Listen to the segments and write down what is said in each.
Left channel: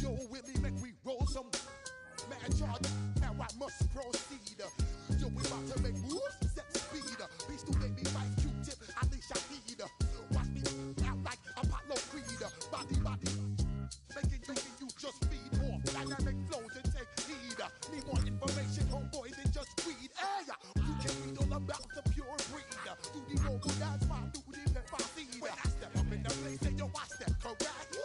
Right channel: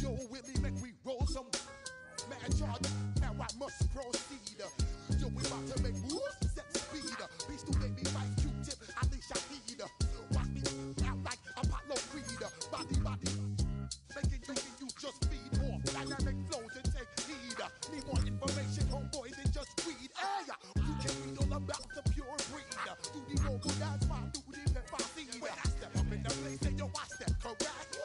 Yo, Willie, make we roll some. Man, charge, now I must proceed. Yo, we about to make moves, set speed. Beast to baby, vice Q-tip, unleash our heat. Watch me out like Apollo Creed. Body, making you just feed off dynamic flows and take heed. Need more information, homeboy, than just weed. Hey, you can read all about the pure breed. Do the mobile dance, my duty, pepper seed. When I step up in the place, say yo, I step correct.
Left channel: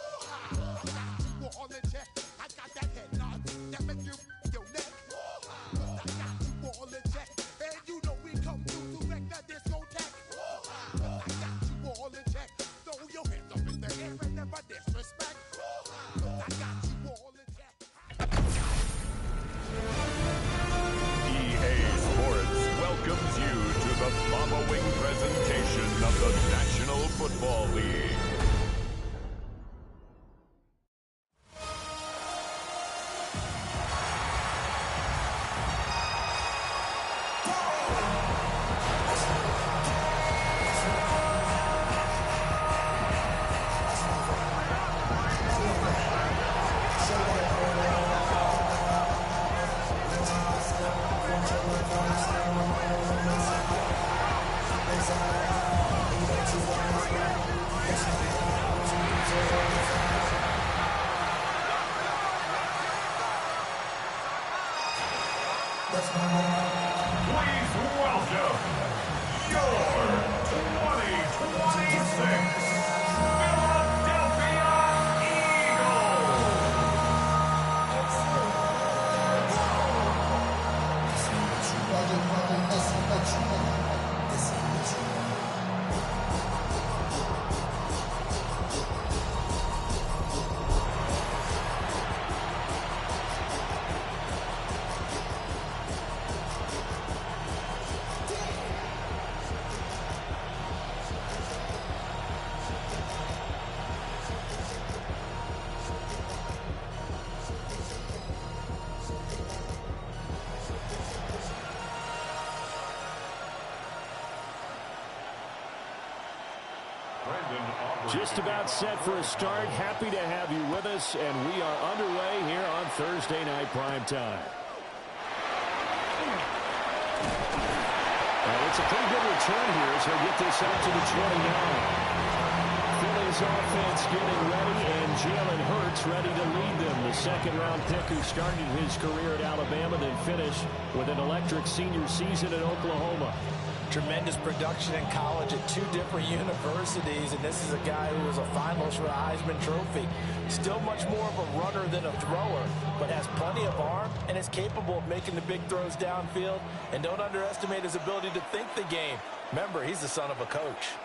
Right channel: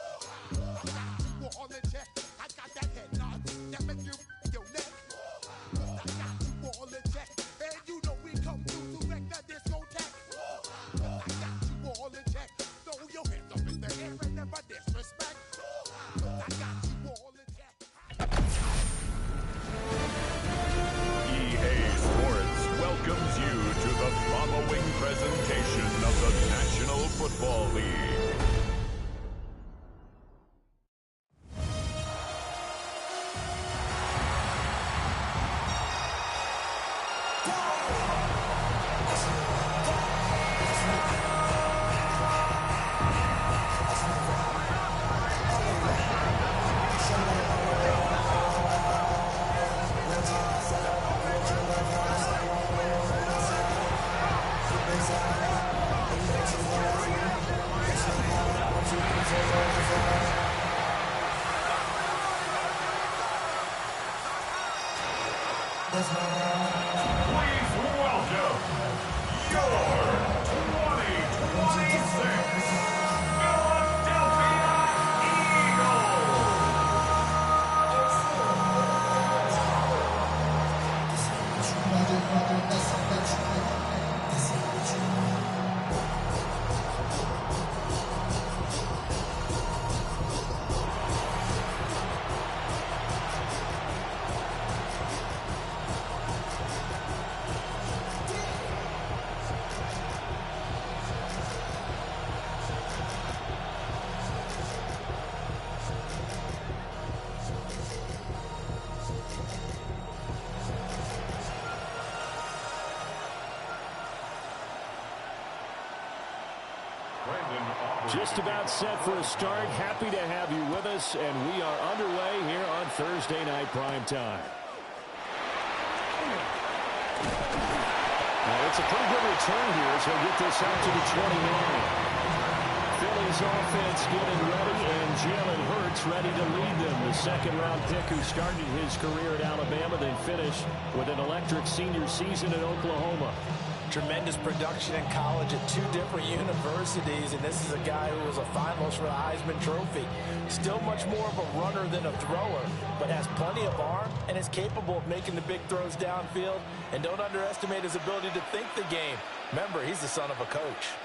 I got you all in check. I got that head nod that make you your neck. I got you all in check. And you know we come through to wreck the discotheque. I got you all in check. Throw your hands up in the air and never disrespect. I got you all in check. EA Sports welcomes you to the following presentation of the National Football League. Please welcome your 2026 Philadelphia Eagles. Just about set for a start. Happy to have you with us, and we are underway here on Thursday Night Primetime. It's a pretty good return here as he'll get this out to the 29. Philly's offense getting ready, and Jalen Hurts ready to lead them. The second-round pick who started his career at Alabama, then finished with an electric senior season at Oklahoma. Tremendous production in college at two different universities, and this is a guy who was a finalist for the Heisman Trophy. Still much more of a runner than a thrower, but has plenty of arm and is capable of making the big throws downfield. And don't underestimate his ability to think the game. Remember, he's the son of a coach.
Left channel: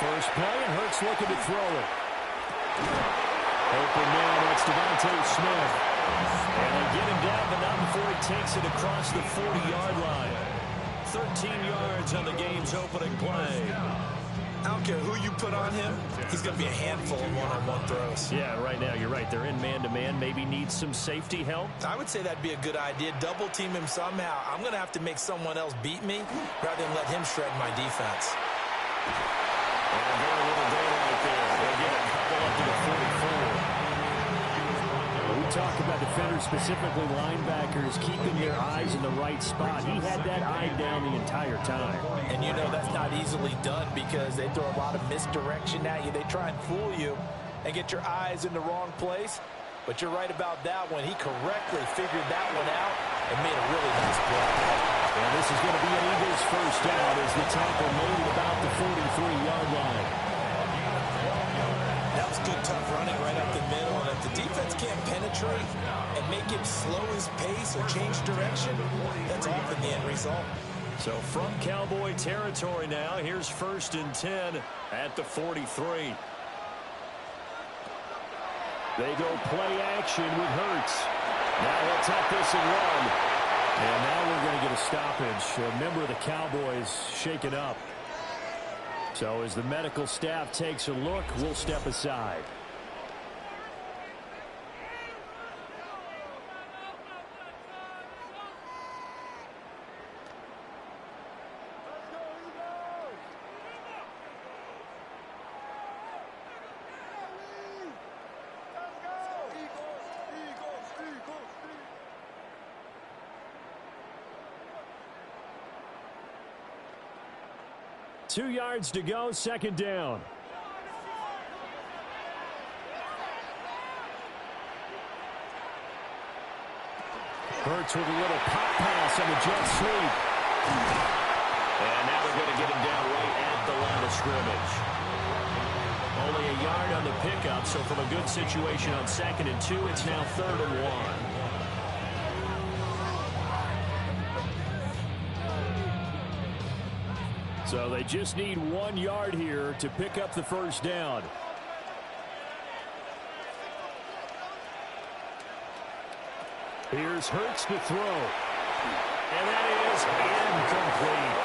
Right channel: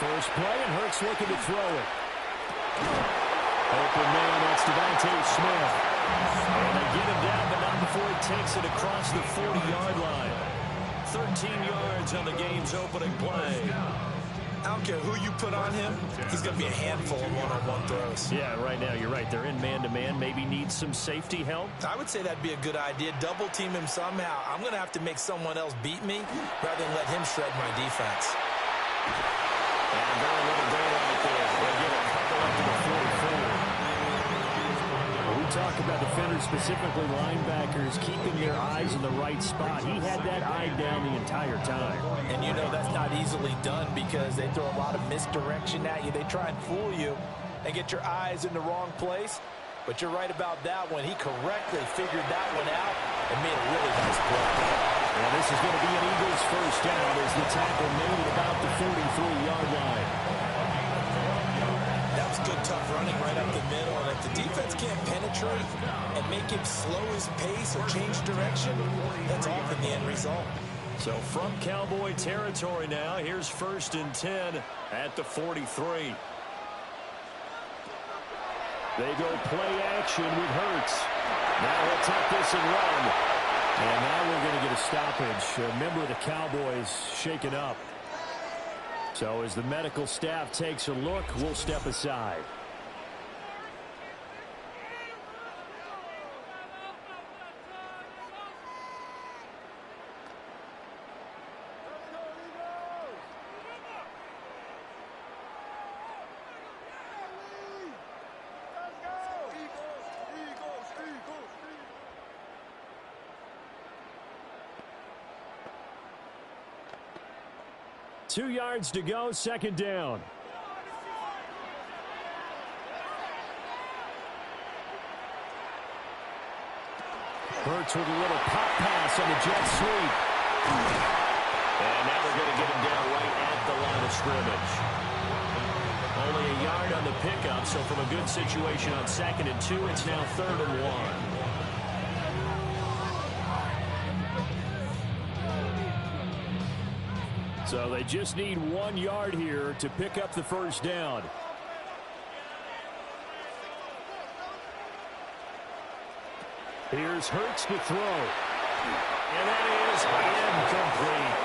First play, and Hurts looking to throw it. Open man, that's Devontae Smith. And they get him down, but not before he takes it across the 40-yard line. 13 yards on the game's opening play. I don't care who you put on him, he's going to be a handful of one-on-one throws. Yeah, right now, you're right. They're in man-to-man. Maybe needs some safety help. I would say that'd be a good idea. Double team him somehow. I'm going to have to make someone else beat me rather than let him shred my defense. And very little daylight there. They get a couple up to the 44. We talk about defenders, specifically linebackers, keeping their eyes in the right spot. He had that eye down the entire time. And you know that's not easily done because they throw a lot of misdirection at you. They try and fool you and get your eyes in the wrong place. But you're right about that one. He correctly figured that one out and made a really nice play. And this is going to be an Eagles first down as the tackle made it about the 43-yard line. That was good, tough running right up the middle. And if the defense can't penetrate and make him slow his pace or change direction, that's often the end result. So from Cowboy territory now, here's 1st and 10 at the 43. They go play action with Hurts. Now he'll tuck this and run. And now we're going to get a stoppage. A member of the Cowboys shaken up. So as the medical staff takes a look, we'll step aside. 2 yards to go, second down. Hurts with a little pop pass on the jet sweep. And now they're going to get him down right at the line of scrimmage. Only a yard on the pickup, so from a good situation on 2nd and 2, it's now 3rd and 1. So they just need 1 yard here to pick up the first down. Here's Hurts to throw. And that is incomplete.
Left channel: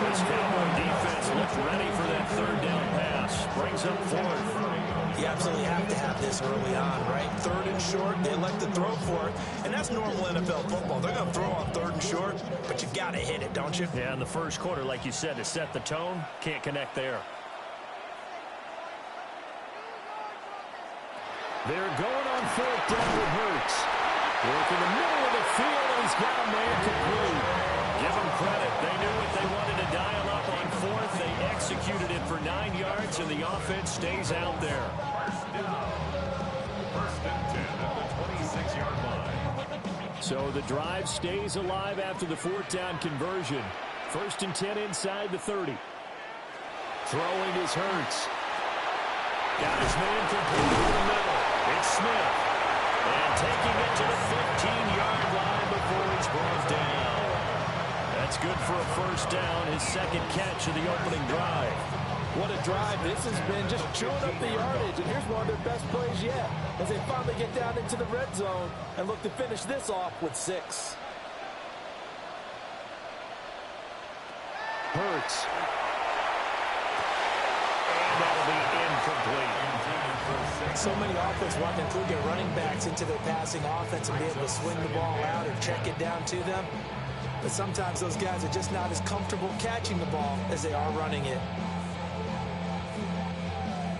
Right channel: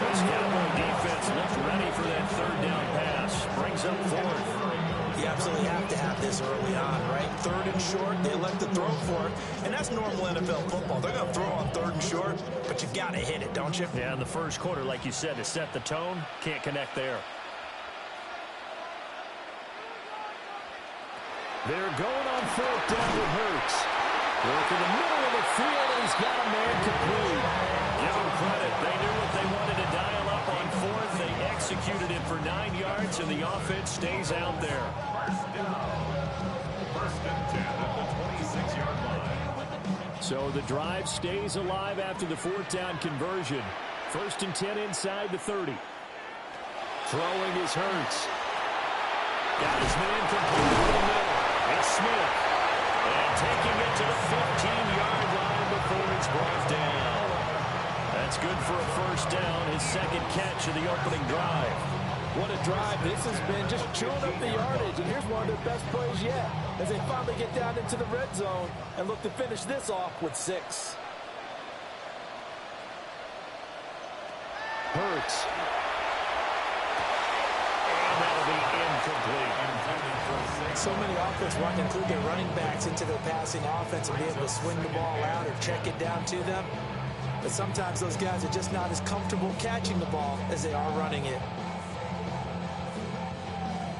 This Cowboy defense looked ready for that 3rd down pass. Brings up 4th. You absolutely have to have this early on, right? 3rd and short, they elect to throw for it. And that's normal NFL football. They're going to throw on 3rd and short, but you got to hit it, don't you? Yeah, in the first quarter, like you said, to set the tone, can't connect there. They're going on 4th down with Hurts. Work in the middle of the field, and he's got a man complete. Give them credit. They knew what they wanted to dial up on 4th. They executed it for 9 yards, and the offense stays out there. First and 10 at the 26-yard line. So the drive stays alive after the 4th down conversion. 1st and 10 inside the 30. Throwing is Hurts. Got his man complete over the middle. It's Smith. And taking it to the 15-yard line before he's brought down. That's good for a first down, his 2nd catch of the opening drive. What a drive. This has been just chewing up the yardage, and here's one of their best plays yet as they finally get down into the red zone and look to finish this off with 6. Hurts. And that'll be incomplete. So many offenses want to include their running backs into their passing offense and be able to swing the ball out or check it down to them. But sometimes those guys are just not as comfortable catching the ball as they are running it.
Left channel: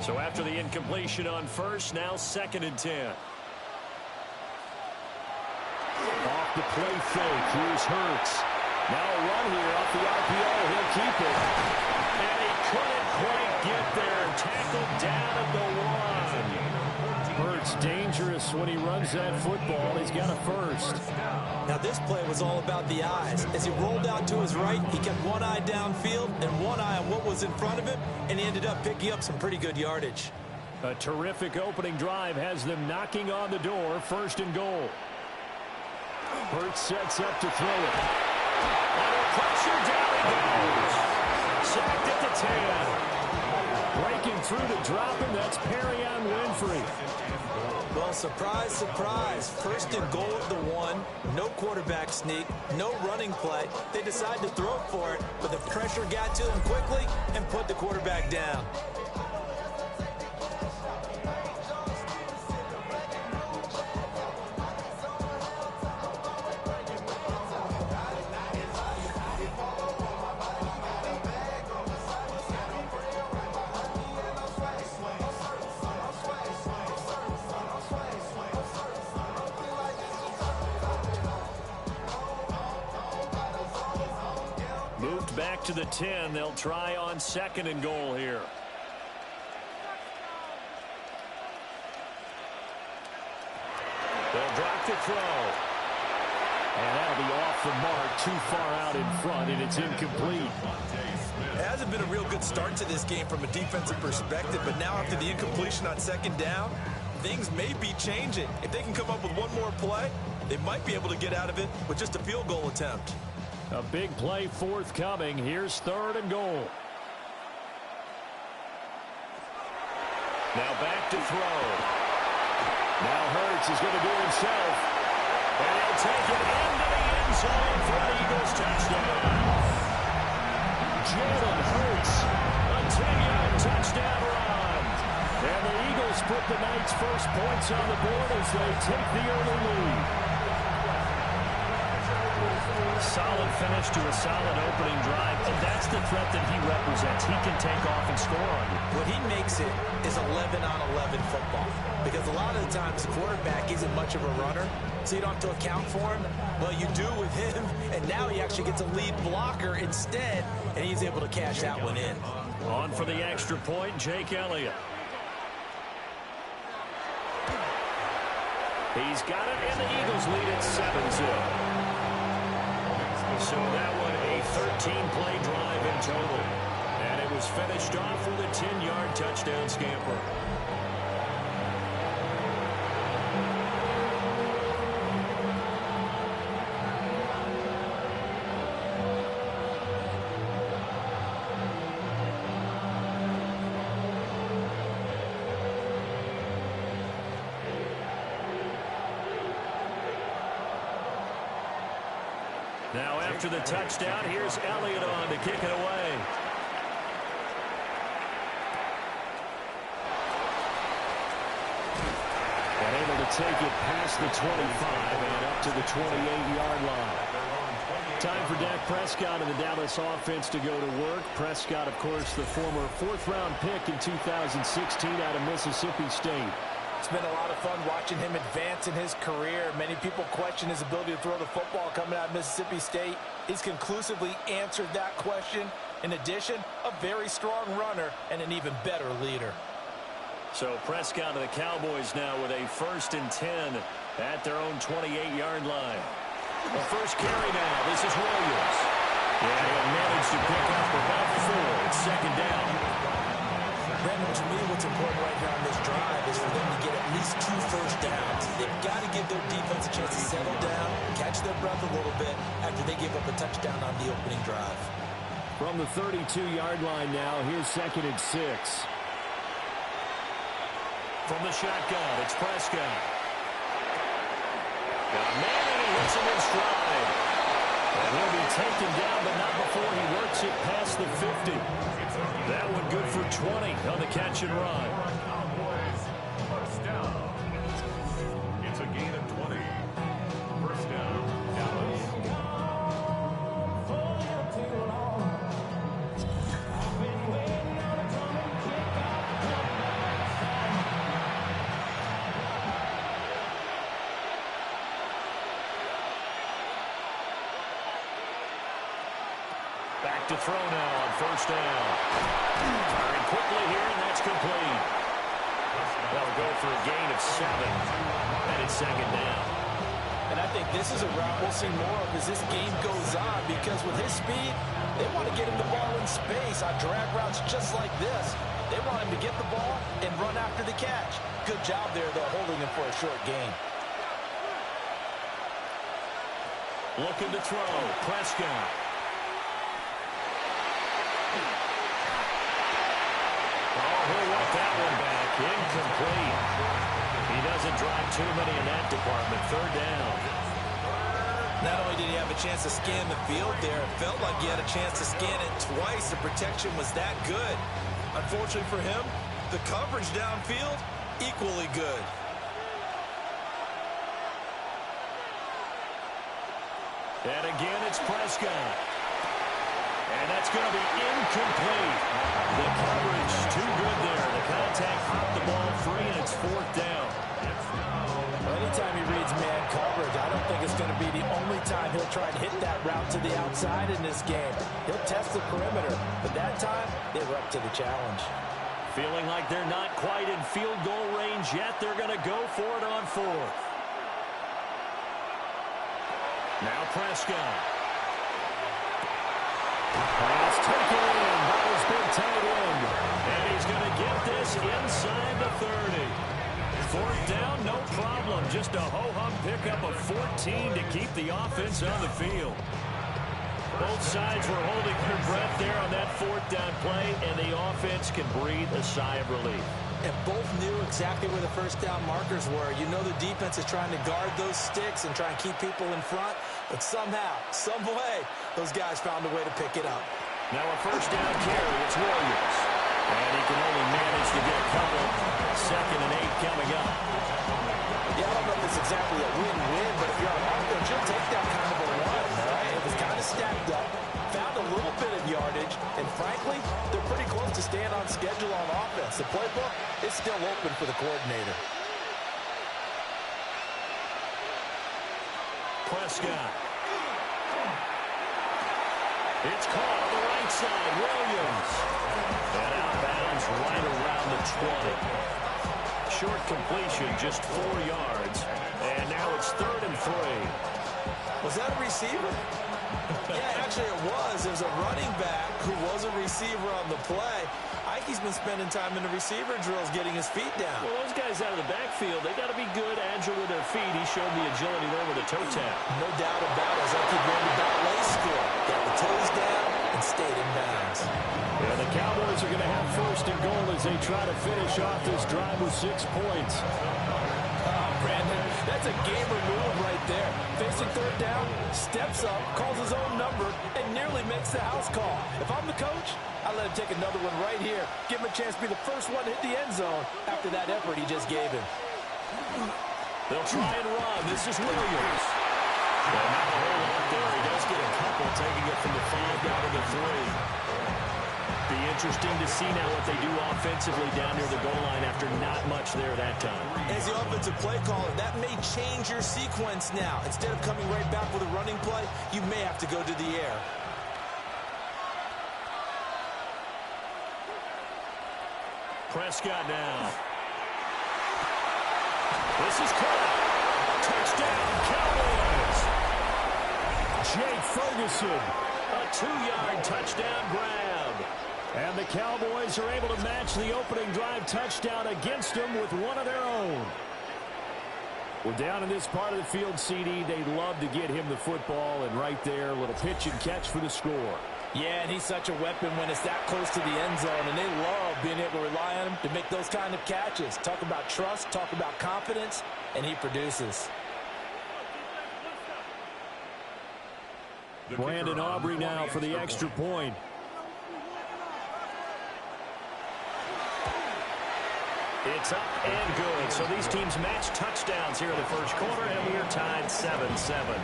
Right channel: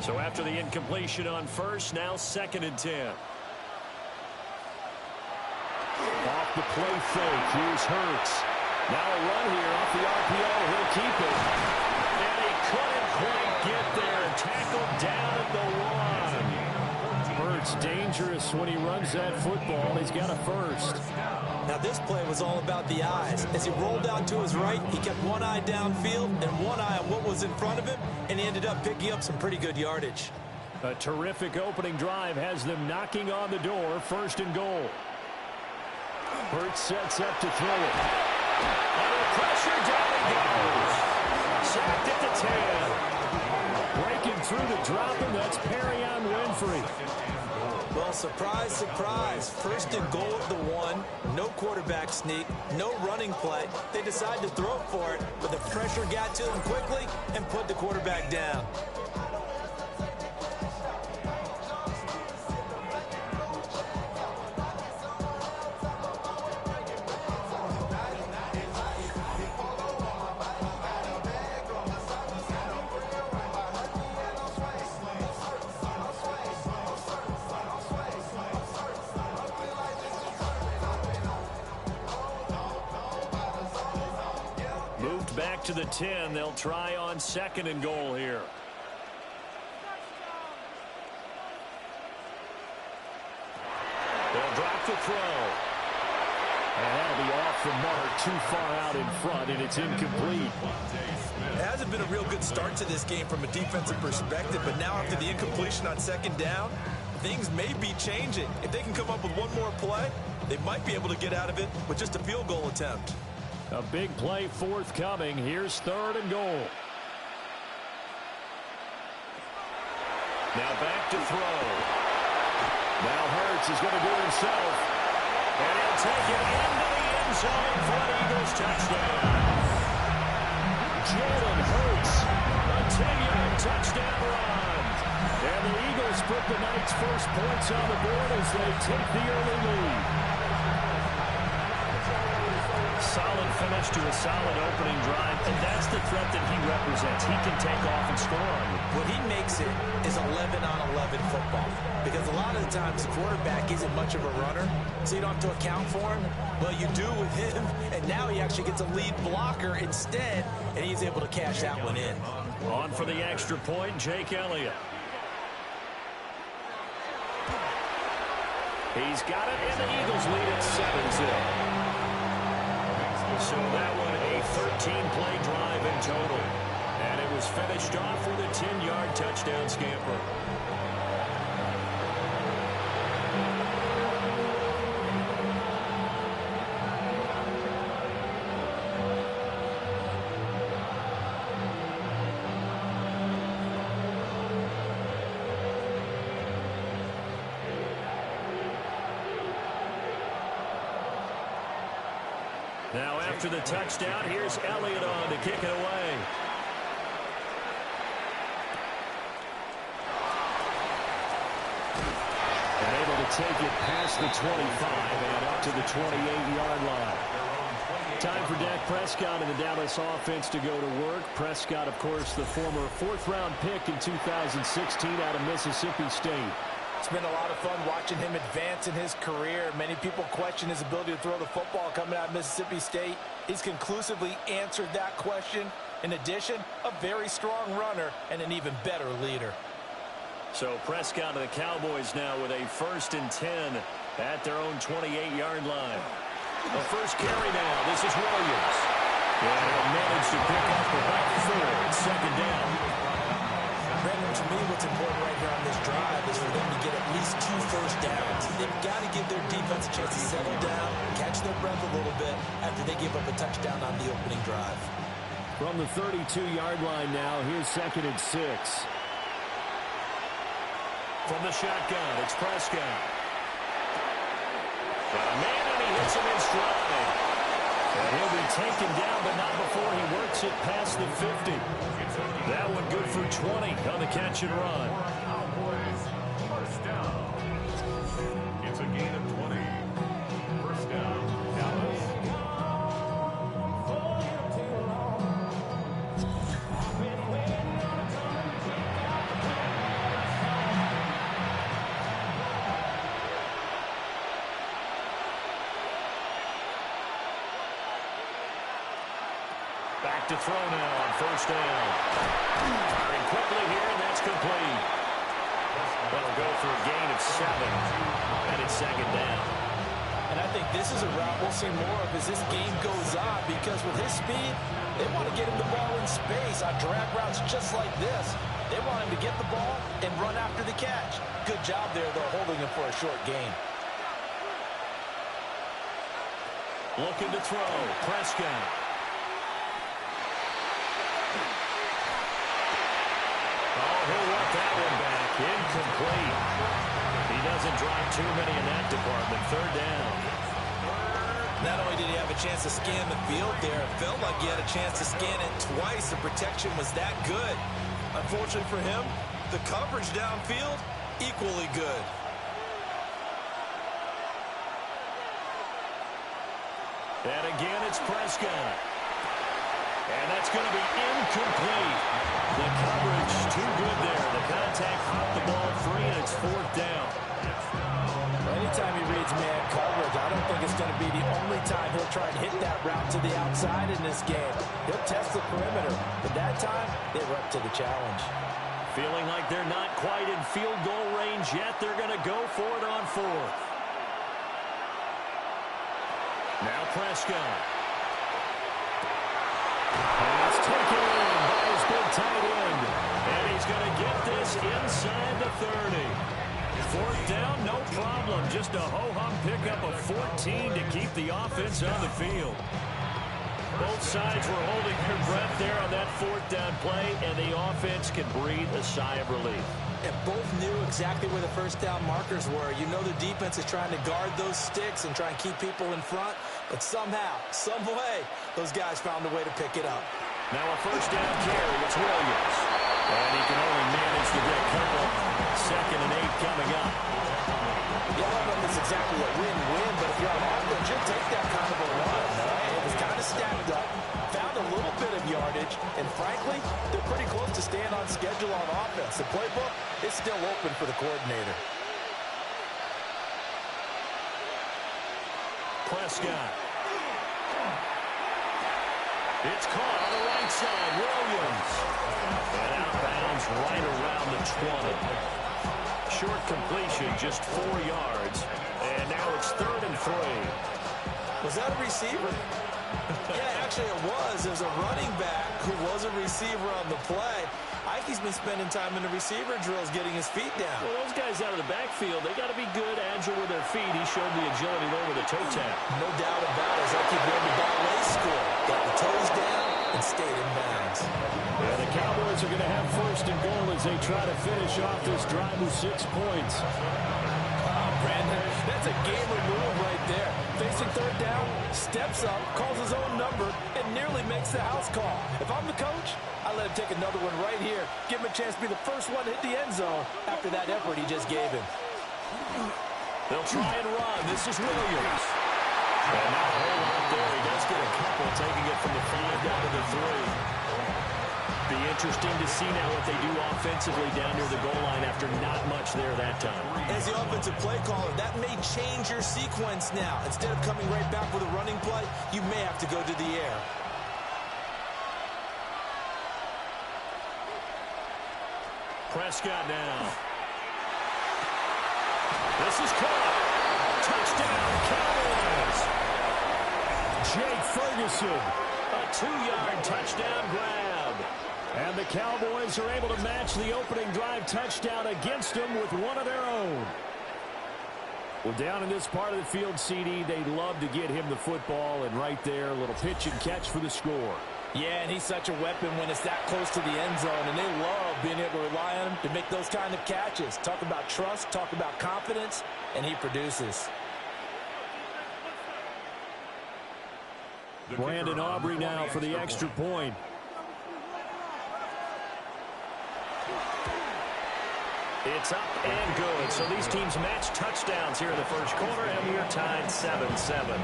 So after the incompletion on 1st, now 2nd and 10. Off the play fake, here's Hurts. Now a run here off the RPO, he'll keep it. And he couldn't quite get there. Tackled down at the 1. Hurts dangerous when he runs that football. He's got a first. Now this play was all about the eyes. As he rolled out to his right, he kept one eye downfield and one eye on what was in front of him, and he ended up picking up some pretty good yardage. A terrific opening drive has them knocking on the door. 1st and goal. Hurts sets up to throw it. Under pressure, down he goes. Sacked at the 10. Breaking through to drop him, that's Perrion Winfrey. Well, surprise, surprise. 1st and goal at the 1. No quarterback sneak, no running play. They decide to throw for it, but the pressure got to them quickly and put the quarterback down. Moved back to the 10. They'll try on 2nd and goal here. They'll drop the throw. And that'll be off the mark, too far out in front, and it's incomplete. It hasn't been a real good start to this game from a defensive perspective, but now after the incompletion on 2nd down, things may be changing. If they can come up with one more play, they might be able to get out of it with just a field goal attempt. A big play forthcoming. Here's 3rd and goal. Now back to throw. Now Hurts is going to do it himself. And he'll take it into the end zone for an Eagles touchdown. Jalen Hurts, a 10-yard touchdown run. And the Eagles put the night's first points on the board as they take the early lead. Solid finish to a solid opening drive, and that's the threat that he represents. He can take off and score on you. What he makes it is 11-on-11 football, because a lot of the times the quarterback isn't much of a runner, so you don't have to account for him. Well, you do with him, and now he actually gets a lead blocker instead, and he's able to cash that one in. On for the extra point, Jake Elliott. He's got it, and the Eagles lead at 7-0. So that one a 13-play drive in total. And it was finished off with a 10-yard touchdown scamper. Now after the touchdown, here's Elliott on to kick it away. And able to take it past the 25 and up to the 28-yard line. Time for Dak Prescott and the Dallas offense to go to work. Prescott, of course, the former fourth-round pick in 2016 out of Mississippi State. It's been a lot of fun watching him advance in his career. Many people question his ability to throw the football coming out of Mississippi State. He's conclusively answered that question. In addition, a very strong runner and an even better leader. So Prescott of the Cowboys now with a 1st and 10 at their own 28-yard line. The first carry now. This is Williams. Yeah, he'll manage to pick up about 4. It's 2nd down. Brandon, to me, what's important right here on this drive is for them to get at least 2 first downs. They've got to give their defense a chance to settle down, catch their breath a little bit after they give up a touchdown on the opening drive. From the 32-yard line now, here's 2nd and 6. From the shotgun, it's Prescott. Got a man, and he hits him in stride. And he'll be taken down, but not before he works it past the 50. That one good for 20 on the catch and run. Cowboys, first down. It's a gain of 20. First down, Dallas. Back to throw now on first down. Firing quickly here, and that's complete. That'll go for a gain of 7. And it's 2nd down. And I think this is a route we'll see more of as this game goes on, because with his speed, they want to get him the ball in space on drag routes just like this. They want him to get the ball and run after the catch. Good job there, though, holding him for a short gain. Looking to throw. Prescott. Oh, he'll want that one back. Incomplete. He doesn't drive too many in that department. 3rd down. Not only did he have a chance to scan the field there, it felt like he had a chance to scan it twice. The protection was that good. Unfortunately for him, the coverage downfield, equally good. And again, it's Prescott. And that's going to be incomplete. The coverage too good there. The contact popped the ball free, and it's 4th down. Well, anytime he reads man coverage, I don't think it's going to be the only time he'll try and hit that route to the outside in this game. He'll test the perimeter, but that time, they were up to the challenge. Feeling like they're not quite in field goal range yet. They're going to go for it on 4th. Now Prescott. Pass taken in by his big tight end. And he's going to get this inside the 30. 4th down, no problem. Just a ho-hum pickup of 14 to keep the offense on the field. Both sides were holding their breath there on that 4th down play, and the offense can breathe a sigh of relief. And both knew exactly where the first down markers were. You know the defense is trying to guard those sticks and try and keep people in front, but somehow, some way, those guys found a way to pick it up. Now a first down carry, it's Williams. And he can only manage to get a couple. 2nd and 8 coming up. Yeah, I don't know if it's exactly a win-win, but if you're on offense, you'll take that kind of a run, all right? It was stacked up, found a little bit of yardage, and frankly, they're pretty close to staying on schedule on offense. The playbook is still open for the coordinator. Prescott. It's caught on the right side. Williams. And out of bounds right around the 20. Short completion, just 4 yards. And now it's 3rd and 3. Was that a receiver? Yeah, actually it was. It was a running back who was a receiver on the play. Ikey's been spending time in the receiver drills getting his feet down. Well, those guys out of the backfield, they got to be good, agile with their feet. He showed the agility there with a toe tap. No doubt about it. As Ikey went to ballet school. Got the toes down and stayed in bounds. Yeah, the Cowboys are going to have 1st and goal as they try to finish off this drive with 6 points. Brandon, that's a gamer move right there. Facing 3rd down, steps up, calls his own number, and nearly makes the house call. If I'm the coach, I let him take another one right here. Give him a chance to be the first one to hit the end zone after that effort he just gave him. They'll try and run. This is Williams. And not a whole lot there. He does get a couple, taking it from the 5 down to the 3. Be interesting to see now what they do offensively down near the goal line after not much there that time. As the offensive play caller, that may change your sequence now. Instead of coming right back with a running play, you may have to go to the air. Prescott now. This is caught. Touchdown, Cowboys. Jake Ferguson. A 2-yard touchdown grab. And the Cowboys are able to match the opening drive touchdown against them with one of their own. Well, down in this part of the field, CD, they'd love to get him the football, and right there, a little pitch and catch for the score. Yeah, and he's such a weapon when it's that close to the end zone, and they love being able to rely on him to make those kind of catches. Talk about trust, talk about confidence, and he produces. Brandon Aubrey now for the extra point. It's up and good. So these teams match touchdowns here in the first quarter, and we're tied 7-7.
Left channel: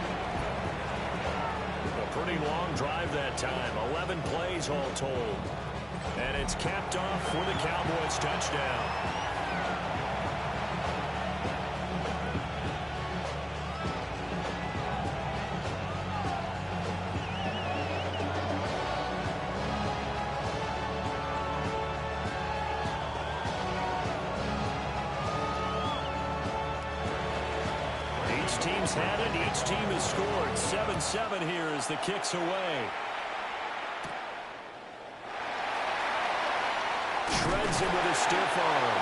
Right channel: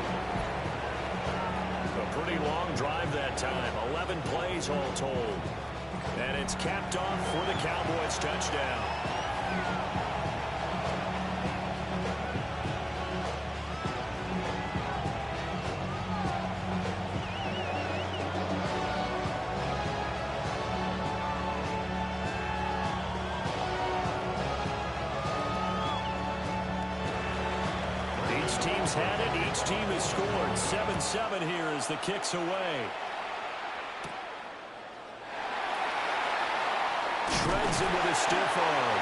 A pretty long drive that time. 11 plays all told. And it's capped off for the Cowboys touchdown. Each team's had it. Each team has scored. 7-7 here as the kick's away. Shreds him with a stiff arm.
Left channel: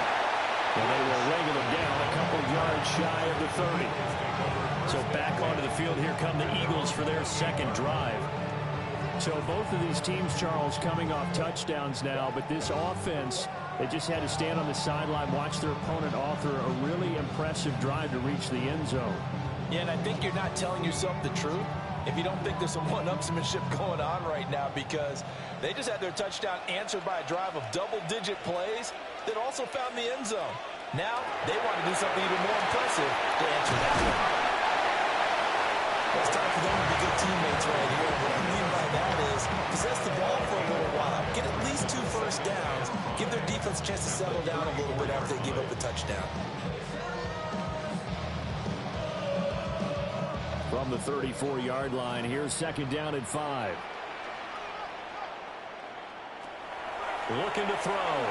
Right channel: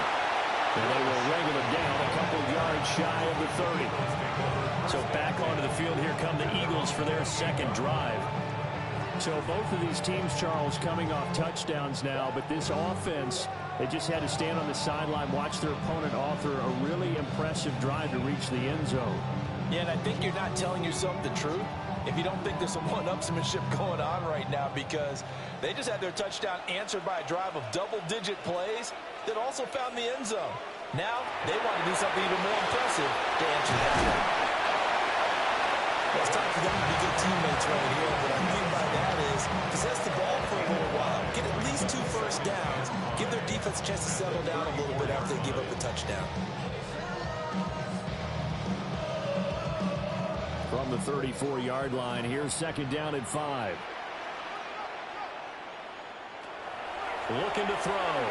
And they will wrangle him down a couple yards shy of the 30. So back onto the field, here come the Eagles for their second drive. So both of these teams, Charles, coming off touchdowns now, but this offense, they just had to stand on the sideline, watch their opponent author a really impressive drive to reach the end zone. Yeah, and I think you're not telling yourself the truth if you don't think there's some one-upsmanship going on right now, because they just had their touchdown answered by a drive of double-digit plays that also found the end zone. Now they want to do something even more impressive to answer that one. Well, it's time for them to be good teammates right here. What I mean by that is possess the ball for a little while, get at least 2 first downs, give their defense a chance to settle down a little bit after they give up the touchdown. From the 34-yard line, here's 2nd down and 5. Looking to throw.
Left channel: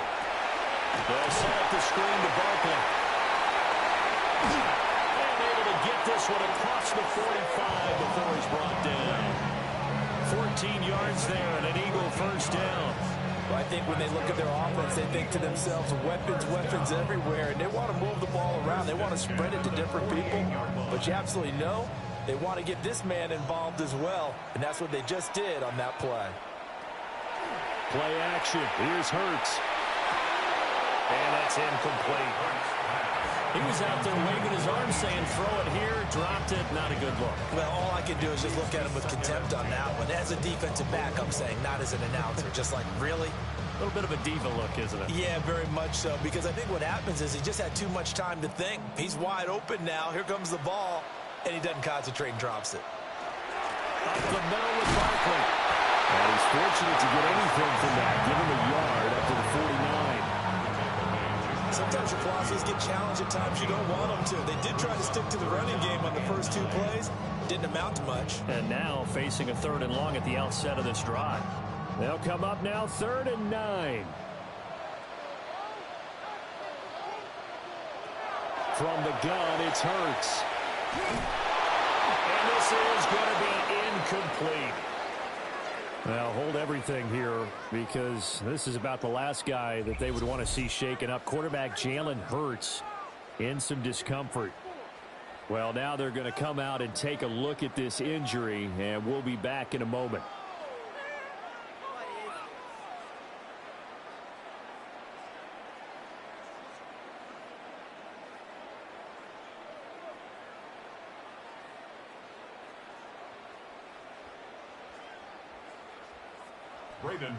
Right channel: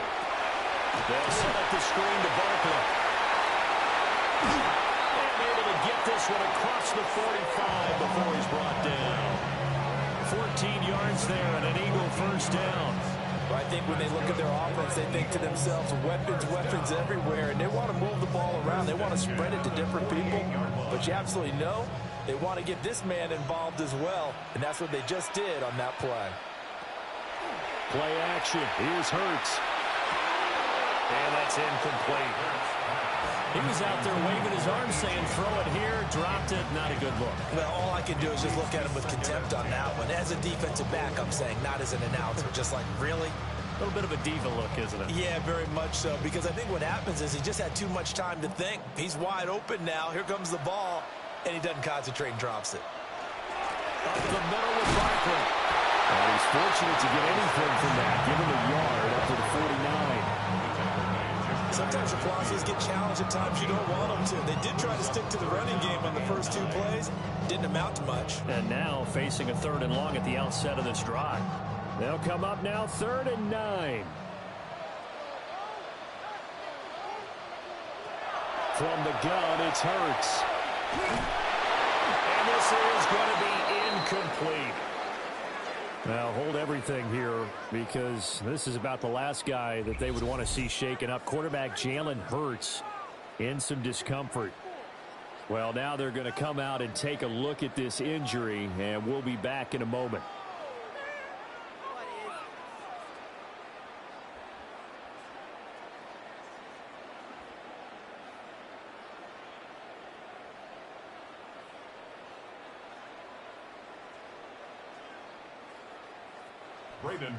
They'll set up the screen to Barkley. And able to get this one across the 45 before he's brought down. 14 yards there and an Eagle first down. Well, I think when they look at their offense, they think to themselves, weapons, weapons everywhere, and they want to move the ball around. They want to spread it to different people, but you absolutely know they want to get this man involved as well, and that's what they just did on that play. Play action. Here's Hurts. And that's incomplete. He was out there waving his arms saying, throw it here, dropped it, not a good look. Well, all I can do is just look at him with contempt on that one. As a defensive back, I'm saying, not as an announcer. Just like, really? A little bit of a diva look, isn't it? Yeah, very much so, because I think what happens is he just had too much time to think. He's wide open now. Here comes the ball, and he doesn't concentrate and drops it. Up the middle with Barkley. And he's fortunate to get anything from that. Give him a yard up to the 49. Sometimes your philosophies get challenged at times you don't want them to. They did try to stick to the running game on the first 2 plays. Didn't amount to much. And now facing a 3rd and long at the outset of this drive. They'll come up now 3rd and 9. From the gun, it's Hurts. And this is going to be incomplete. Now, hold everything here because this is about the last guy that they would want to see shaken up. Quarterback Jalen Hurts in some discomfort. Well, now they're going to come out and take a look at this injury, and we'll be back in a moment.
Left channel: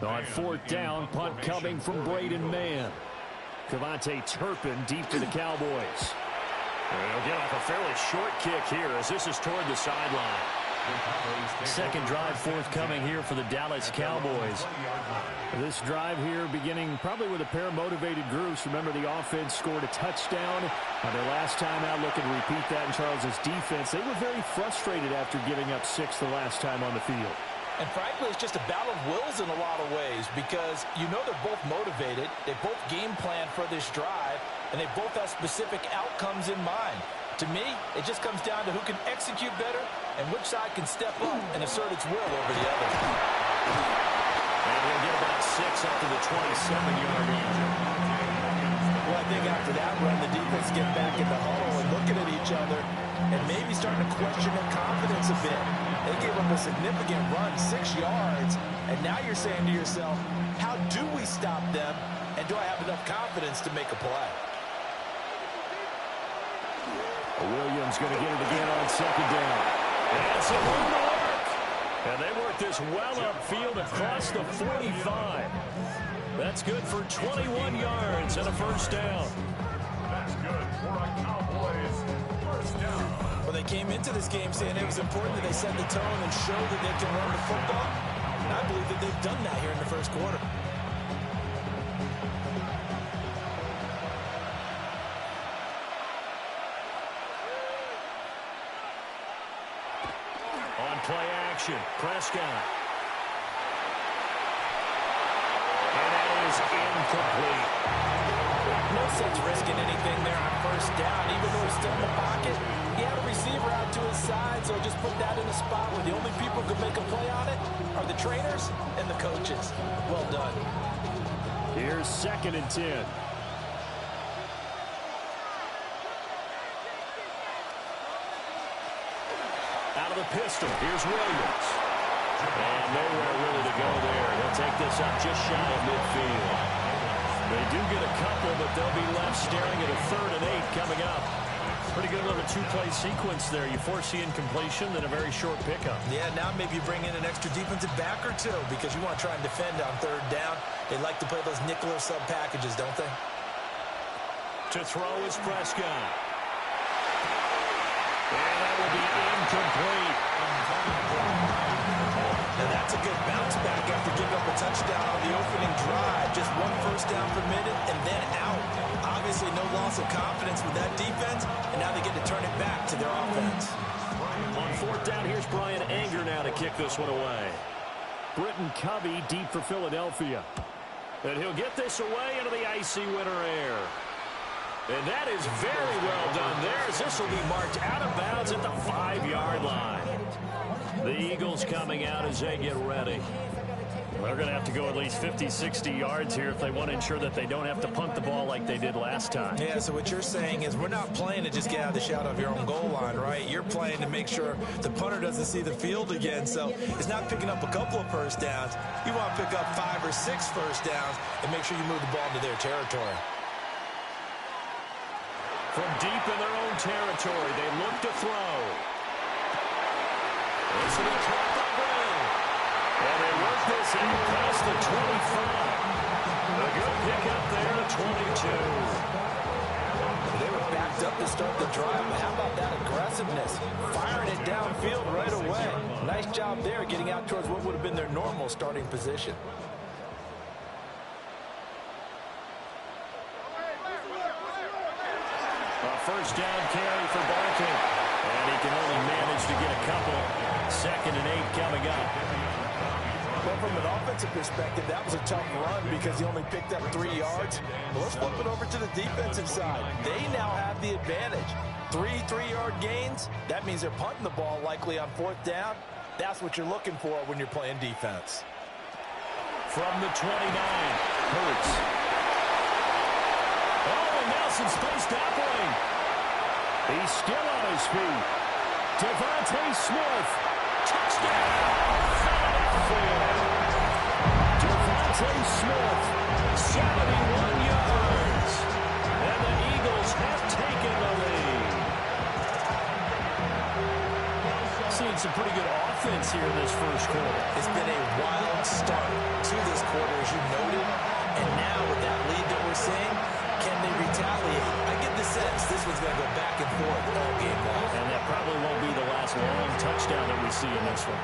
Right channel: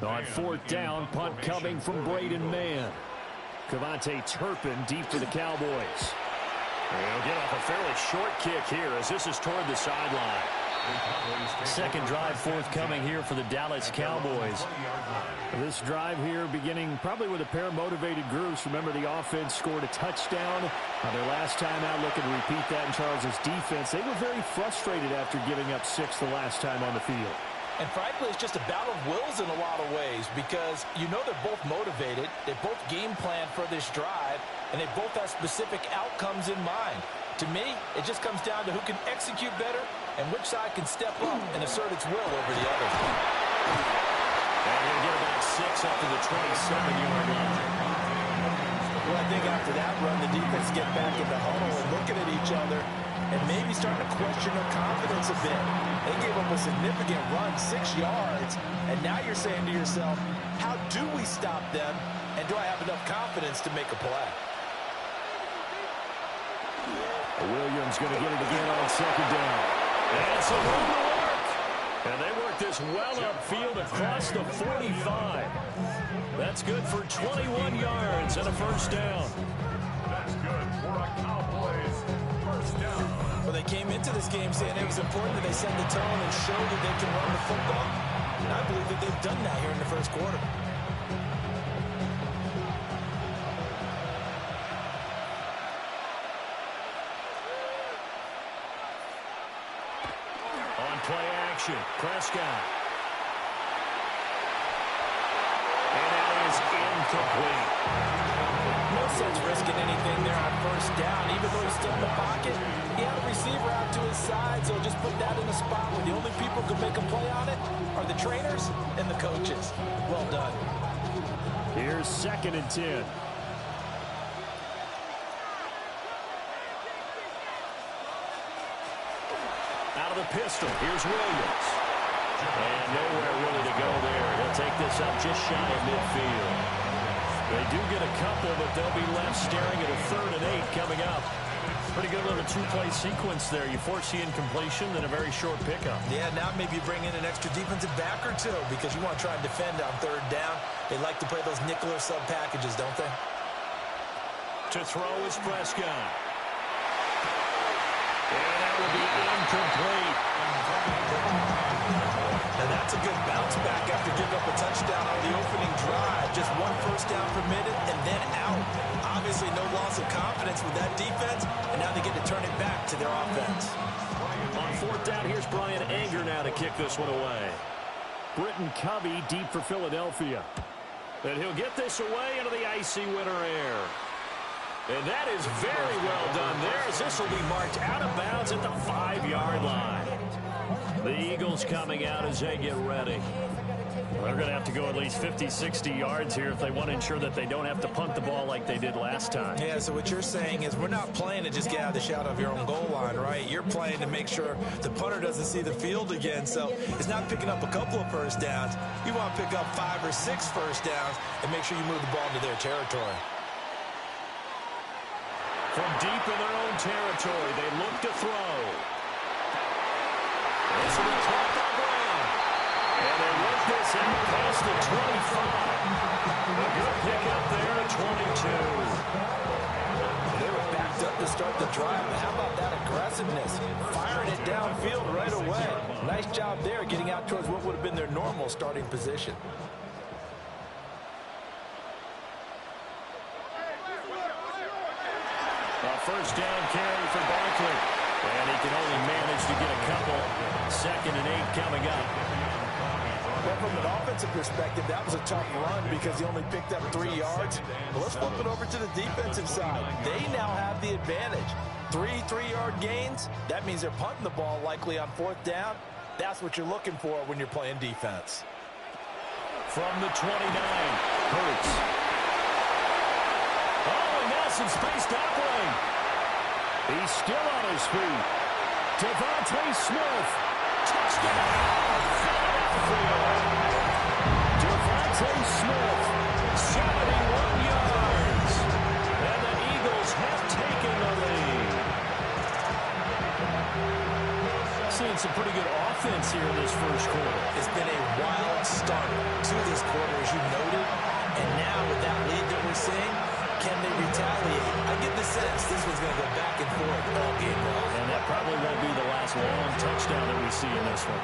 On 4th down, punt coming from Braden Mann. Cavante Turpin deep to the Cowboys. He'll get off a fairly short kick here as this is toward the sideline. Second drive forthcoming here for the Dallas Cowboys. This drive here beginning probably with a pair of motivated groups. Remember, the offense scored a touchdown on their last time out, looking to repeat that in Charles's defense. They were very frustrated after giving up 6 the last time on the field. And frankly, it's just a battle of wills in a lot of ways because you know they're both motivated. They both game plan for this drive, and they both have specific outcomes in mind. To me, it just comes down to who can execute better and which side can step up and assert its will over the other. And he'll get about 6 up to the 27-yard line. Well, I think after that run, the defense get back in the huddle and looking at each other and maybe starting to question their confidence a bit. They gave up a significant run, 6 yards, and now you're saying to yourself, how do we stop them, and do I have enough confidence to make a play? Williams going to get it again on 2nd down. And some room to work. And they work this well upfield across the 45. That's good for 21 yards and a 1st down. That's good for a Cowboys 1st down. Well, they came into this game saying it was important that they set the tone and show that they can run the football. And I believe that they've done that here in the 1st quarter. On play action, Prescott. And that is incomplete. No sense risking anything there on 1st down. Even though he's still in the pocket, he had a receiver out to his side, so just put that in a spot where the only people who can make a play on it are the trainers and the coaches. Well done. Here's 2nd and 10. Out of the pistol, here's Williams. And nowhere really to go there. He'll take this up just shy of midfield. They do get a couple, but they'll be left staring at a 3rd and 8 coming up. Pretty good little 2-play sequence there. You force the incompletion, then a very short pickup. Yeah, now maybe you bring in an extra defensive back or 2 because you want to try and defend on 3rd down. They like to play those nickel or sub packages, don't they? To throw is Prescott. And that will be incomplete. Now that's a good bounce back after giving up a touchdown on the opening drive. Just 1 1st down permitted and then out. Obviously no loss of confidence with that defense, and now they get to turn it back to their offense. On 4th down, here's Brian Anger now to kick this one away. Britton Covey deep for Philadelphia. And he'll get this away into the icy winter air. And that is very well done there, as this will be marked out of bounds at the 5-yard line. The Eagles coming out as they get ready. They're going to have to go at least 50, 60 yards here if they want to ensure that they don't have to punt the ball like they did last time. Yeah, so what you're saying is we're not playing to just get out of the shadow of your own goal line, right? You're playing to make sure the punter doesn't see the field again. So it's not picking up a couple of 1st downs. You want to pick up 5 or 6 1st downs and make sure you move the ball into their territory. From deep in their own territory, they look to throw. This will be caught by Brown. And they work this out past the 25. A good pickup there to 22. They were backed up to start the drive, but how about that aggressive explosiveness, firing it downfield right away. Nice job there getting out towards what would have been their normal starting position. A first down carry for Barkley. And he can only manage to get a couple. 2nd and 8 coming up. Well, from an offensive perspective, that was a tough run because he only picked up 3 yards. But let's flip it over to the defensive side. They now have the advantage. 3 3-yard gains. That means they're punting the ball likely on 4th down. That's what you're looking for when you're playing defense. From the 29, Hurts. Oh, and now some space to operate. He's still on his feet. Devontae Smith. Touchdown, Philadelphia. Devontae Smith, 71 yards. And the Eagles have taken the lead. Seeing some pretty good offense here in this first quarter. It's been a wild start to this quarter, as you noted. And now with that lead that we're seeing, can they retaliate? I get the sense this one's going to go back and forth all game long. And that probably won't be the last long touchdown that we see in this one.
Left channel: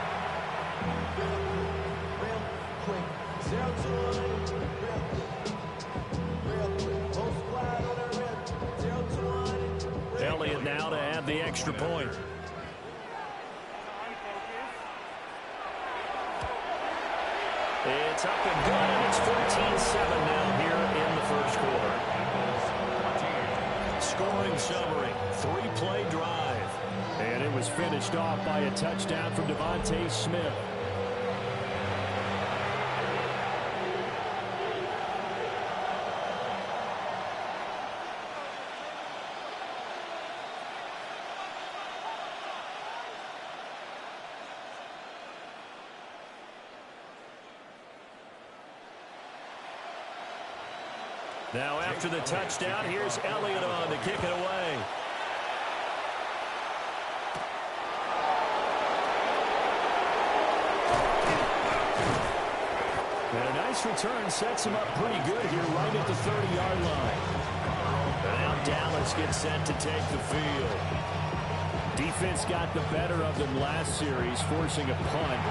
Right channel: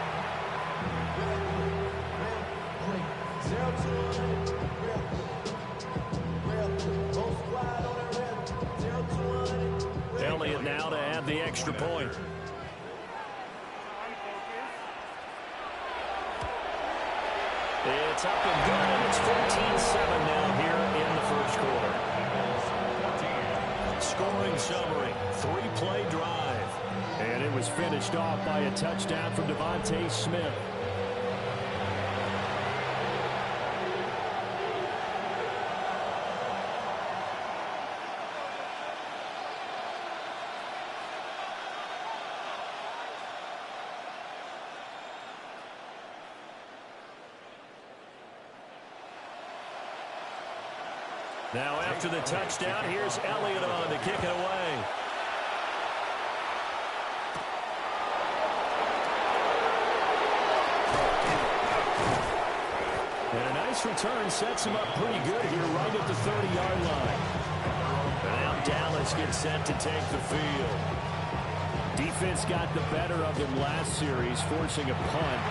Real quick. 0 to 100. Real quick. Whole squad on that real. 0 to 100. Elliott now to add the extra point. It's up and good, and it's 14-7 now here in the first quarter. Scoring summary, 3-play drive. And it was finished off by a touchdown from Devontae Smith. Now after the touchdown, here's Elliott on to kick it away. And a nice return sets him up pretty good here right at the 30-yard line. And now Dallas gets set to take the field. Defense got the better of them last series, forcing a punt.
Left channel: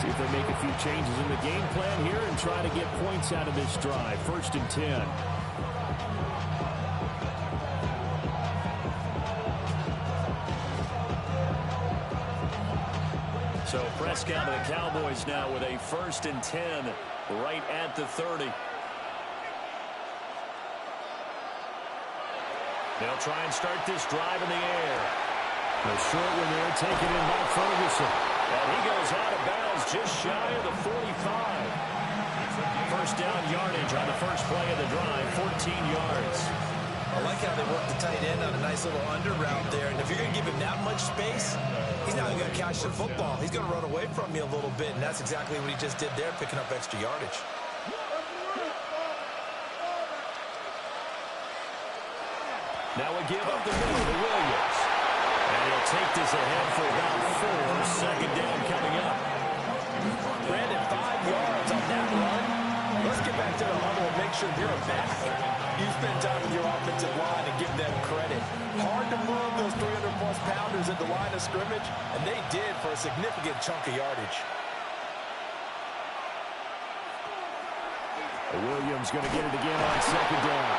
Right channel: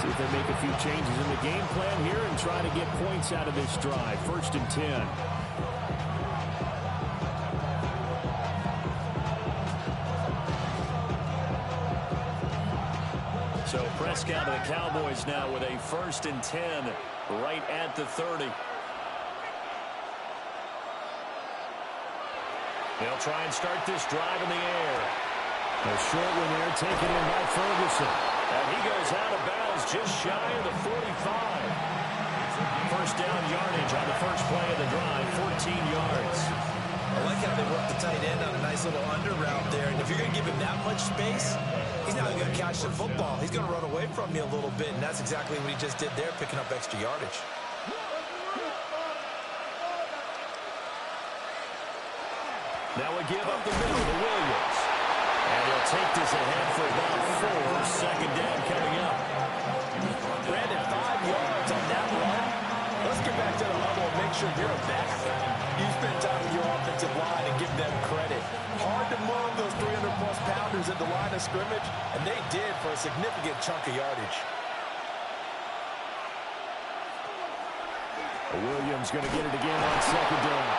See if they make a few changes in the game plan here and try to get points out of this drive. 1st and 10. So Prescott of the Cowboys now with a 1st and 10 right at the 30. They'll try and start this drive in the air. A short one there taken in by Ferguson. And he goes out of bounds just shy of the 45. First down yardage on the first play of the drive, 14 yards. I like how they work the tight end on a nice little under route there. And if you're going to give him that much space, he's not going to catch the football. He's going to run away from you a little bit, and that's exactly what he just did there, picking up extra yardage. Now we give up the middle to Williams. And he'll take this ahead for about 4. 2nd down coming up. Brandon, 5 yards on that run. Let's get back to the huddle and make sure you're back. You spend time with your offensive line and give them credit. Hard to move those 300-plus pounders at the line of scrimmage, and they did for a significant chunk of yardage. Williams going to get it again on 2nd down.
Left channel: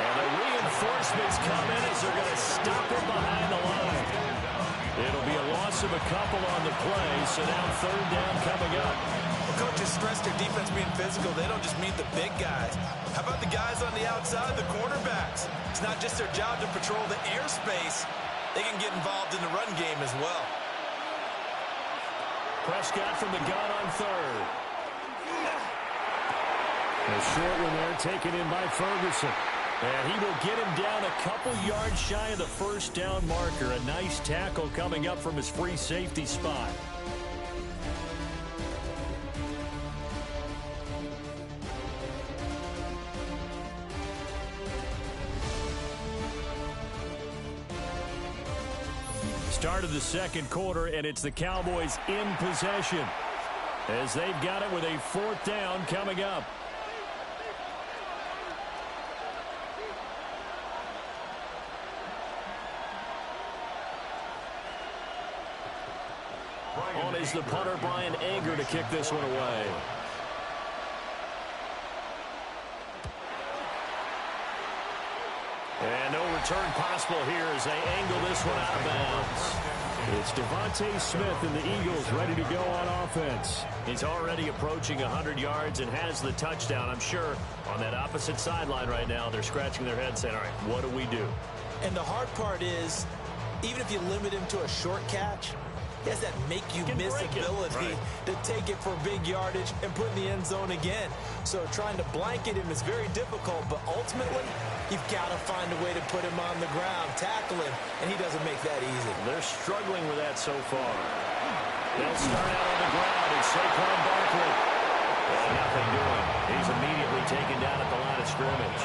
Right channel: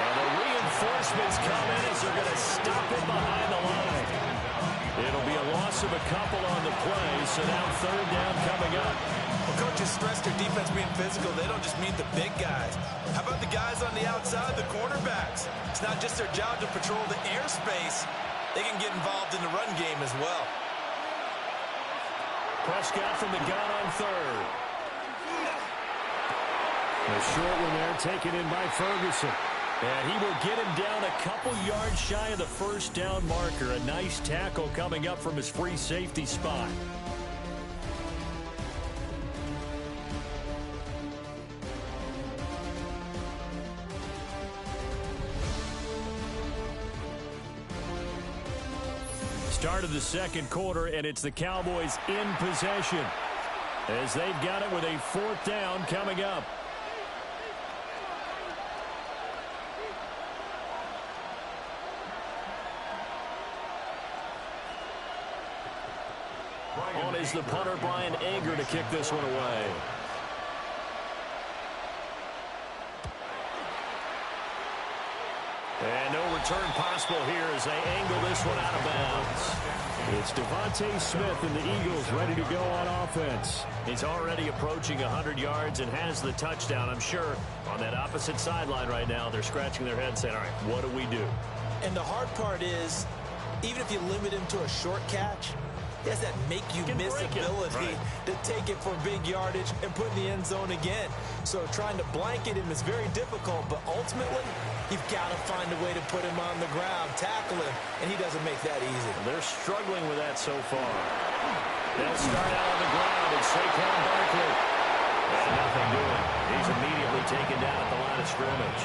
And the reinforcements come in as they're going to stop it behind the line. It'll be a loss of a couple on the play, so now 3rd down coming up. Well, coaches stress their defense being physical. They don't just mean the big guys. How about the guys on the outside, the cornerbacks? It's not just their job to patrol the airspace. They can get involved in the run game as well. Prescott from the gun on 3rd. A short one there taken in by Ferguson. And he will get him down a couple yards shy of the 1st down marker. A nice tackle coming up from his free safety spot. Start of the 2nd quarter, and it's the Cowboys in possession as they've got it with a 4th down coming up. On is the punter, Brian Anger, to kick this one away. And no return possible here as they angle this one out of bounds. It's Devontae Smith and the Eagles ready to go on offense. He's already approaching 100 yards and has the touchdown. I'm sure on that opposite sideline right now, they're scratching their heads saying, all right, what do we do? And the hard part is, even if you limit him to a short catch, he has that make-you-miss ability to take it for big yardage and put in the end zone again. So trying to blanket him is very difficult, but ultimately, you've got to find a way to put him on the ground, tackle him, and he doesn't make that easy. They're struggling with that so far. They'll start out on the ground, and Saquon Barkley. And nothing doing. He's immediately taken down at the line of scrimmage.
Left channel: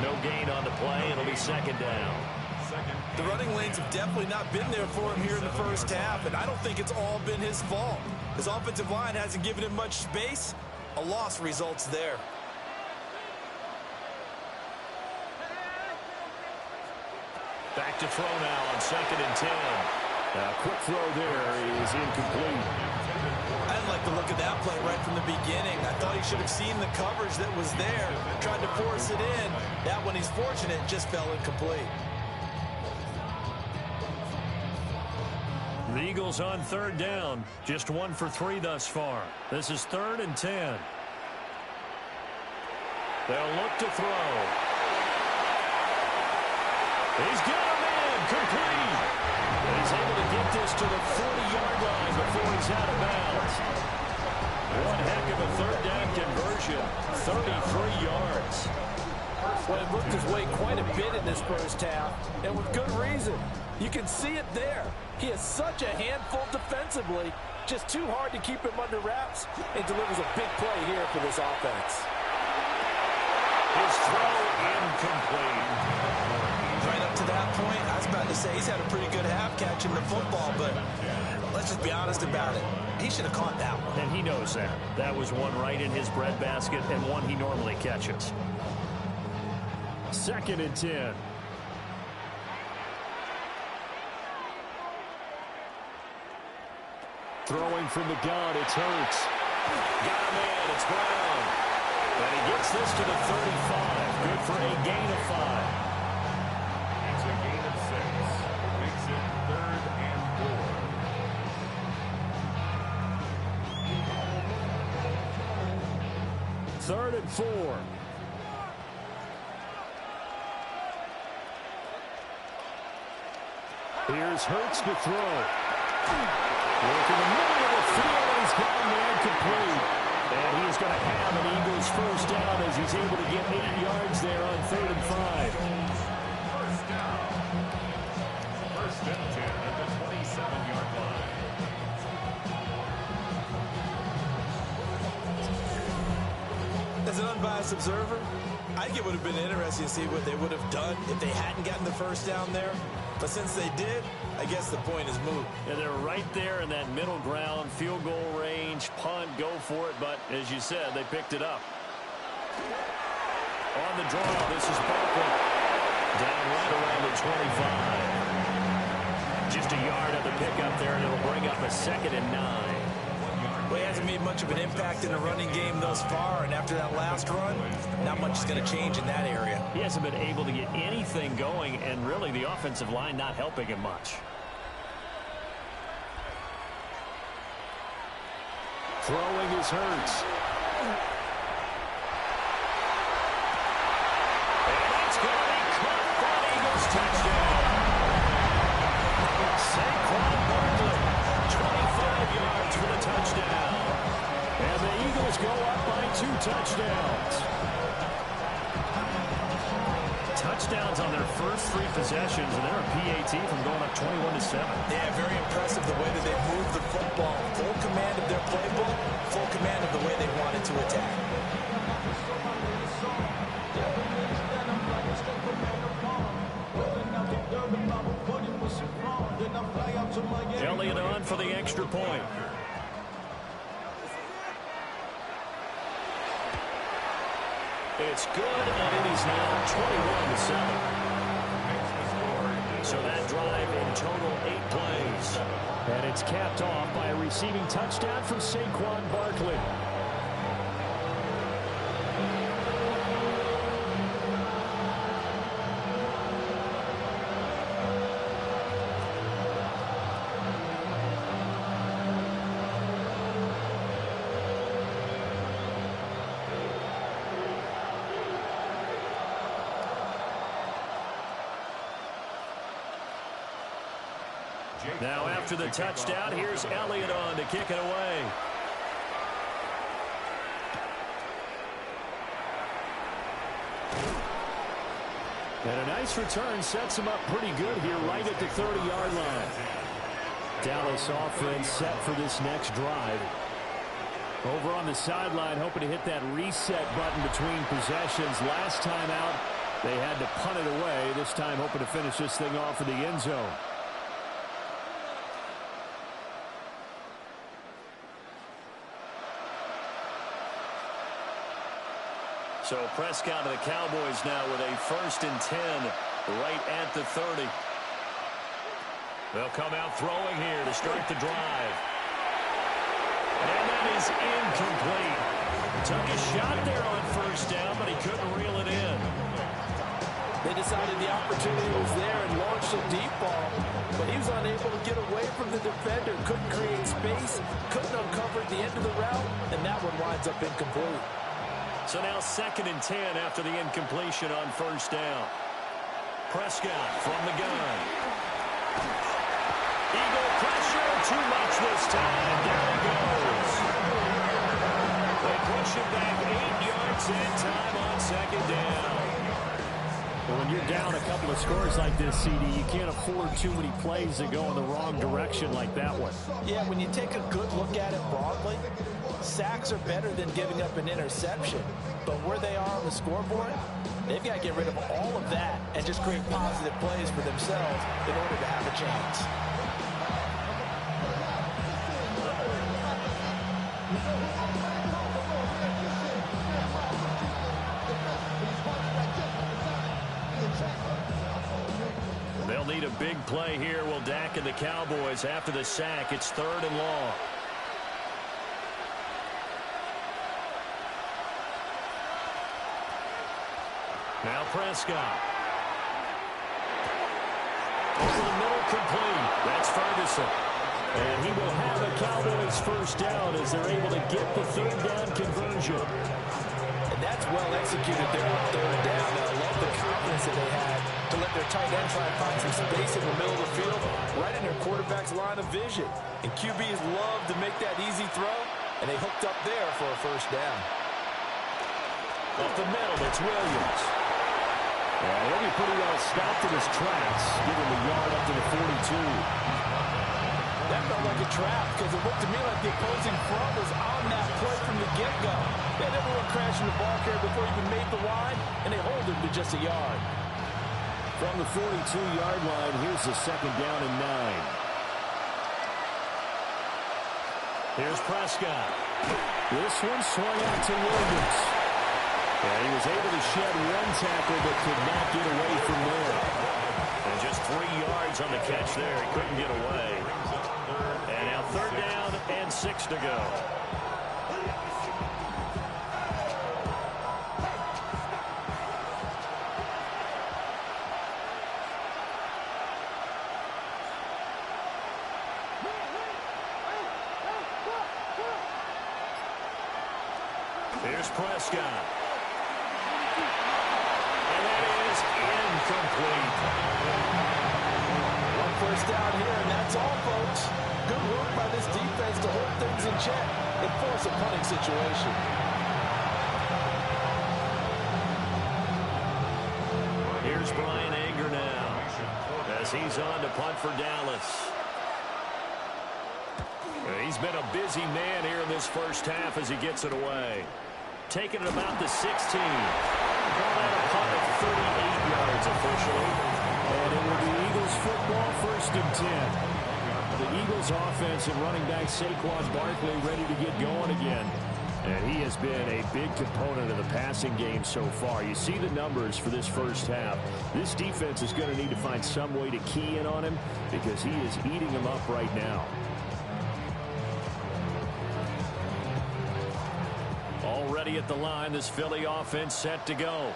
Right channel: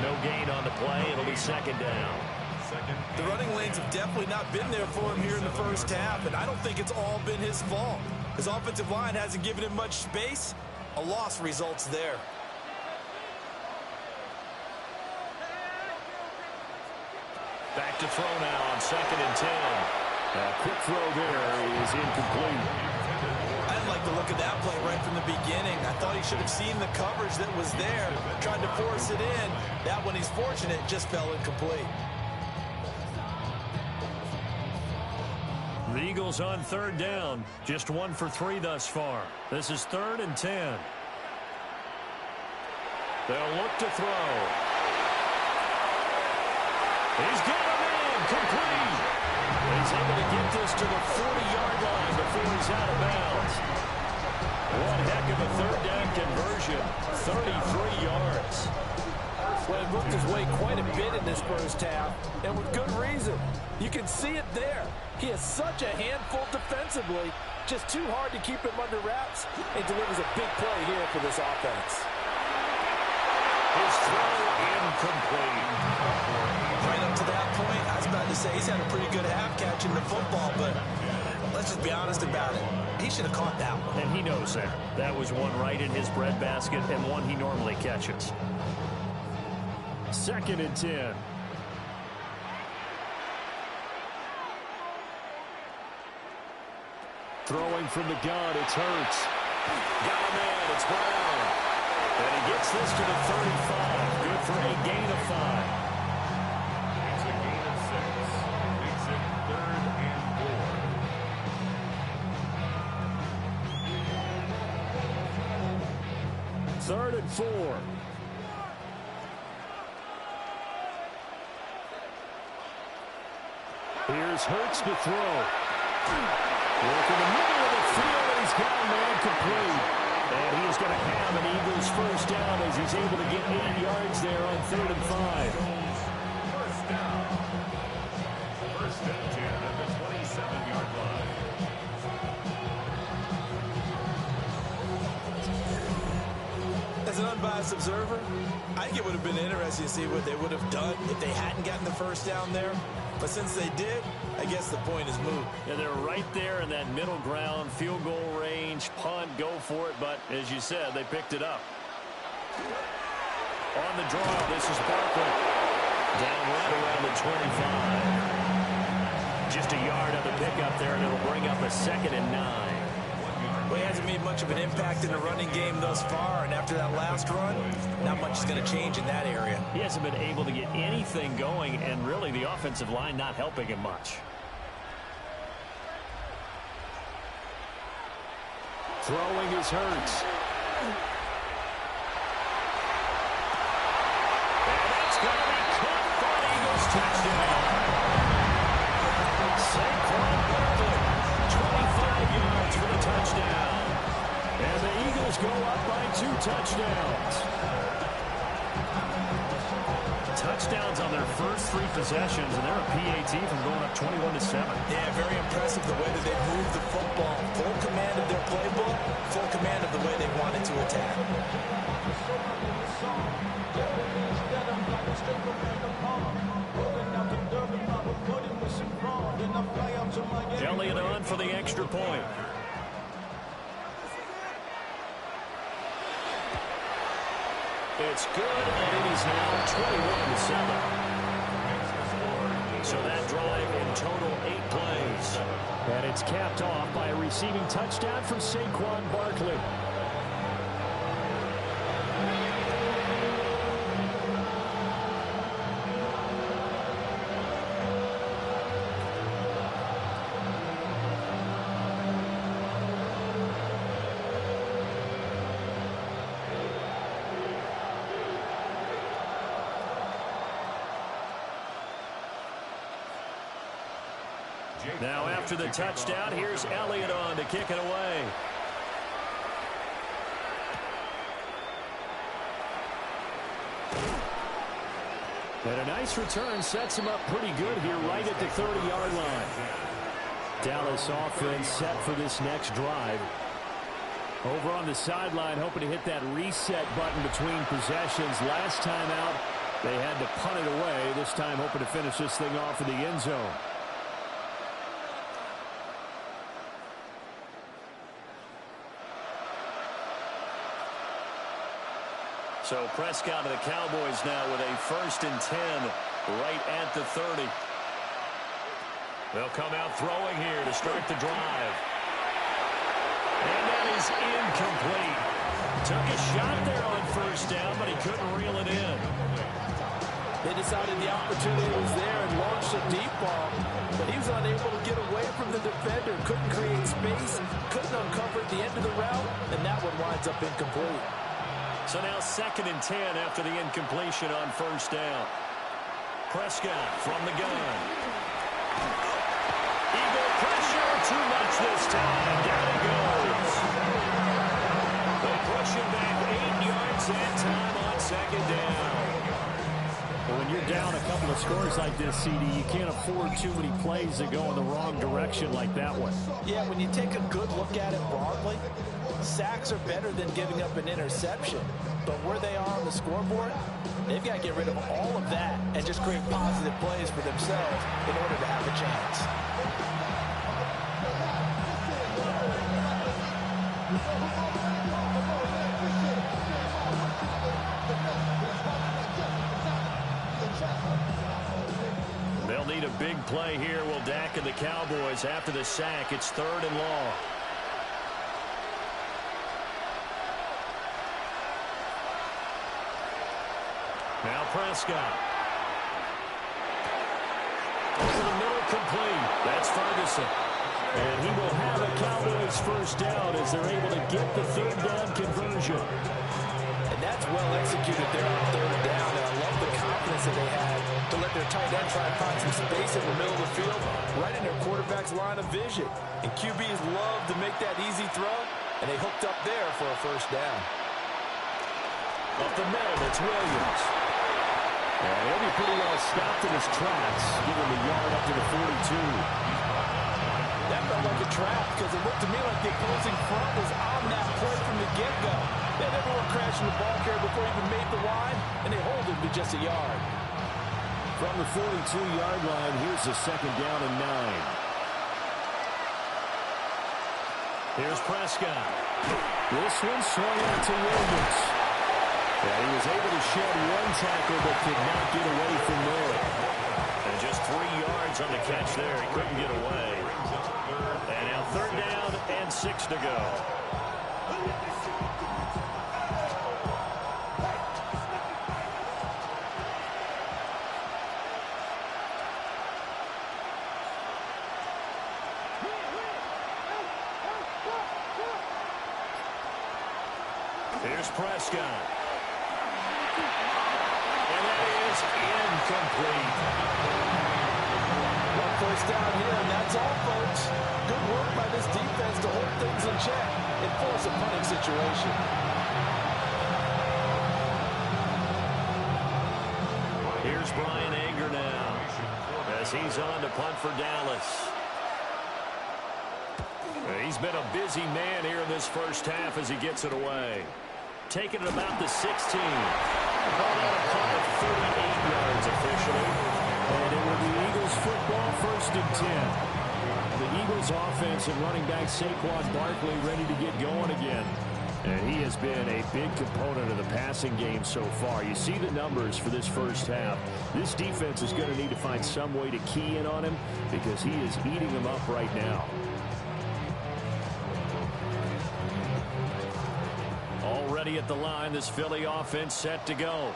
No gain on the play. It'll be second down. The running lanes have definitely not been there for him here in the first half, and I don't think it's all been his fault. His offensive line hasn't given him much space. A loss results there. Back to throw now on 2nd and 10. A quick throw there is incomplete. I didn't like the look of that play right from the beginning. I thought he should have seen the coverage that was there, tried to force it in. That one, he's fortunate, just fell incomplete. The Eagles on 3rd down. Just 1 for 3 thus far. This is 3rd and 10. They'll look to throw. He's got a man complete. He's able to get this to the 40-yard line before he's out of bounds. One heck of a 3rd down conversion. 33 yards. Well, he worked his way quite a bit in this first half, and with good reason. You can see it there. He is such a handful defensively. Just too hard to keep him under wraps, and delivers a big play here for this offense. His throw incomplete. Right up to that point, I was about to say he's had a pretty good half catching the football, but let's just be honest about it. He should have caught that one. And he knows that. That was one right in his breadbasket and one he normally catches. 2nd and 10. Throwing from the gun, it's Hurts. Got a man, it's Brown. And he gets this to the 35. Good for a gain of 5. It's a gain of 6. Makes it 3rd and 4. 3rd and 4. Here's Hurts to throw. Working the middle of the field, and he's got a man complete. And he is going to have an Eagles first down as he's able to get 8 yards there on 3rd and 5. First down. 1st and 10 at the 27-yard line. As an unbiased observer, I think it would have been interesting to see what they would have done if they hadn't gotten the first down there. But since they did, I guess the point is moot. Yeah, they're right there in that middle ground, field goal range, punt, go for it. But as you said, they picked it up. On the draw, this is Barkley. Down right around the 25. Just a yard of the pickup there, and it'll bring up a 2nd and 9. Well, he hasn't made much of an impact in the running game thus far, and after that last run, not much is going to change in that area. He hasn't been able to get anything going, and really the offensive line not helping him much. Throwing is Hurts. And that's going to be caught for an Eagles touchdown. Saquon Barkley, 25 yards for the touchdown. And the Eagles go up by 2 touchdowns. Touchdowns on their first 3 possessions, and they're a PAT from going up 21-7. Yeah, very impressive the way that they've moved the football. Full command of their playbook, full command of the way they wanted to attack. Elliott on for the extra point. It's good, and it is now 21-7. Makes the score So that drive in total 8 plays. And it's capped off by a receiving touchdown from Saquon Barkley. Now after the touchdown, here's Elliott on to kick it away. And a nice return sets him up pretty good here right at the 30-yard line. Dallas offense set for this next drive. Over on the sideline, hoping to hit that reset button between possessions. Last time out, they had to punt it away. This time hoping to finish this thing off in the end zone. So Prescott of the Cowboys now with a 1st and 10 right at the 30. They'll come out throwing here to start the drive. And that is incomplete. Took a shot there on 1st down, but he couldn't reel it in. They decided the opportunity was there and launched a deep ball, but he was unable to get away from the defender. Couldn't create space, couldn't uncover at the end of the route, and that one winds up incomplete. So now 2nd and 10 after the incompletion on 1st down. Prescott from the gun. Eagle pressure, too much this time. Down he goes. They push him back 8 yards and time on 2nd down. Well, when you're down a couple of scores like this, CD, you can't afford too many plays that go in the wrong direction like that one. Yeah, when you take a good look at it broadly, sacks are better than giving up an interception. But where they are on the scoreboard, they've got to get rid of all of that and just create positive plays for themselves in order to have a chance. They'll need a big play here, will Dak and the Cowboys. After the sack, it's 3rd and long. Now Prescott. Over the middle, complete. That's Ferguson. And he will have a Cowboys 1st down as they're able to get the 3rd down conversion. And that's well executed there on 3rd down. And I love the confidence that they had to let their tight end try and find some space in the middle of the field, right in their quarterback's line of vision. And QBs love to make that easy throw, and they hooked up there for a 1st down. Up the middle, it's Williams. Yeah, he'll be pretty well stopped in his tracks, giving the yard up to the 42. That felt like a trap because it looked to me like the opposing front was on that play from the get-go. They had everyone crashing the ball carrier before he even made the line, and they hold him to just a yard. From the 42-yard line, here's the 2nd down and 9. Here's Prescott. This one swung out to Williams. Yeah, he was able to shed one tackle but could not get away from there. And just 3 yards on the catch there. He couldn't get away. And now 3rd down and 6 to go. Here's Prescott. And that is incomplete. 1 1st down here, and that's all, folks. Good work by this defense to hold things in check and force a punting situation. Here's Brian Anger now as he's on to punt for Dallas. He's been a busy man here in this 1st half as he gets it away. Taking it about the 16. Call that a punt of 38 yards officially. And it will be Eagles football, 1st and 10. The Eagles offense and running back Saquon Barkley ready to get going again. And he has been a big component of the passing game so far. You see the numbers for this first half. This defense is going to need to find some way to key in on him because he is eating them up right now. Already at the line, this Philly offense set to go.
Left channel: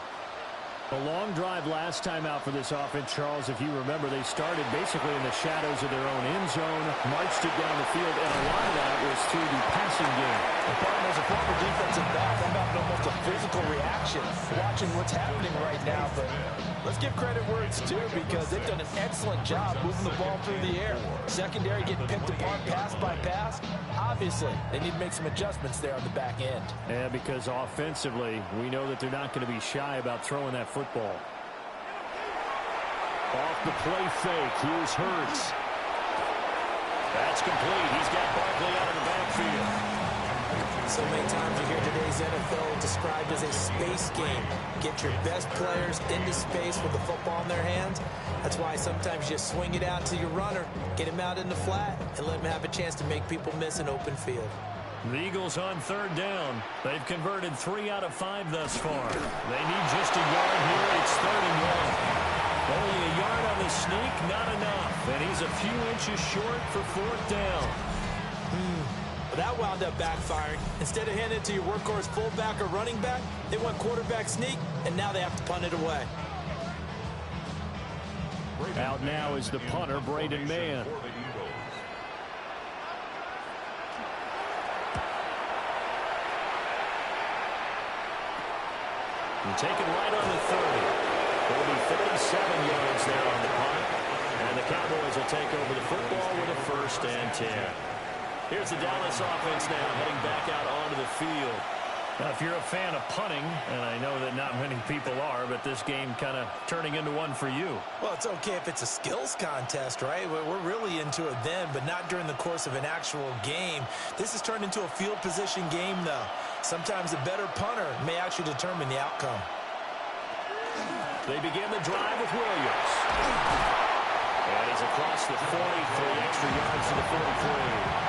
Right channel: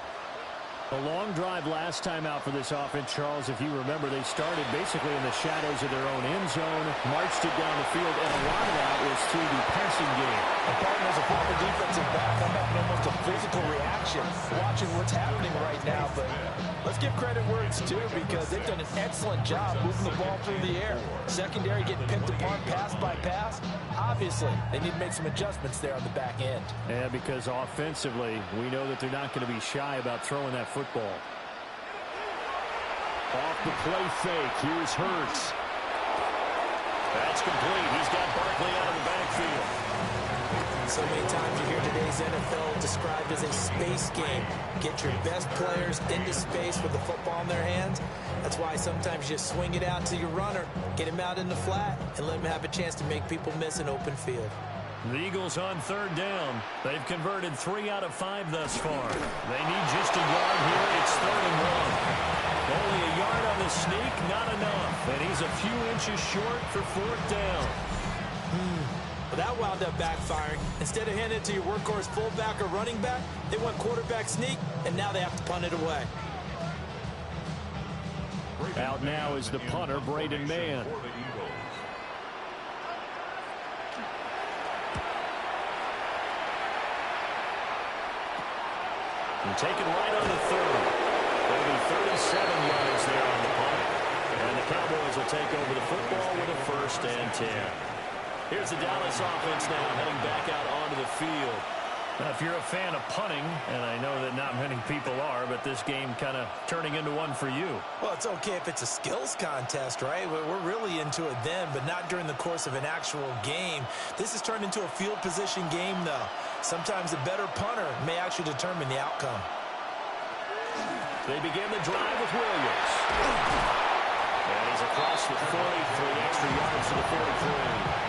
A long drive last time out for this offense, Charles. If you remember, they started basically in the shadows of their own end zone, marched it down the field, and a lot of that was through the passing game. And partner, as a former defensive back, I'm having almost a physical reaction watching what's happening right now. But let's give credit where it's due because they've done an excellent job moving the ball through the air. Secondary getting picked apart pass by pass. Obviously, they need to make some adjustments there on the back end. Yeah, because offensively, we know that they're not going to be shy about throwing that football. Off the play fake. Here's Hurts. That's complete. He's got Barkley out of the backfield. So many times you hear today's NFL described as a space game. Get your best players into space with the football in their hands. That's why sometimes you just swing it out to your runner, get him out in the flat, and let him have a chance to make people miss an open field. The Eagles on third down. They've converted 3 out of 5 thus far. They need just a yard here. It's 3rd and 1. Only a yard on the sneak, not enough. And he's a few inches short for 4th down. Well, that wound up backfiring. Instead of handing it to your workhorse fullback or running back, they went quarterback sneak, and now they have to punt it away. Out now is the punter, Braden Mann. And taken right on the 30. It'll be 37 yards there on the punt. And the Cowboys will take over the football with a 1st and 10. Here's the Dallas offense now heading back out onto the field. Now, if you're a fan of punting, and I know that not many people are, but this game kind of turning into one for you. Well, it's okay if it's a skills contest, right? We're really into it then, but not during the course of an actual game. This has turned into a field position game, though. Sometimes a better punter may actually determine the outcome. They begin the drive with Williams. And he's across the 40, 3 extra yards to the 43.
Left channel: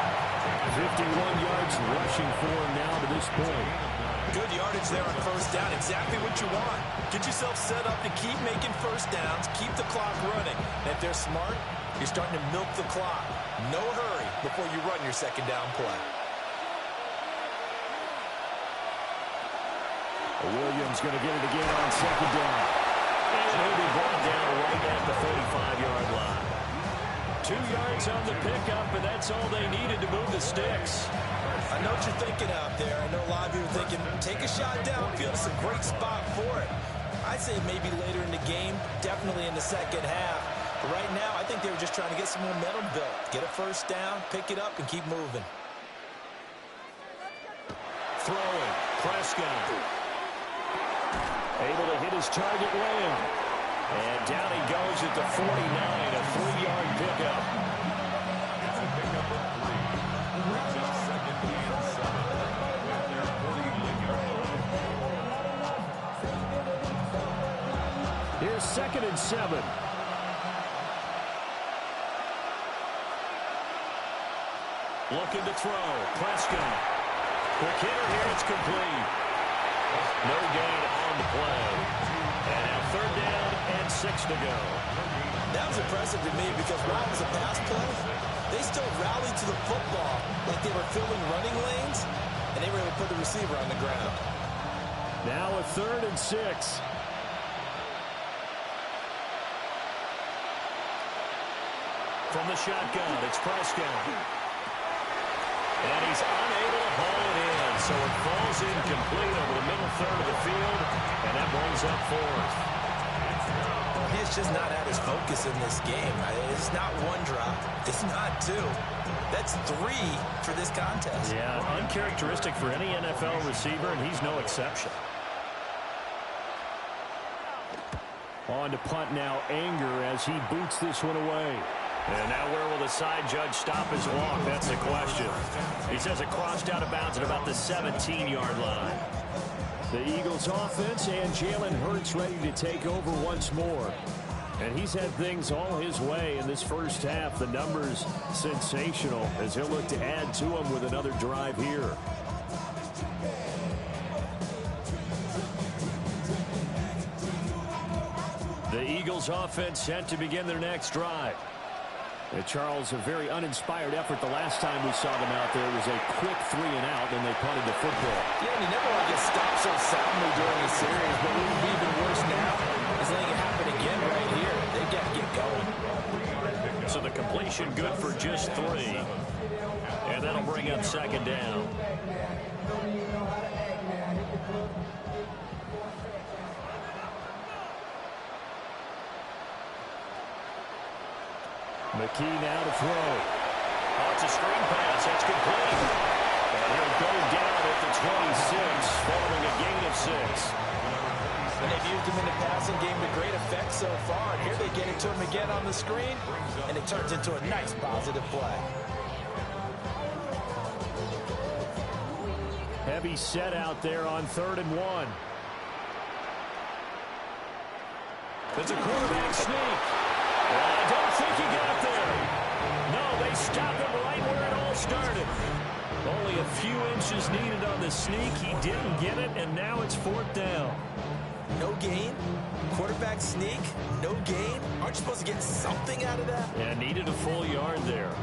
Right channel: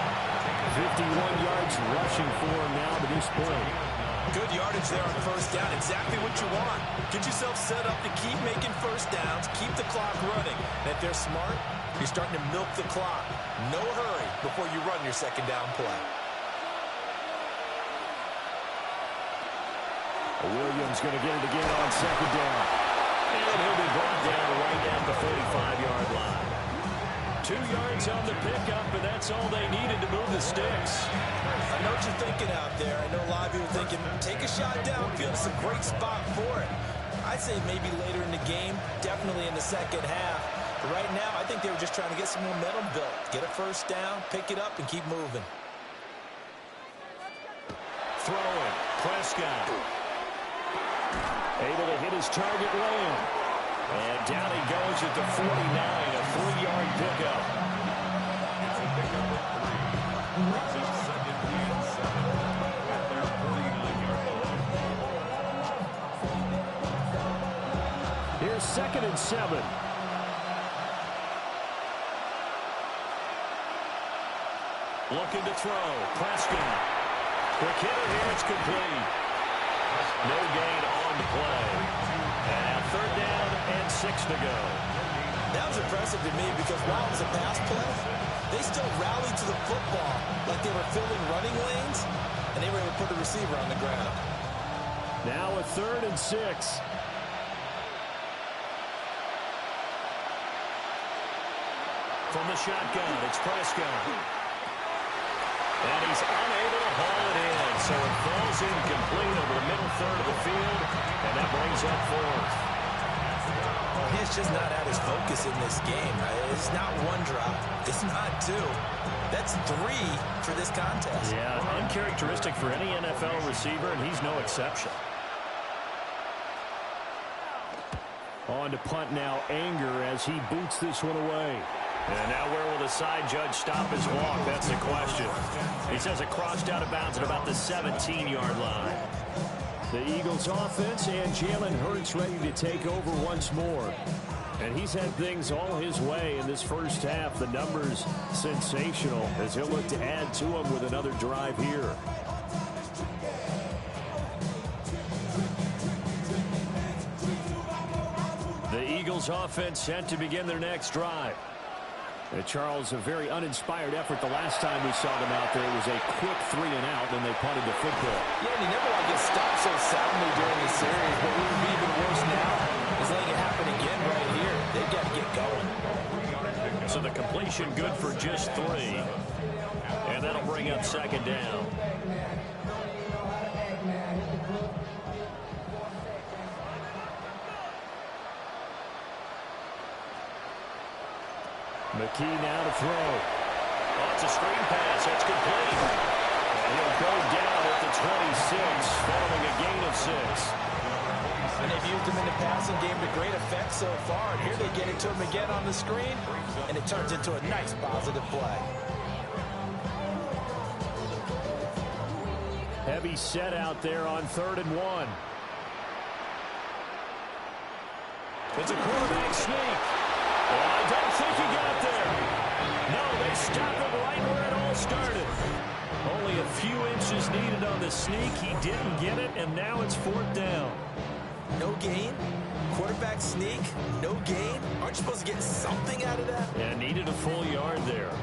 51 yards rushing for him now to this point. Good yardage there on 1st down. Exactly what you want. Get yourself set up to keep making 1st downs, keep the clock running. And if they're smart, you're starting to milk the clock. No hurry before you run your 2nd down play. Williams going to get it again on 2nd down. And he'll be brought down right at the 45-yard line. 2 yards on the pickup, and that's all they needed to move the sticks. I know what you're thinking out there. I know a lot of you are thinking, take a shot downfield. It's a great spot for it. I'd say maybe later in the game, definitely in the 2nd half. But right now, I think they were just trying to get some momentum built. Get a 1st down, pick it up, and keep moving. Throwing. Prescott. Able to hit his target, Lamb. And down he goes at the 49, a 3-yard pickup. It's a pickup of 3. Brings up 2nd and 7 at their 49-yard line. Here's 2nd and 7. Looking to throw. Prescott. Quick hitter here. It's complete. No gain on the play. And now 3rd down and 6 to go. That was impressive to me because while it was a pass play, they still rallied to the football like they were filling running lanes, and they were able to put the receiver on the ground. Now a 3rd and 6. From the shotgun, it's Prescott. And he's unable to haul it in, so it falls incomplete over the middle 3rd of the field, and that brings up 4th. He's just not at his focus in this game. It's not 1 drop. It's not 2. That's 3 for this contest. Yeah, uncharacteristic for any NFL receiver, and he's no exception. On to punt now, Anger as he boots this one away. And now where will the side judge stop his walk? That's the question. He says it crossed out of bounds at about the 17-yard line. The Eagles offense and Jalen Hurts ready to take over once more. And he's had things all his way in this first half. The numbers sensational as he'll look to add to them with another drive here. Bills offense set to begin their next drive. Charles, a very uninspired effort the last time we saw them out there. It was a quick 3 and out, then they punted the football. Yeah, and you never want to get stopped so soundly during a series, but what would be even worse now is letting it happen again right here. They've got to get going. So the completion good for just 3. And that'll bring up second down. McKee now to throw. Oh, it's a screen pass. That's complete. And he'll go down at the 26, following a gain of 6. And they've used him in the passing game to great effect so far. And here they get it to him again on the screen, and it turns into a nice positive play. Heavy set out there on 3rd and 1. It's a quarterback sneak. And I don't think he got there. No, they stop him right where it all started. Only a few inches needed on the sneak. He didn't get it, and now it's 4th down. No gain? Quarterback sneak? No gain? Aren't you supposed to get something out of that? Yeah, needed a full yard there.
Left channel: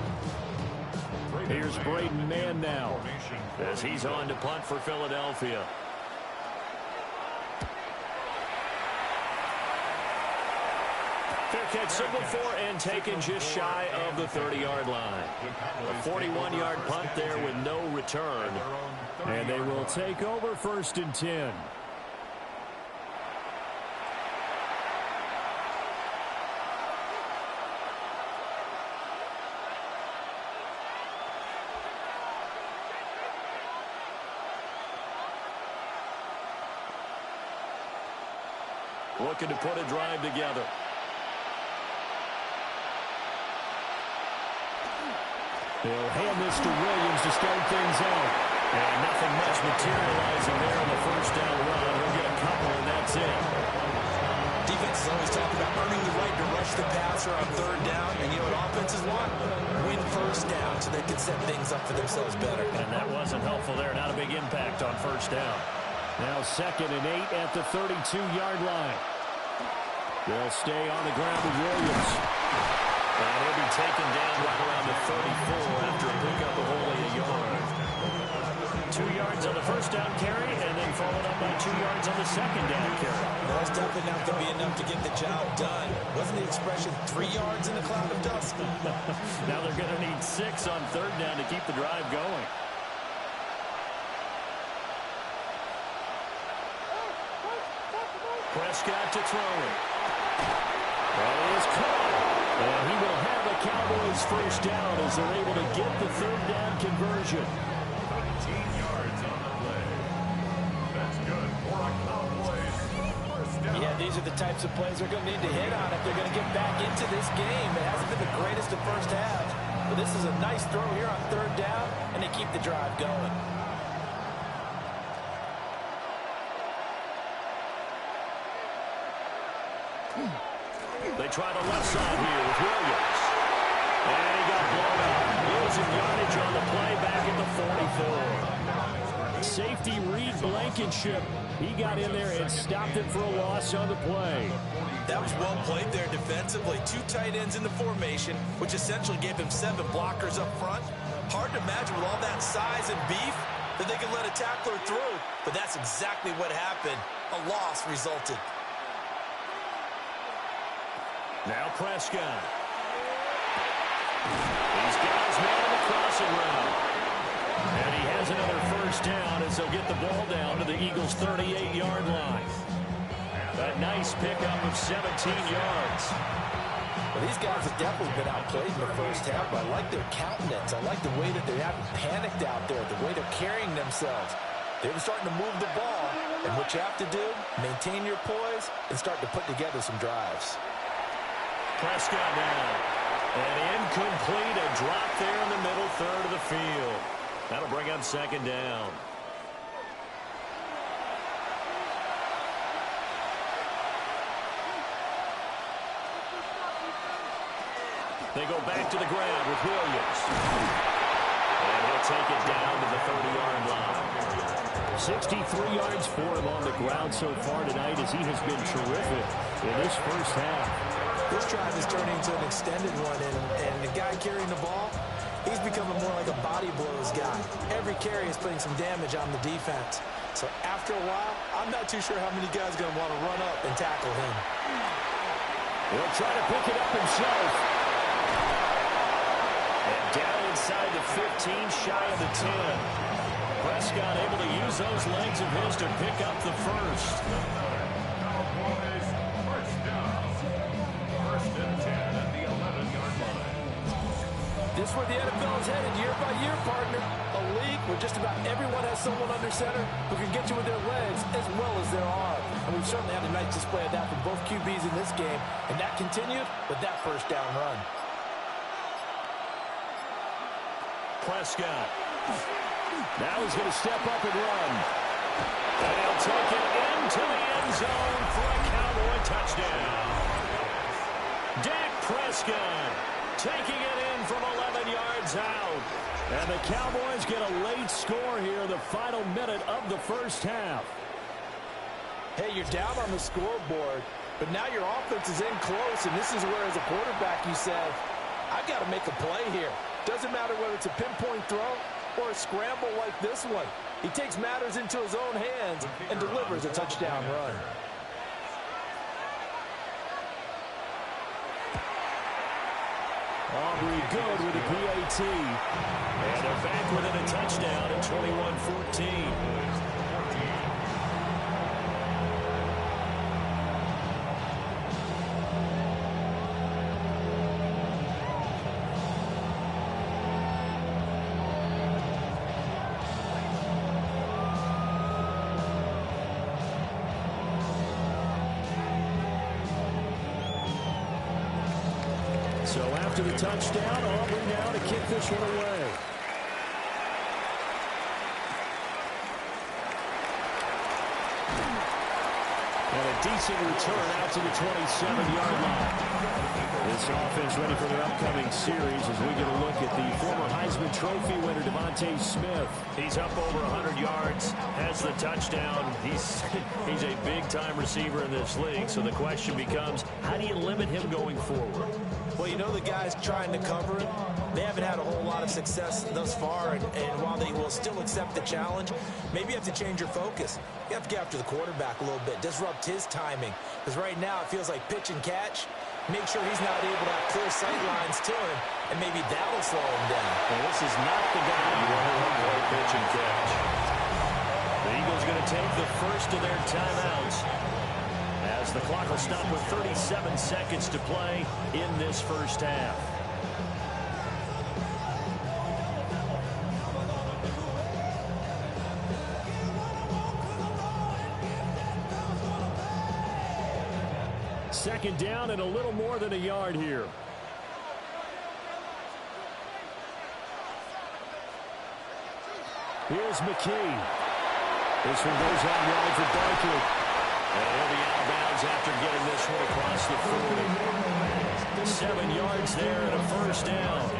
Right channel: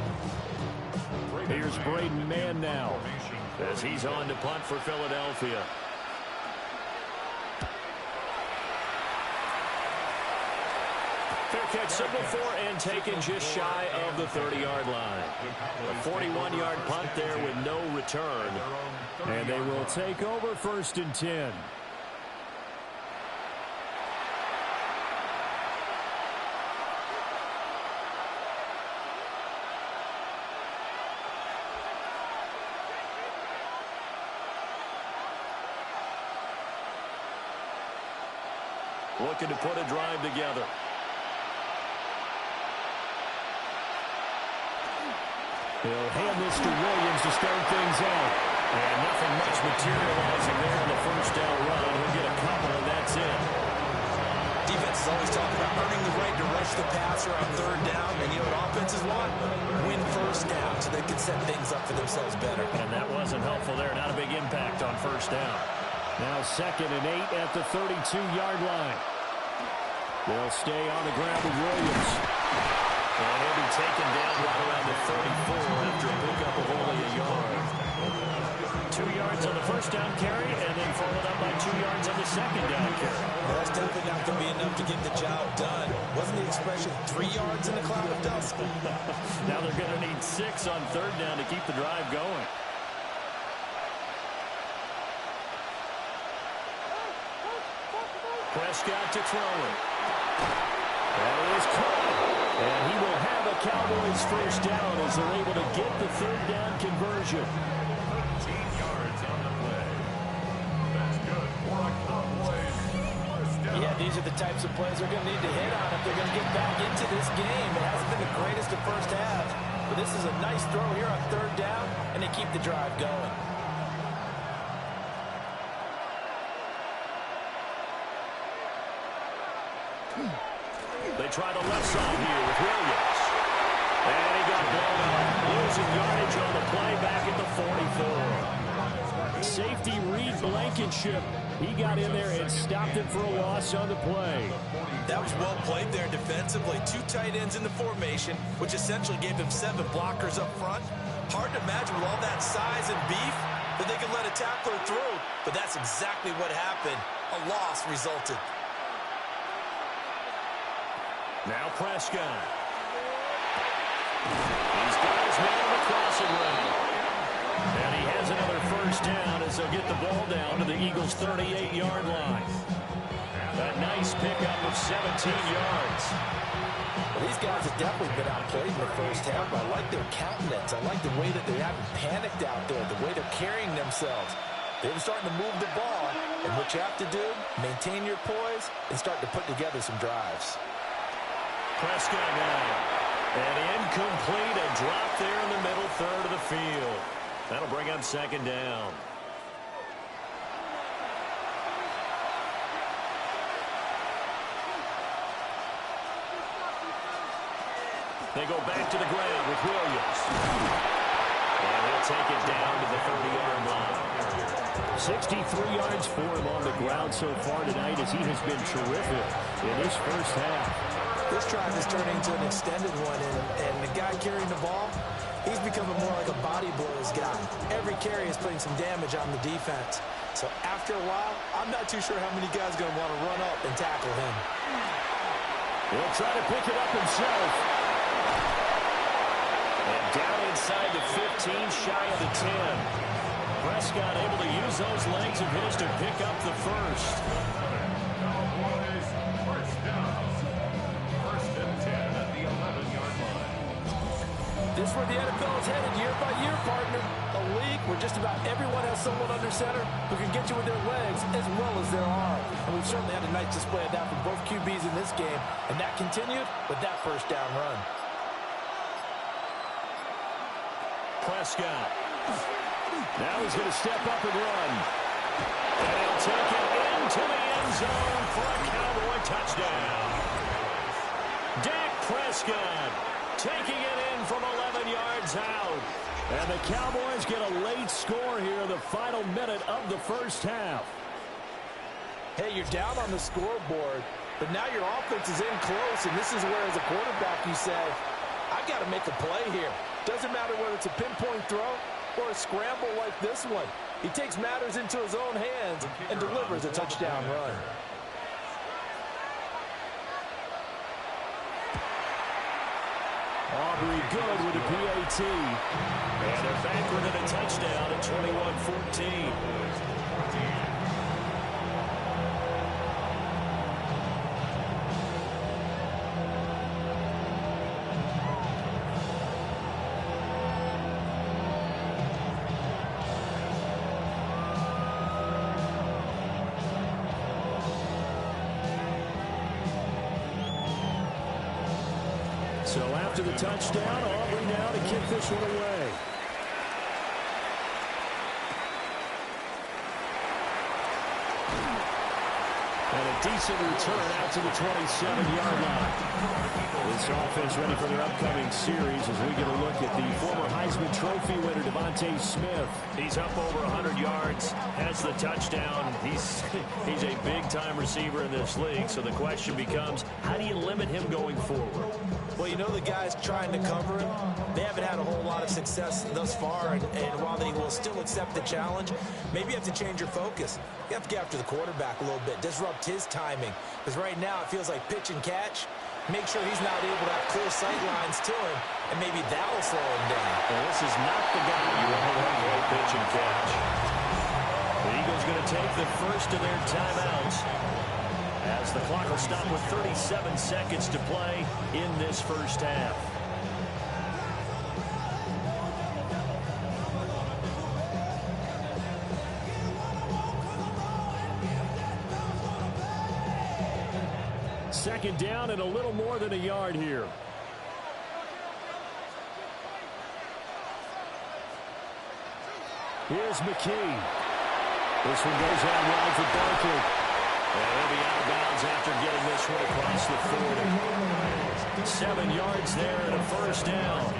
Here's Braden Mann now, as he's on to punt for Philadelphia. Fair catch signal for and taken just shy of the 30-yard line. A 41-yard punt there with no return. And they will take over 1st and 10. Looking to put a drive together. He'll hand this to Williams to start things out. And nothing much materializing there on the 1st down run. He'll get a couple, and that's it. Defenses always talk about earning the right to rush the passer on 3rd down. And you know what offenses want? Win 1st down so they can set things up for themselves better. And that wasn't helpful there. Not a big impact on 1st down. Now 2nd and 8 at the 32-yard line. They'll stay on the ground with Williams. And he'll be taken down right around the 34 after a pickup of only a yard. 2 yards on the 1st down carry, and then followed up by 2 yards on the 2nd down carry. Well, that's definitely not going to be enough to get the job done. Wasn't the expression 3 yards in a cloud of dust? Now they're going to need 6 on 3rd down to keep the drive going. Prescott to throw it. And it is caught. And he will have a Cowboys 1st down as they're able to get the 3rd down conversion. 13 yards on the play. That's good for a Cowboys 1st down. Yeah, these are the types of plays they're going to need to hit on if they're going to get back into this game. It hasn't been the greatest of first halves, but this is a nice throw here on 3rd down, and they keep the drive going. They try the left side here with Williams. And he got blown up. Losing yardage on the play back at the 44. Safety Reed Blankenship. He got in there and stopped it for a loss on the play. That was well played there defensively. 2 tight ends in the formation, which essentially gave him 7 blockers up front. Hard to imagine with all that size and beef that they could let a tackler through. But that's exactly what happened. A loss resulted. Now Prescott. He's got his man on the crossing route. And he has another 1st down as they'll get the ball down to the Eagles' 38-yard line. A nice pickup of 17 yards. Well, these guys have definitely been outplayed in the 1st half, but I like their countenance. I like the way that they haven't panicked out there, the way they're carrying themselves. They're starting to move the ball, and what you have to do, maintain your poise and start to put together some drives. Prescott now. And incomplete, a drop there in the middle 3rd of the field. That'll bring up 2nd down. They go back to the ground with Williams. And he'll take it down to the 30-yard line. 63 yards for him on the ground so far tonight as he has been terrific in his first half. This drive is turning into an extended one, and the guy carrying the ball, he's becoming more like a body blows guy. Every carry is putting some damage on the defense. So after a while, I'm not too sure how many guys are going to want to run up and tackle him. He'll try to pick it up himself. And down inside the 15, shy of the 10. Prescott able to use those legs of his to pick up the first. Cowboys first down. First and 10 at the 11-yard line. This is where the NFL is headed year by year, partner. A league where just about everyone has someone under center who can get you with their legs as well as their arm. And we've certainly had a nice display of that from both QBs in this game. And that continued with that first down run. Prescott. Now he's going to step up and run. And he'll take it into the end zone for a Cowboy touchdown. Dak Prescott taking it in from 11 yards out. And the Cowboys get a late score here, the final minute of the first half. Hey, you're down on the scoreboard, but now your offense is in close, and this is where, as a quarterback, you say, I've got to make a play here. Doesn't matter whether it's a pinpoint throw or a scramble like this one. He takes matters into his own hands and delivers a touchdown run. Aubrey good with a PAT. And they're back within a touchdown at 21-14. So after the touchdown, Aubrey now to kick this one away. And a decent return out to the 27-yard line. This offense ready for their upcoming series as we get a look at the former Heisman Trophy winner, Devontae Smith. He's up over 100 yards, has the touchdown. He's a big-time receiver in this league, so the question becomes, how do you limit him going forward? Well, you know the guys trying to cover him, they haven't had a whole lot of success thus far, and while they will still accept the challenge, maybe you have to change your focus. You have to get after the quarterback a little bit, disrupt his timing, because right now it feels like pitch and catch. Make sure he's not able to have clear sight lines to him, and maybe that'll slow him down. Well, this is not the guy you want to run play pitch and catch. The Eagles going to take the first of their timeouts as the clock will stop with 37 seconds to play in this first half. Second down and a little more than a yard here. Here's McKee. This one goes out wide for Barkley. And he'll be out of bounds after getting this one across the 40. 7 yards there and a first down.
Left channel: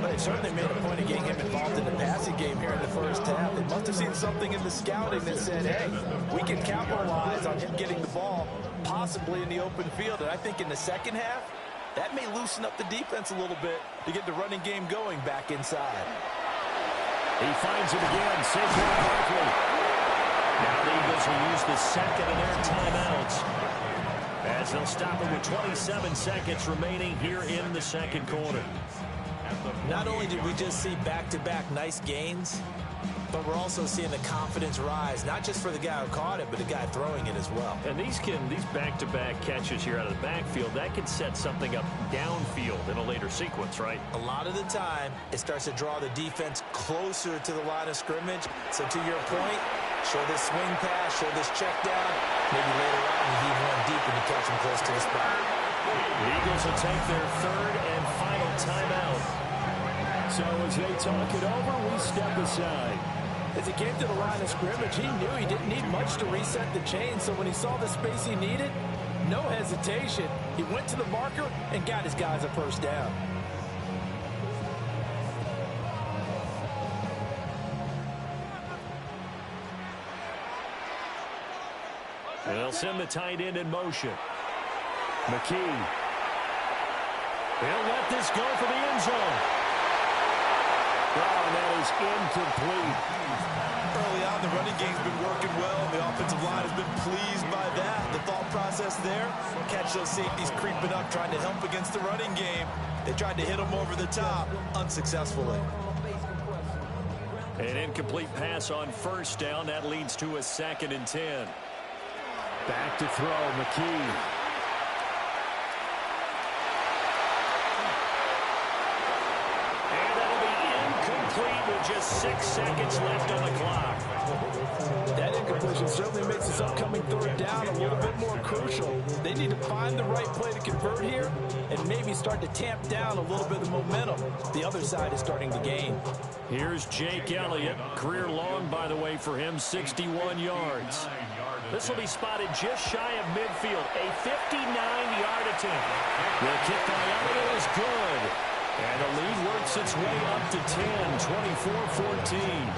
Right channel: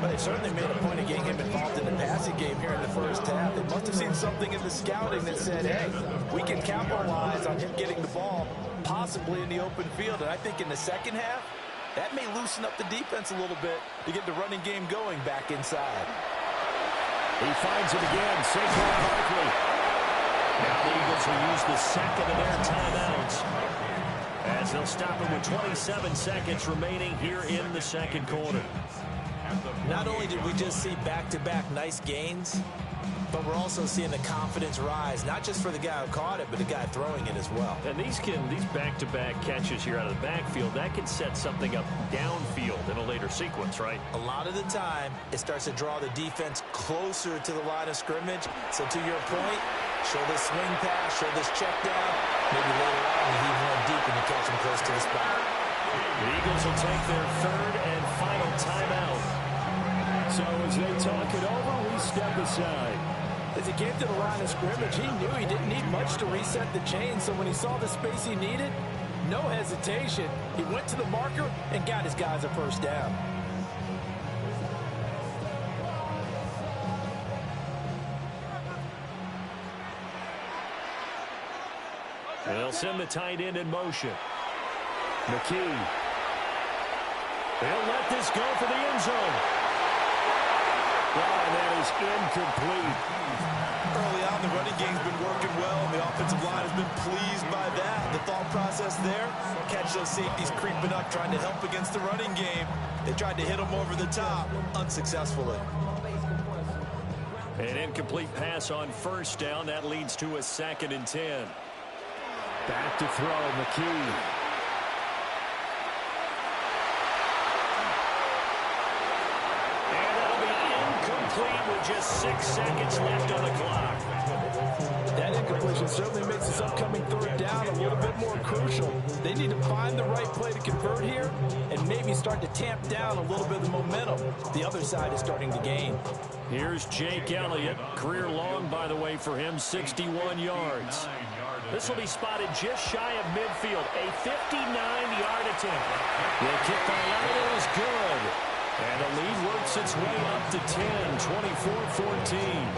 But they certainly made a point of getting him involved in the passing game here in the first half. They must have seen something in the scouting that said, hey, we can capitalize on him getting the ball, possibly in the open field. And I think in the second half, that may loosen up the defense a little bit to get the running game going back inside. He finds it again. Saquon Barkley. Now the Eagles will use the second of their timeouts as they'll stop him with 27 seconds remaining here in the second quarter. Not only did we just see back-to-back nice gains, but we're also seeing the confidence rise, not just for the guy who caught it, but the guy throwing it as well. And these back-to-back catches here out of the backfield, that can set something up downfield in a later sequence, right? A lot of the time, it starts to draw the defense closer to the line of scrimmage. So to your point, show this swing pass, show this check down. Maybe later on, you heave one deep and you catch him close to the spot. The Eagles will take their third and final timeout. So as they talk it over, we step aside. As he came to the line of scrimmage, he knew he didn't need much to reset the chain. So when he saw the space he needed, no hesitation. He went to the marker and got his guys a first down. And they'll send the tight end in motion. McKee. They'll let this go for the end zone. Oh, and that is incomplete. Early on, the running game's been working well, and the offensive line has been pleased by that. The thought process there, catch those safeties creeping up, trying to help against the running game. They tried to hit them over the top, unsuccessfully. An incomplete pass on first down. That leads to a 2nd and 10. Back to throw, McKee. Complete with just 6 seconds left on the clock. That incompletion certainly makes this upcoming 3rd down a little bit more crucial. They need to find the right play to convert here and maybe start to tamp down a little bit of the momentum. The other side is starting to gain. Here's Jake Elliott. Career long, by the way, for him, 61 yards. This will be spotted just shy of midfield. A 59-yard attempt. The kick by Elliott is good. And the lead works its way up to 10, 24-14.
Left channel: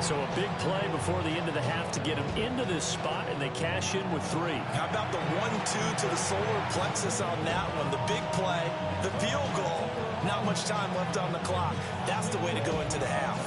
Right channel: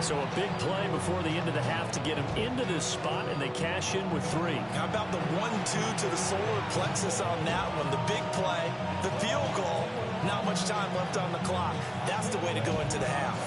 So a big play before the end of the half to get them into this spot, and they cash in with 3. How about the 1-2 to the solar plexus on that one? The big play, the field goal, not much time left on the clock. That's the way to go into the half.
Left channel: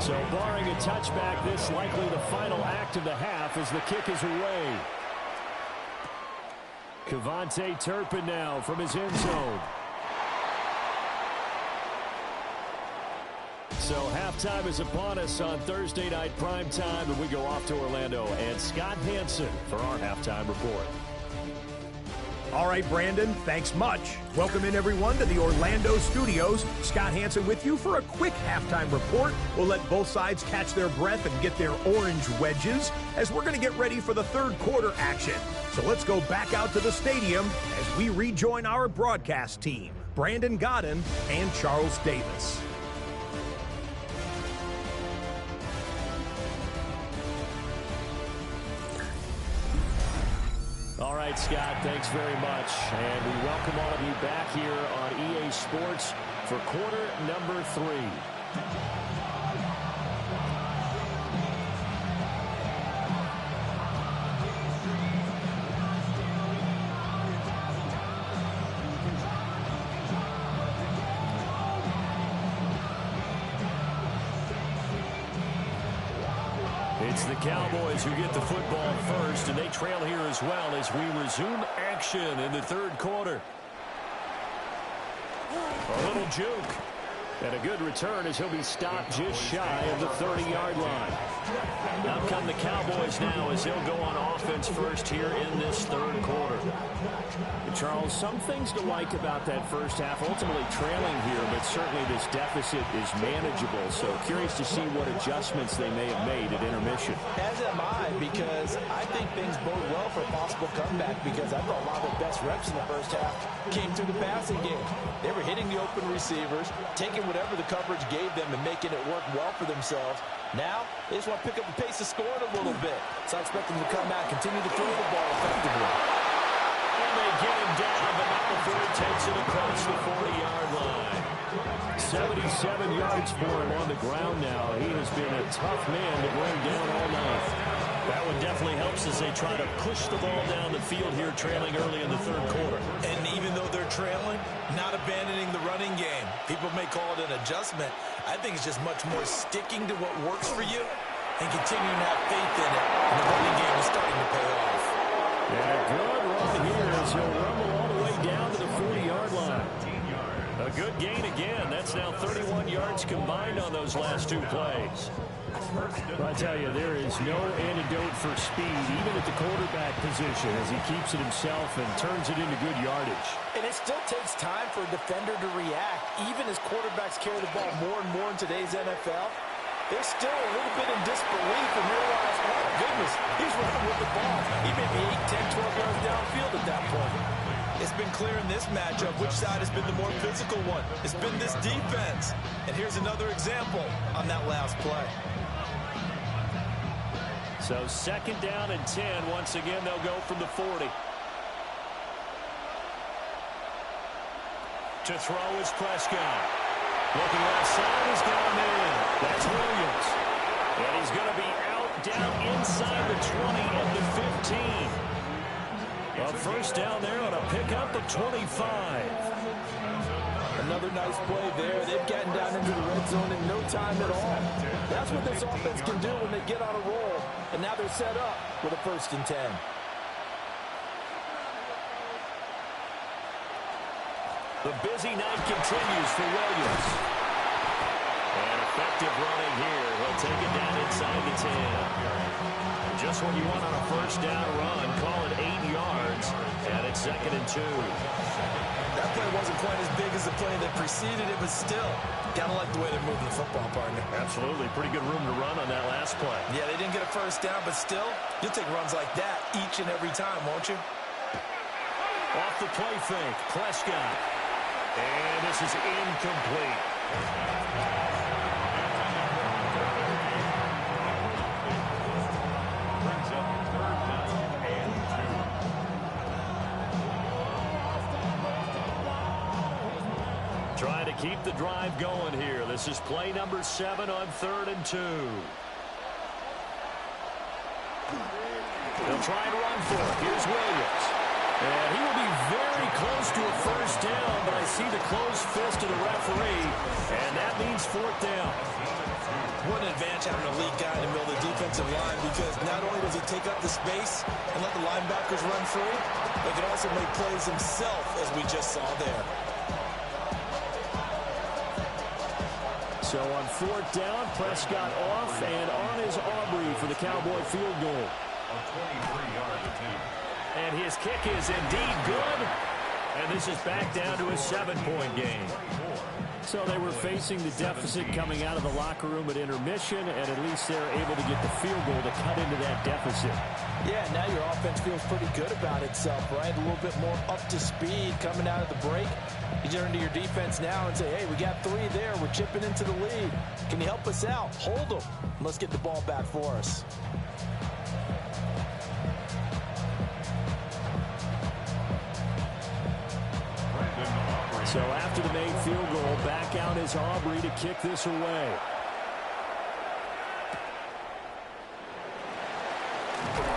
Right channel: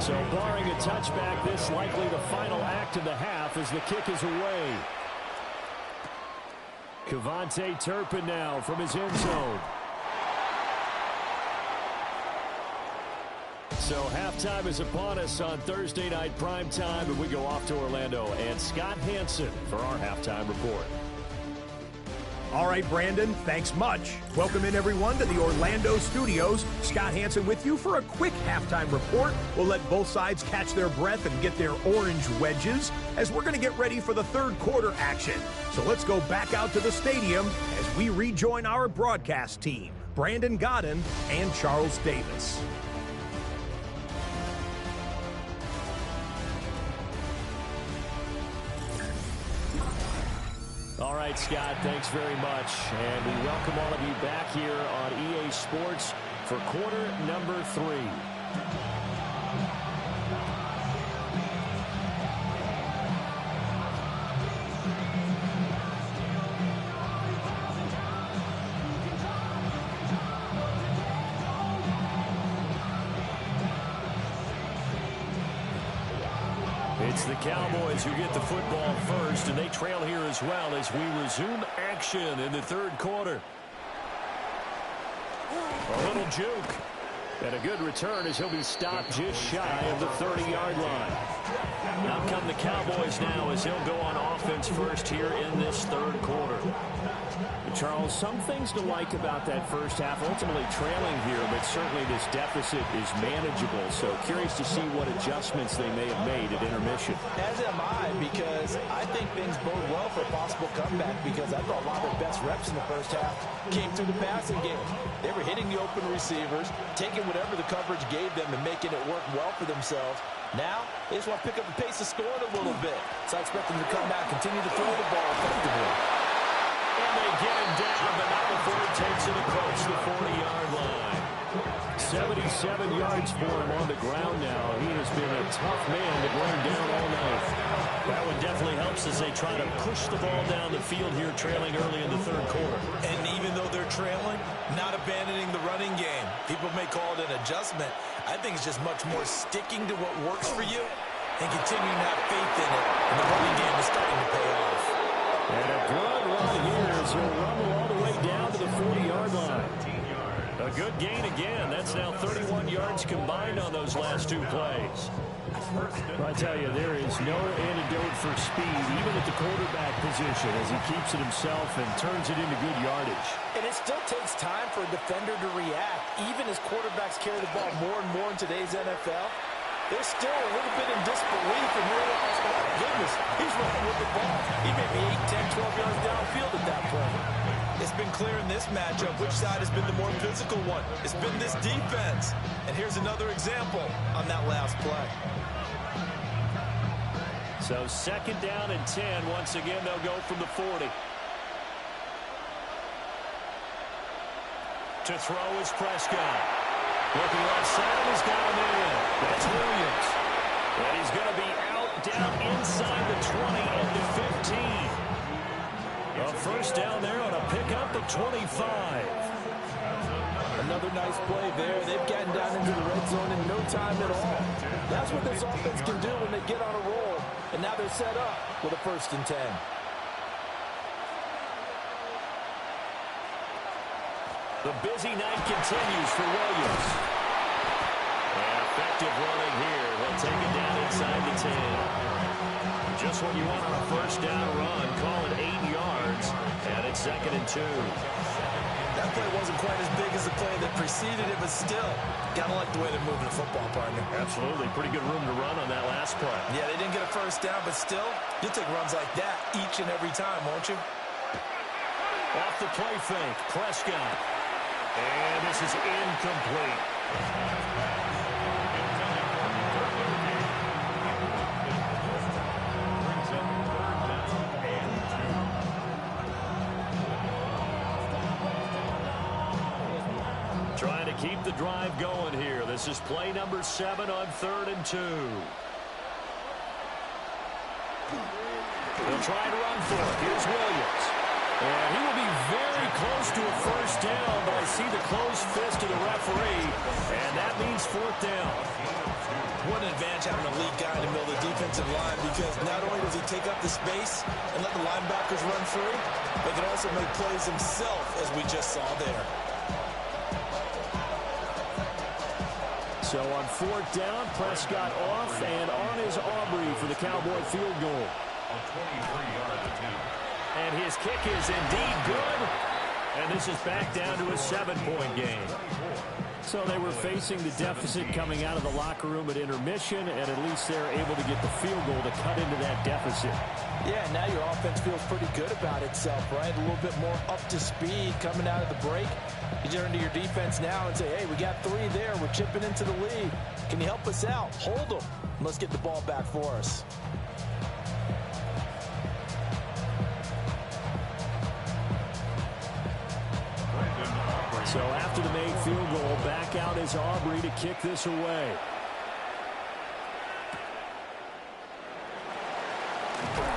So barring a touchback, this likely the final act of the half as the kick is away. Kevontae Turpin now from his end zone. So halftime is upon us on Thursday night primetime, and we go off to Orlando and Scott Hansen for our halftime report. All right, Brandon, thanks much. Welcome in, everyone, to the Orlando studios. Scott Hansen with you for a quick halftime report. We'll let both sides catch their breath and get their orange wedges as we're going to get ready for the 3rd quarter action. So let's go back out to the stadium as we rejoin our broadcast team, Brandon Godden and Charles Davis. All right, Scott, thanks very much. And we welcome all of you back here on EA Sports for quarter number 3. It's the Cowboys who get the football first, and they trail here as well as we resume action in the 3rd quarter. A little juke. And a good return as he'll be stopped just shy of the 30-yard line. Out come the Cowboys now as he'll go on offense first here in this 3rd quarter. Charles, some things to like about that first half. Ultimately trailing here, but certainly this deficit is manageable. So curious to see what adjustments they may have made at intermission. As am I, because I think things bode well for a possible comeback, because I thought a lot of their best reps in the first half came through the passing game. They were hitting the open receivers, taking whatever the coverage gave them and making it work well for themselves. Now, they just want to pick up the pace of scoring a little bit. So I expect them to come back, continue to throw the ball effectively. And they get him down, but not before he takes it across the 40-yard line. 77 yards for him on the ground now. He has been a tough man to bring down all night. That one definitely helps as they try to push the ball down the field here, trailing early in the 3rd quarter. And even though they're trailing, not abandoning the running game. People may call it an adjustment. I think it's just much more sticking to what works for you and continuing to have faith in it. And the running game is starting to pay off. And a good run here as he'll rumble all the way down to the 40-yard line. A good gain again. That's now 31 yards combined on those last 2 plays. I tell you, there is no antidote for speed, even at the quarterback position, as he keeps it himself and turns it into good yardage. And it still takes time for a defender to react. Even as quarterbacks carry the ball more and more in today's NFL, they're still a little bit in disbelief and realize, oh my goodness, he's running with the ball. He may be 8, 10, 12 yards downfield at that point. It's been clear in this matchup which side has been the more physical one. It's been this defense. And here's another example on that last play. So 2nd down and 10. Once again, they'll go from the 40. To throw is Prescott. Looking left side, he's got him in. That's Williams. And he's going to be out down inside the 20 at the 15. A first down there on a pickup of 25. Another nice play there. They've gotten down into the red zone in no time at all. That's what this offense can do when they get on a roll. And now they're set up with a 1st and 10. The busy night continues for Williams. And effective running here. He'll take it down inside the 10. Just what you want on a first down run. Call it 8 yards. And it's 2nd and 2. That play wasn't quite as big as the play that preceded it, but still, gotta like the way they're moving the football, partner. Absolutely. Pretty good room to run on that last play. Yeah, they didn't get a first down, but still, you'll take runs like that each and every time, won't you? Off the play fake, Prescott. And this is incomplete. Brings up 3rd down and 2. Trying to keep the drive going here. This is play number 7 on 3rd and 2. They'll try and run for it. Here's Williams. And he will be very close to a first down, but I see the closed fist of the referee, and that means 4th down. What an advantage having a lead guy in the middle of the defensive line, because not only does he take up the space and let the linebackers run free, but he can also make plays himself, as we just saw there. So on 4th down, Prescott off, and on is Aubrey for the Cowboy field goal. A 23-yard attempt. And his kick is indeed good. And this is back down to a 7-point game. So they were facing the deficit coming out of the locker room at intermission, and at least they're able to get the field goal to cut into that deficit. Yeah, now your offense feels pretty good about itself, right? A little bit more up to speed coming out of the break. You turn to your defense now and say, hey, we got 3 there. We're chipping into the lead. Can you help us out? Hold them. Let's get the ball back for us. So after the made field goal, back out is Aubrey to kick this away.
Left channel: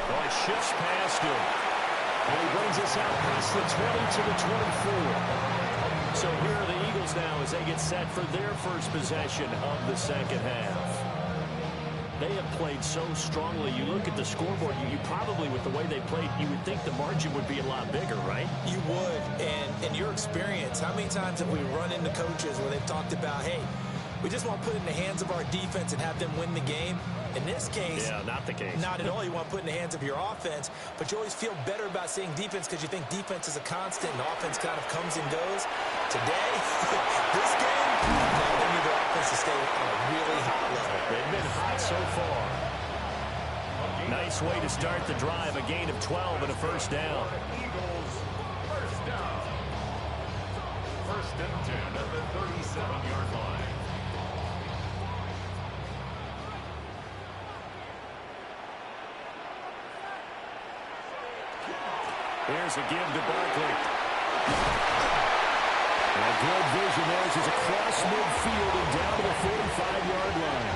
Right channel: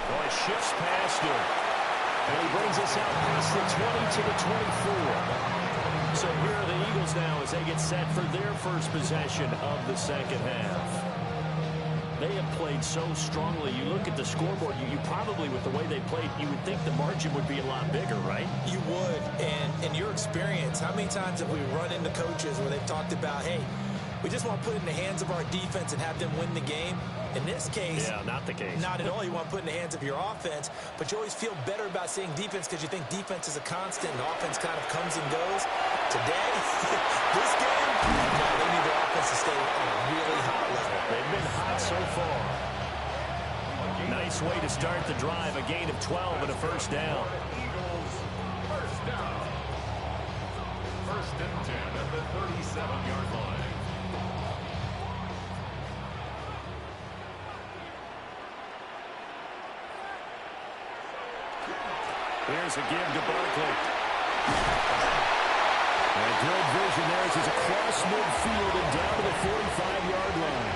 Oh, it shifts past him. And he brings us out past the 20 to the 24. So here are the Eagles now as they get set for their first possession of the second half. They have played so strongly. You look at the scoreboard, you probably, with the way they played, you would think the margin would be a lot bigger, right? You would. And in your experience, how many times have we run into coaches where they've talked about, hey, we just want to put it in the hands of our defense and have them win the game? In this case, yeah, not the case. Not at all. You want to put it in the hands of your offense, but you always feel better about saying defense because you think defense is a constant and offense kind of comes and goes. Today, this game, no, they need their offense to stay on a really hot level. They've been hot so far. Nice way to start the drive. A gain of 12 and a first down. Eagles, first down. 1st and 10 at the 37-yard line. Here's a give to Barkley. And good vision there as he's across midfield and down to the 45-yard line.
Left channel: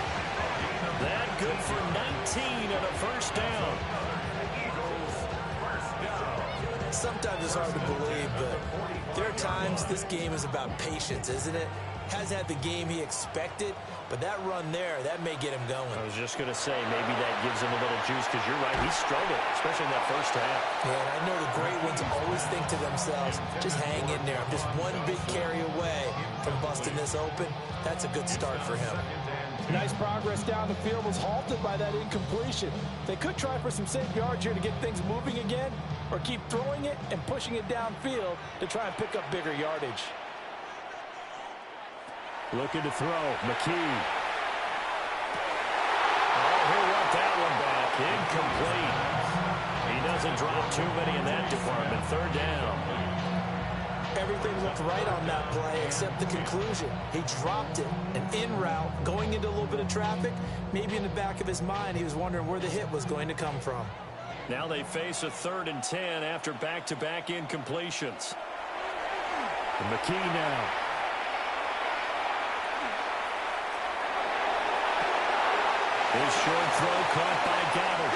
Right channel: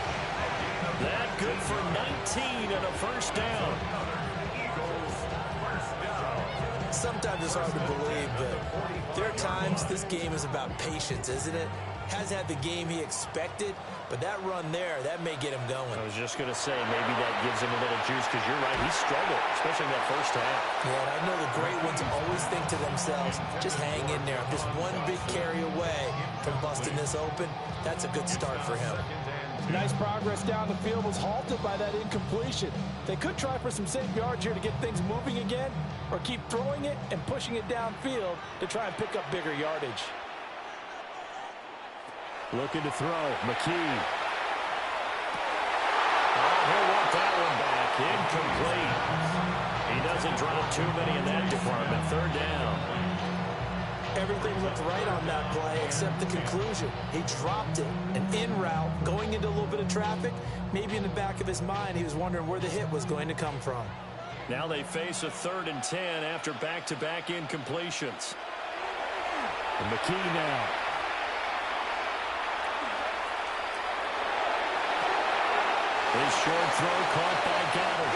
That good for 19 and a first down. Sometimes it's hard to believe, but there are times this game is about patience, isn't it? Hasn't had the game he expected, but that run there, that may get him going. I was just going to say, maybe that gives him a little juice, because you're right, he struggled, especially in that first half. Yeah, and I know the great ones always think to themselves, just hang in there. I'm just one big carry away from busting this open. That's a good start for him. Nice progress down the field was halted by that incompletion. They could try for some safe yards here to get things moving again, or keep throwing it and pushing it downfield to try and pick up bigger yardage. Looking to throw, McKee. Oh, he'll want that one back. Incomplete. He doesn't drop too many in that department. 3rd down. Everything looked right on that play except the conclusion. He dropped it, an in route, going into a little bit of traffic. Maybe in the back of his mind, he was wondering where the hit was going to come from. Now they face a 3rd and 10 after back-to-back incompletions. And McKee now. His short throw caught by Goddard.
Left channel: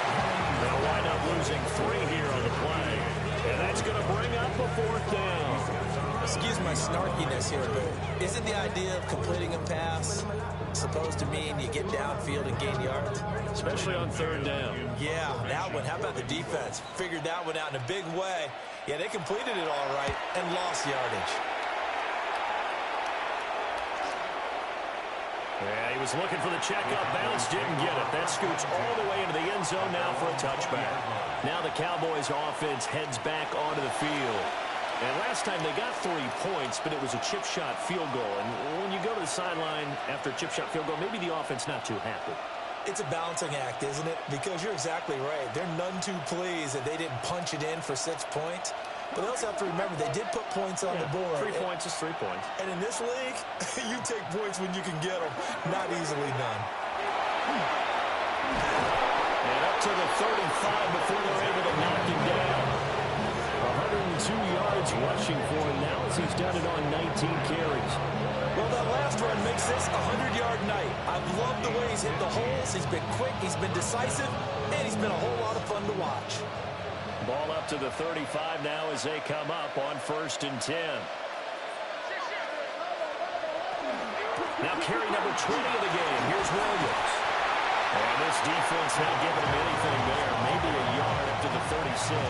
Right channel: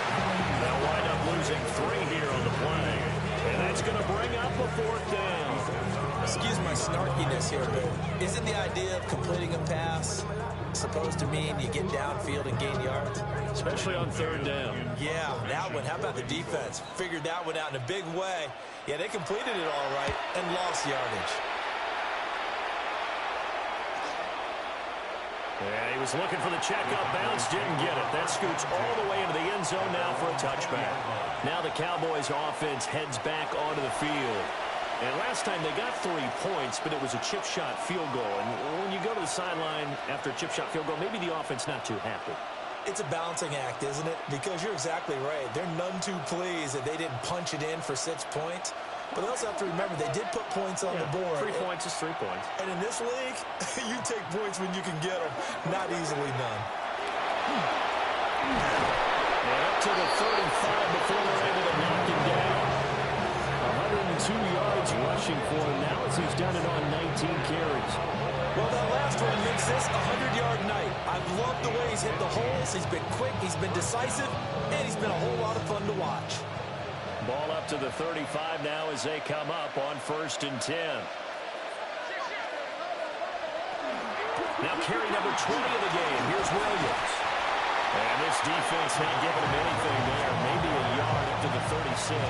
They'll wind up losing 3 here on the play. And that's going to bring up a 4th down. Excuse my snarkiness here, but isn't the idea of completing a pass supposed to mean you get downfield and gain yards? Especially on 3rd down. Yeah, that one. How about the defense? Figured that one out in a big way. Yeah, they completed it all right and lost yardage. Yeah, he was looking for the checkup bounce, didn't get it. That scoots all the way into the end zone now for a touchback. Now the Cowboys offense heads back onto the field. And last time they got 3 points, but it was a chip shot field goal. And when you go to the sideline after a chip shot field goal, maybe the offense not too happy. It's a balancing act, isn't it? Because you're exactly right. They're none too pleased that they didn't punch it in for 6 points. But they also have to remember they did put points on the board. 3 points is 3 points. And in this league, you take points when you can get them. Not easily done. And up to the 35 before they're able to knock him down. 102 yards rushing for him now as he's done it on 19 carries. Well, that last run makes this a 100-yard night. I've loved the way he's hit the holes. He's been quick, he's been decisive, and he's been a whole lot of fun to watch. Ball up to the 35 now as they come up on 1st and 10. Now carry number 20 of the game. Here's Williams. And this defense not giving him anything there. Maybe a yard up to the 36.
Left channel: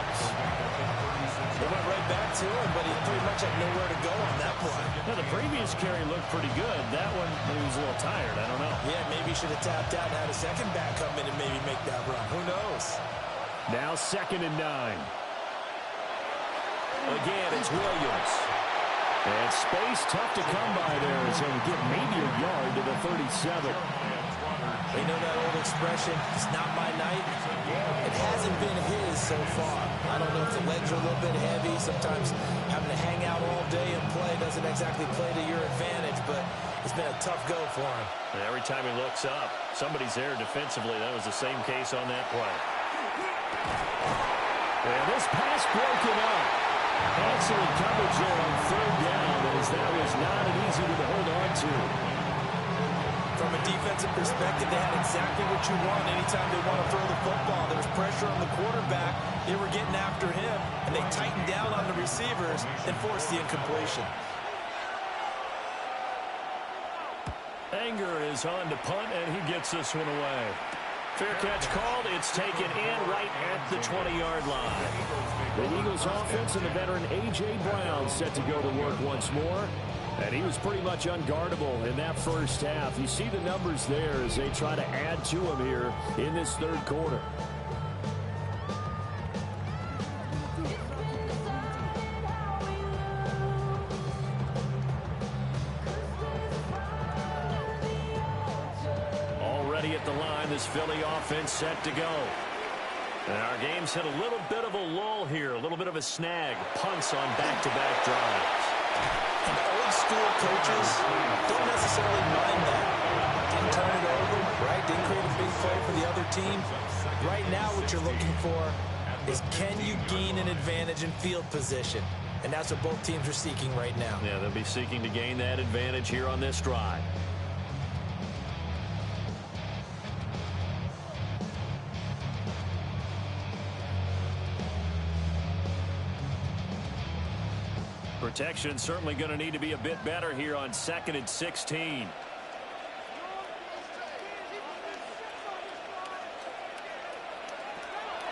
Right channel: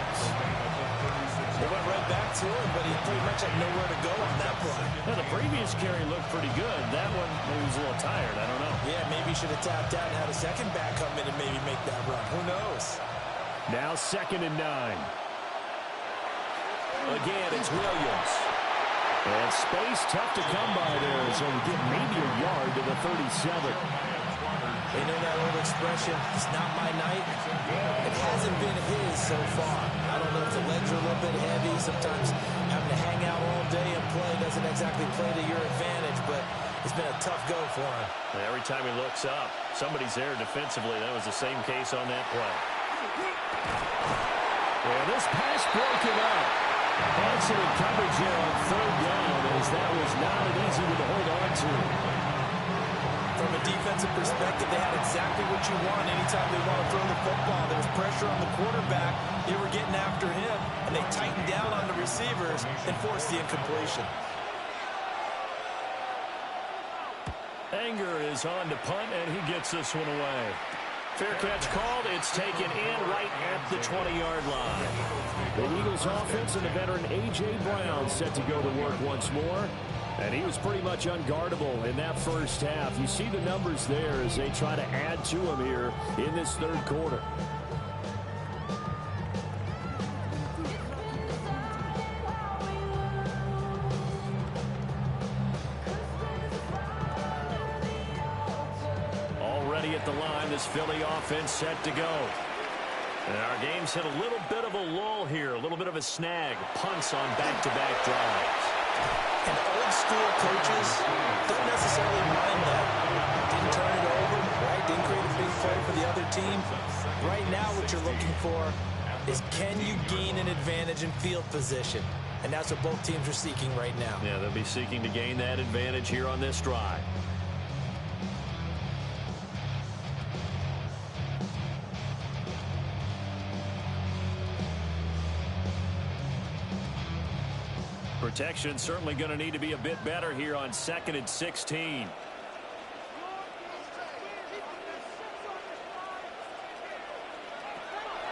They went right back to him, but he pretty much had nowhere to go on that play. Now, the previous carry looked pretty good. That one, maybe he was a little tired. I don't know. Yeah, maybe he should have tapped out and had a second back come in and maybe make that run. Who knows? Now 2nd and 9. Again, it's Williams. And space tough to come by there as he'll get maybe a yard to the 37. You know that old expression, it's not my night? It hasn't been his so far. I don't know if the legs are a little bit heavy. Sometimes having to hang out all day and play doesn't exactly play to your advantage, but it's been a tough go for him. And every time he looks up, somebody's there defensively. That was the same case on that play. And this pass broken up. Excellent coverage there on 3rd down, as that was not an easy one to hold on to. From a defensive perspective, they had exactly what you want anytime they want to throw the football. There was pressure on the quarterback. They were getting after him, and they tightened down on the receivers and forced the incompletion. Anger is on to punt, and he gets this one away. Fair catch called. It's taken in right at the 20-yard line. The Eagles offense and the veteran A.J. Brown set to go to work once more. And he was pretty much unguardable in that first half. You see the numbers there as they try to add to him here in this 3rd quarter. Already at the line, this Philly offense set to go. And our game's hit a little bit of a lull here, a little bit of a snag. Punts on back-to-back drives. And old-school coaches don't necessarily mind that. Didn't turn it over, right? Didn't create a big play for the other team. Right now what you're looking for is can you gain an advantage in field position? And that's what both teams are seeking right now. Yeah, they'll be seeking to gain that advantage here on this drive. Protection certainly going to need to be a bit better here on 2nd and 16.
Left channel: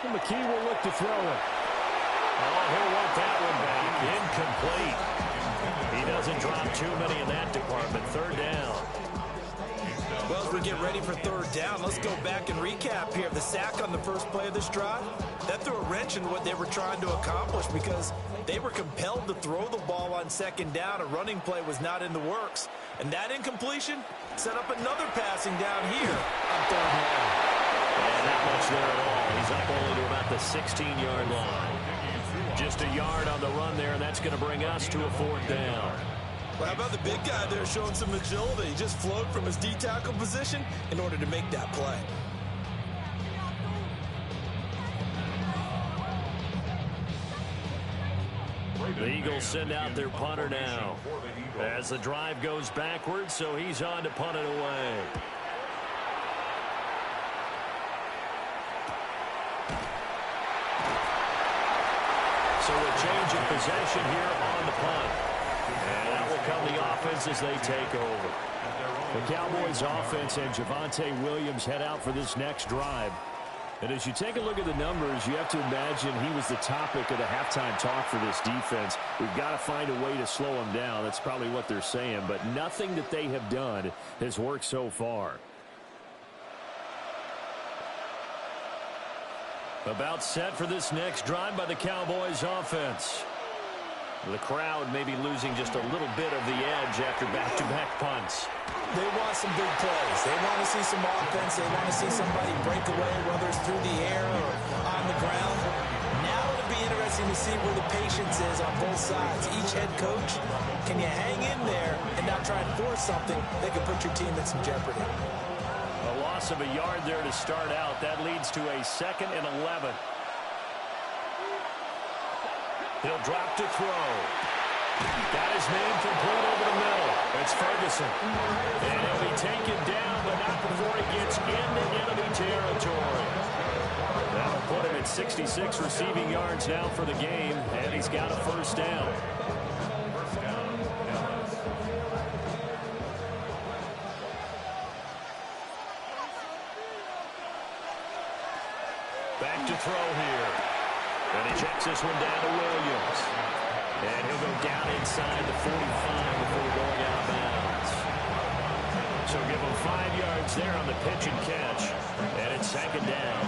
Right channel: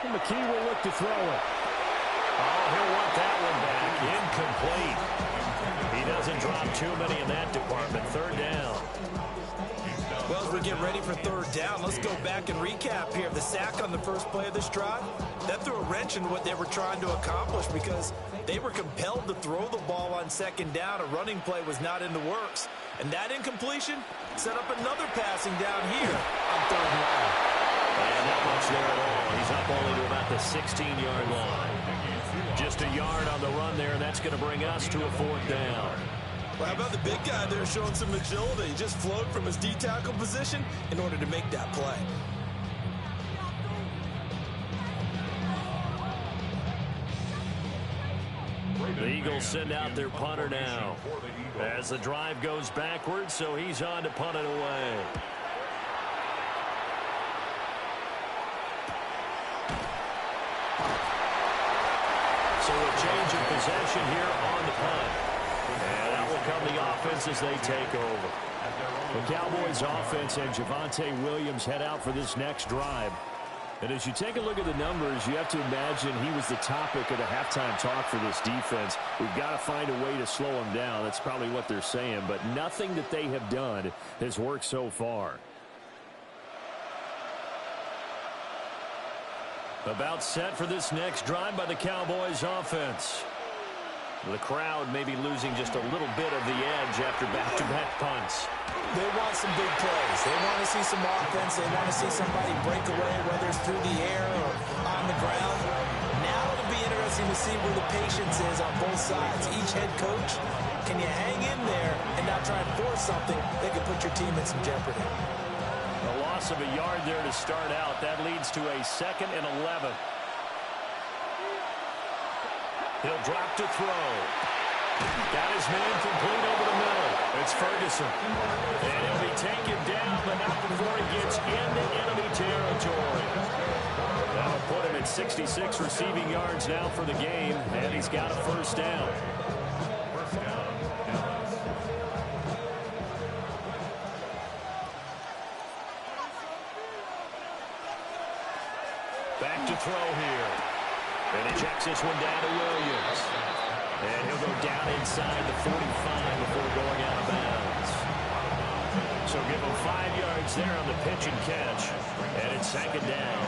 And McKee will look to throw it. Oh, he'll want that one back. Incomplete. He doesn't drop too many in that department. 3rd down. Well, as we get ready for 3rd down, let's go back and recap here. The sack on the first play of this drive, that threw a wrench in what they were trying to accomplish because they were compelled to throw the ball on 2nd down. A running play was not in the works. And that incompletion set up another passing down here on 3rd long. And not much there at all. He's up only to about the 16-yard line. Just a yard on the run there, and that's going to bring us to a 4th down. Well, how about the big guy there showing some agility? He just flowed from his D-tackle position in order to make that play. The Eagles send out their punter now as the drive goes backwards, so he's on to punt it away. So a change of possession here on the punt. And that will come the offense as they take over. The Cowboys offense and Javonte Williams head out for this next drive. And as you take a look at the numbers, you have to imagine he was the topic of the halftime talk for this defense. We've got to find a way to slow him down. That's probably what they're saying. But nothing that they have done has worked so far. About set for this next drive by the Cowboys offense. The crowd may be losing just a little bit of the edge after back-to-back punts. They want some big plays. They want to see some offense. They want to see somebody break away, whether it's through the air or on the ground. Now it'll be interesting to see where the patience is on both sides. Each head coach, can you hang in there and not try and force something that could put your team in some jeopardy? A loss of a yard there to start out. That leads to a 2nd and 11. He'll drop to throw. Got his man complete over the middle. It's Ferguson. And he'll be taken down, but not before he gets into enemy territory. That'll put him at 66 receiving yards now for the game, and he's got a 1st down. Back to throw here. And he checks this one down to Williams. And he'll go down inside the 45 before going out of bounds. So give him 5 yards there on the pitch and catch. And it's 2nd down.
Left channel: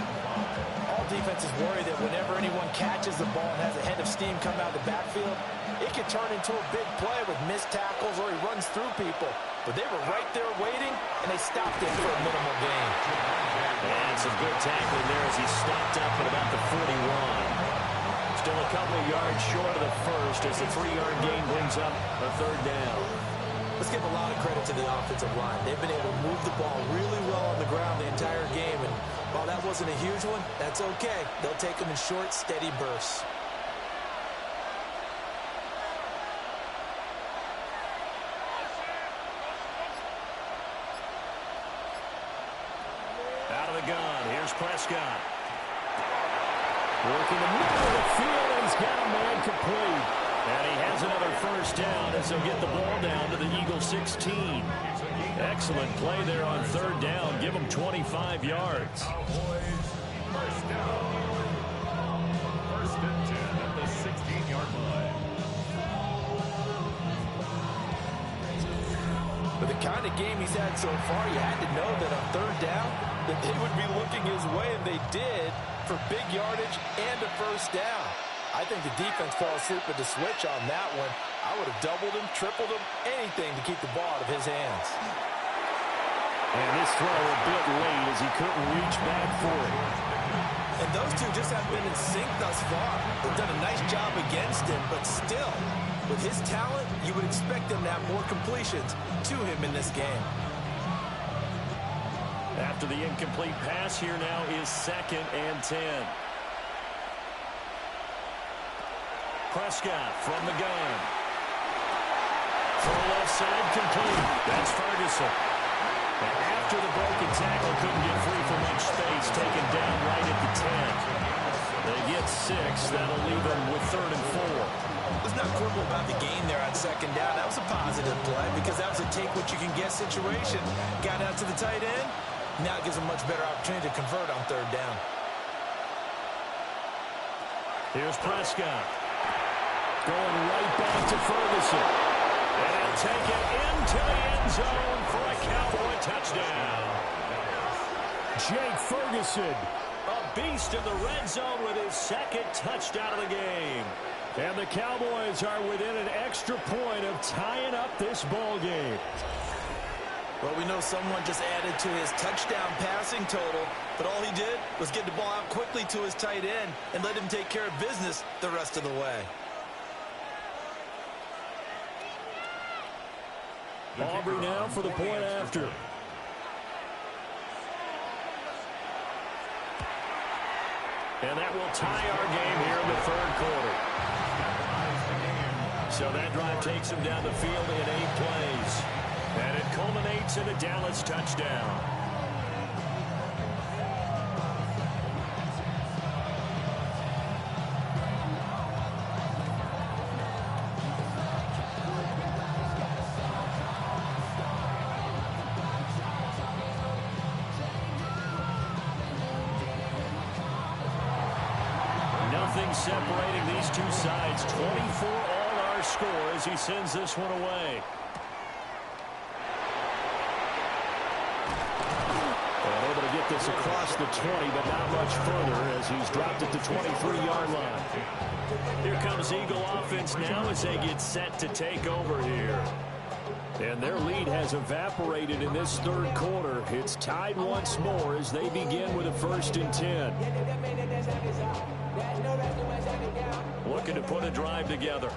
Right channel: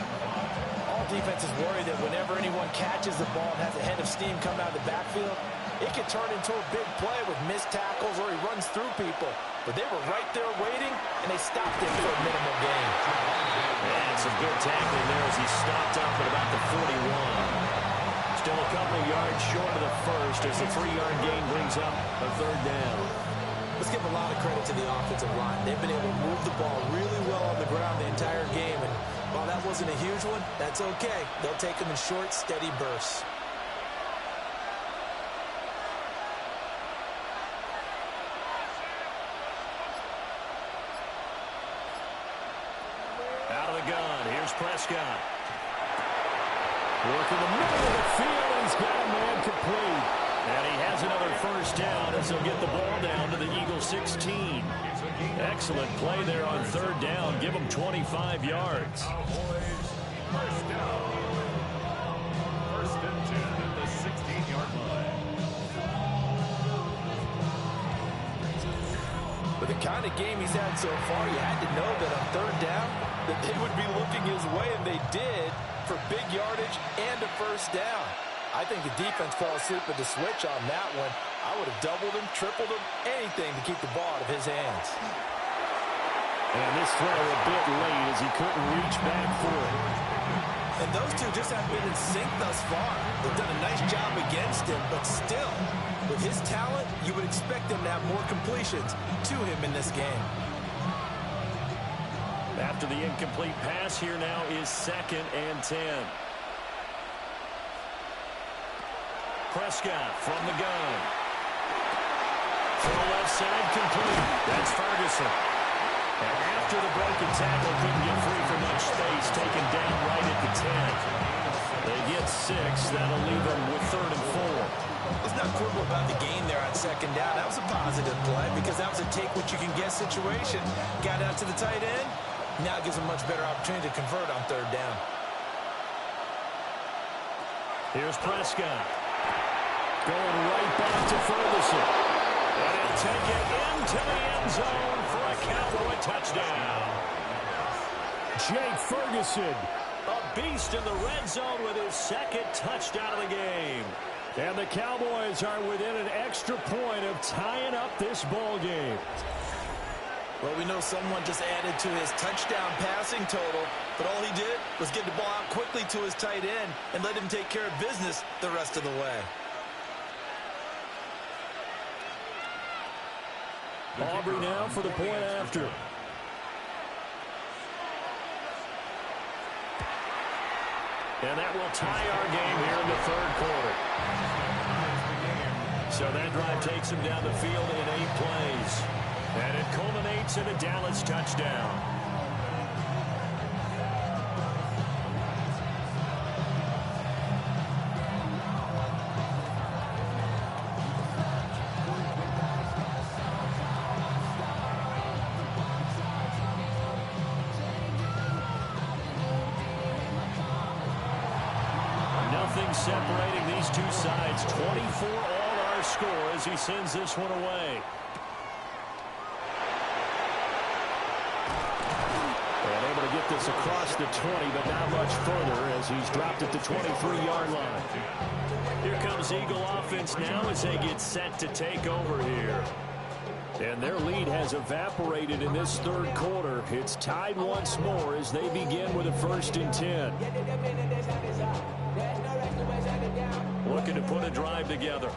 All defenses worry that whenever anyone catches the ball and has a head of steam come out of the backfield, it could turn into a big play with missed tackles or he runs through people. But they were right there waiting, and they stopped it for a minimal gain. And some good tackling there as he stopped up at about the 41. Still a couple of yards short of the 1st as the 3-yard gain brings up a 3rd down. Let's give a lot of credit to the offensive line. They've been able to move the ball really well on the ground the entire game. And while that wasn't a huge one, that's okay. They'll take them in short, steady bursts. Out of the gun, here's Prescott. Working the middle of the field, and he's got a man complete. And he has another 1st down as they'll get the ball down to the Eagles 16. Excellent play there on 3rd down. Give them 25 yards. Cowboys, 1st down. 1st and 10 at the 16-yard line. But the kind of game he's had so far, you had to know that on 3rd down, that they would be looking his way, and they did, for big yardage and a 1st down. I think the defense fell asleep at the switch on that one. I would have doubled him, tripled him, anything to keep the ball out of his hands. And this throw a bit late as he couldn't reach back for it. And those two just have been in sync thus far. They've done a nice job against him, but still, with his talent, you would expect them to have more completions to him in this game. After the incomplete pass, here now is 2nd and 10. Prescott from the gun. Throw left side complete. That's Ferguson. And after the broken tackle, couldn't get free for much space, taken down right at the 10. They get 6. That'll leave them with 3rd and 4. Let's not quibble about the gain there on 2nd down. That was a positive play because that was a take-what-you-can-get situation. Got out to the tight end. Now it gives them a much better opportunity to convert on 3rd down. Here's Prescott. Going right back to Ferguson. And he'll take it into the end zone for a Cowboy touchdown. Jake Ferguson, a beast in the red zone with his 2nd touchdown of the game. And the Cowboys are within an extra point of tying up this ball game. Well, we know someone just added to his touchdown passing total. But all he did was get the ball out quickly to his tight end and let him take care of business the rest of the way. Aubrey now for the point after. And that will tie our game here in the third quarter. So that drive takes him down the field in 8 plays. And it culminates in a Dallas touchdown. Nothing separating these two sides. 24 all our score as he sends this one away. And able to get this across the 20, but not much further as he's dropped at the 23-yard line. Here comes Eagle offense now as they get set to take over here. And their lead has evaporated in this third quarter. It's tied once more as they begin with a 1st and 10. Looking to put a drive together.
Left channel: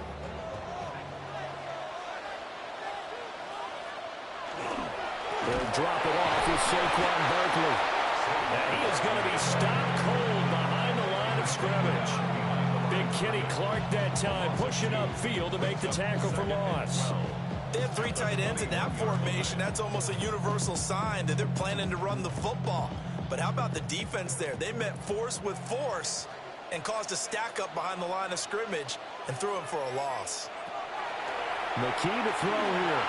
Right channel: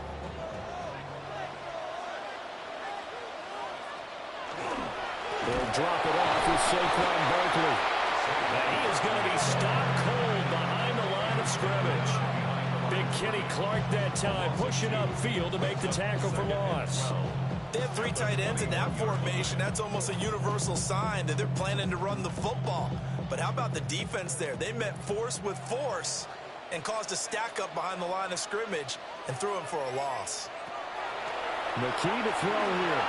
They'll drop it off with Saquon Barkley. And he is going to be stopped cold behind the line of scrimmage. Big Kenny Clark that time pushing upfield to make the tackle for loss. They have 3 tight ends in that formation. That's almost a universal sign that they're planning to run the football. But how about the defense there? They met force with force and caused a stack up behind the line of scrimmage and threw him for a loss. McKee to throw here.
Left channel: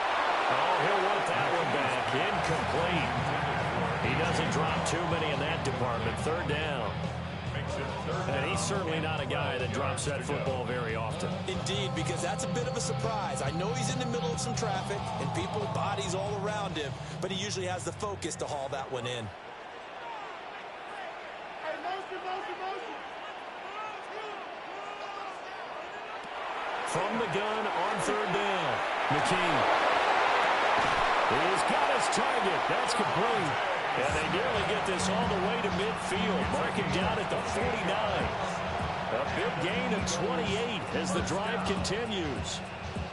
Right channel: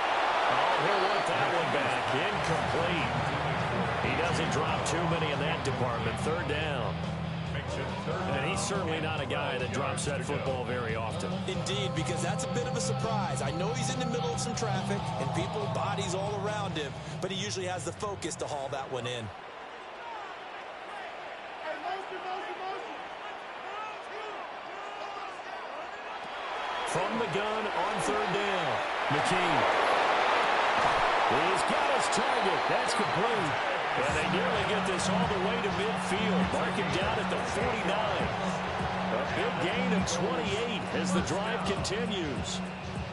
Oh, he'll want that one back. Incomplete. He doesn't drop too many in that department. 3rd down. And he's certainly not a guy that drops that football very often. Indeed, because that's a bit of a surprise. I know he's in the middle of some traffic and people, bodies all around him, but he usually has the focus to haul that one in. From the gun on 3rd down, McKee. He's got his target. That's complete. And they nearly get this all the way to midfield. Mark him down at the 49. A big gain of 28 as the drive continues.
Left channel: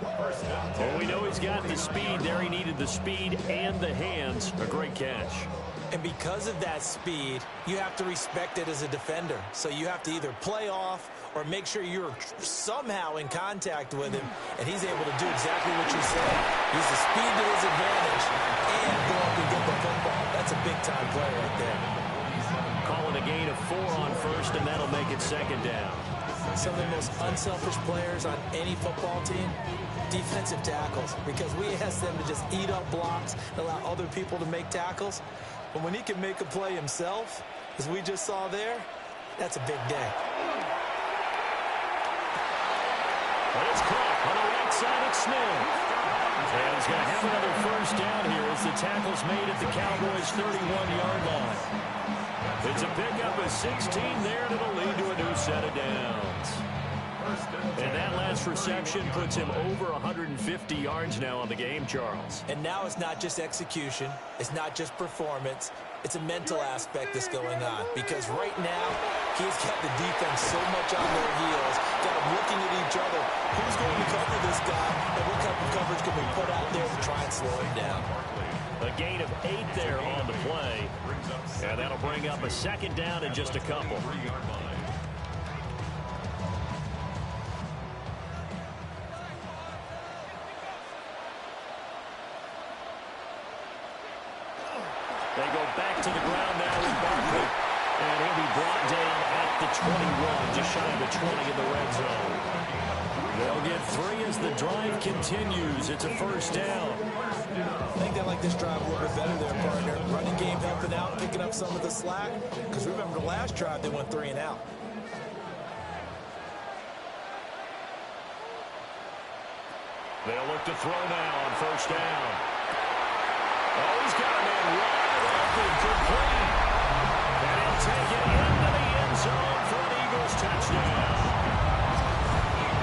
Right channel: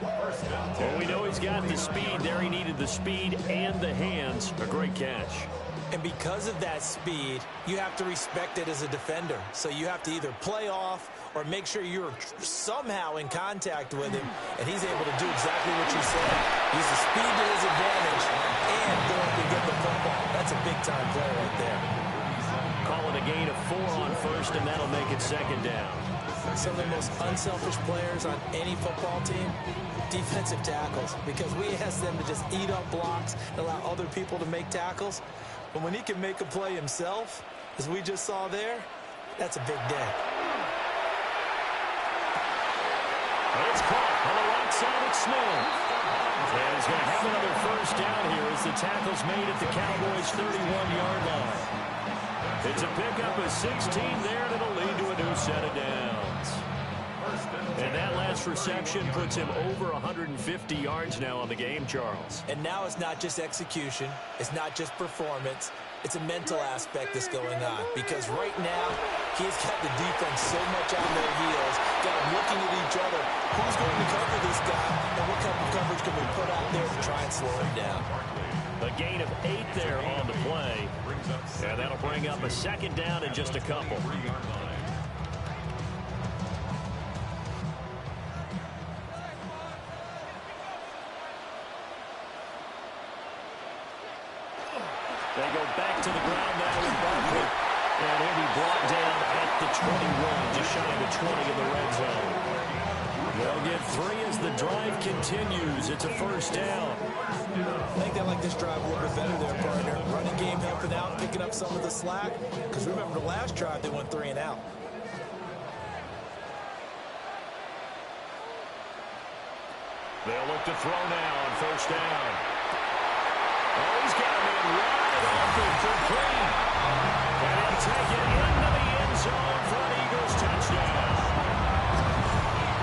Well, we know he's got the speed there. He needed the speed and the hands. A great catch. And because of that speed, you have to respect it as a defender. So you have to either play off or make sure you're somehow in contact with him, and he's able to do exactly what you said. Use the speed to his advantage and go up and get the football. That's a big-time play right there. Call it a gain of 4 on 1st, and that'll make it 2nd down. Some of the most unselfish players on any football team, defensive tackles, because we ask them to just eat up blocks and allow other people to make tackles. But when he can make a play himself, as we just saw there, that's a big day. But it's caught on the right side of Smith. And he's going to have another 1st down here as the tackle's made at the Cowboys' 31-yard line. It's a pickup of 16 there, and it'll lead to a new set of downs. And that last reception puts him over 150 yards now on the game, Charles. And now it's not just execution. It's not just performance. It's a mental aspect that's going on. Because right now, he's got the defense so much on their heels, got them looking at each other. Who's going to cover this guy, and what type of coverage can we put out there to try and slow him down? A gain of 8 there on the play. And that'll bring up a 2nd down in just a couple. They go back to the ground now with Barkley. And he'll be brought down at the 21, just shy of the 20 in the red zone. They'll get 3 as the drive continues. It's a 1st down. I think they like this drive a little bit better there, partner. Running game helping out, picking up some of the slack. Because remember the last drive, they went 3 and out. They'll look to throw now on 1st down. Oh, he's got a man wide open, complete. And he'll take it into the end zone for an Eagles touchdown.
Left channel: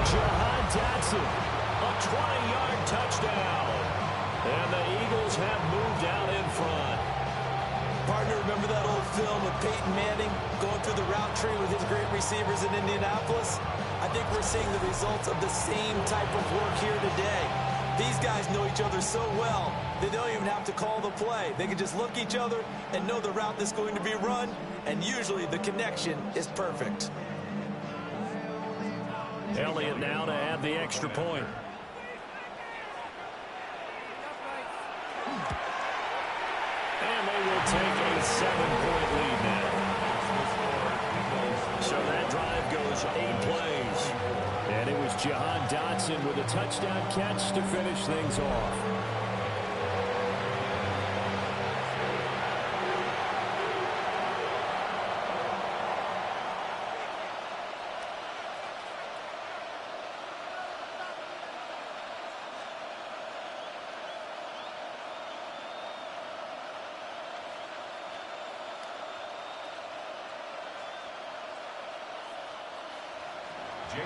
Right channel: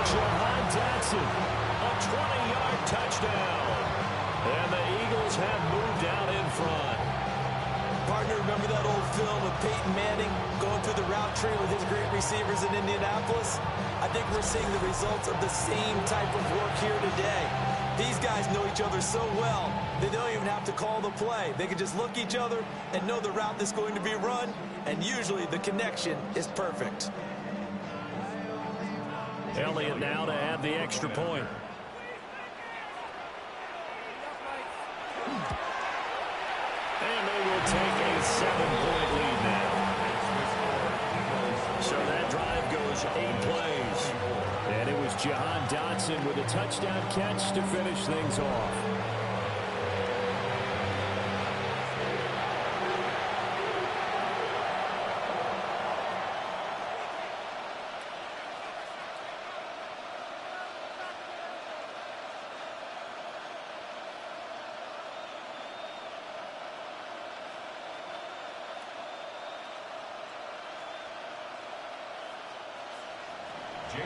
Jahan Dotson, a 20-yard touchdown. And the Eagles have moved out in front. Partner, remember that old film of Peyton Manning going through the route tree with his great receivers in Indianapolis? I think we're seeing the results of the same type of work here today. These guys know each other so well, they don't even have to call the play. They can just look each other and know the route that's going to be run, and usually the connection is perfect. Elliott now to add the extra point. And they will take a 7-point lead now. So that drive goes 8 plays. And it was Jahan Dotson with a touchdown catch to finish things off.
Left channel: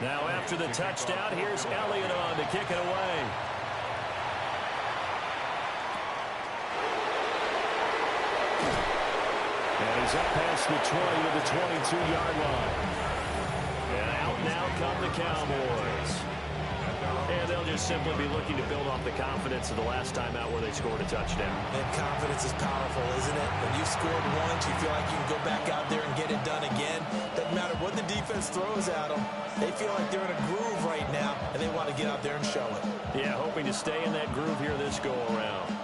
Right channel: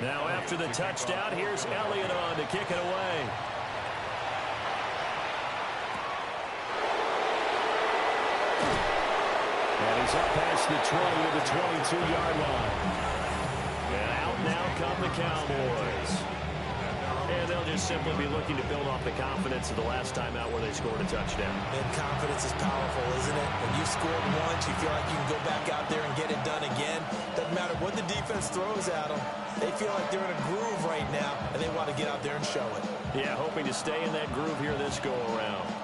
Now after the touchdown, here's Elliott on to kick it away. And he's up past the 20 to the 22-yard line. And out now come the Cowboys. And they'll just simply be looking to build off the confidence of the last time out where they scored a touchdown. And confidence is powerful, isn't it? When you've scored once, you feel like you can go back out there and get it done again. Doesn't matter what the defense throws at them. They feel like they're in a groove right now, and they want to get out there and show it. Yeah, hoping to stay in that groove here this go-around.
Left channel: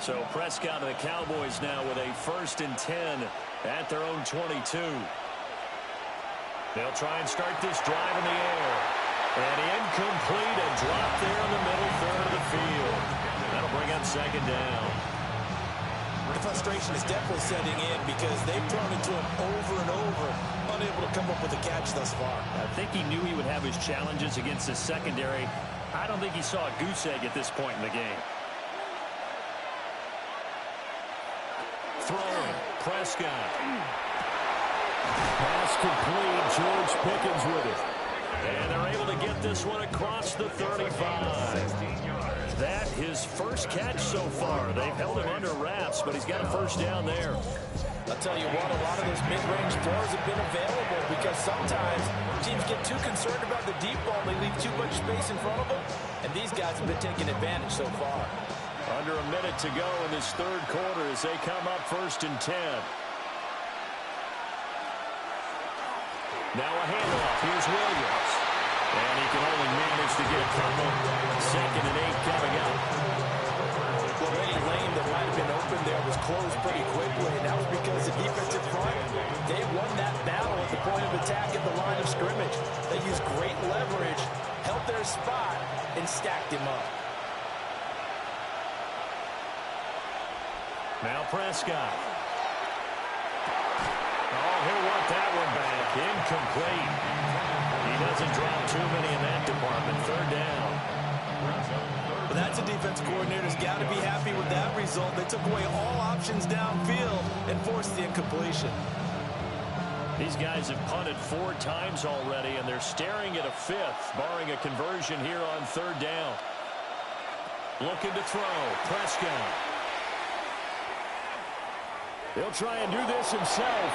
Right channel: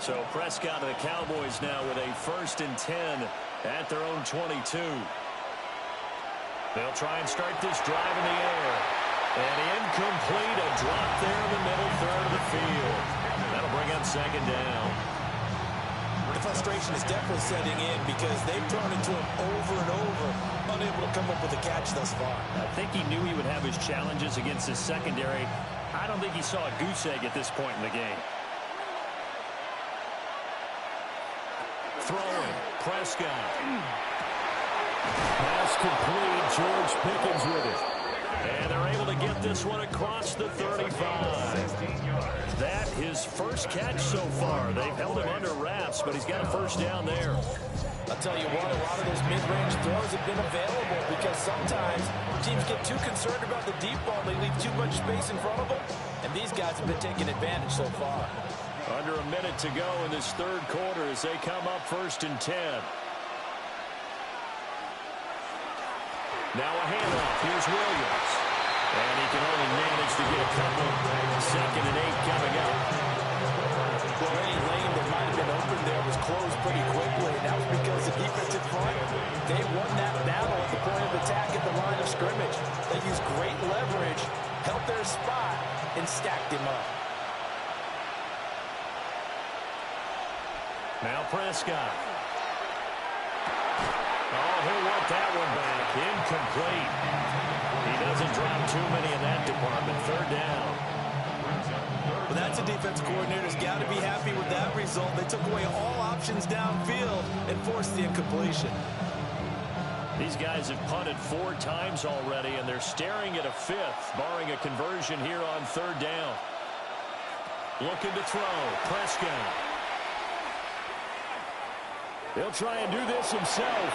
So Prescott and the Cowboys now with a 1st and 10 at their own 22. They'll try and start this drive in the air. And incomplete, a drop there in the middle third of the field. That'll bring up 2nd down. The frustration is definitely setting in because they've thrown it to him over and over, unable to come up with a catch thus far. I think he knew he would have his challenges against his secondary. I don't think he saw a goose egg at this point in the game. Throwing, Prescott. Pass complete, George Pickens with it. And they're able to get this one across the 35. That his first catch so far. They've held him under wraps, but he's got a 1st down there. I'll tell you what, a lot of those mid-range throws have been available because sometimes teams get too concerned about the deep ball. They leave too much space in front of them, and these guys have been taking advantage so far. Under a minute to go in this 3rd quarter as they come up 1st and 10. Now a handoff. Here's Williams. And he can only manage to get a couple. 2nd and 8 coming up. Well, any lane that might have been open there was closed pretty quickly, and that was because the defensive front, they won that battle at the point of attack at the line of scrimmage. They used great leverage, held their spot, and stacked him up. Now Prescott. Oh, he'll want that one back. Incomplete. He doesn't drop too many in that department. 3rd down. But that's a defense coordinator's got to be happy with that result. They took away all options downfield and forced the incompletion. These guys have punted 4 times already, and they're staring at a 5th, barring a conversion here on 3rd down. Looking to throw. Prescott. He'll try and do this himself.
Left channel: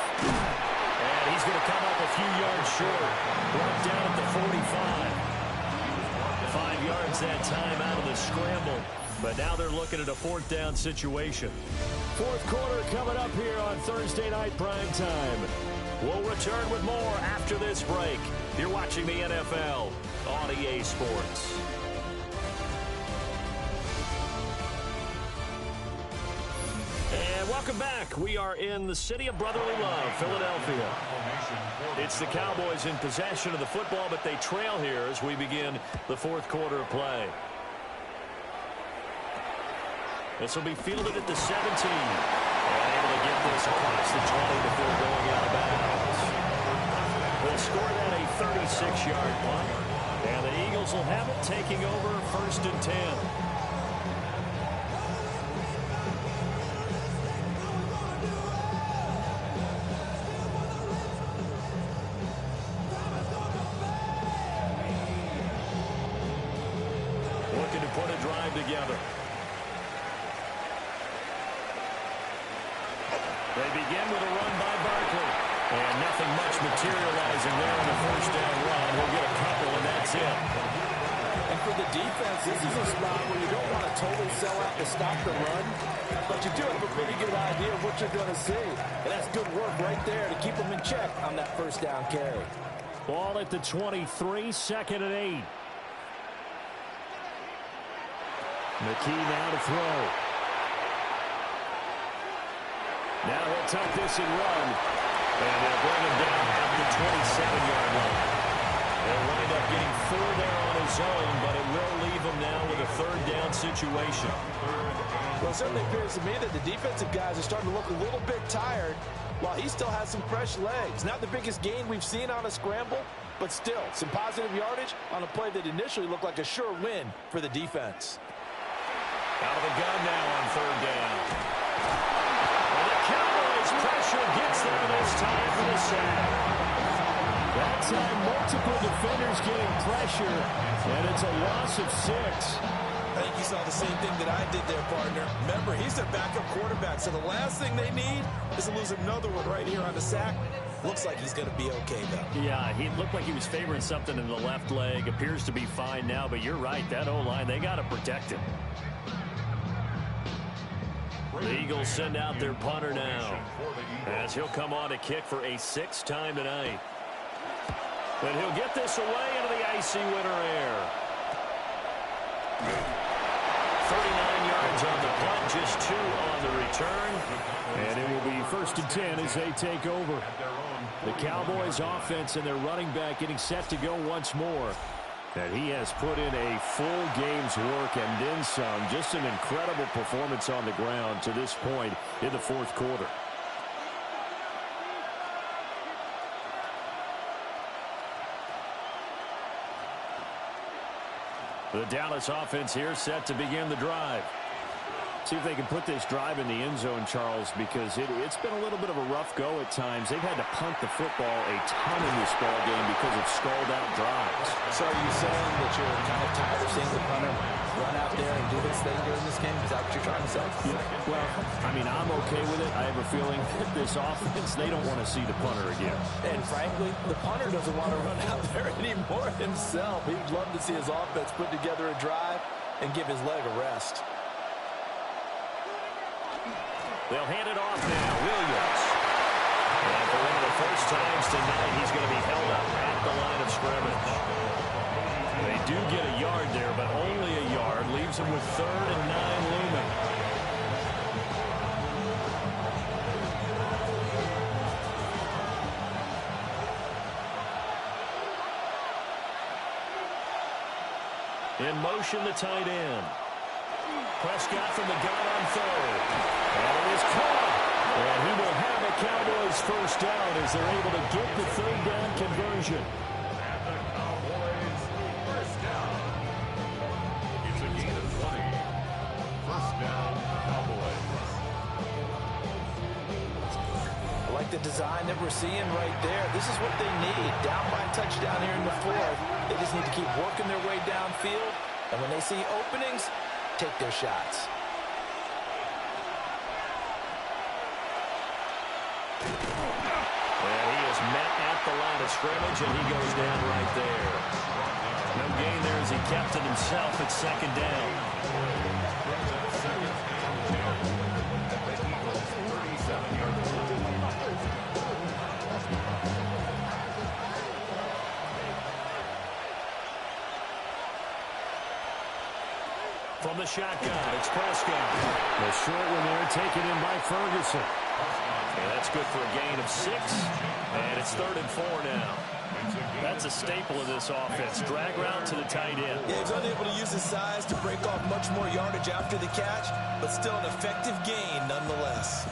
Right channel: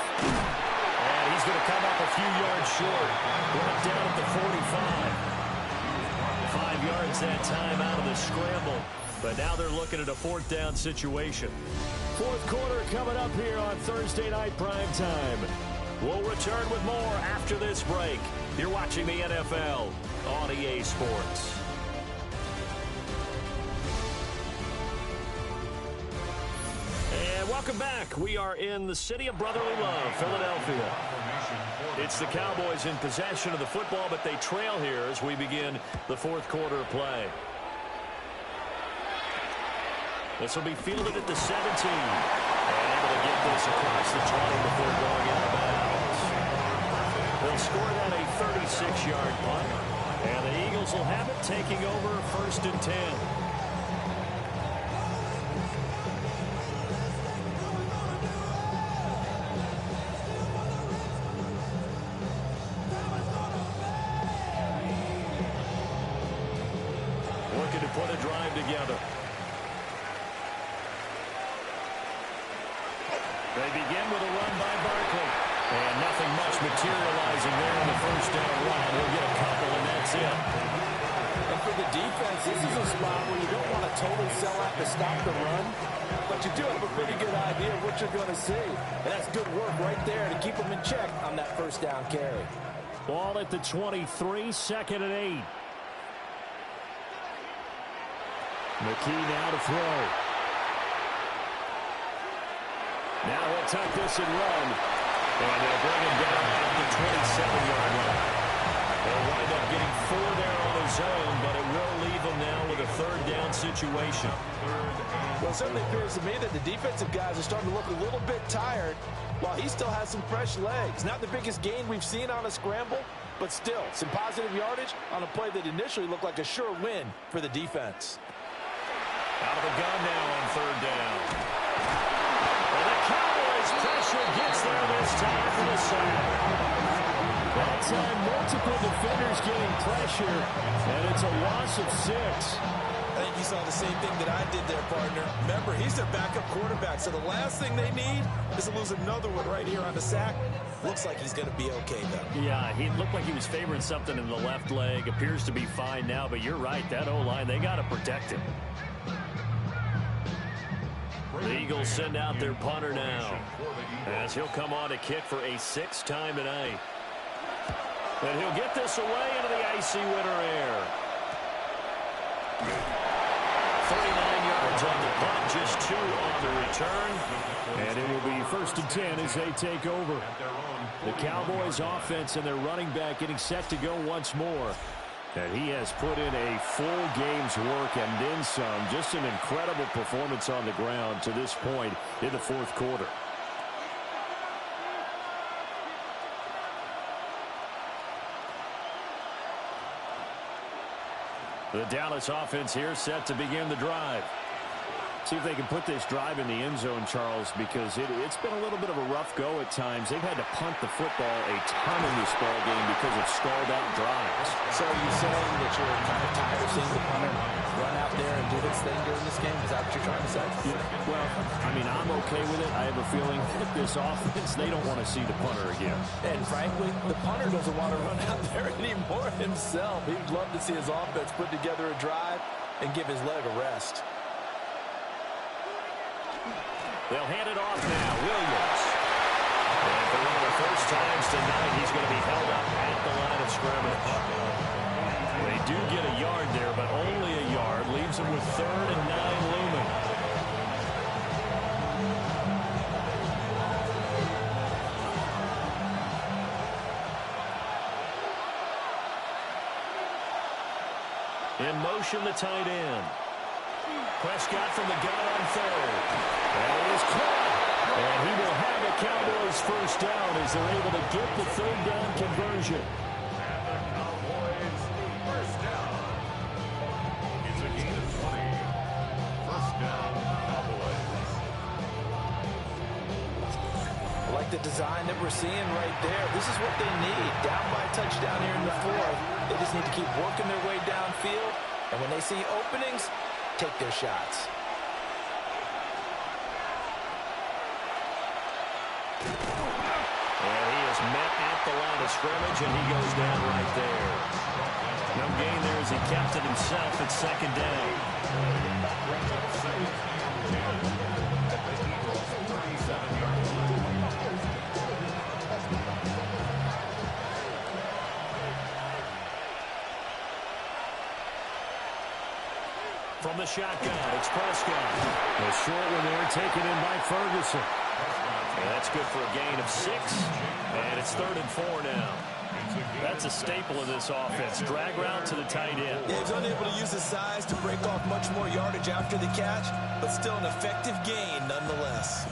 And he's going to come up a few yards short. Brought down at the 45. 5 yards that time out of the scramble. But now they're looking at a 4th down situation. 4th quarter coming up here on Thursday Night Prime Time. We'll return with more after this break. You're watching the NFL on EA Sports. And welcome back. We are in the city of brotherly love, Philadelphia. It's the Cowboys in possession of the football, but they trail here as we begin the 4th quarter of play. This will be fielded at the 17. And able to get this across the 20 before going out of bounds. They'll score that a 36-yard punt. And the Eagles will have it, taking over 1st and 10. Looking to put a drive together. They begin with a run by Barkley. And nothing much materializing there on the first down run. He'll get a couple, and that's it. And for the defense, this is a spot where you don't want a total sellout to stop the run, but you do have a pretty good idea of what you're going to see. And that's good work right there to keep them in check on that first down carry. Ball at the 23, 2nd and 8. McKee now to throw. Now he'll tuck this and run. And they'll bring him down at the 27-yard line. They'll wind up getting 4 there on his own, but it will leave him now with a 3rd down situation. Well, it certainly appears to me that the defensive guys are starting to look a little bit tired while he still has some fresh legs. Not the biggest gain we've seen on a scramble, but still some positive yardage on a play that initially looked like a sure win for the defense. Out of the gun now on 3rd down. And the Cowboys pressure gets there this time for the sack. That time, multiple defenders getting pressure, and it's a loss of 6. I think you saw the same thing that I did there, partner. Remember, he's their backup quarterback, so the last thing they need is to lose another one right here on the sack. Looks like he's going to be okay, though. Yeah, he looked like he was favoring something in the left leg. Appears to be fine now, but you're right. That O-line, they got to protect him. The Eagles send out their punter now, as he'll come on to kick for a 6th time tonight. And he'll get this away into the icy winter air. 39 yards on the punt, just 2 on the return. And it will be 1st and 10 as they take over. The Cowboys offense and their running back getting set to go once more. And he has put in a full game's work and then some. Just an incredible performance on the ground to this point in the 4th quarter. The Dallas offense here set to begin the drive. See if they can put this drive in the end zone, Charles, because it's been a little bit of a rough go at times. They've had to punt the football a ton in this ball game because of stalled-out drives. So are you saying that you're kind of tired of seeing the punter run out there and do his thing during this game? Is that what you're trying to say? Yeah, well, I mean, I'm okay with it. I have a feeling that this offense, they don't want to see the punter again. And frankly, the punter doesn't want to run out there anymore himself. He'd love to see his offense put together a drive and give his leg a rest. They'll hand it off now. Williams. And for one of the first times tonight, he's going to be held up at the line of scrimmage. They do get a yard there, but only a yard. Leaves them with 3rd and 9 looming. In motion, the tight end. Prescott from the gun on 3rd. And it is caught. And he will have a Cowboys 1st down as they're able to get the 3rd down conversion. And the Cowboys 1st down. It's a gain of 20. 1st down, Cowboys. I like the design that we're seeing right there. This is what they need. Down by a touchdown here in the 4th. They just need to keep working their way downfield. And when they see openings, take their shots. And he is met at the line of scrimmage, and he goes down right there. No gain there as he kept it himself at 2nd down. Brings up 2nd and 10 at the Eagles' 37-yard line. From the shotgun, it's Prescott. The short one there taken in by Ferguson. And that's good for a gain of 6. And it's 3rd and 4 now. That's a staple of this offense. Drag route to the tight end. Yeah, he's unable to use his size to break off much more yardage after the catch, but still an effective gain nonetheless.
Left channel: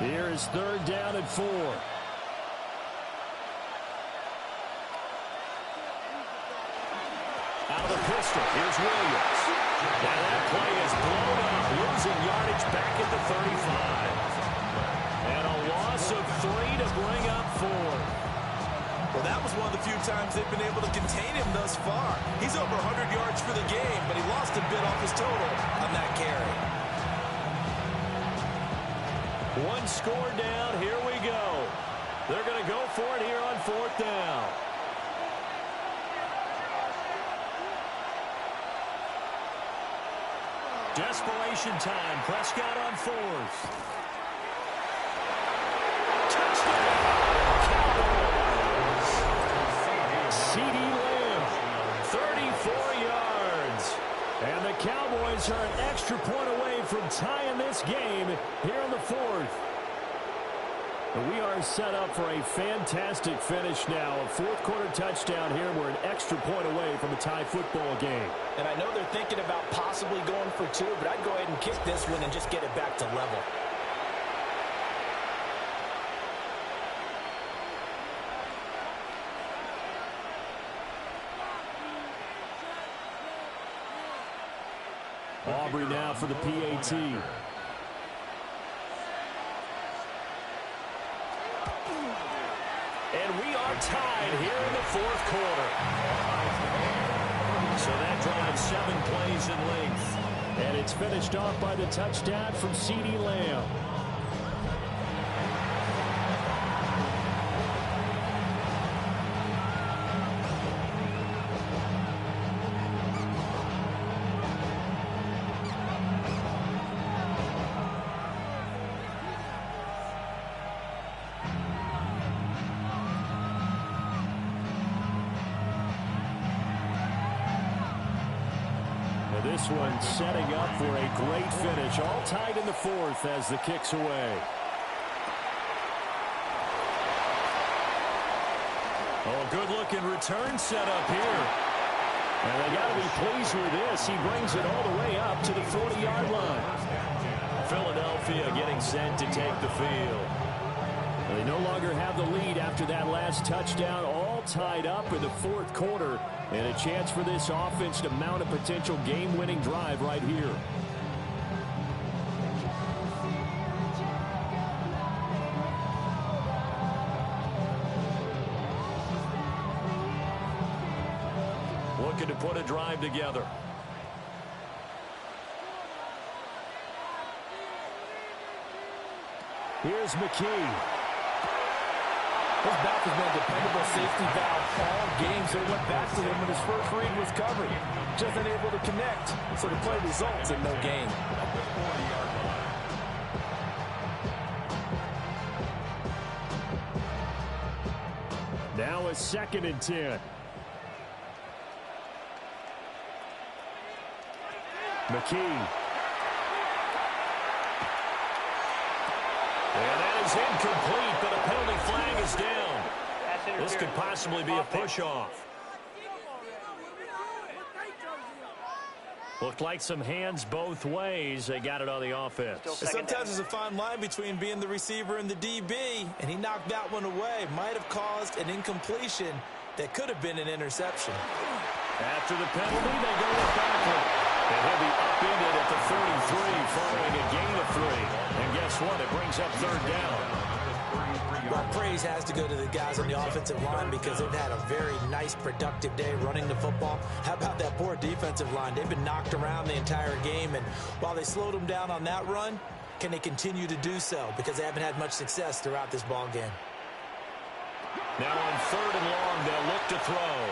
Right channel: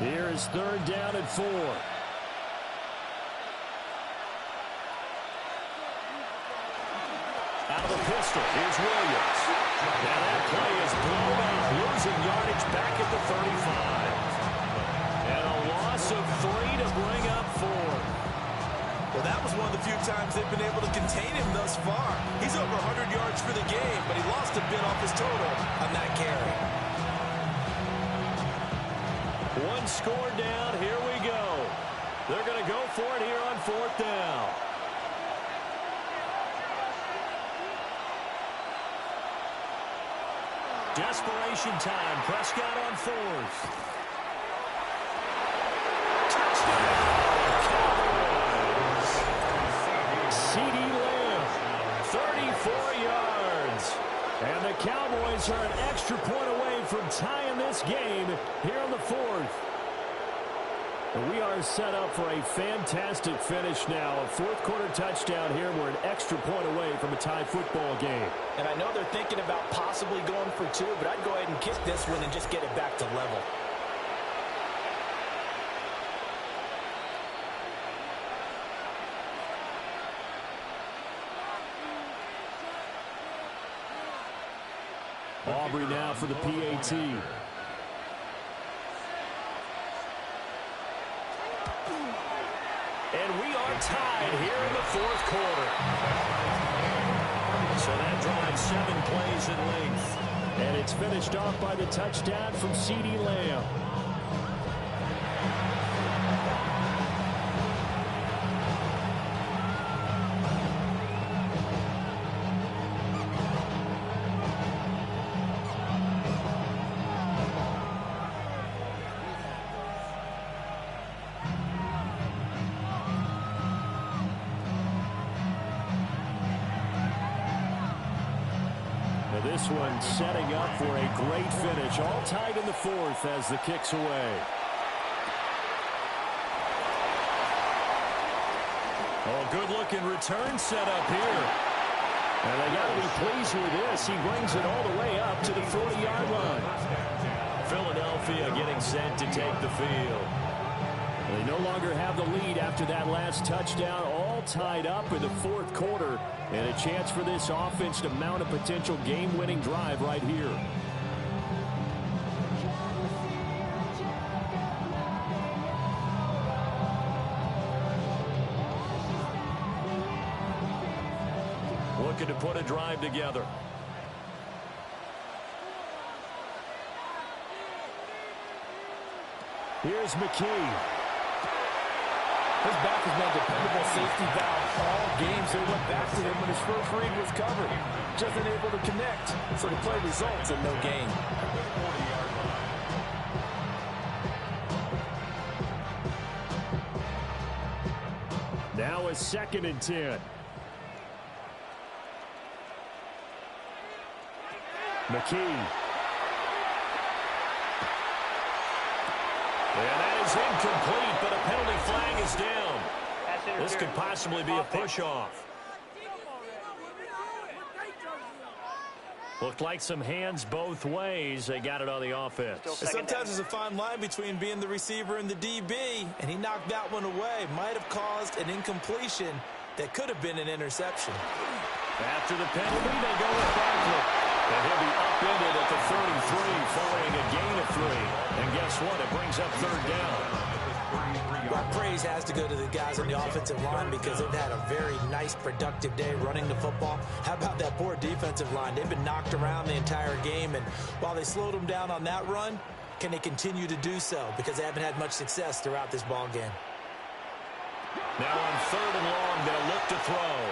Here is 3rd down and 4. Out of the pistol, here's Williams. And that play is blown up, losing yardage back at the 35. And a loss of 3 to bring up 4. Well, that was one of the few times they've been able to contain him thus far. He's over 100 yards for the game, but he lost a bit off his total on that carry. One score down. Here we go. They're going to go for it here on 4th down. Desperation time. Prescott on 4th. Touchdown, Cowboys. CeeDee Lamb, 34 yards. And the Cowboys are an extra point away from tying this game here in the 4th. And we are set up for a fantastic finish now. A 4th quarter touchdown here. We're an extra point away from a tie football game. And I know they're thinking about possibly going for 2, but I'd go ahead and kick this one and just get it back to level. Aubrey now for the PAT. And we are tied here in the 4th quarter. So that drives 7 plays in length. And it's finished off by the touchdown from CeeDee Lamb. This one setting up for a great finish. All tied in the 4th as the kick's away. Oh, good-looking return set up here. And they got to be pleased with this. He brings it all the way up to the 40-yard line. Philadelphia getting set to take the field. They no longer have the lead after that last touchdown. All tied up in the 4th quarter. And a chance for this offense to mount a potential game-winning drive right here. Looking to put a drive together. Here's McKee. His back has been a dependable safety valve all game, so he went back to him when his first read was covered. Just unable to connect, so the play results in no gain. Now a 2nd and 10. McKee. And that is incomplete, but a penalty flag is down. This could possibly be a push-off. Looked like some hands both ways. They got it on the offense. Sometimes there's a fine line between being the receiver and the DB, and he knocked that one away. Might have caused an incompletion that could have been an interception. After the penalty, they go with Barkley. And he'll be upended at the 33 following a gain of 3. And guess what? It brings up 3rd down. Well, praise has to go to the guys on the offensive line because they've had a very nice, productive day running the football. How about that poor defensive line? They've been knocked around the entire game, and while they slowed them down on that run, can they continue to do so? Because they haven't had much success throughout this ball game. Now on 3rd and long, they'll look to throw.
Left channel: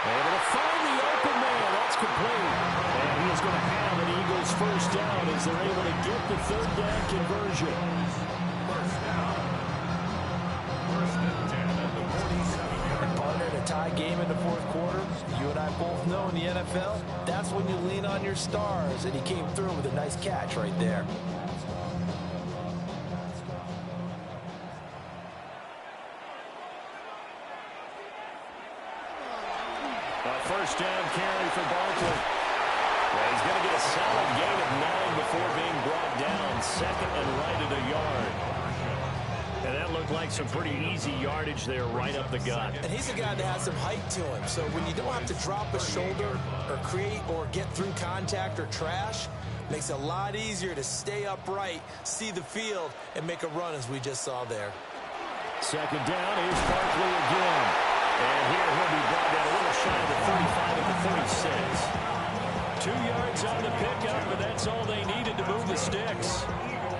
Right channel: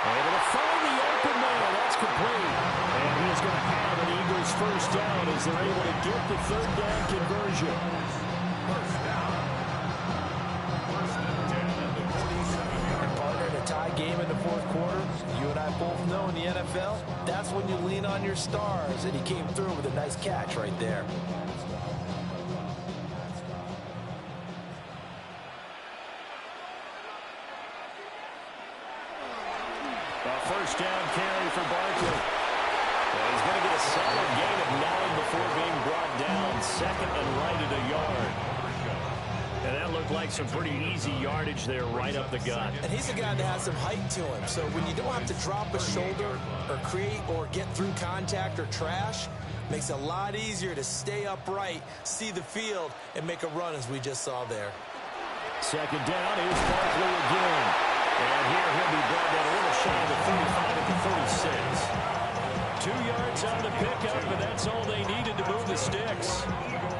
Able to find the open man. That's complete. And he is going to have an Eagles first down as they're able to get the 3rd down conversion. First down. 1st and 10 at the 47. And partner, in a tie game in the 4th quarter, you and I both know in the NFL, that's when you lean on your stars. And he came through with a nice catch right there. A first down carry for Barkley. Well, he's going to get a solid gain of 9 before being brought down. 2nd and right at a yard. And that looked like some pretty easy yardage there right up the gut. And he's a guy that has some height to him. So when you don't have to drop a shoulder or create or get through contact or trash, makes it a lot easier to stay upright, see the field, and make a run as we just saw there. 2nd down. Here's Barkley again. And here he'll be brought down a little shy of the 35 at the 36. 2 yards on the pickup, and that's all they needed to move the sticks.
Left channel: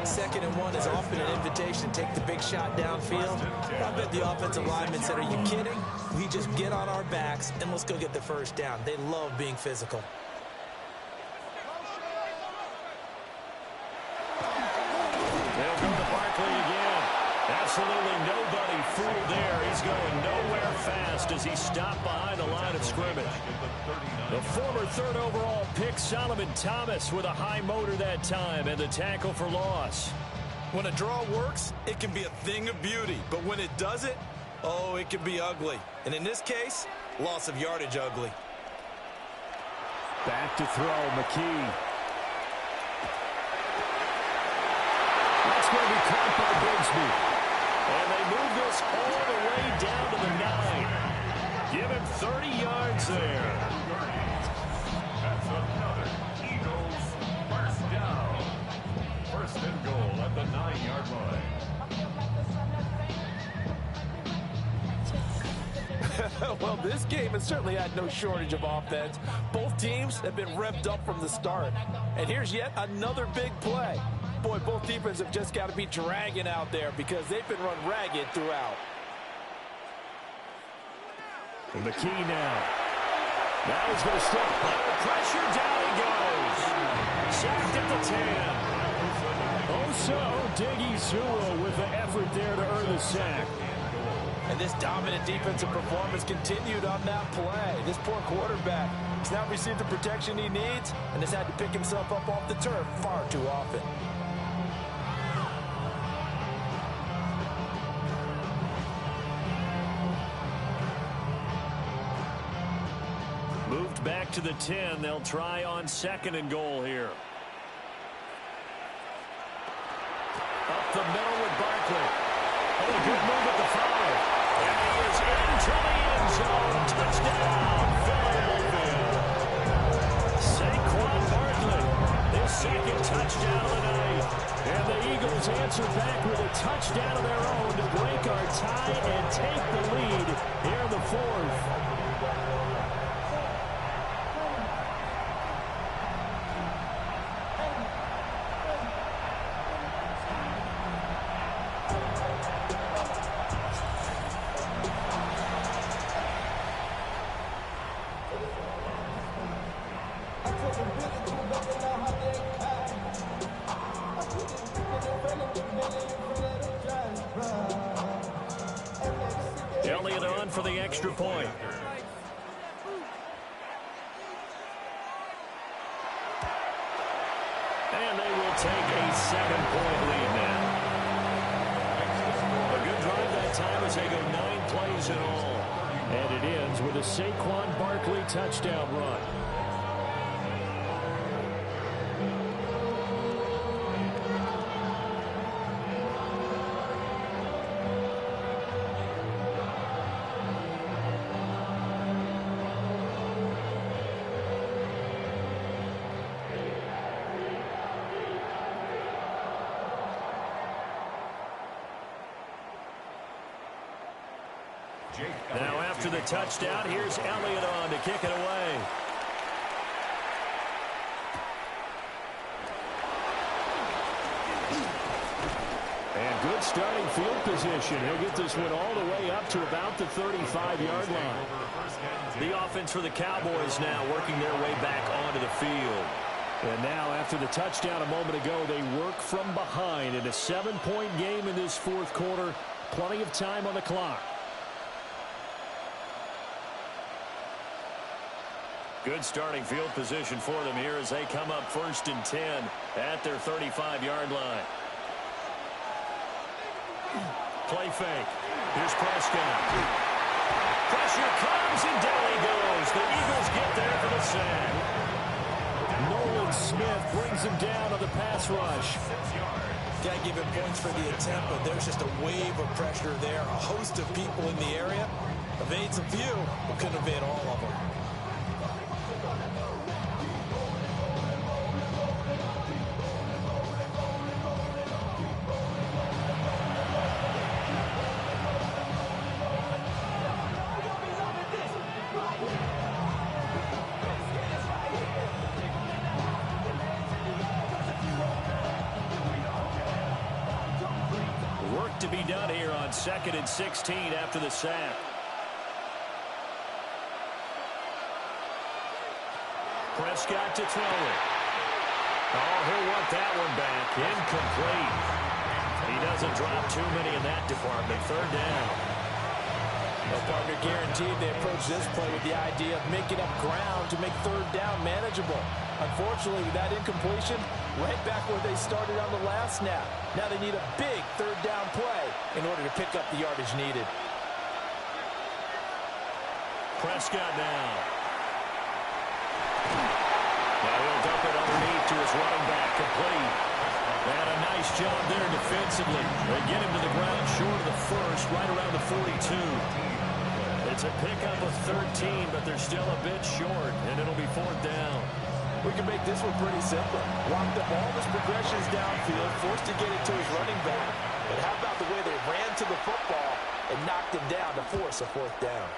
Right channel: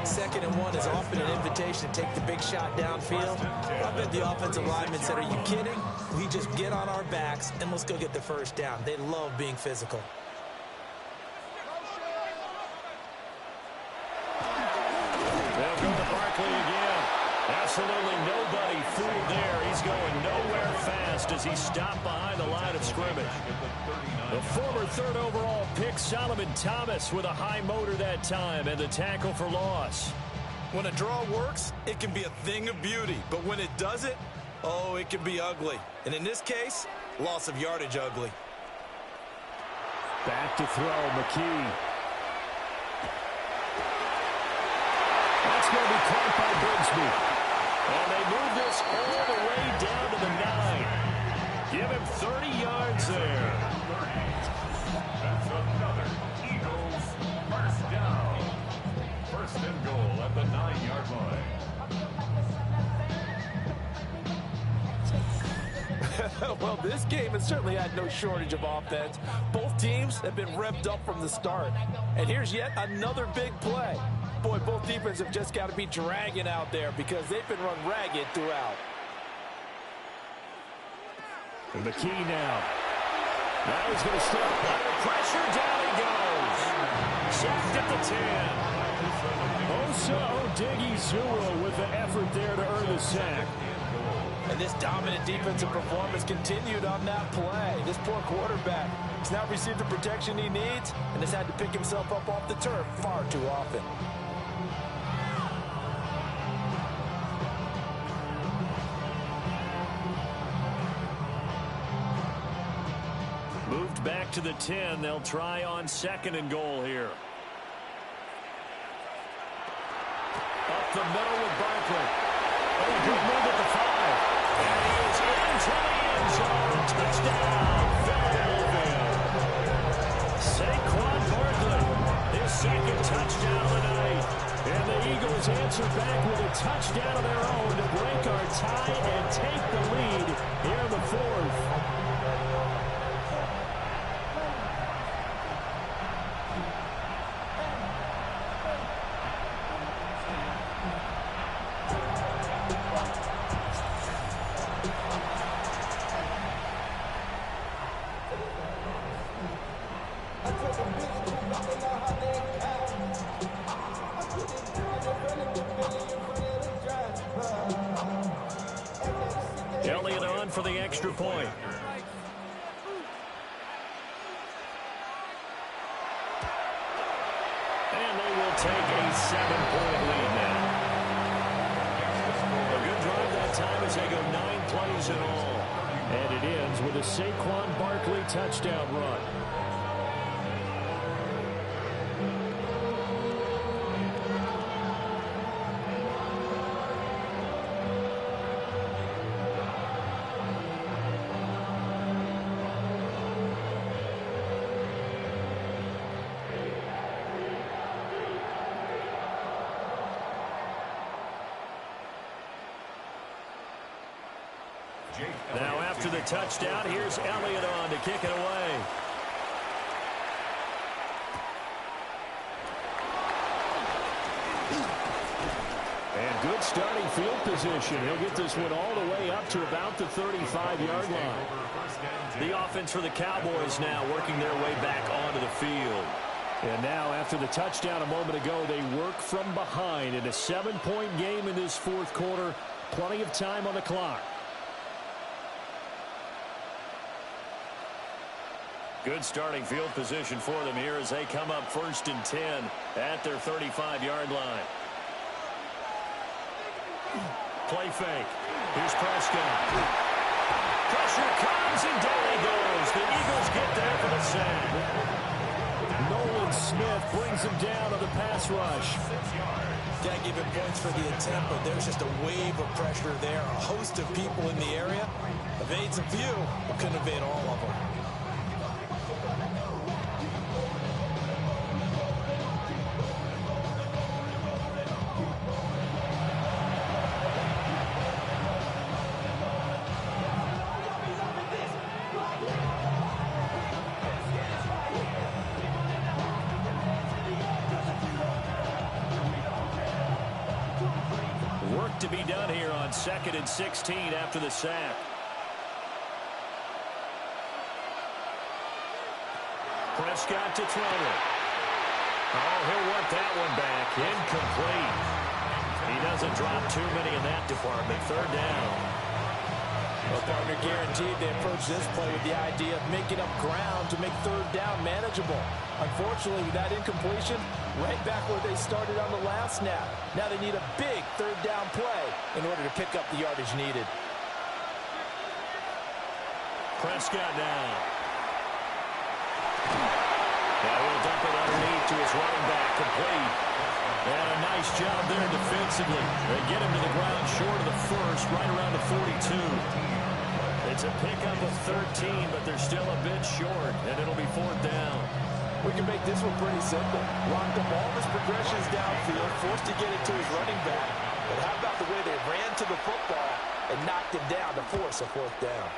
2nd and 1 is often an invitation to take the big shot downfield. I bet the offensive lineman said, are you kidding? We just get on our backs and let's go get the first down. They love being physical. They'll go to Barkley again. Absolutely nobody fooled there. He's going nowhere fast as he stopped behind the line of scrimmage. The former 3rd overall pick, Solomon Thomas, with a high motor that time, and the tackle for loss. When a draw works, it can be a thing of beauty. But when it doesn't, oh, it can be ugly. And in this case, loss of yardage ugly. Back to throw, McKee. That's going to be caught by Bigsby. And they move this all the way down to the 9. Give him 30 yards there. That's another Eagles first down. 1st and goal at the 9-yard line. Well, this game has certainly had no shortage of offense. Both teams have been revved up from the start. And here's yet another big play. Boy, both defenses have just got to be dragging out there because they've been run ragged throughout. And McKee now. Now he's going to step under pressure. Down he goes. Sacked at the 10. Osa Odighizuwa with the effort there to earn the sack. And this dominant defensive performance continued on that play. This poor quarterback has now received the protection he needs and has had to pick himself up off the turf far too often. Moved back to the 10. They'll try on 2nd and goal here. Up the middle with Barkley. Oh, a good move at the 5. And he is into the end zone. Touchdown, Philadelphia. Saquon Barkley, his 2nd touchdown of the night. And the Eagles answer back with a touchdown of their own to break our tie and take the lead here in the 4th. Elliott on for the extra point. And they will take a 7-point lead now. A good drive that time as they go 9 plays in all. And it ends with a Saquon Barkley touchdown run. Now after the touchdown, here's Elliott on to kick it away. And good starting field position. He'll get this one all the way up to about the 35-yard line. The offense for the Cowboys now working their way back onto the field. And now after the touchdown a moment ago, they work from behind in a 7-point game in this 4th quarter. Plenty of time on the clock. Good starting field position for them here as they come up 1st and 10 at their 35-yard line. Play fake. Here's Prescott. Pressure comes and down he goes. The Eagles get there for the sack. Nolan Smith brings him down on the pass rush. Got to give him points for the attempt, but there's just a wave of pressure there. A host of people in the area. Evades a few, but couldn't evade all of them. to be done here on 2nd and 16 after the sack. Prescott to throw it. Oh, he'll want that one back. Incomplete. He doesn't drop too many in that department. 3rd down. Well, partner, guaranteed they approach this play with the idea of making up ground to make 3rd down manageable. Unfortunately, with that incompletion, right back where they started on the last snap. Now they need a big 3rd down play in order to pick up the yardage needed. Prescott now. Now he'll dump it underneath to his running back, complete. And a nice job there defensively. They get him to the ground short of the first, right around the 42. It's a pickup of 13, but they're still a bit short, and it'll be 4th down. We can make this one pretty simple. Locked up all his progressions downfield, forced to get it to his running back. But how about the way they ran to the football and knocked him down to force a 4th down?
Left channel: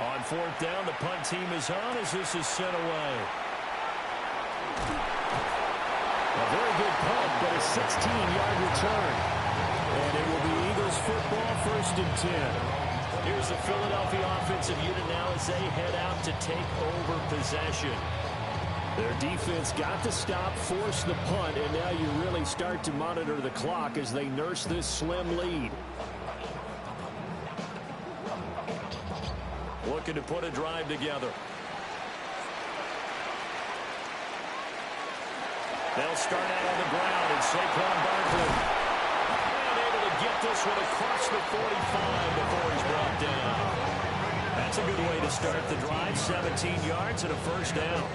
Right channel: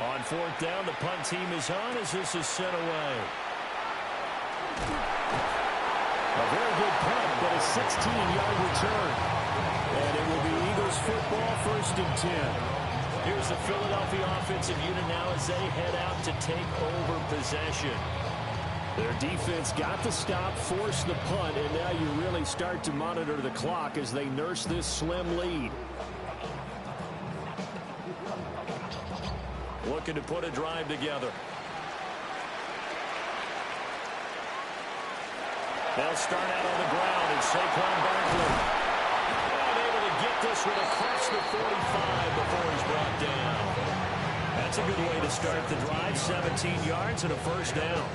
On 4th down, the punt team is on as this is sent away. A very good punt, but a 16-yard return. And it will be Eagles football, 1st and 10. Here's the Philadelphia offensive unit now as they head out to take over possession. Their defense got the stop, forced the punt, and now you really start to monitor the clock as they nurse this slim lead. Looking to put a drive together. They'll start out on the ground, and Saquon Barkley. And able to get this one across the 45 before he's brought down. That's a good way to start the drive. 17 yards and a 1st down.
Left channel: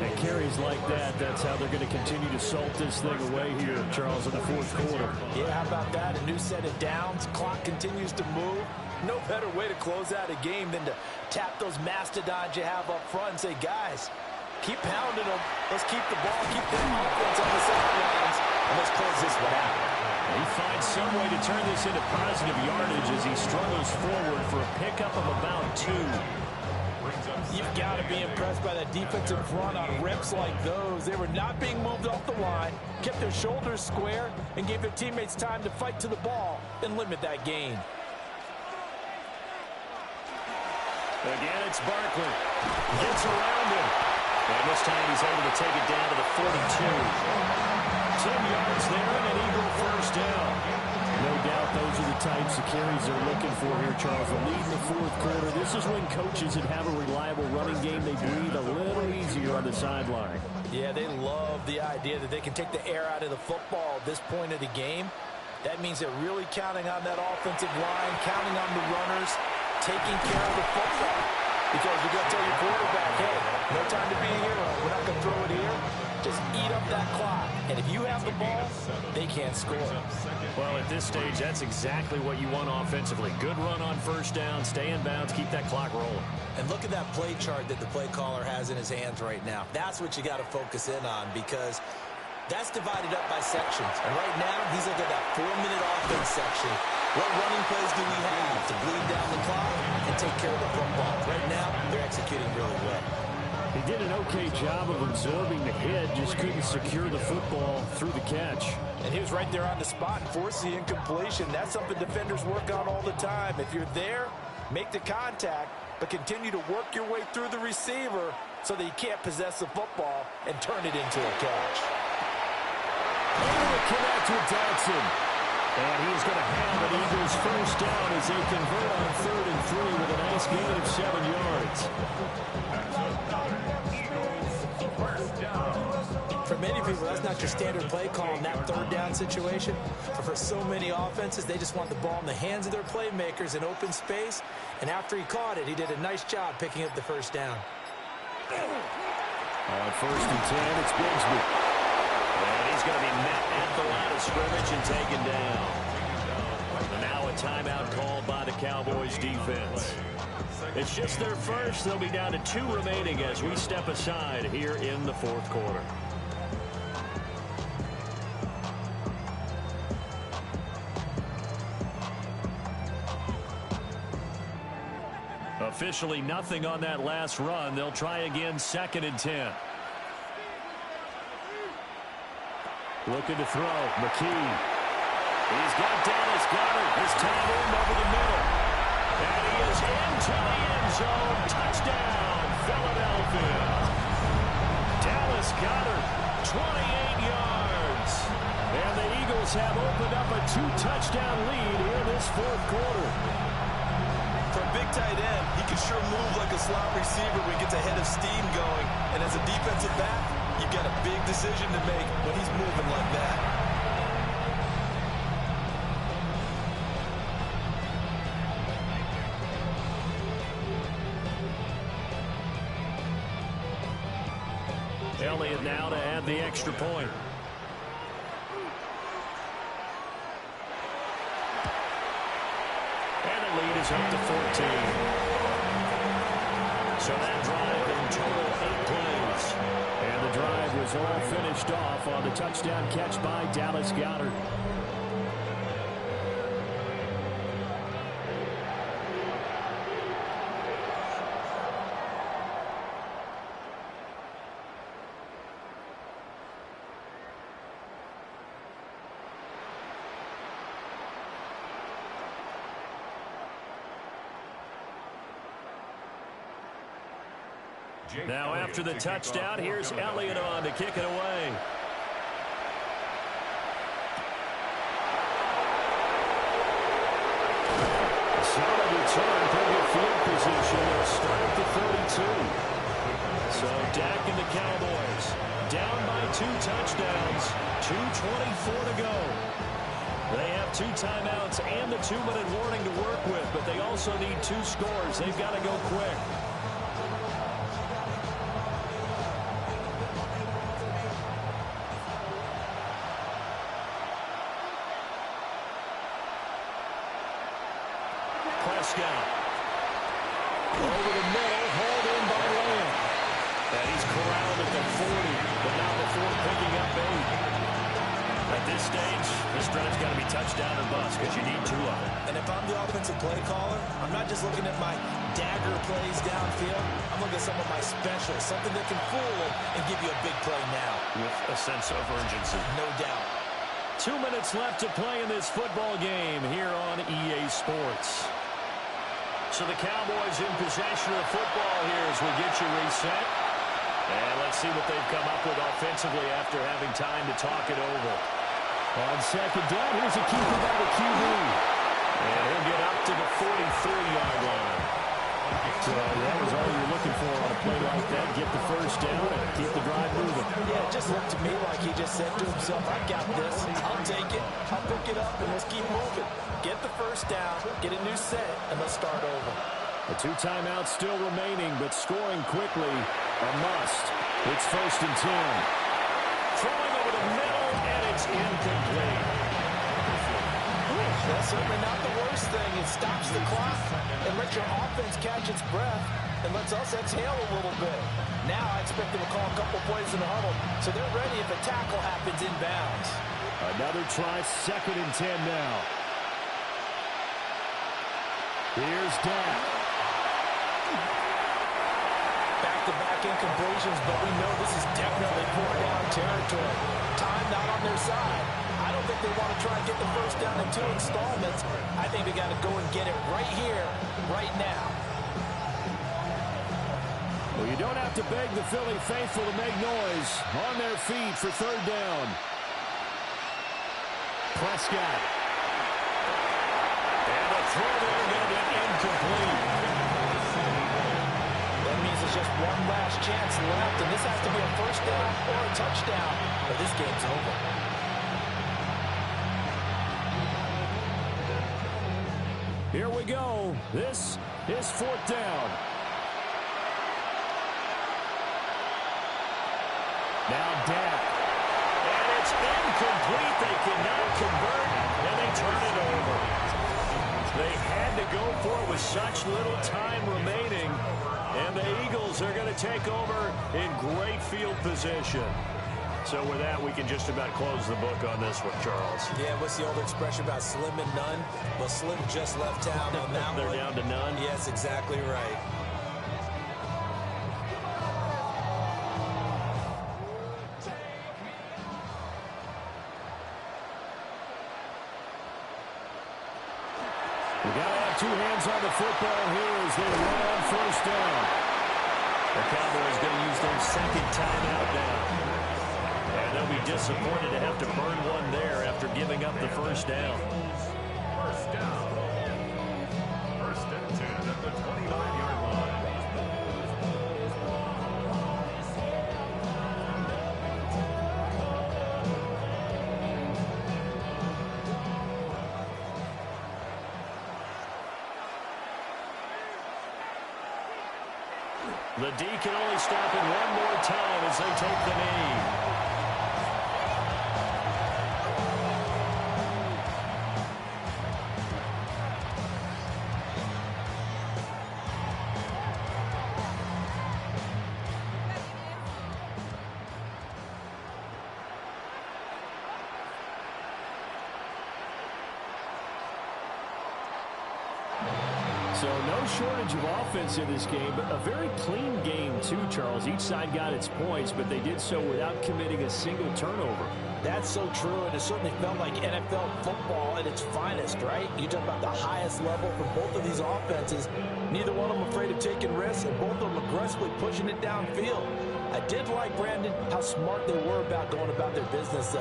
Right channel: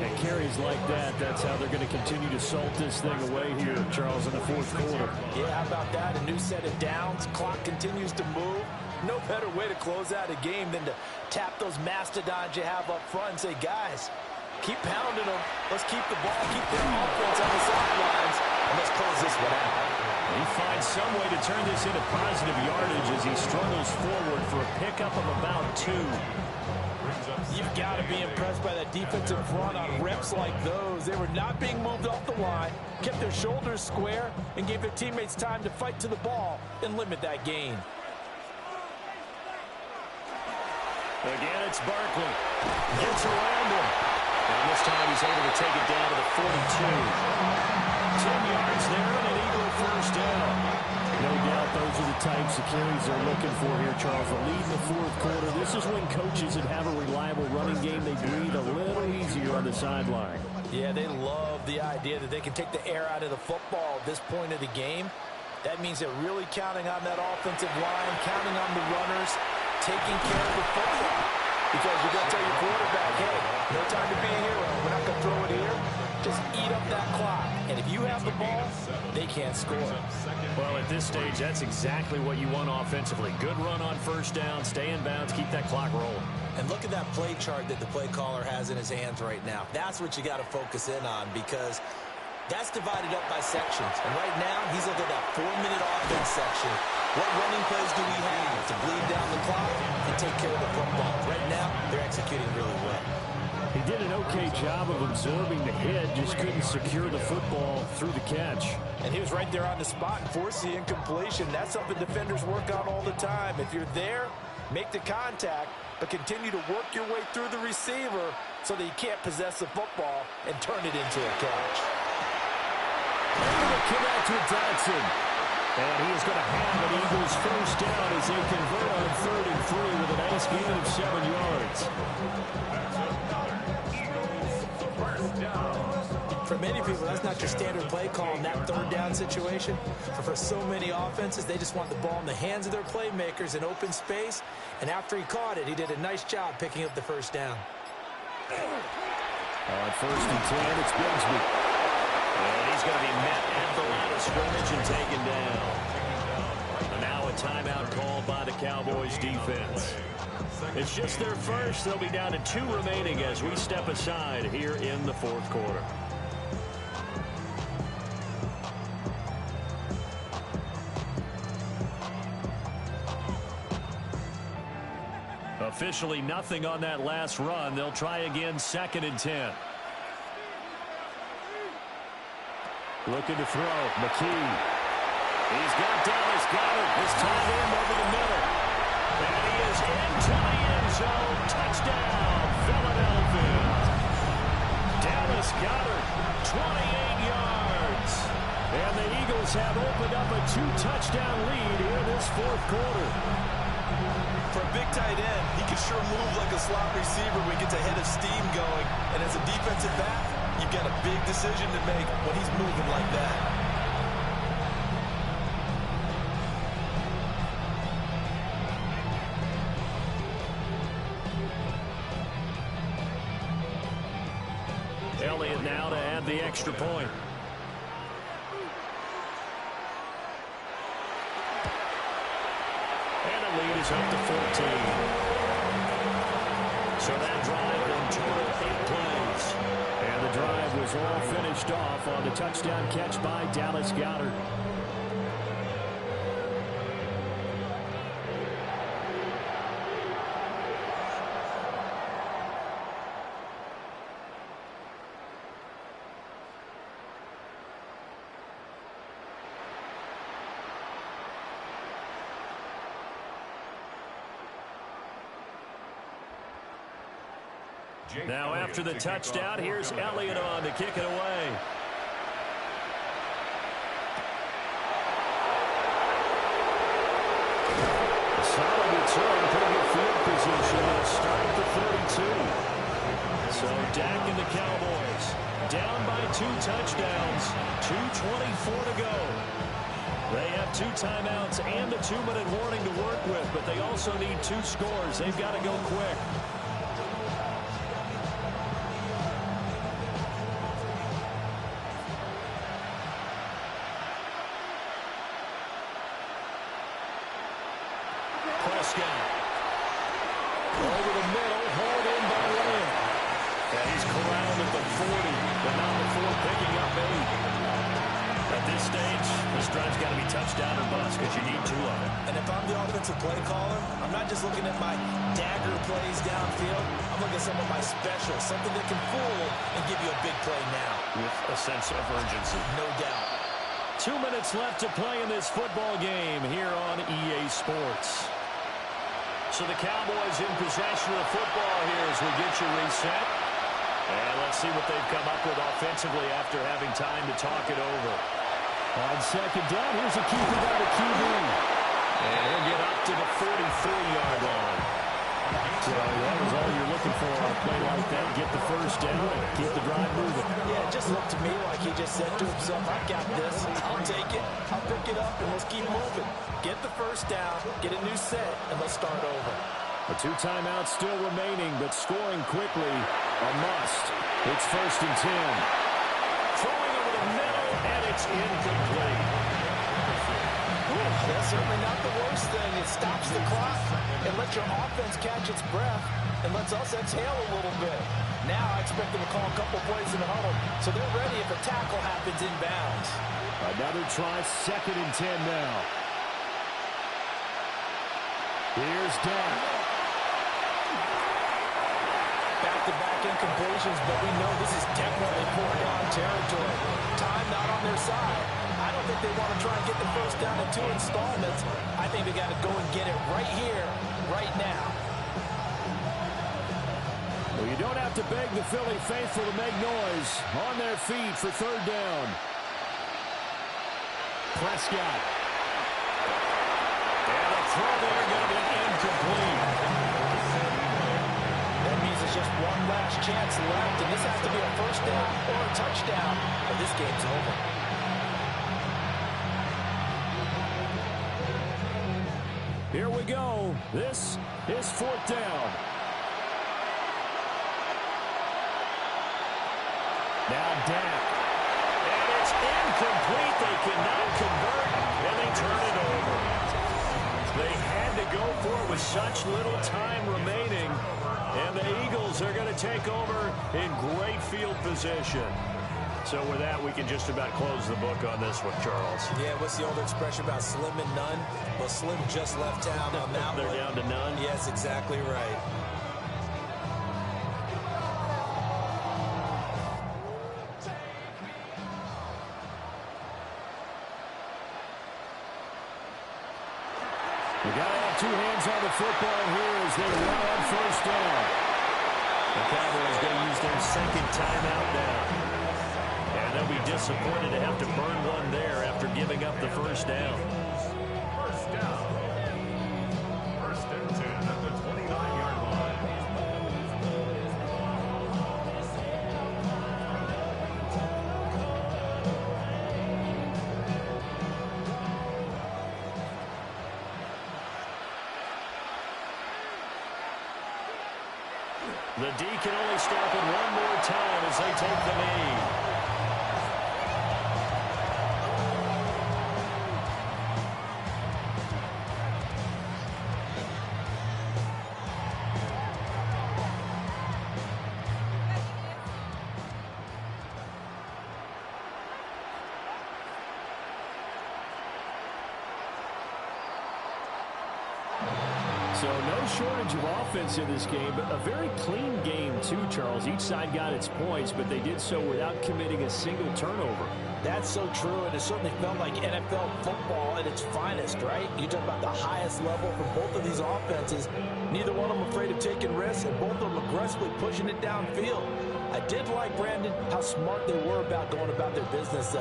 And carries like that, that's how they're going to continue to salt this thing away here, Charles, in the 4th quarter. Yeah, how about that? A new set of downs. Clock continues to move. No better way to close out a game than to tap those mastodons you have up front and say, guys, keep pounding them. Let's keep the ball, keep their offense on the sidelines, and let's close this one out. He finds some way to turn this into positive yardage as he struggles forward for a pickup of about 2. You've got to be impressed by that defensive front on reps like those. They were not being moved off the line, kept their shoulders square, and gave their teammates time to fight to the ball and limit that gain. Again, it's Barkley. Gets around him. And this time he's able to take it down to the 42. 10 yards there and an Eagle 1st down. No doubt those are the types of carries they're looking for here, Charles. The lead in the 4th quarter. This is when coaches that have a reliable running game, they breathe a little easier on the sideline. Yeah, they love the idea that they can take the air out of the football at this point of the game. That means they're really counting on that offensive line, counting on the runners, taking care of the football. Because you're going to tell your quarterback, hey, no time to be a hero. We're not going to throw it here. Just eat up that clock. And if you have the ball, they can't score. Well, at this stage, that's exactly what you want offensively. Good run on 1st down, stay in bounds, keep that clock rolling. And look at that play chart that the play caller has in his hands right now. That's what you got to focus in on because that's divided up by sections. And right now, he's looking at that 4-minute offense section. What running plays do we have to bleed down the clock and take care of the football? Right now, they're executing really well. He did an okay job of absorbing the hit, just couldn't secure the football through the catch. And he was right there on the spot and forced the incompletion. That's something defenders work on all the time. If you're there, make the contact, but continue to work your way through the receiver so that you can't possess the football and turn it into a catch. Able to connect with Dodson. And he is going to have an Eagles 1st down as they convert on 3rd and 3 with a nice gain of 7 yards. For many people, that's not your standard play call in that 3rd down situation. But for so many offenses, they just want the ball in the hands of their playmakers in open space. And after he caught it, he did a nice job picking up the 1st down. On 1st and 10, it's Bigsby. And he's going to be met at the line of scrimmage and taken down. And now a timeout called by the Cowboys defense. It's just their first. They'll be down to 2 remaining as we step aside here in the 4th quarter. Officially nothing on that last run. They'll try again 2nd and 10. Looking to throw. McKee. He's got Dallas Goedert. His tight end over the middle. And he is into the end zone. Touchdown, Philadelphia. Dallas Goedert, 28 yards. And the Eagles have opened up a 2-touchdown lead here this fourth quarter. For a big tight end, he can sure move like a slot receiver when he gets a head of steam going. And as a defensive back, you've got a big decision to make when he's moving like that. Elliott now to add the extra point. And the lead is up to 14. So that drive in total 8 plays. And the drive was all finished off on the touchdown catch by Dallas Goedert. Now after the touchdown, here's Elliott on to kick it away. A solid return, pretty good field position. They'll start at the 32. So Dak and the Cowboys down by 2 touchdowns, 2:24 to go. They have 2 timeouts and the 2-minute warning to work with, but they also need 2 scores. They've got to go quick. Over the middle, hauled in by Lamb. And he's corralled at the 40, but not before picking up 8. At this stage, this drive's got to be touchdown or bust because you need 2 of them. And if I'm the offensive play caller, I'm not just looking at my dagger plays downfield. I'm looking at some of my specials, something that can fool and give you a big play now. With a sense of urgency. No doubt. 2 minutes left to play in this football game here on EA Sports. So the Cowboys in possession of the football here as we get you reset. And let's see what they've come up with offensively after having time to talk it over. On second down, here's a keeper by the QB. And he'll get up to the 43-yard line. So that was all you're looking for on a play like that. Get the first down and keep the drive moving. Yeah, it just looked to me like he just said to himself, I got this. I'll take it. I'll pick it up, and let's keep moving. Get the first down, get a new set, and let's start over. The 2 timeouts still remaining, but scoring quickly, a must. It's 1st and 10. Throwing over the middle, and it's incomplete. That's certainly not the worst thing. It stops the clock and lets your offense catch its breath and lets us exhale a little bit. Now I expect them to call a couple plays in the huddle, so they're ready if a tackle happens inbounds. Another try, 2nd and 10 now. Here's Dak. Back-to-back incompletions, but we know this is definitely four-down territory. Time not on their side. I don't think they want to try and get the first down in 2 installments. I think they got to go and get it right here, right now. Well, you don't have to beg the Philly faithful to make noise. On their feet for 3rd down. Prescott. And the throw there going to be incomplete. That means there's just one last chance left, and this has to be a first down or a touchdown, or this game's over. Here we go. This is 4th down. Now Dak. And it's incomplete. They cannot convert, and they turn it over. They had to go for it with such little time remaining. And the Eagles are going to take over in great field position. So with that, we can just about close the book on this one, Charles. Yeah, what's the old expression about slim and none? Well, Slim just left town on that They're one. down to none? Yes, exactly right. You got to have two hands on the football here as they run on first down. The Cowboys going to use their second timeout now. And they'll be disappointed to have to burn one there after giving up the first down. First down. First and 10 at the 29-yard line. The D can only stop it one more time as they take the knee. So no shortage of offense in this game, but a very clean game too, Charles. Each side got its points, but they did so without committing a single turnover. That's so true, and it certainly felt like NFL football at its finest, right? You talk about the highest level for both of these offenses. Neither one of them afraid of taking risks, and both of them aggressively pushing it downfield. I did like, Brandon, how smart they were about going about their business.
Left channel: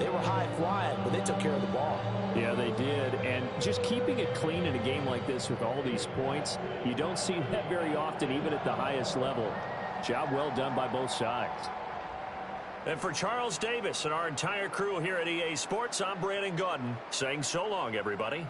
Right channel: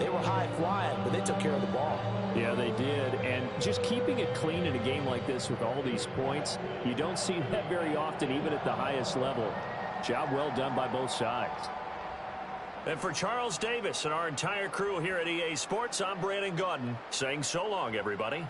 They were high-flying, but they took care of the ball. Yeah, they did, and just keeping it clean in a game like this with all these points, you don't see that very often, even at the highest level. Job well done by both sides. And for Charles Davis and our entire crew here at EA Sports, I'm Brandon Gaudin saying so long, everybody.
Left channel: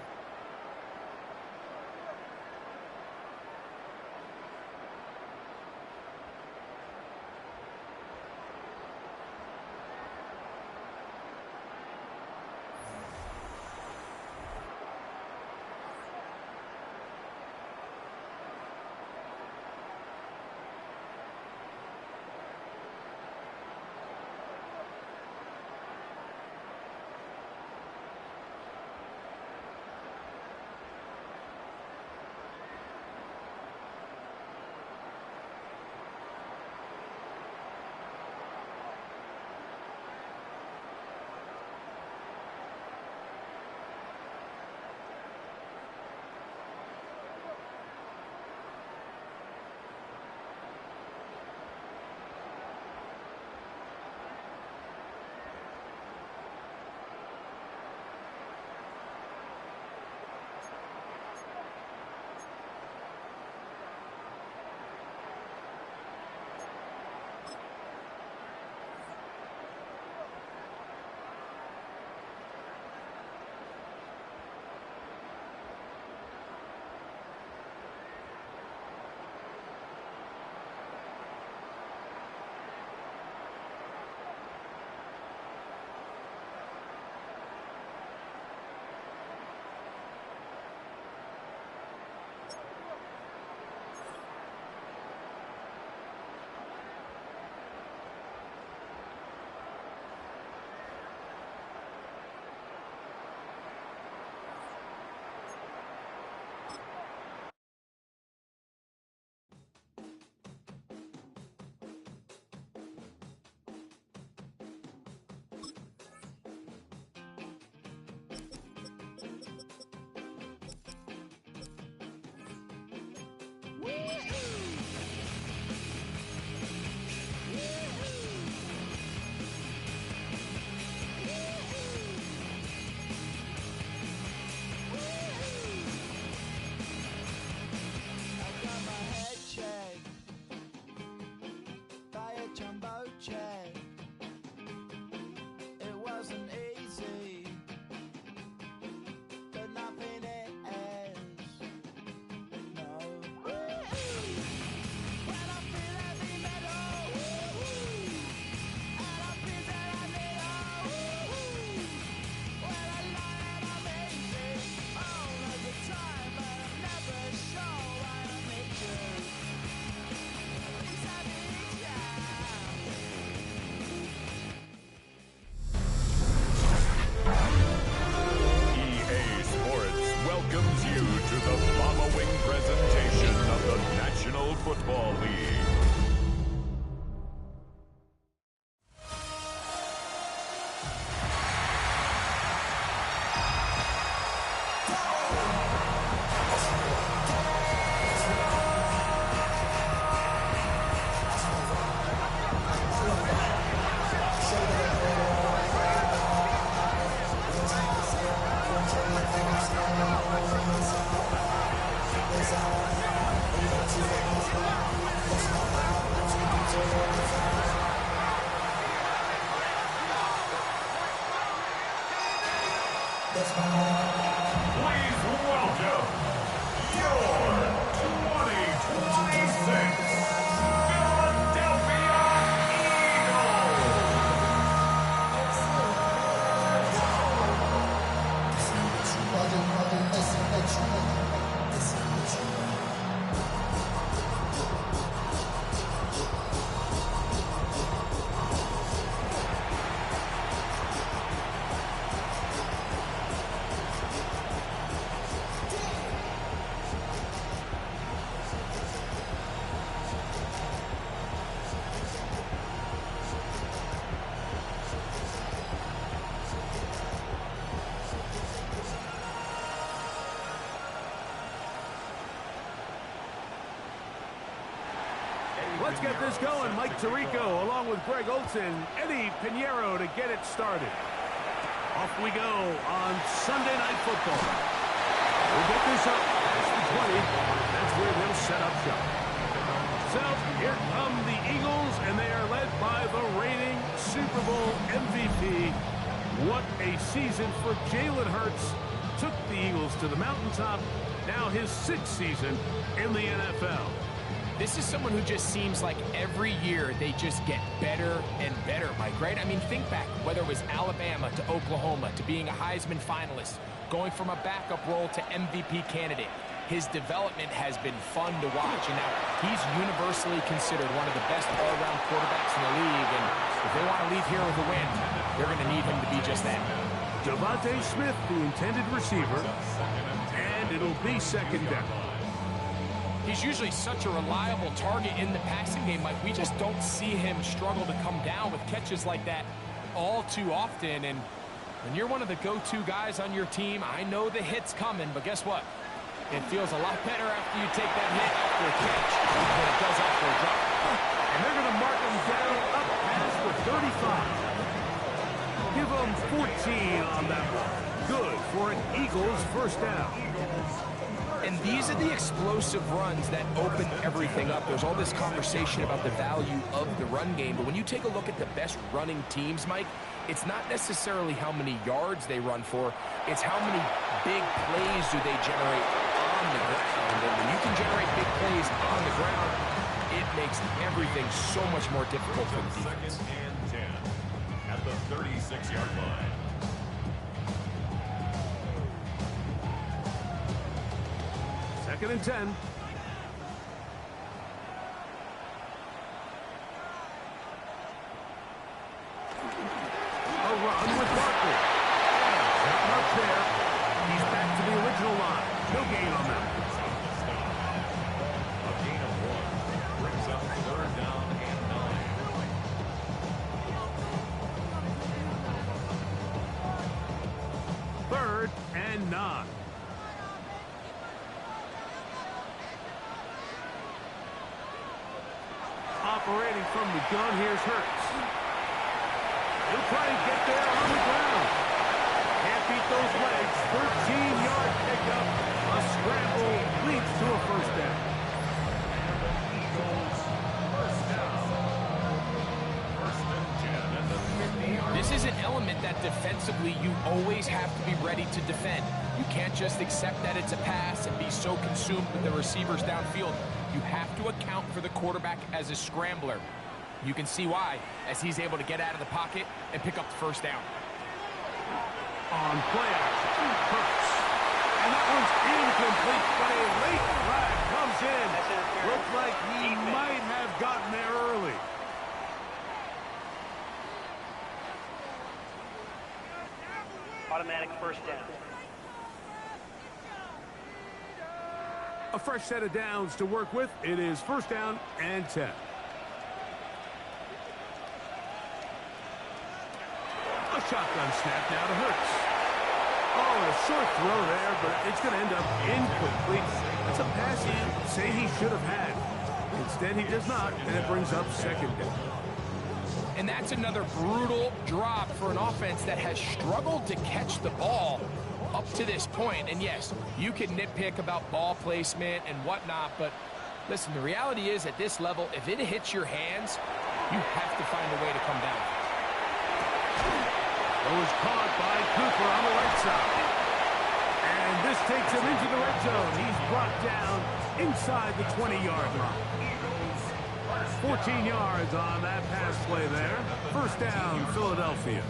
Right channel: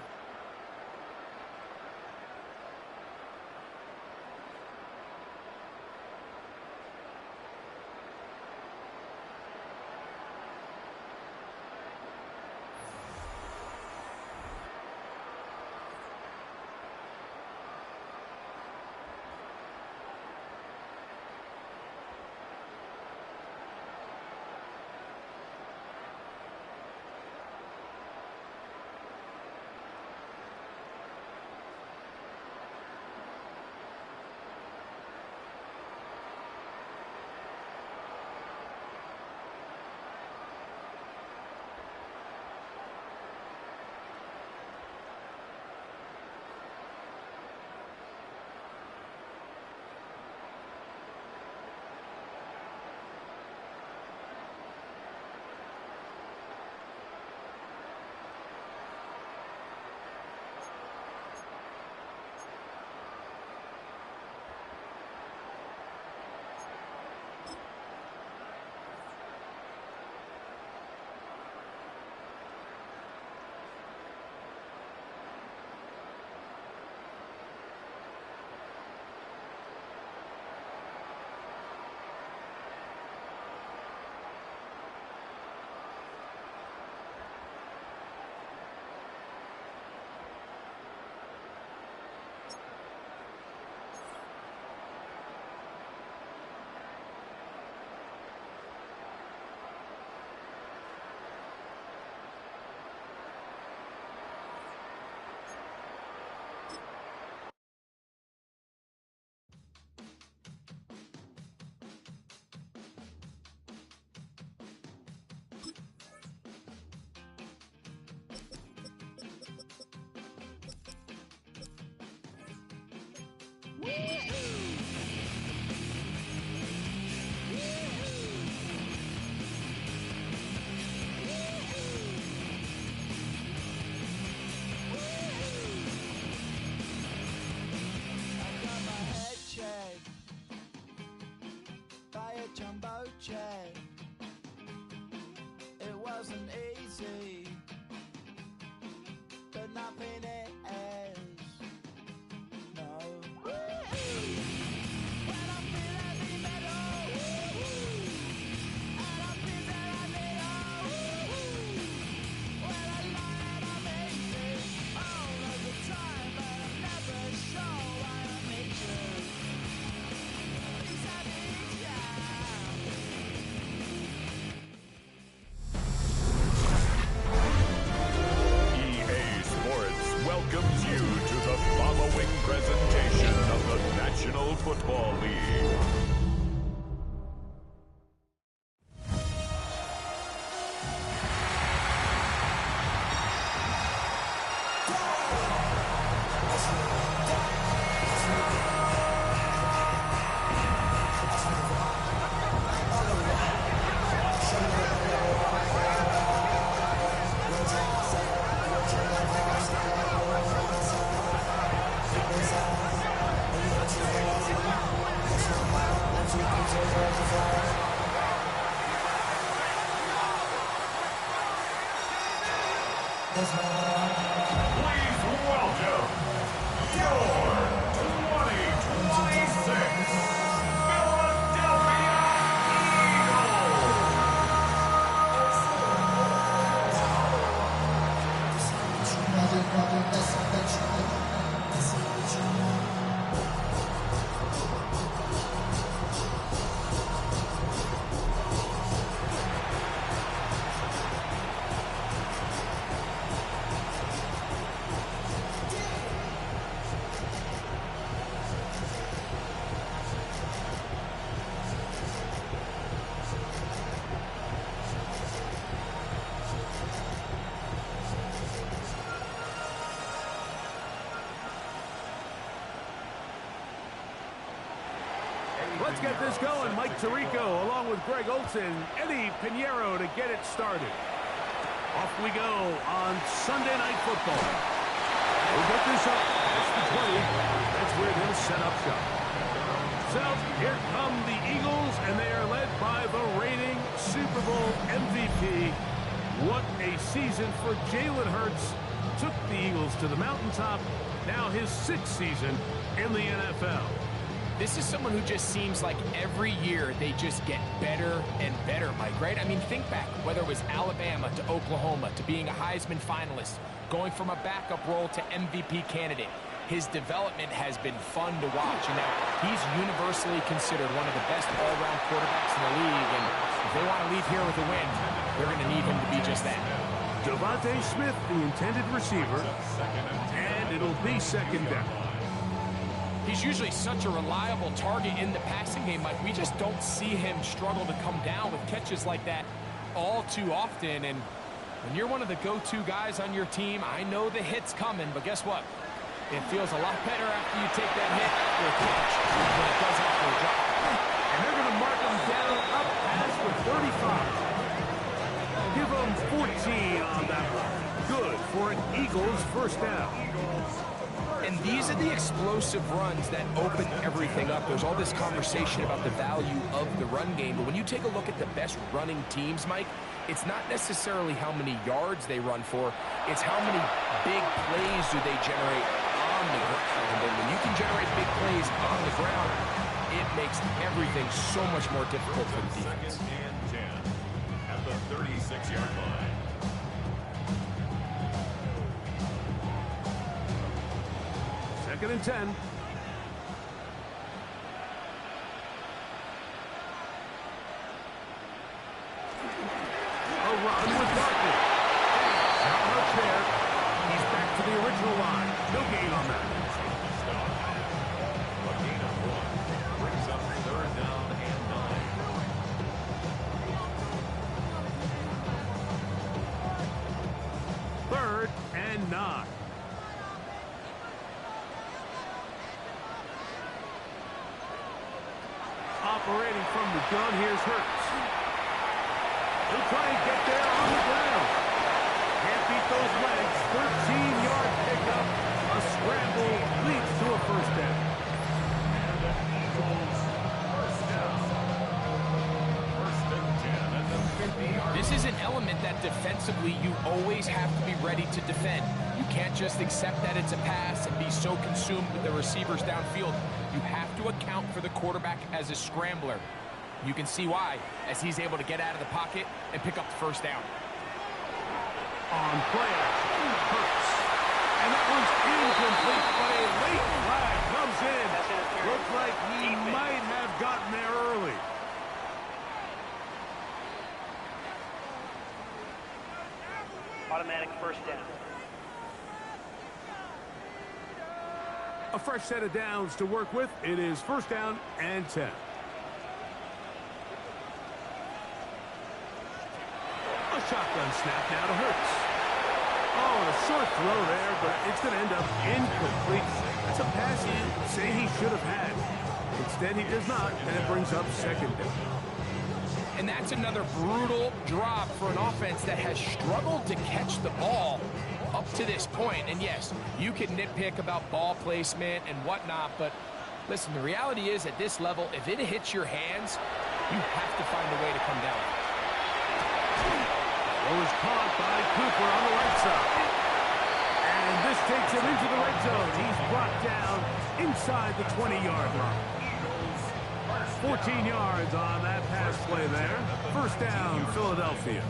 Jumbo jet. It wasn't easy, but nothing is. No. When I feel heavy metal, and I feel that I need when I lie and I'm easy all of the time, but I'm never sure why I need you. These heavy times. Welcomes you to the following presentation of the National Football League. Please welcome your 2026 Philadelphia Let's get this going. Mike Tirico along with Greg Olson, Eddie Pinheiro to get it started. Off we go on Sunday Night Football. We'll get this up past the 20. That's where they'll set up shop. So here come the Eagles, and they are led by the reigning Super Bowl MVP. What a season for Jalen Hurts. Took the Eagles to the mountaintop. Now his 6th season in the NFL. This is someone who just seems like every year they just get better and better, Mike, right? I mean, think back, whether it was Alabama to Oklahoma to being a Heisman finalist, going from a backup role to MVP candidate. His development has been fun to watch, and now he's universally considered one of the best all-around quarterbacks in the league, and if they want to leave here with a win, they're going to need him to be just that. Devontae Smith, the intended receiver, and it'll be second down. He's usually such a reliable target in the passing game, Mike. We just don't see him struggle to come down with catches like that all too often. And when you're one of the go-to guys on your team, I know the hit's coming, but guess what? It feels a lot better after you take that hit after a catch than it does after a drop. And they're going to mark him down up past the 35. Give him 14 on that one. Good for an Eagles first down. And these are the explosive runs that open everything up. There's all this conversation about the value of the run game, but when you take a look at the best running teams, Mike, it's not necessarily how many yards they run for, it's how many big plays do they generate on the ground. And when you can generate big plays on the ground, it makes everything so much more difficult for the defense. 2nd and 10 at the 36-yard line. Second and 10. A run with Barkley. Not much there. He's back to the original line. No gain on that. A gain of 1 brings up 3rd down and 9. 3rd and 9. Operating from the gun, here's Hurts. He'll try and get there on the ground. Can't beat those legs. 13-yard pickup. A scramble leads to a first down. And the Eagles first down. 1st and 10 at the 50-yard line. This is an element that defensively you always have to be ready to defend. You can't just accept that it's a pass and be so consumed with the receivers downfield. You have to account for the quarterback as a scrambler. You can see why, as he's able to get out of the pocket and pick up the first down. On play action, Hurts. And that one's incomplete, but a late flag comes in. Looks like he might have gotten there early. Automatic first down. A fresh set of downs to work with. It is 1st down and 10. A shotgun snap now to Hurts. Oh, a short throw there, but it's going to end up incomplete. That's a pass he'd say he should have had. Instead, he does not, and it brings up 2nd down. And that's another brutal drop for an offense that has struggled to catch the ball up to this point. And yes, you can nitpick about ball placement and whatnot, but listen, the reality is at this level, if it hits your hands, you have to find a way to come down. was caught by Cooper on the right side. And this takes him into the red zone. He's brought down inside the 20-yard line. 14 yards on that pass play there. First down, Philadelphia.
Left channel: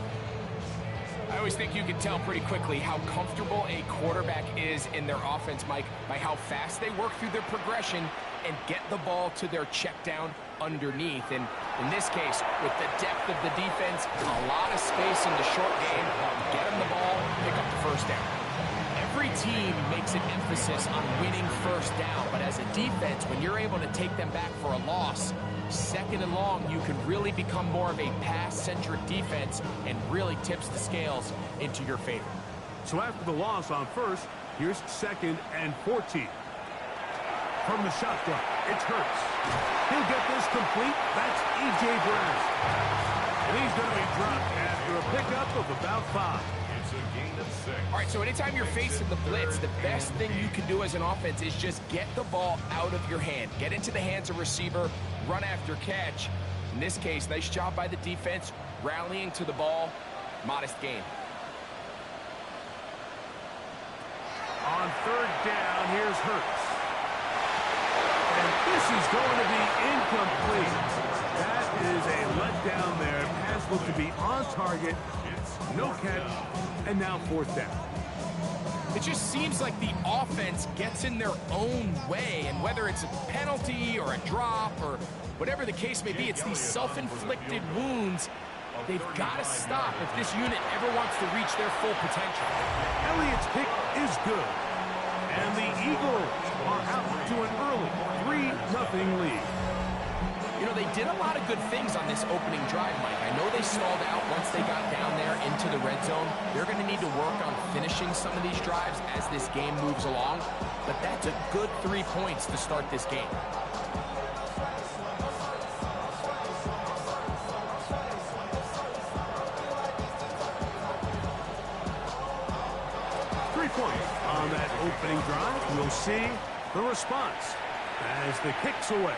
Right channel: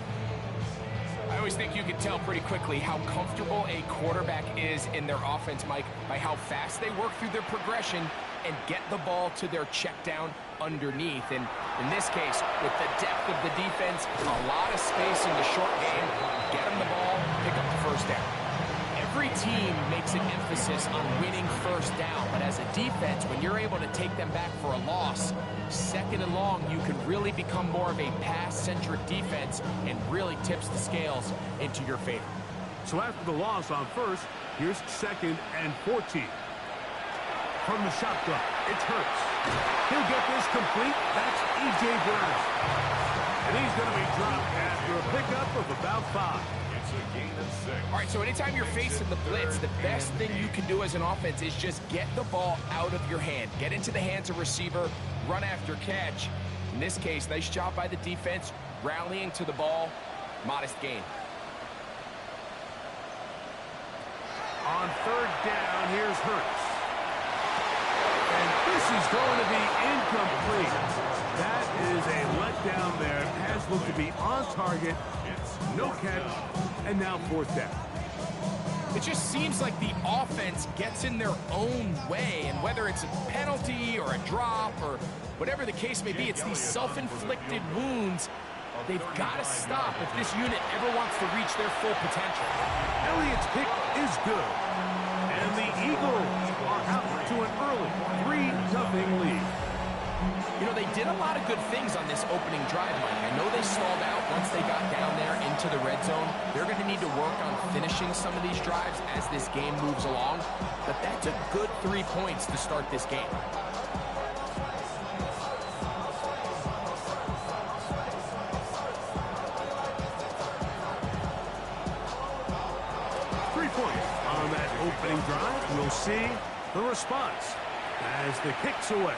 I always think you can tell pretty quickly how comfortable a quarterback is in their offense, Mike, by how fast they work through their progression and get the ball to their check down underneath. And in this case, with the depth of the defense, a lot of space in the short game, get them the ball, pick up the first down. Every team makes an emphasis on winning first down, but as a defense, when you're able to take them back for a loss, second and long, you can really become more of a pass-centric defense and really tips the scales into your favor. So after the loss on first, here's 2nd and 14. From the shotgun, it's Hurts. He'll get this complete. That's E.J. Brown. And he's going to be dropped after a pickup of about 5. It's a gain of 6. All right, so anytime you're facing the blitz, the best thing you can do as an offense is just get the ball out of your hand. Get into the hands of receiver, run after catch. In this case, nice job by the defense, rallying to the ball, modest gain. On 3rd down, here's Hurts. And this is going to be incomplete. That is a letdown there. Pass looked to be on target. No catch. And now 4th down. It just seems like the offense gets in their own way, and whether it's a penalty or a drop or whatever the case may be, it's these self-inflicted wounds. They've got to stop if this unit ever wants to reach their full potential. Elliott's kick is good. And the Eagles are out to an early 3-0 lead. You know, they did a lot of good things on this opening drive, Mike. I know they stalled out once they got down there into the red zone. They're going to need to work on finishing some of these drives as this game moves along. But that's a good 3 points to start this game. On that opening drive, we'll see the response as the kick's away.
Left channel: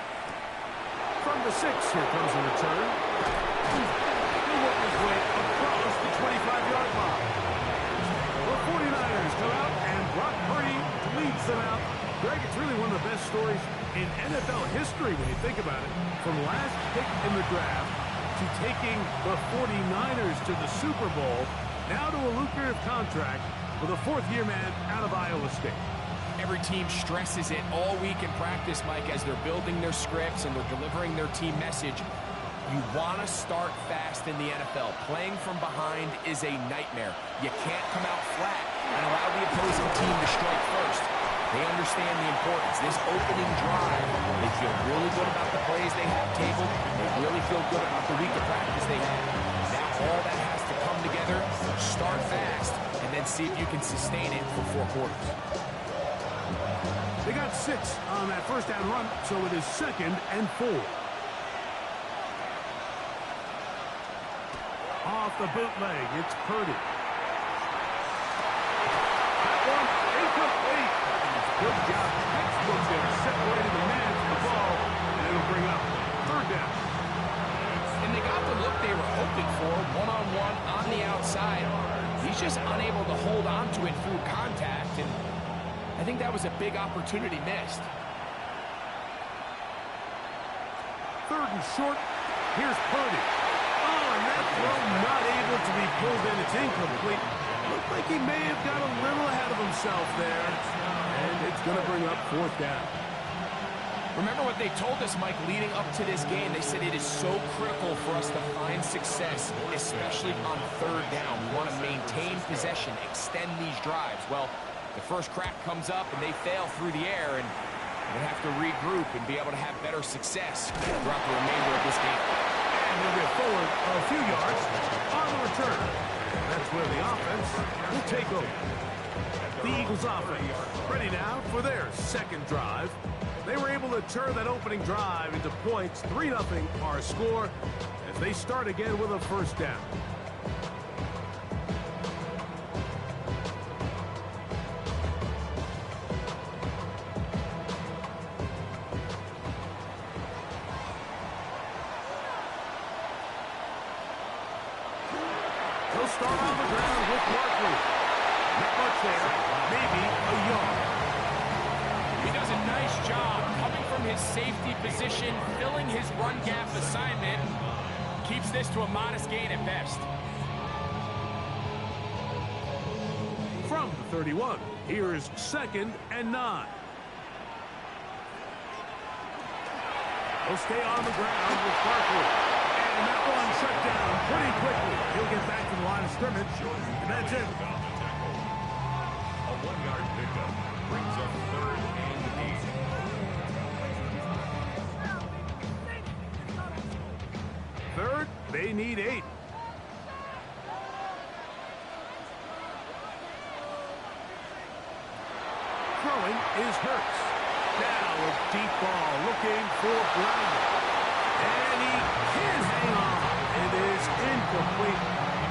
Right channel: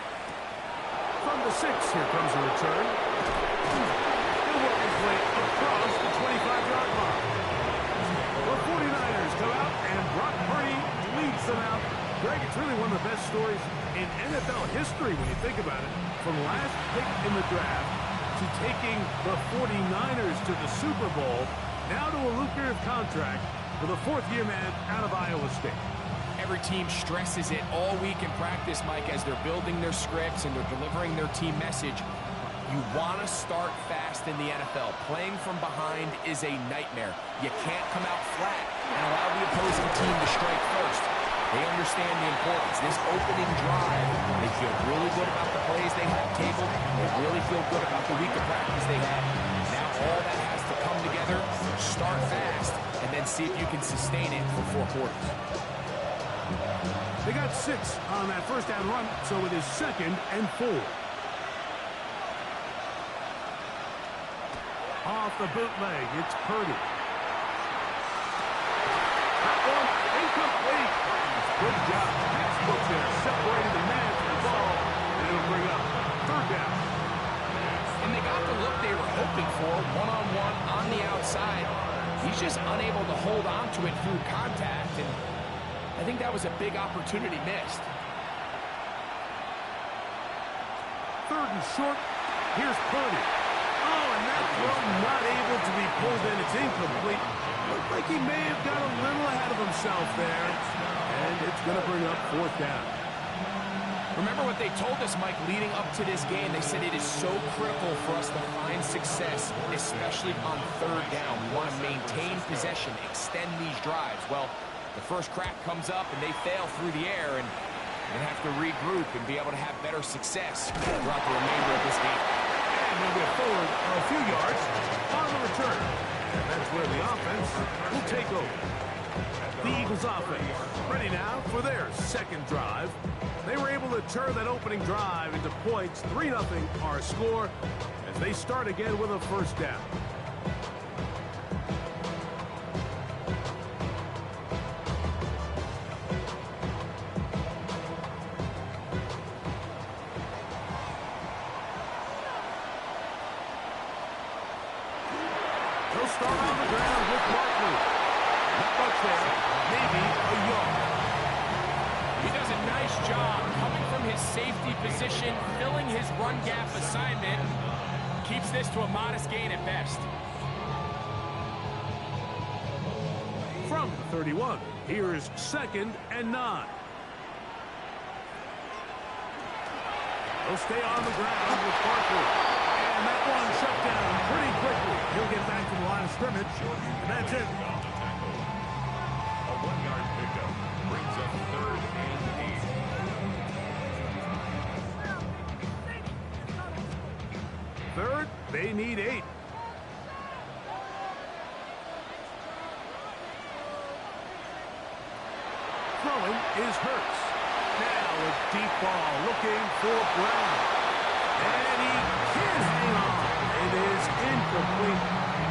From the 6, here comes a return. He'll work his way across the 25-yard line. The 49ers come out, and Brock Purdy leads them out. Greg, it's really one of the best stories in NFL history when you think about it. From last pick in the draft to taking the 49ers to the Super Bowl, now to a lucrative contract with a 4th-year man out of Iowa State. Every team stresses it all week in practice, Mike, as they're building their scripts and they're delivering their team message. You want to start fast in the NFL. Playing from behind is a nightmare. You can't come out flat and allow the opposing team to strike first. They understand the importance. This opening drive, they feel really good about the plays they have tabled. They really feel good about the week of practice they had. Now all that has to come together, start fast, and then see if you can sustain it for 4 quarters. They got 6 on that first down run, so it is 2nd and 4. Off the bootleg, it's Purdy. That one incomplete. Good job. Textbook there, separating the man from the ball, and it'll bring up 3rd down. And they got the look they were hoping for, one-on-one on the outside. He's just unable to hold on to it through contact, and I think that was a big opportunity missed. 3rd and short. Here's Purdy. Oh, and that throw not able to be pulled in. It's incomplete. Looked like he may have got a little ahead of himself there. And it's going to bring up 4th down. Remember what they told us, Mike, leading up to this game. They said it is so critical for us to find success, especially on 3rd down. We want to maintain possession, extend these drives. Well, the first crack comes up and they fail through the air, and they're going to have to regroup and be able to have better success throughout the remainder of this game. And they'll get forward a few yards on the return. And that's where the offense will take over. The Eagles offense ready now for their 2nd drive. They were able to turn that opening drive into points. 3-0 our score as they start again with a first down. They'll start off on the ground with Barkley. Not much there, maybe a yard. He does a nice job coming from his safety position, filling his run gap assignment, keeps this to a modest gain at best. From the 31, here's 2nd and 9. He'll stay on the ground with Barkley. And that one shut down pretty quickly. He'll get back to the line of scrimmage, and that's it. A 1-yard pickup brings up 3rd and 8. Third, they need 8. Throwing is Hurts. Now a deep ball looking for Brown. And he can hang on. It is incomplete.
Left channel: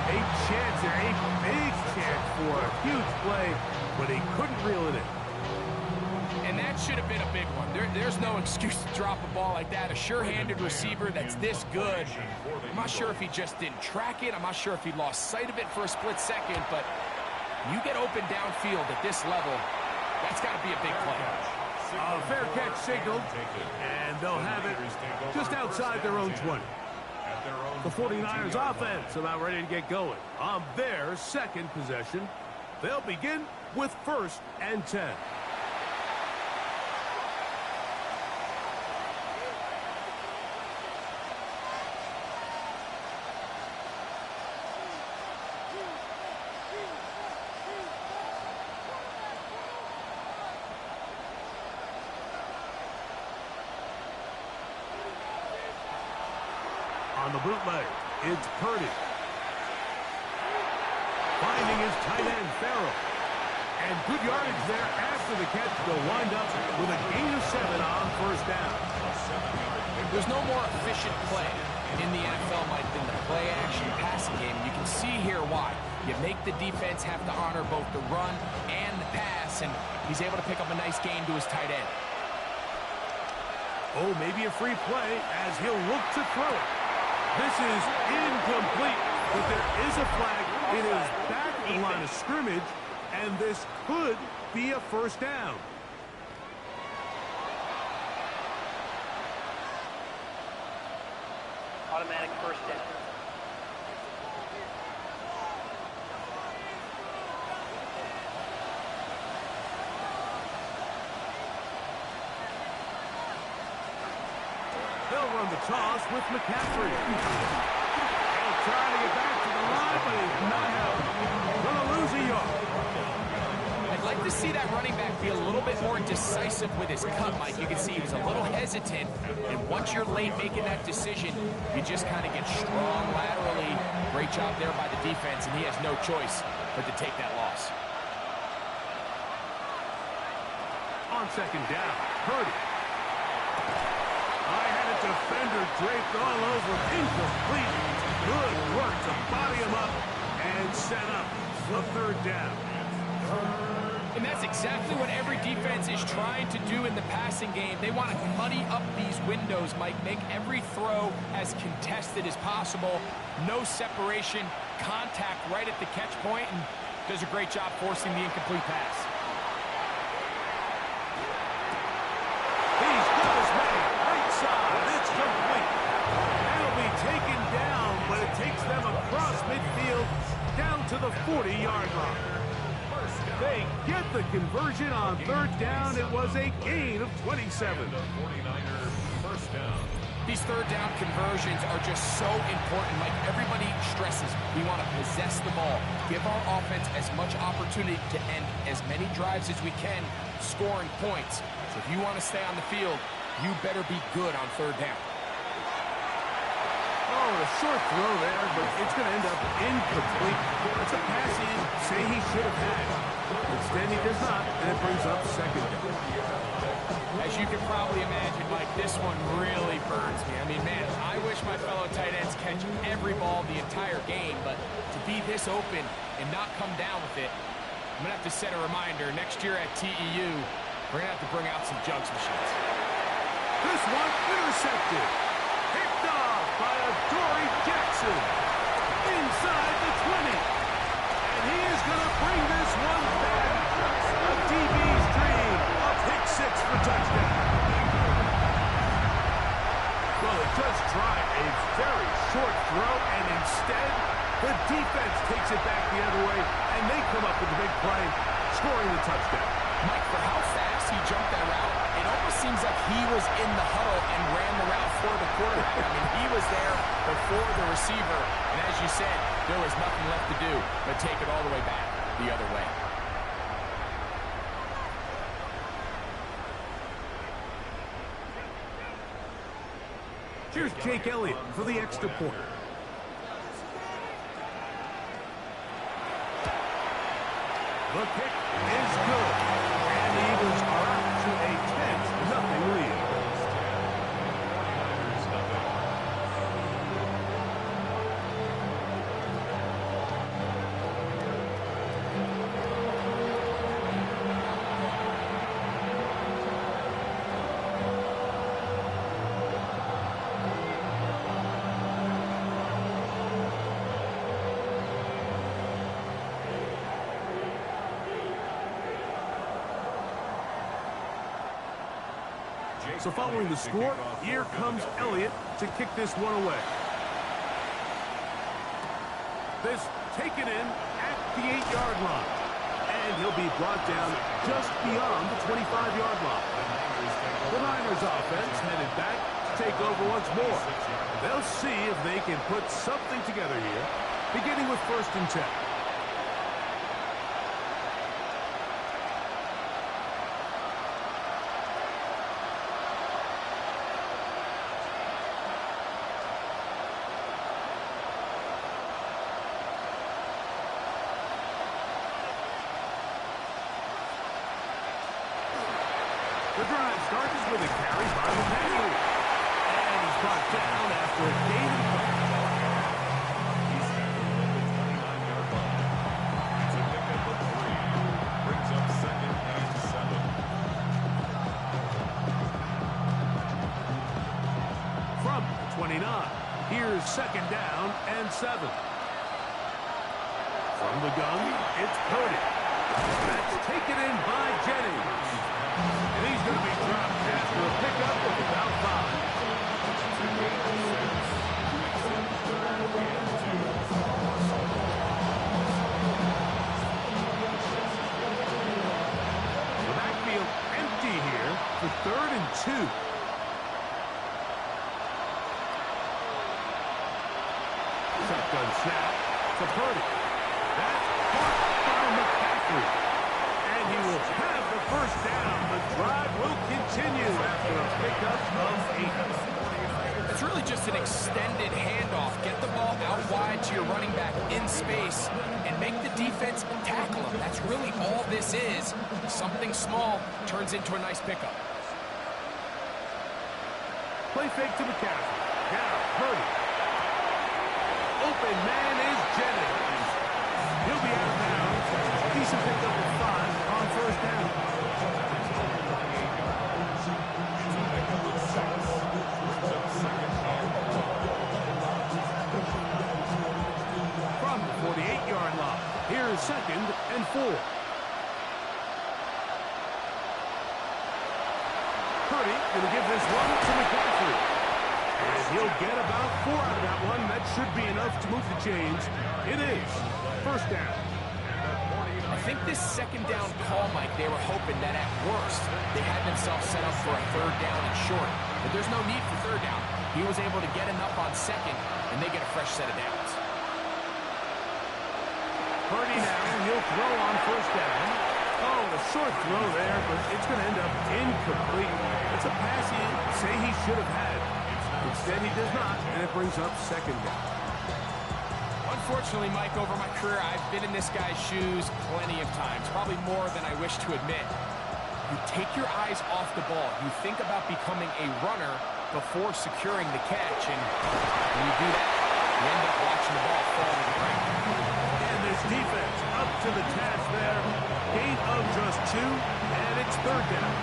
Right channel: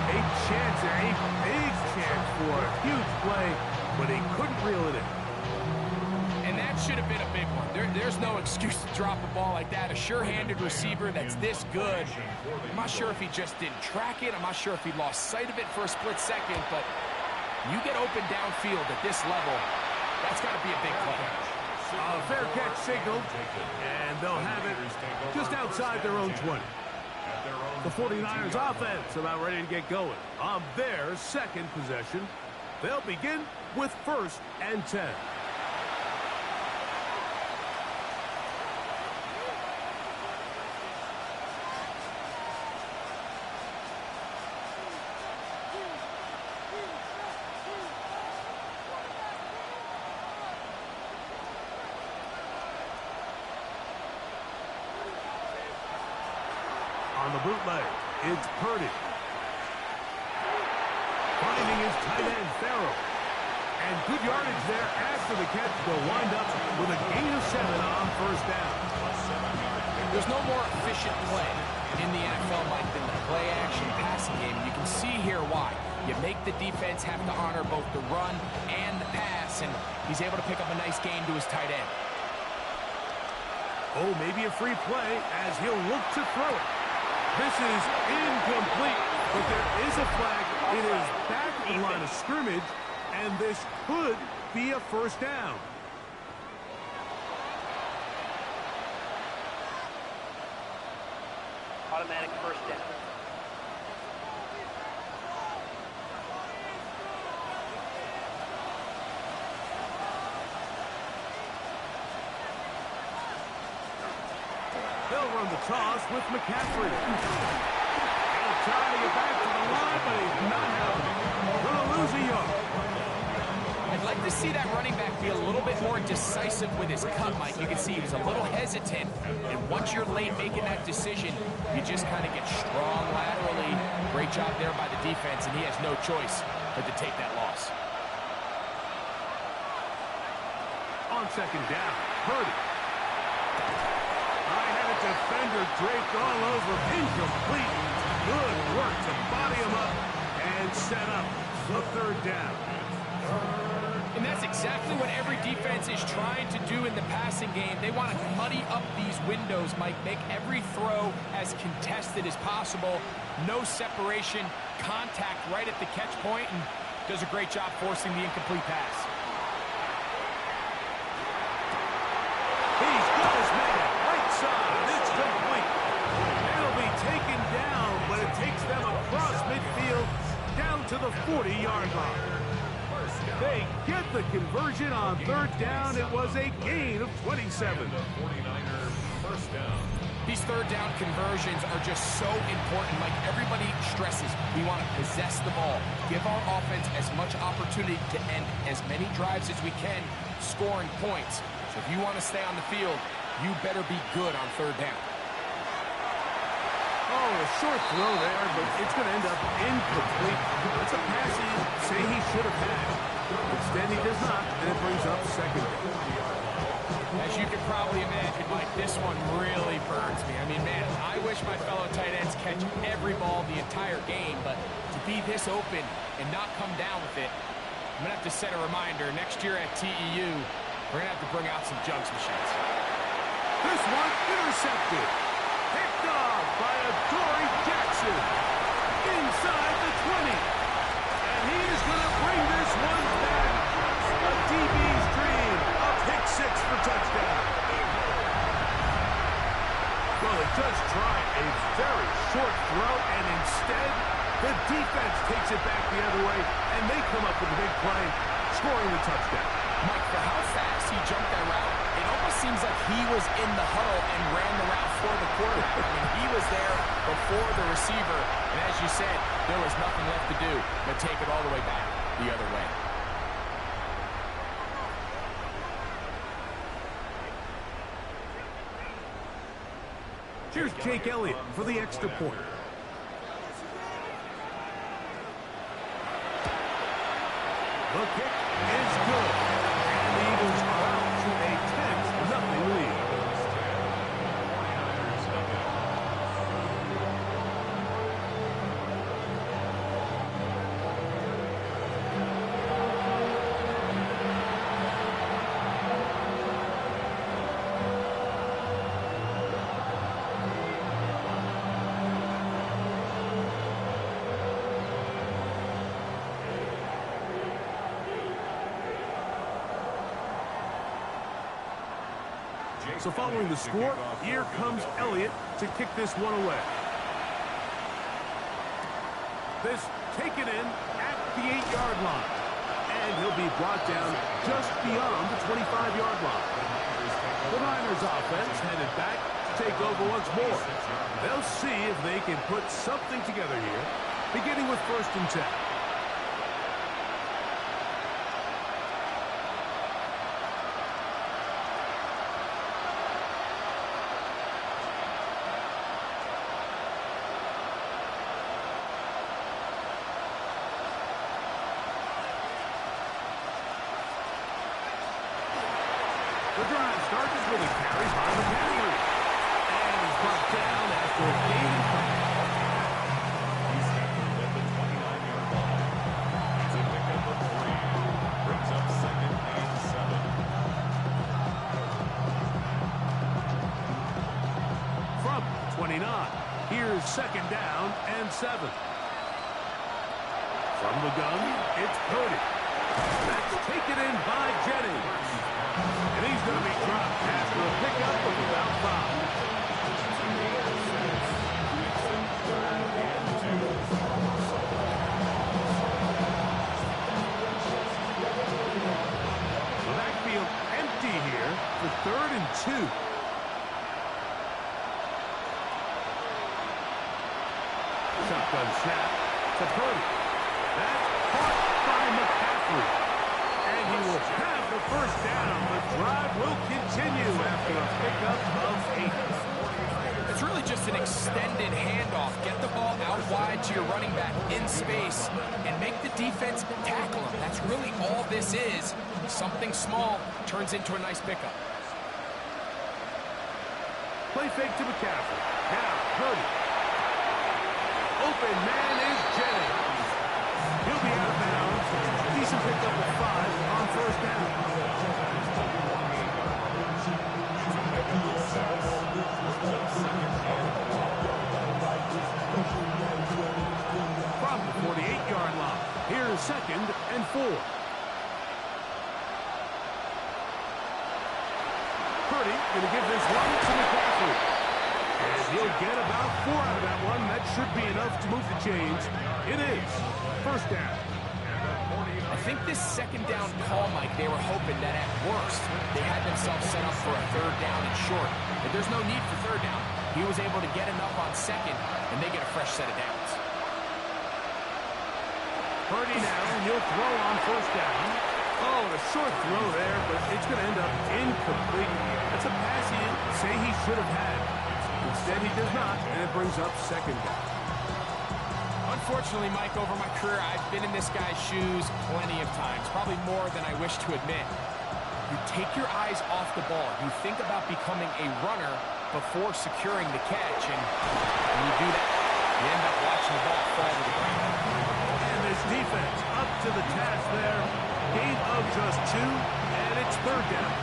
A chance there, a big chance for a huge play, but he couldn't reel it in. And that should have been a big one. There's no excuse to drop a ball like that. A sure-handed receiver that's this good. I'm not sure if he just didn't track it. I'm not sure if he lost sight of it for a split second, but you get open downfield at this level, that's got to be a big play. A fair catch signaled, and they'll have it just outside their own 20. The 49ers offense about ready to get going on their second possession. They'll begin with 1st and 10. On the bootleg, it's Purdy. Finding his tight end, Farrell. And good yardage there after the catch. They'll wind up with a gain of 7 on 1st down. There's no more efficient play in the NFL, Mike, than the play-action passing game. And you can see here why. You make the defense have to honor both the run and the pass, and he's able to pick up a nice gain to his tight end. Oh, maybe a free play as he'll look to throw it. This is incomplete, but there is a flag. It is back at the line of scrimmage, and this could be a 1st down. Automatic 1st down. They'll run the toss with McCaffrey. He'll try to get back to the line, but he's not held. Gonna lose a yard. I'd like to see that running back be a little bit more decisive with his cut, Mike. You can see he was a little hesitant, and once you're late making that decision, you just kind of get strong laterally. Great job there by the defense, and he has no choice but to take that loss. On 2nd down, Purdy. I had a defender draped all over. Incomplete. Good work to body him up and set up a 3rd down. And that's exactly what every defense is trying to do in the passing game. They want to muddy up these windows, Mike. Make every throw as contested as possible. No separation, contact right at the catch point, and does a great job forcing the incomplete pass. He's got his man. Right side. It's complete. That'll be taken down, but it takes them across midfield down to the 40-yard line. They get the conversion on 3rd down. It was a gain of 27. These 3rd down conversions are just so important, Mike. Everybody stresses we want to possess the ball, give our offense as much opportunity to end as many drives as we can, scoring points. So if you want to stay on the field, you better be good on 3rd down. Oh, a short throw there, but it's going to end up incomplete. That's a pass he say he should have had. Instead, he does not, and it brings up 2nd down. As you can probably imagine, Mike, this one really burns me. I mean, man, I wish my fellow tight ends catch every ball the entire game, but to be this open and not come down with it, I'm going to have to set a reminder. Next year at TEU, we're going to have to bring out some jugs machines. This one intercepted. Picked off by Adoree Jackson. Inside the 20. Just try a very short throw, and instead, the defense takes it back the other way, and they come up with a big play, scoring the touchdown. Mike, for how fast he jumped that route, it almost seems like he was in the huddle and ran the route for the quarterback. I mean, he was there before the receiver, and as you said, there was nothing left to do but take it all the way back the other way. Here's Jake Elliott for the extra point. The kick is good, and the Eagles are out to a 10-0 lead. So following the score, here comes Elliott to kick this one away. This taken in at the 8-yard line. And he'll be brought down just beyond the 25-yard line. The Niners offense headed back to take over once more. They'll see if they can put something together here, beginning with 1st and 10. The drive starts with a carry by McCaffrey. And he's brought down after a gain and coverage. He's tackled at the 29-yard line. It's a pickup of 3. Brings up 2nd and 7. From the 29, here's 2nd down and 7. From the gun, it's Purdy. That's taken in by Jennings. And he's going to be dropped after a pickup of about 5. The backfield empty here for 3rd and 2. Shotgun snap to Purdy. That's caught by McCaffrey. And he will have the 1st down. The drive will continue after a pickup of 8. It's really just an extended handoff. Get the ball out wide to your running back in space and make the defense tackle him. That's really all this is. Something small turns into a nice pickup. Play fake to McCaffrey. Now Purdy. Open man is Jennings. He'll be out of bounds. Decent pickup of 5 on 1st down. From the 48-yard line, here's 2nd and 4. Purdy going to give this one to McCaffrey. And he'll get about 4 out of that one. That should be enough to move the chains. It is 1st down. I think this 2nd down call, Mike, they were hoping that at worst they had themselves set up for a 3rd down and short. But there's no need for 3rd down. He was able to get enough on 2nd, and they get a fresh set of downs. Purdy now, he'll throw on 1st down. Oh, and a short throw there, but it's going to end up incomplete. It's a pass he'd say he should have had. Instead, he does not, and it brings up 2nd down. Unfortunately, Mike, over my career, I've been in this guy's shoes plenty of times, probably more than I wish to admit. You take your eyes off the ball. You think about becoming a runner before securing the catch, and when you do that, you end up watching the ball fall to the ground. And this defense up to the task there. Gain of just 2, and it's 3rd down.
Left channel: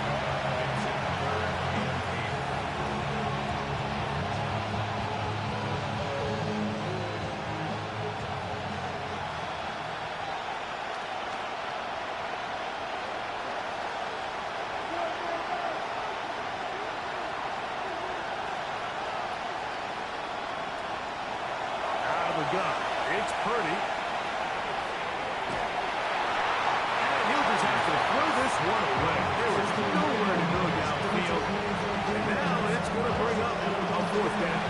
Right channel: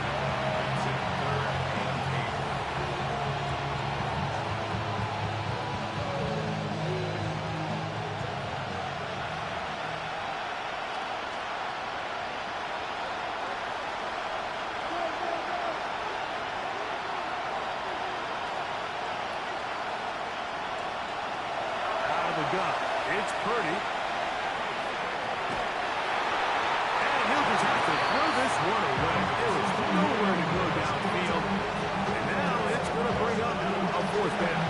gun. It's Purdy. And he'll just have to throw this one away. There is nowhere to go downfield. And now it's going to bring up a fourth down.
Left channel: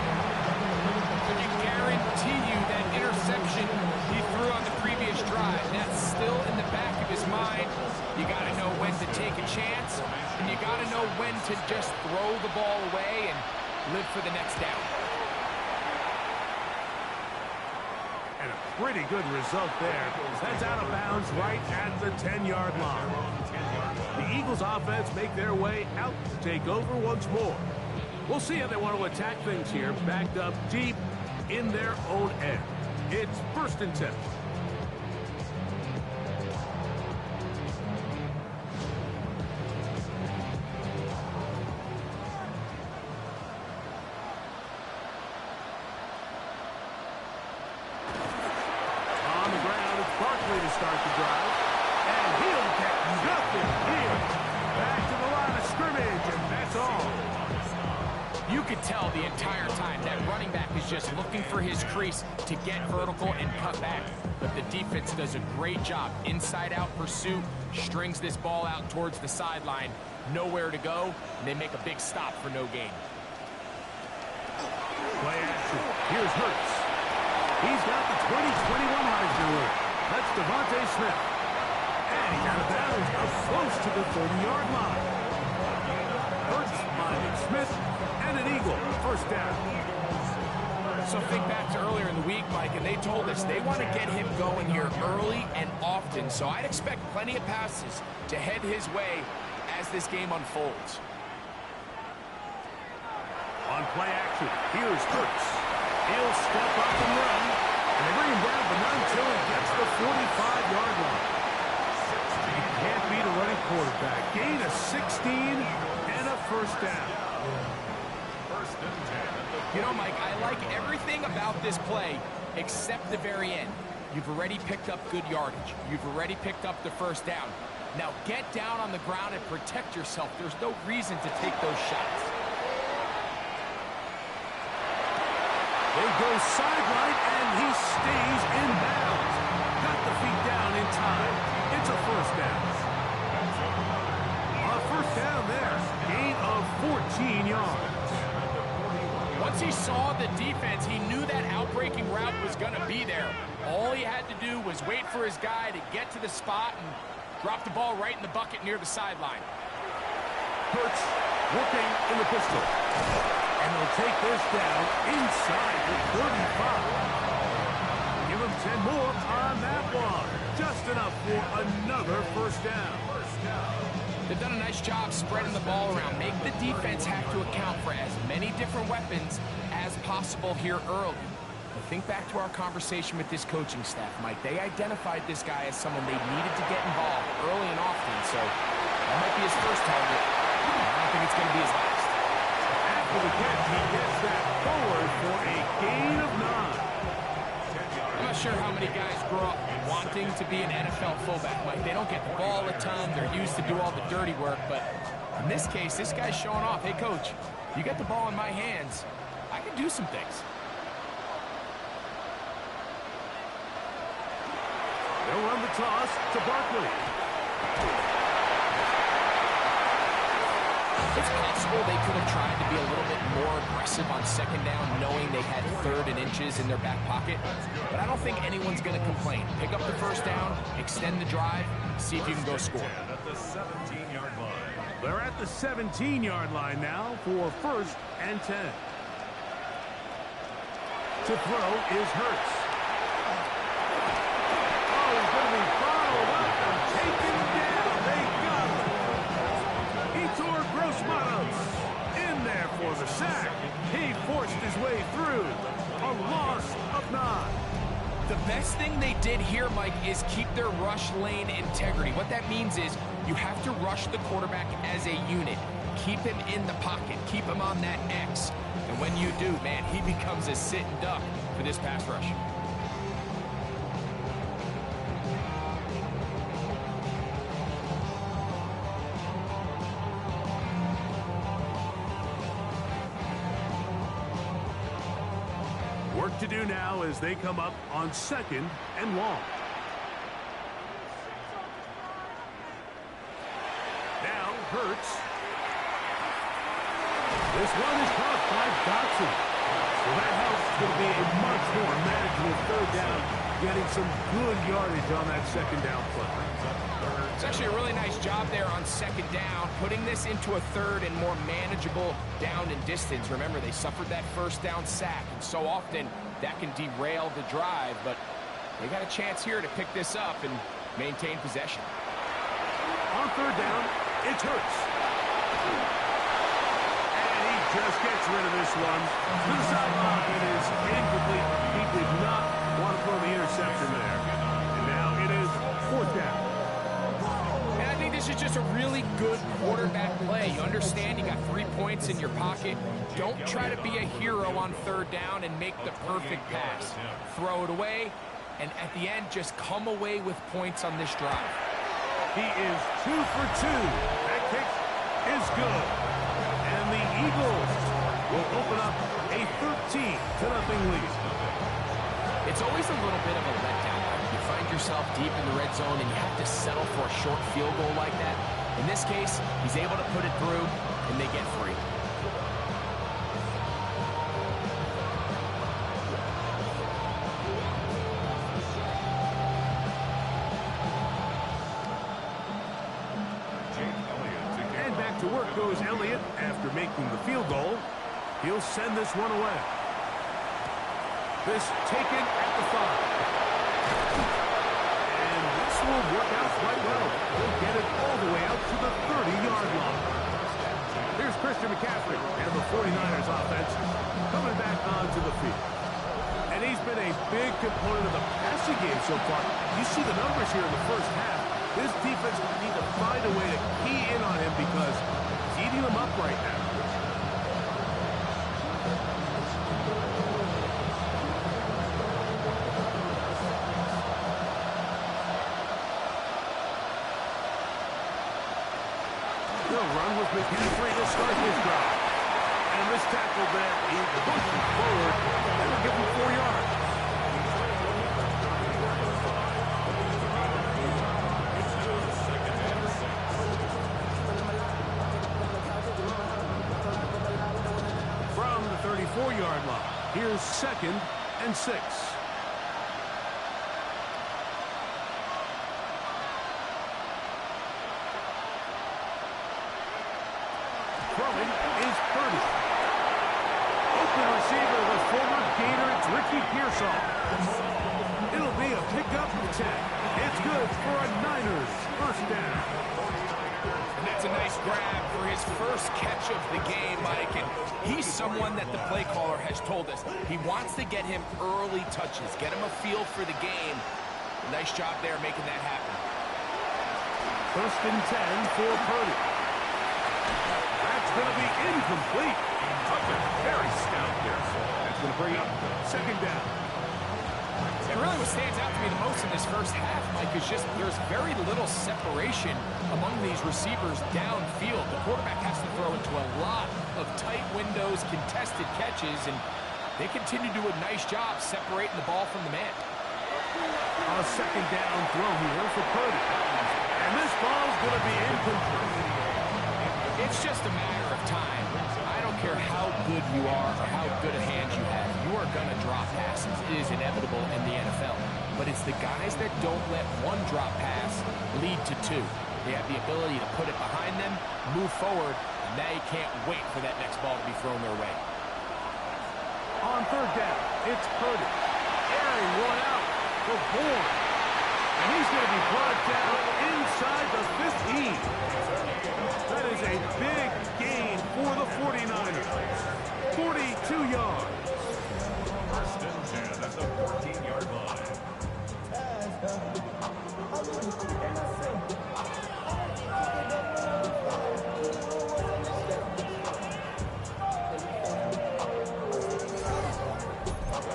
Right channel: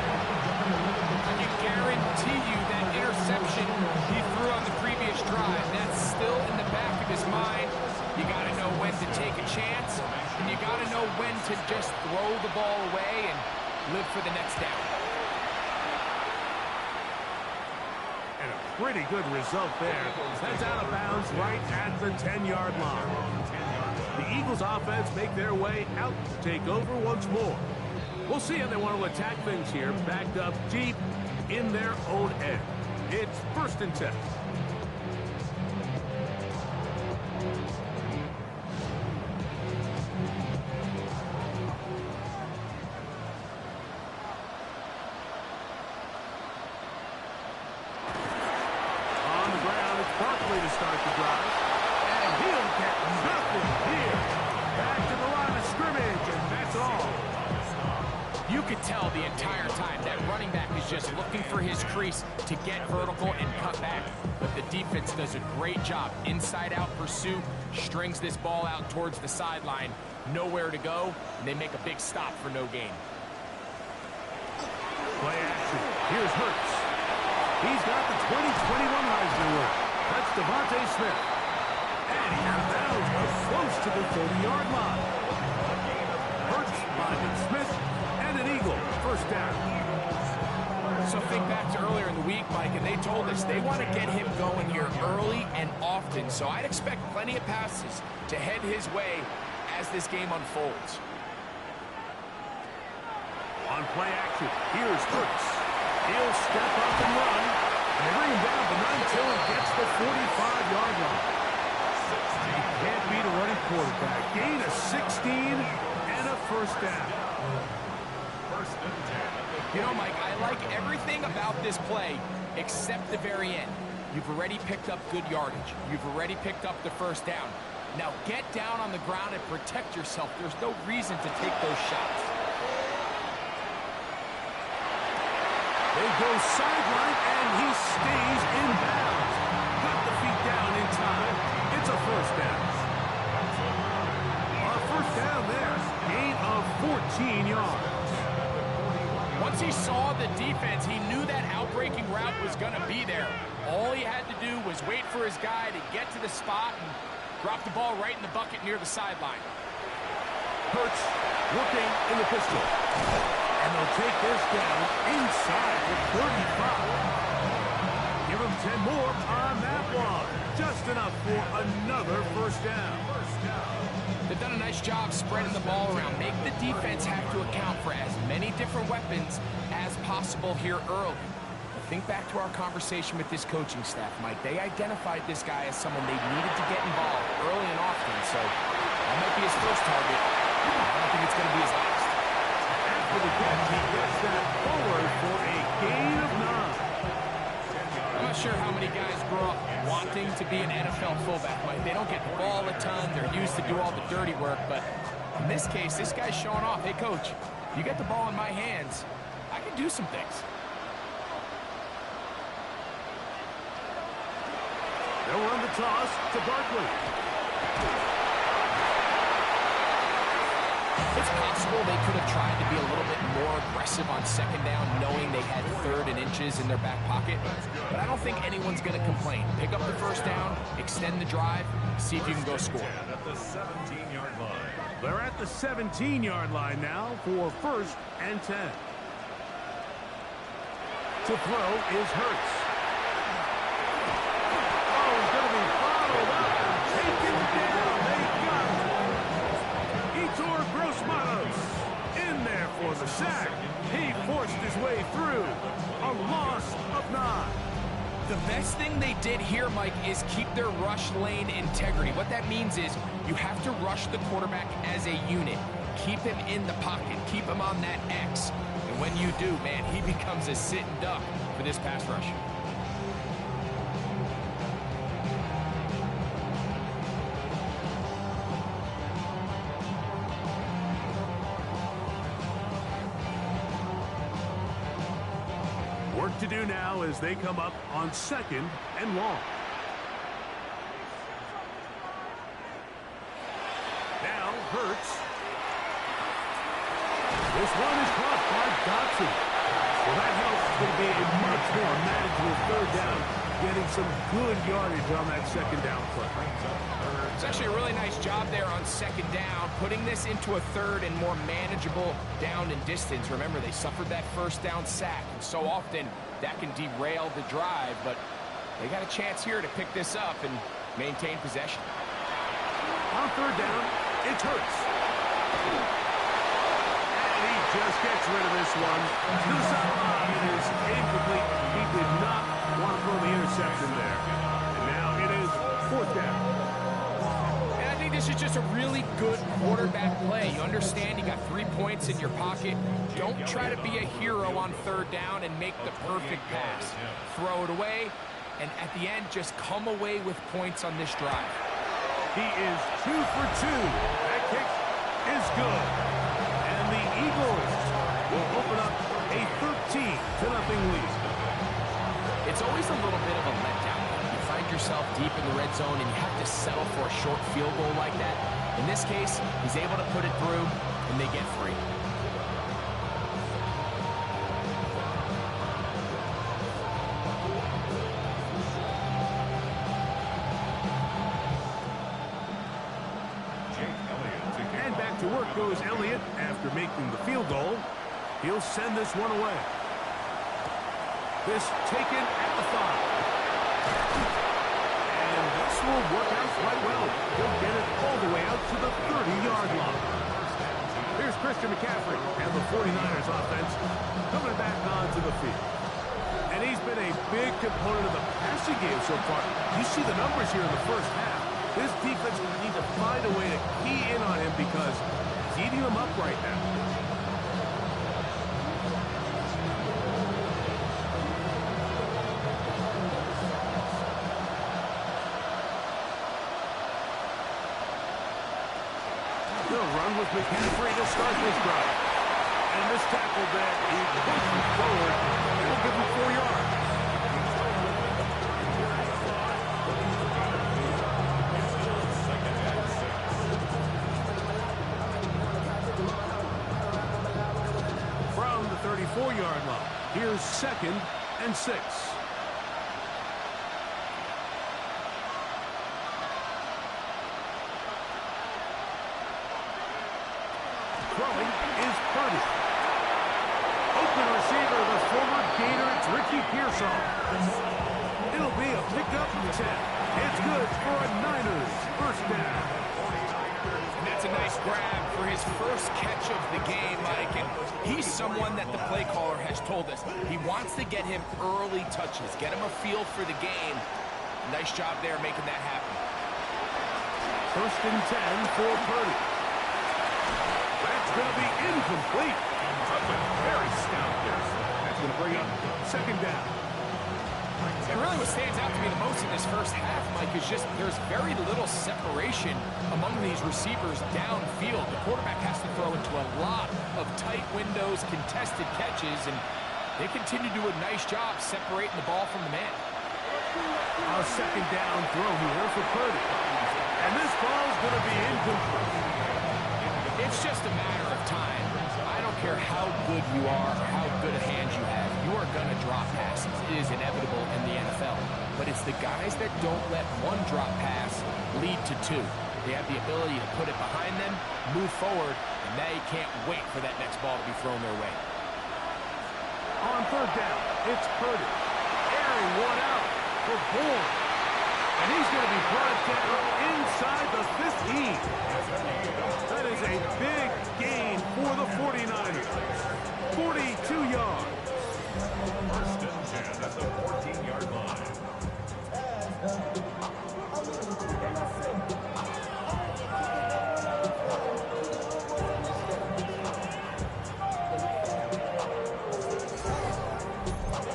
I can guarantee you that interception he threw on the previous drive, that's still in the back of his mind. You got to know when to take a chance, and you got to know when to just throw the ball away and live for the next down. And a pretty good result there. That's out of bounds right at the 10-yard line. The Eagles offense make their way out to take over once more. We'll see how they want to attack things here, backed up deep in their own end. It's 1st and 10. On the ground, it's Barkley to start the drive. And he'll get nothing here. Back to the line of scrimmage, and that's all. You could tell the entire time that running back is just looking for his crease to get vertical and cut back. But the defense does a great job. Inside-out pursuit, strings this ball out towards the sideline. Nowhere to go, and they make a big stop for no gain. Play action. Here's Hurts. He's got the 2021 Heisman winner. That's Devontae Smith. And he's out of bounds, up close to the 30-yard line. Hurts finding Smith. And an Eagle, 1st down. So think back to earlier in the week, Mike, and they told us they want to get him going here early and often. So I'd expect plenty of passes to head his way as this game unfolds. On play action, here's Hurts. He'll step up and run. And they bring him down, but not until he gets the 45-yard line. You can't beat a running quarterback. Gain of 16 and a 1st down. You know, Mike, I like everything about this play except the very end. You've already picked up good yardage. You've already picked up the 1st down. Now get down on the ground and protect yourself. There's no reason to take those shots. They go sideline, and he stays in bounds. Got the feet down in time. It's a 1st down. A 1st down there. Gain of 14 yards. Once he saw the defense, he knew that outbreaking route was going to be there. All he had to do was wait for his guy to get to the spot and drop the ball right in the bucket near the sideline. Hurts working in the pistol. And they'll take this down inside the 35. Give him 10 more on that one. Just enough for another 1st down. They've done a nice job spreading the ball around. Make the defense have to account for as many different weapons as possible here early. But think back to our conversation with this coaching staff, Mike. They identified this guy as someone they needed to get involved early and often. So that might be his first target. I don't think it's going to be his last. After the catch, he gets that forward for a gain of 9. I'm not sure how many guys grow up wanting to be an NFL fullback, Mike. They don't get the ball a ton. They're used to do all the dirty work. But in this case, this guy's showing off. Hey, coach, you get the ball in my hands, I can do some things. They'll run the toss to Barkley. It's possible they could have tried to be a little bit more aggressive on 2nd down, knowing they had 3rd and inches in their back pocket. But I don't think anyone's going to complain. Pick up the 1st down, extend the drive, see if you can go score. At the 17-yard line. They're at the 17-yard line now for 1st and 10. To throw is Hurts. Oh, he's going to be bottled up and taken down. They got him. Heitor Gross-Matos in there for the sack. He forced his way through. A loss of 9. The best thing they did here, Mike, is keep their rush lane integrity. What that means is you have to rush the quarterback as a unit. Keep him in the pocket. Keep him on that X. And when you do, man, he becomes a sitting duck for this pass rush. What to do now as they come up on 2nd and long. Now Hurts. This one is caught by Dotson. Well, that helps. It's going to be a much more manageable 3rd down, getting some good yardage on that 2nd down play. It's actually a really nice job there on 2nd down, putting this into a 3rd and more manageable down and distance. Remember, they suffered that 1st down sack, and so often that can derail the drive, but they got a chance here to pick this up and maintain possession. On 3rd down, it's Hurts. And he just gets rid of this one. To the sideline, it is incomplete. He did not want to throw the interception there. And now it is 4th down. And I think this is just a really good quarterback play. You understand you got 3 points in your pocket. Don't try to be a hero on 3rd down and make the perfect pass. Throw it away, and at the end, just come away with points on this drive. He is 2 for 2. That kick is good. And the Eagles will open up a 13-0 lead. It's always a little bit of a letdown. You find yourself deep in the red zone and you have to settle for a short field goal like that. In this case, he's able to put it through and they get free. And back to work goes Elliott after making the field goal. He'll send this one away. This taken at the 5. And this will work out quite well. He'll get it all the way out to the 30-yard line. Here's Christian McCaffrey and the 49ers offense coming back onto the field. And he's been a big component of the passing game so far. You see the numbers here in the first half. This defense will need to find a way to key in on him because he's eating them up right now. The run with McCaffrey to start this drive. And this tackle that he pushes forward, that will give him 4 yards. From the 34-yard line, here's 2nd and 6. Throwing is Purdy. Open receiver, the former Gator, it's Ricky Pearsall. It'll be a pickup of 10. It's good for a Niners 1st down. And that's a nice grab for his first catch of the game, Mike. And he's someone that the play caller has told us he wants to get him early touches, get him a feel for the game. Nice job there making that happen. 1st and 10 for Purdy. That's going to be incomplete. Very stout there. That's going to bring up 2nd down. And really what stands out to me the most in this first half, Mike, is just there's very little separation among these receivers downfield. The quarterback has to throw into a lot of tight windows, contested catches, and they continue to do a nice job separating the ball from the man. A 2nd down throw here for Purdy. And this ball's going to be incomplete. It's just a matter of time. I don't care how good you are or how good a hand you have. You are going to drop passes. It is inevitable in the NFL. But it's the guys that don't let one drop pass lead to 2. They have the ability to put it behind them, move forward, and they can't wait for that next ball to be thrown their way. On 3rd down, it's Purdy. Airing one out for Bourne. And he's going to be brought down inside the 15. That is a big gain for the 49ers. 42 yards. 1st and 10 at the 14-yard line.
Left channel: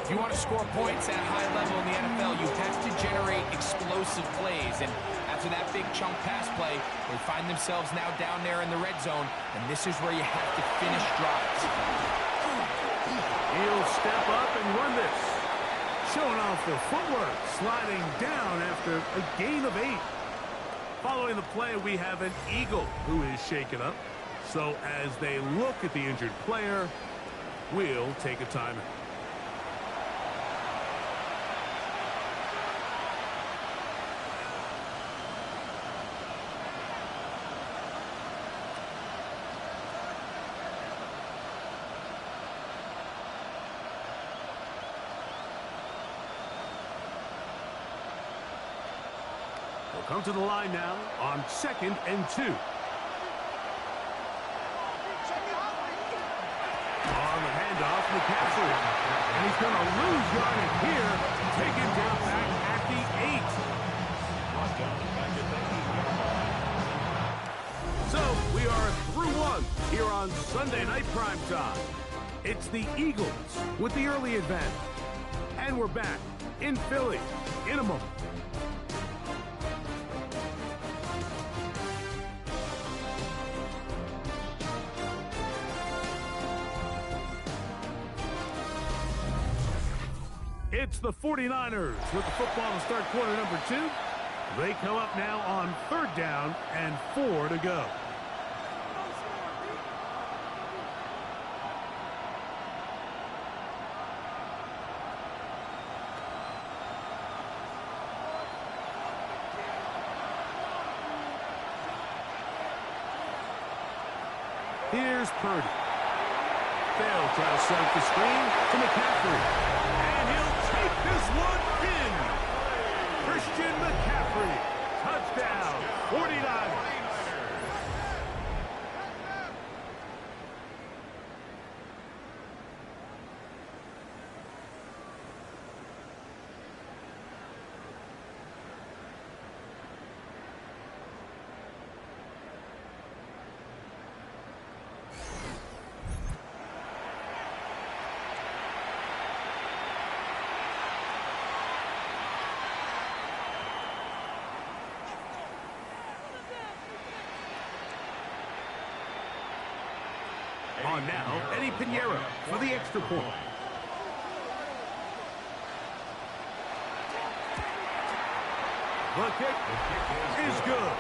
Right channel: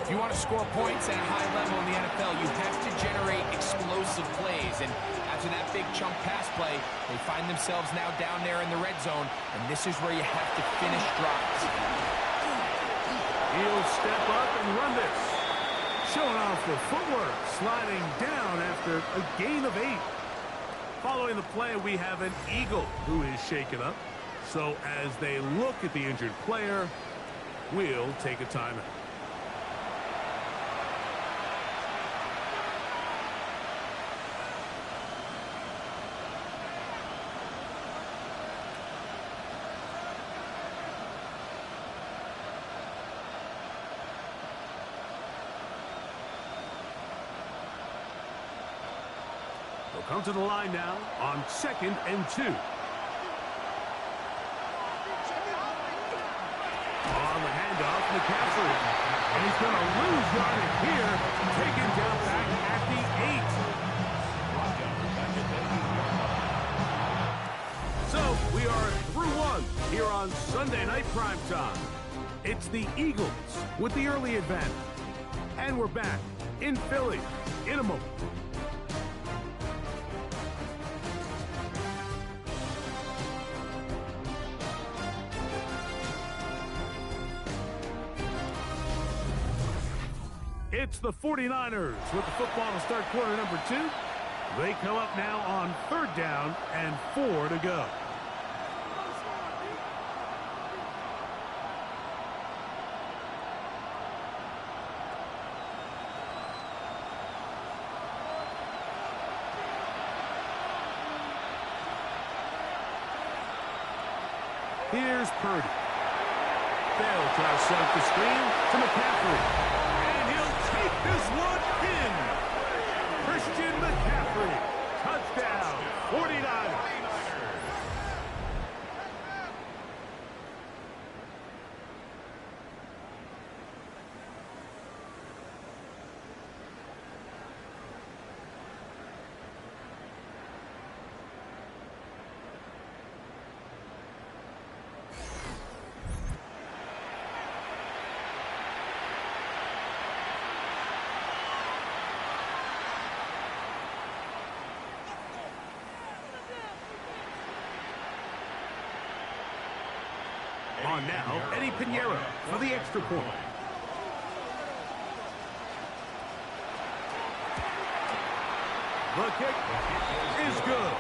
If you want to score points at a high level in the NFL, you have to generate explosive plays. And after that big chunk pass play, they find themselves now down there in the red zone, and this is where you have to finish drives. He'll step up and run this. Showing off the footwork, sliding down after a gain of 8. Following the play, we have an Eagle who is shaken up. So as they look at the injured player, we'll take a timeout. They'll come to the line now on 2nd and 2. On the handoff, McCaffrey. And he's going to lose yardage here. Taken down back at the 8. So we are through one here on Sunday Night Primetime. It's the Eagles with the early advantage. And we're back in Philly in a moment. It's the 49ers with the football to start quarter number 2. They come up now on 3rd down and 4 to go. Here's Purdy. They'll try to set up the screen to McCaffrey. Take this one in. Christian McCaffrey. Touchdown. 49ers. On now, Eddie Pinheiro for the extra point. The kick is good.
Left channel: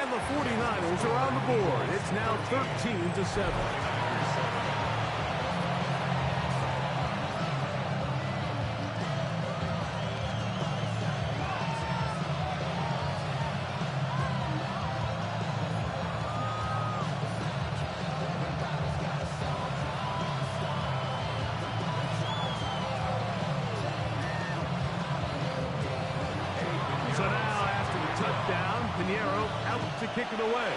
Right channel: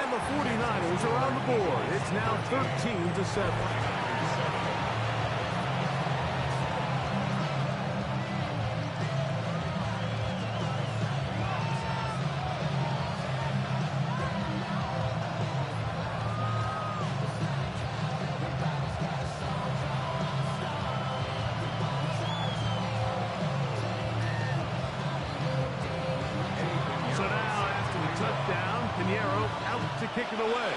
And the 49ers are on the board. It's now 13-7. So now, after the touchdown, Pinheiro out to kick it away.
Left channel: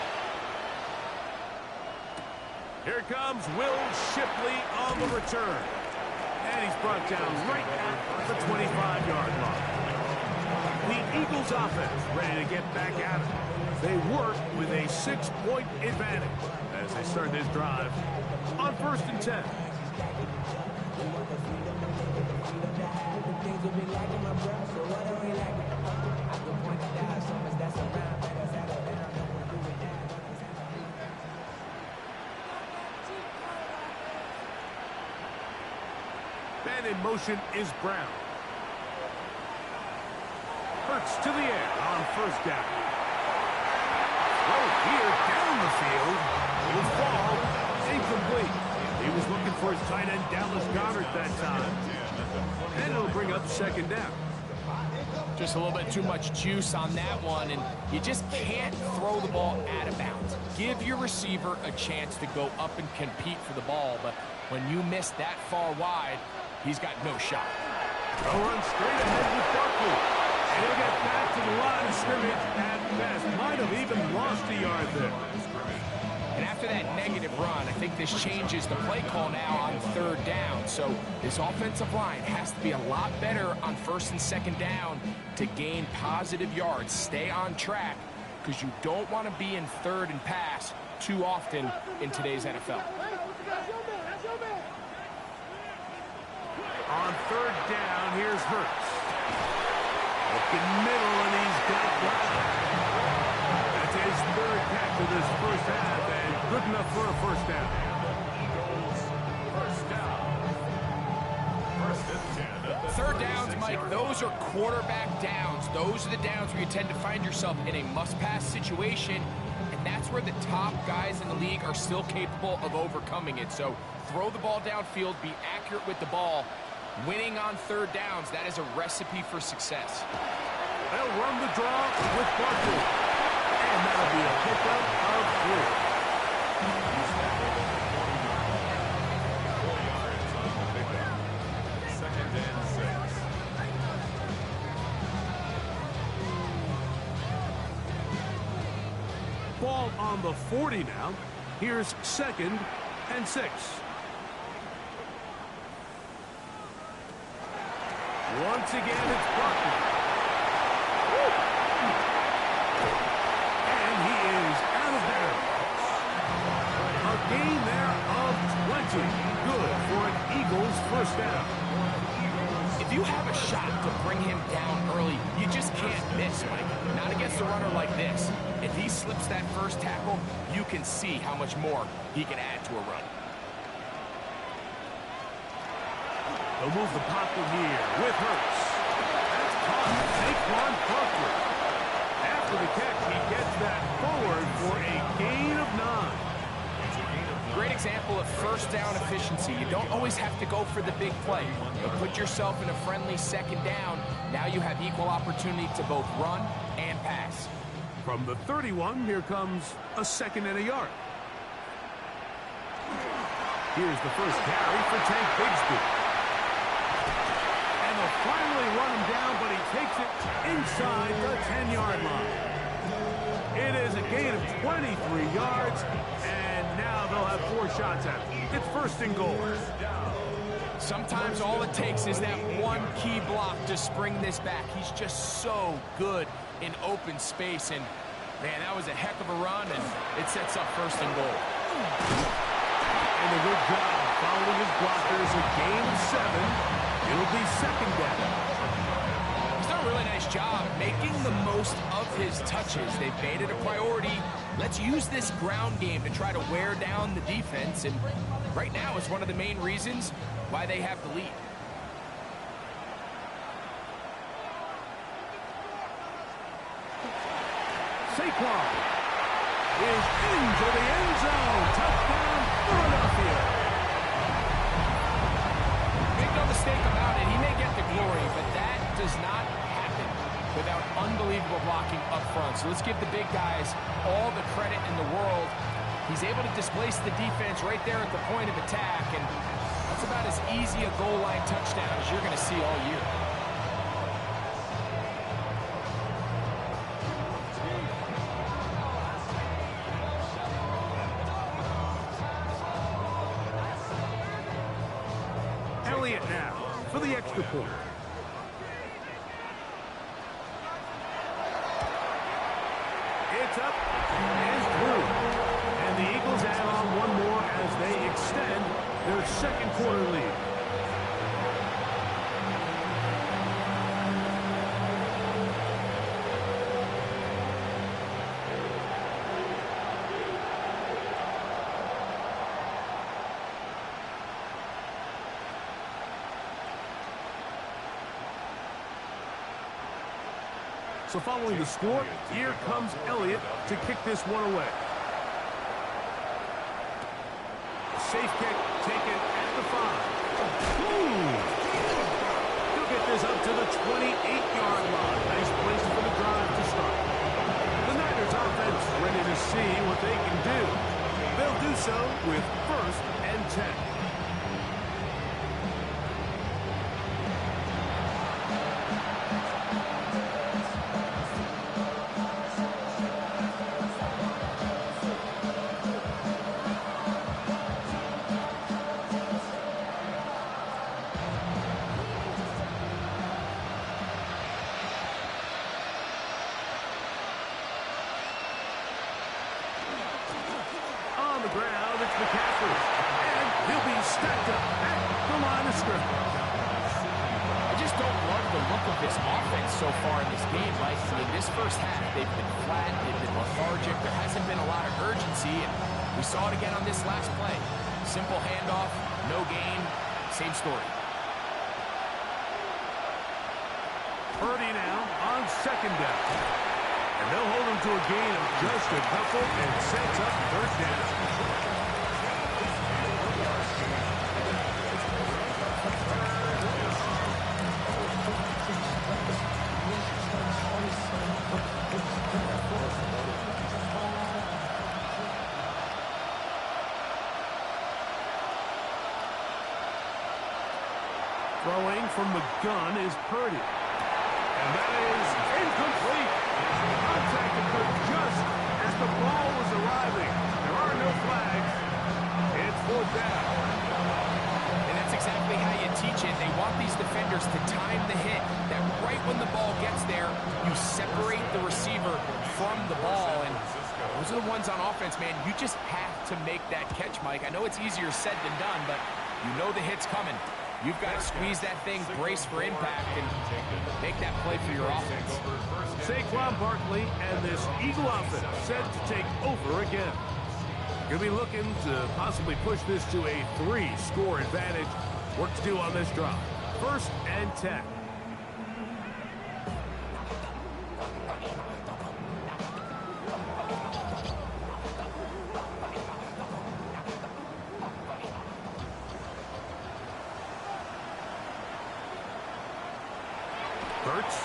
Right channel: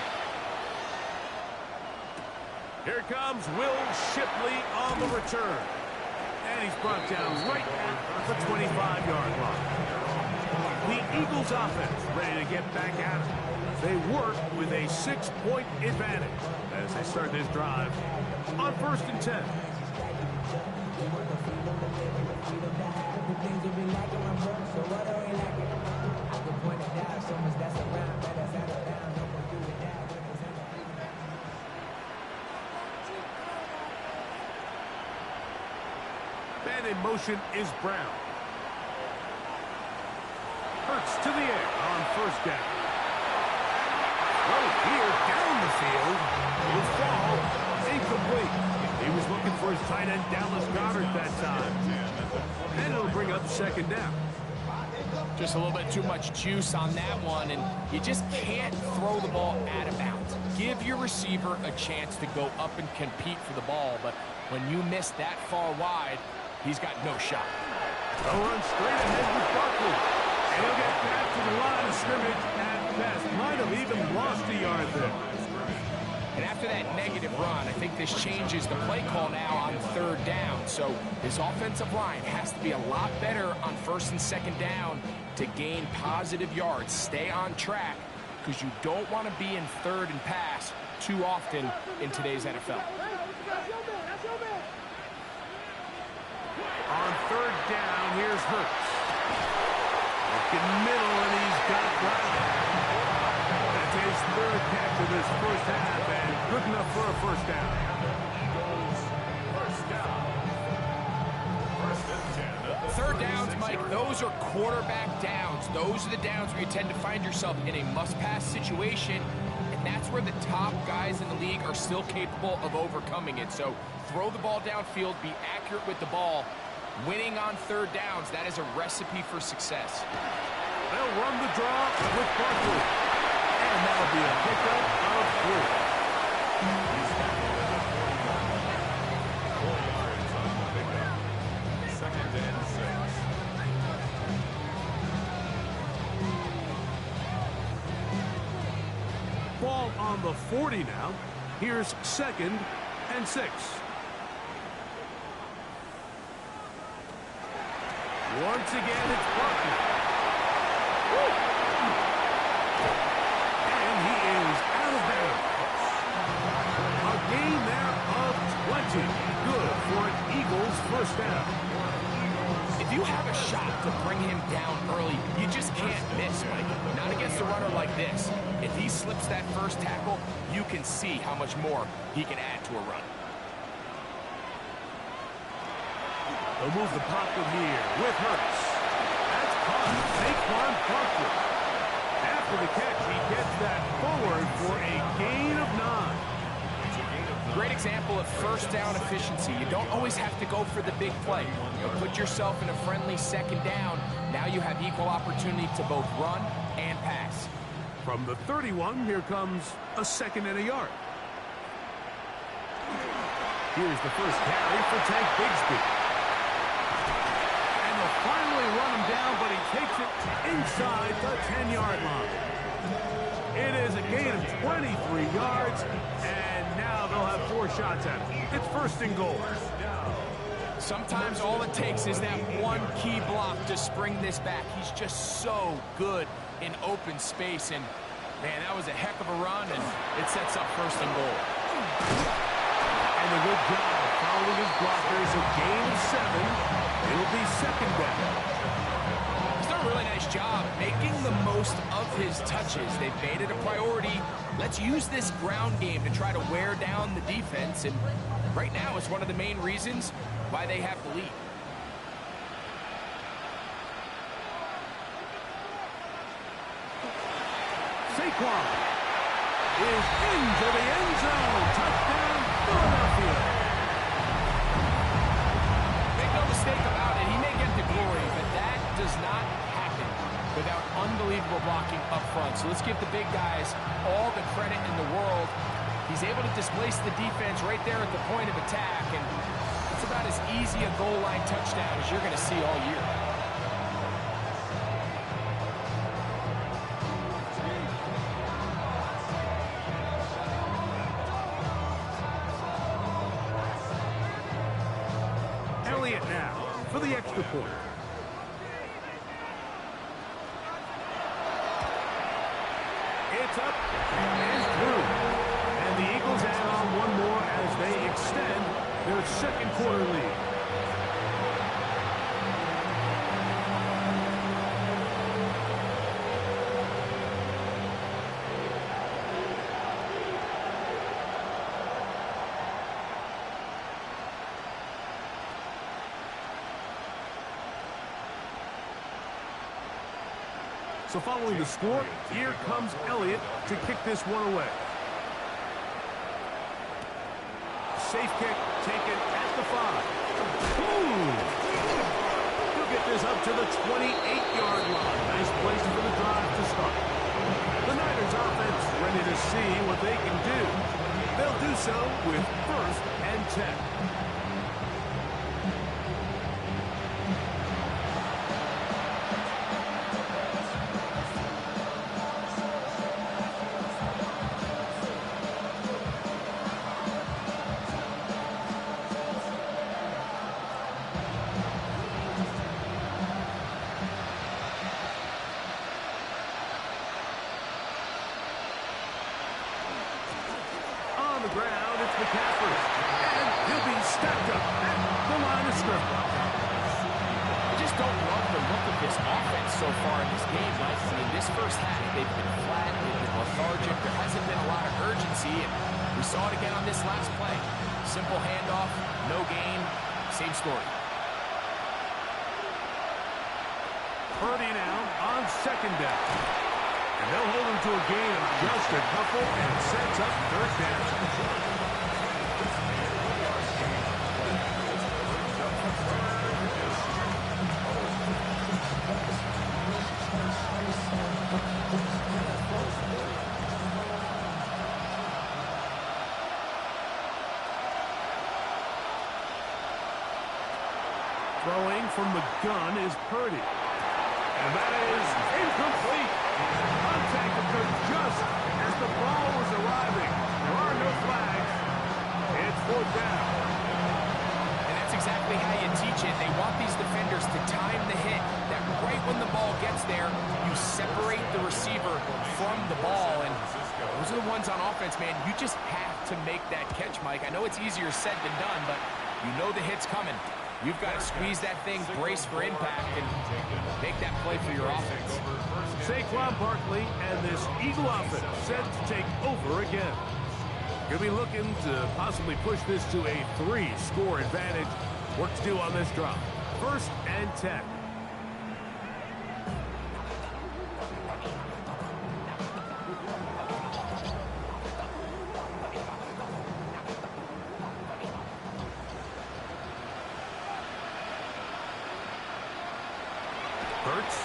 Here comes Will Shipley on the return. And he's brought down right at the 25-yard line. The Eagles offense ready to get back at it. They work with a 6-point advantage as they start this drive on 1st and 10. And in motion is Brown. Hurts to the air on 1st down. Throw here down the field. Will fall. Incomplete. He was looking for his tight end, Dallas Goedert, that time. And it'll bring up 2nd down. Just a little bit too much juice on that one, and you just can't throw the ball out of bounds. Give your receiver a chance to go up and compete for the ball, but when you miss that far wide, he's got no shot. They'll run straight ahead with Barkley. And he'll get back to the line of scrimmage at best. Might have even lost a yard there. And after that negative run, I think this changes the play call now on 3rd down. So this offensive line has to be a lot better on 1st and 2nd down to gain positive yards. Stay on track because you don't want to be in 3rd and pass too often in today's NFL. On 3rd down, here's Hurts. Looking middle, and he's got Brown. That's his 3rd catch of this 1st half, and good enough for a 1st down. Eagles, 1st down. First and 10 at the Third downs, 36-yard Mike, those are quarterback downs. Those are the downs where you tend to find yourself in a must-pass situation, and that's where the top guys in the league are still capable of overcoming it. So throw the ball downfield, be accurate with the ball. Winning on third downs, that is a recipe for success. They'll run the draw with Barkley. And that'll be a pickup of 3. He's tackled at the 40-yard line. 4 yards on the pickup. Second and 6. Ball on the 40 now. Here's 2nd and 6. Once again, it's Barkley. Woo! And he is out of bounds. A gain there of 20. Good for an Eagles first down. If you have a shot to bring him down early, you just can't miss, Mike. Not against a runner like this. If he slips that first tackle, you can see how much more he can add to a run. They'll move the pocket here with Hurts. That's caught. Saquon Barkley. After the catch, he gets that forward for a gain of 9. Great example of first down efficiency. You don't always have to go for the big play. But put yourself in a friendly second down. Now you have equal opportunity to both run and pass. From the 31, here comes a 2nd and a yard. Here's the first carry for Tank Bigsby. And they'll finally run him down, but he takes it inside the 10-yard line. It is a gain of 23 yards, and now they'll have 4 shots at it. It's 1st and goal. Sometimes all it takes is that one key block to spring this back. He's just so good in open space, and man, that was a heck of a run, and it sets up 1st and goal. And a good job following his blockers. A gain of 7. It'll be 2nd down. He's done a really nice job making the most of his touches. They've made it a priority. Let's use this ground game to try to wear down the defense, and right now it's one of the main reasons why they have the lead. Saquon is into the end zone. Touchdown, Philadelphia. Make no mistake about it, he may get the glory, but that does not happen without unbelievable blocking up front. So let's give the big guys all the credit in the world. He's able to displace the defense right there at the point of attack, and that's about as easy a goal line touchdown as you're going to see all year. Elliott now for the extra point. It's up and through. And the Eagles add on one more as they extend their 2nd quarter lead. So following the score, here comes Elliott to kick this one away. Safe kick taken at the 5. He'll get this up to the 28-yard line. Nice place for the drive to start. The Niners offense ready to see what they can do. They'll do so with 1st and 10. On the ground, it's McCaffrey. And he'll be stacked up at the line of scrimmage. I just don't love the look of this offense so far in this game, Mike. I mean, this first half, they've been flat, they've been lethargic. There hasn't been a lot of urgency, and we saw it again on this last play. Simple handoff, no gain, same story. Purdy now on second down. And they'll hold him to a gain of just a couple and sets up third down. Throwing from the gun is Purdy. And that is incomplete. Contact occurred just as the ball was arriving. There are no flags. It's fourth down. And that's exactly how you teach it. They want these defenders to time the hit. That right when the ball gets there, you separate the receiver from the ball. And those are the ones on offense, man. You just have to make that catch, Mike. I know it's easier said than done, but you know the hit's coming. You've got to squeeze that thing, brace for impact, and make that play for your offense. Saquon Barkley and this Eagle offense set to take over again. Going to be looking to possibly push this to a 3-score advantage. Work to do on this drive. 1st and 10. Hurts.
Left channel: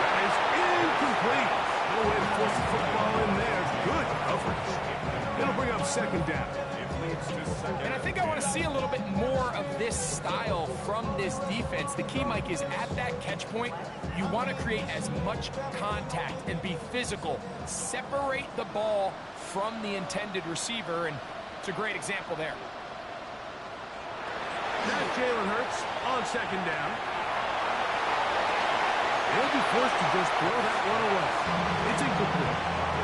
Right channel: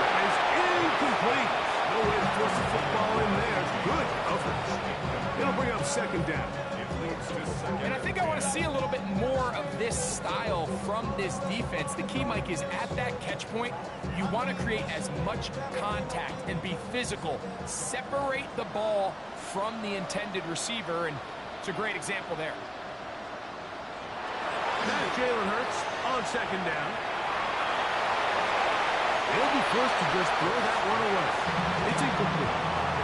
That is incomplete. No way to force the football in there. Good coverage. It'll bring up second down. And I think I want to see a little bit more of this style from this defense. The key, Mike, is at that catch point, you want to create as much contact and be physical. Separate the ball from the intended receiver, and it's a great example there. That's Jalen Hurts on second down. He'll be forced to just throw that one away. It's incomplete.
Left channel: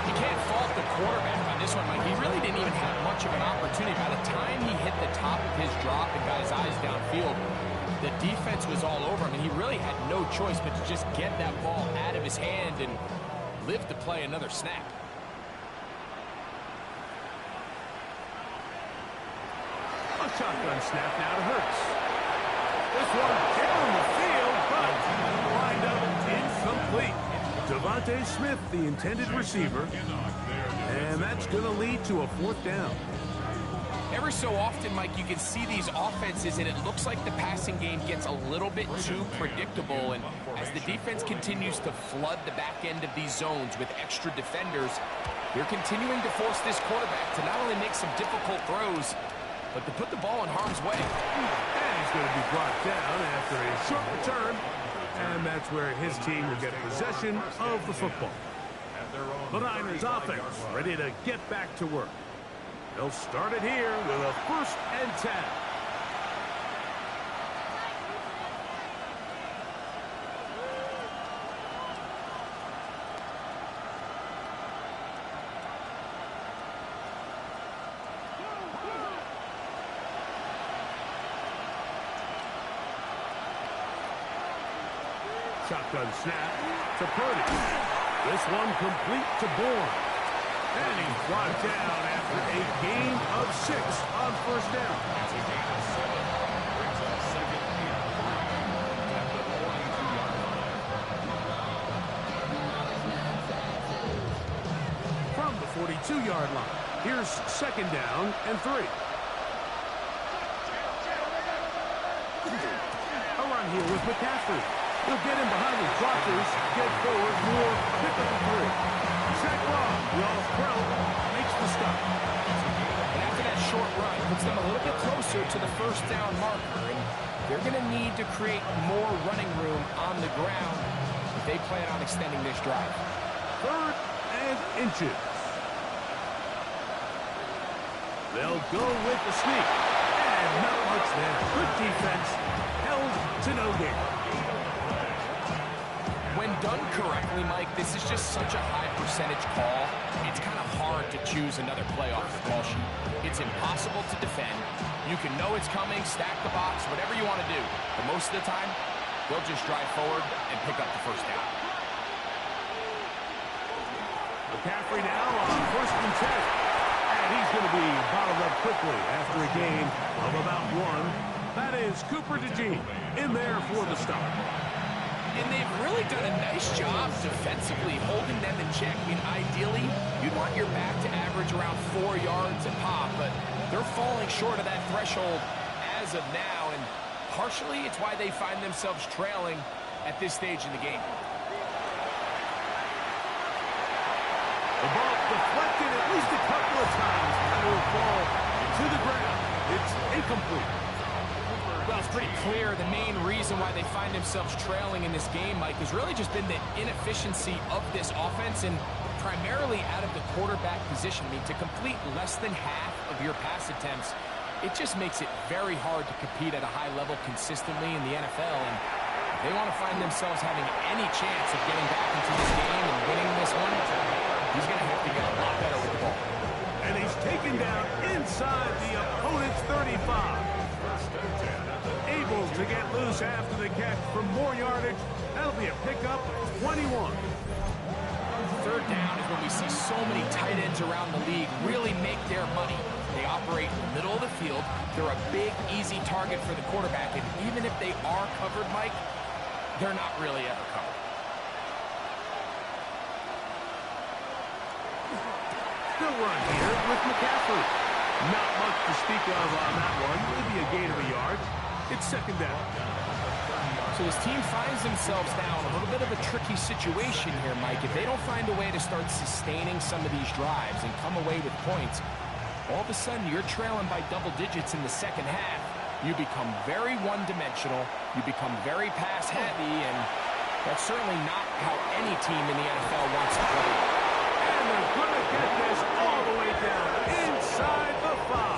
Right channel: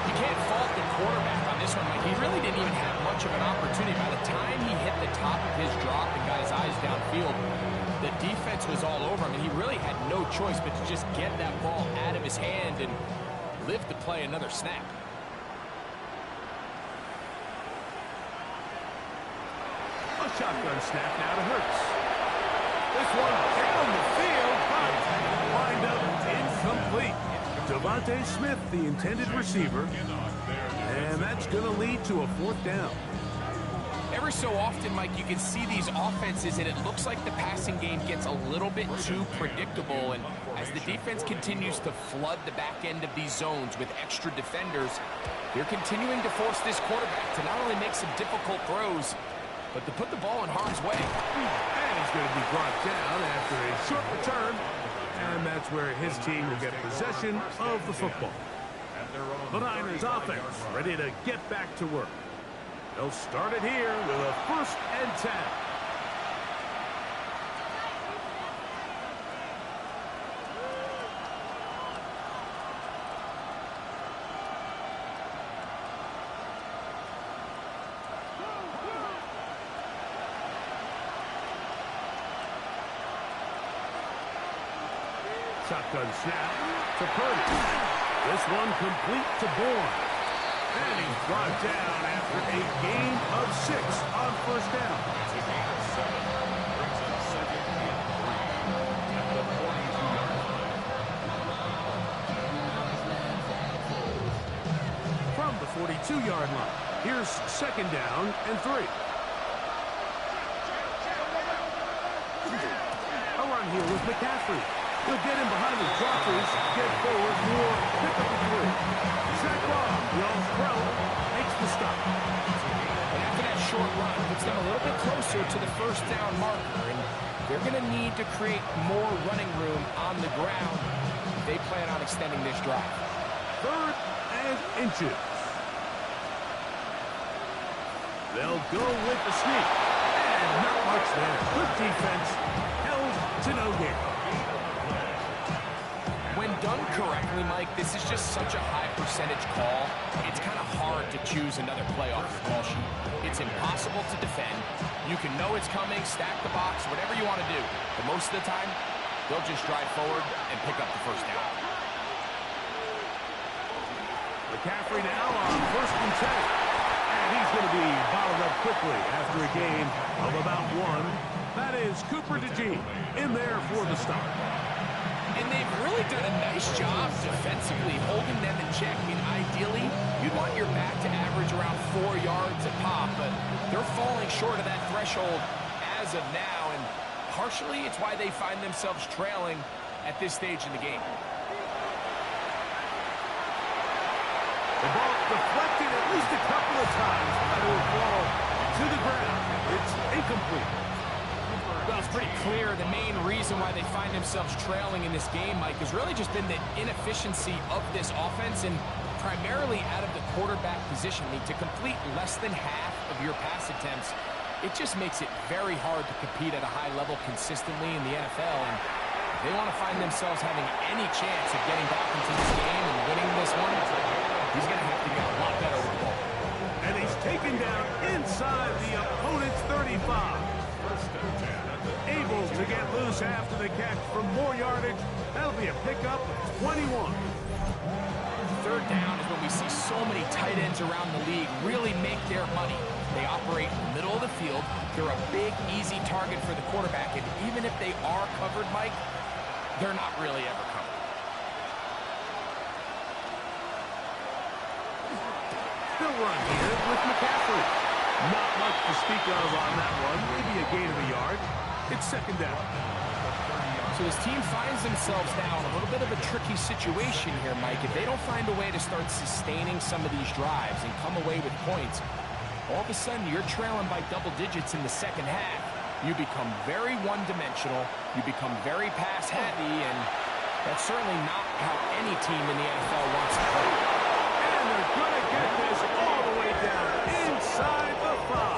You can't fault the quarterback on this one, Mike. He really didn't even have much of an opportunity. By the time he hit the top of his drop and got his eyes downfield, the defense was all over him, and he really had no choice but to just get that ball out of his hand and live to play another snap. A shotgun snap now to Hurts. This one down the field, but lined up incomplete. Devontae Smith, the intended receiver, and that's going to lead to a 4th down. Every so often, Mike, you can see these offenses, and it looks like the passing game gets a little bit too predictable. And as the defense continues to flood the back end of these zones with extra defenders, they're continuing to force this quarterback to not only make some difficult throws, but to put the ball in harm's way. And he's going to be brought down after a short return. And that's where his team will get possession of the football. The Niners offense ready to get back to work. They'll start it here with a 1st and 10. Shotgun snap to Purdy. This one complete to Bourne. And he's brought down after a gain of 6 on 1st down. It's a gain of 7. Brings up 2nd and 3 at the 42-yard line. From the 42-yard line, here's 2nd down and 3. A run here with McCaffrey. He'll get in behind his blockers, get forward, more, pick up the 3. Saquon, the All-Pro, makes the stop. And after that short run, puts them a little bit closer to the 1st down marker. And they're going to need to create more running room on the ground if they plan on extending this drive. 3rd and inches. They'll go with the sneak. And not much there. Good defense. Held to no gain. When done correctly, Mike, this is just such a high percentage call. It's kind of hard to choose another play off your call sheet. It's impossible to defend. You can know it's coming, stack the box, whatever you want to do. But most of the time, they'll just drive forward and pick up the 1st down. McCaffrey now on 1st and 10. And And he's going to be bottled up quickly after a game of about 1. That is Cooper DeJean in there for the start. And they've really done a nice job defensively holding them in check. I mean, ideally, you'd want your back to average around 4 yards a pop, but they're falling short of that threshold as of now, and partially it's why they find themselves trailing at this stage in the game. The ball deflected at least a couple of times, but it will fall to the ground. It's incomplete. Well, it's pretty clear the main reason why they find themselves trailing in this game, Mike, has really just been the inefficiency of this offense and primarily out of the quarterback position. I mean, to complete less than half of your pass attempts, it just makes it very hard to compete at a high level consistently in the NFL. And if they want to find themselves having any chance of getting back into this game and winning this one, he's going to have to get a lot better with the ball. And he's taken down inside the opponent's 35. Able to get loose after the catch for more yardage. That'll be a pickup of 21. Third down is when we see so many tight ends around the league really make their money. They operate in the middle of the field. They're a big, easy target for the quarterback. And even if they are covered, Mike, they're not really ever covered. They'll run here with McCaffrey. Not much to speak of on that one. Maybe a gain of a yard. It's second down. So this team finds themselves now in a little bit of a tricky situation here, Mike. If they don't find a way to start sustaining some of these drives and come away with points, all of a sudden you're trailing by double digits in the second half. You become very one-dimensional. You become very pass-heavy, and that's certainly not how any team in the NFL wants to play. And they're going to get this all the way down inside the 5.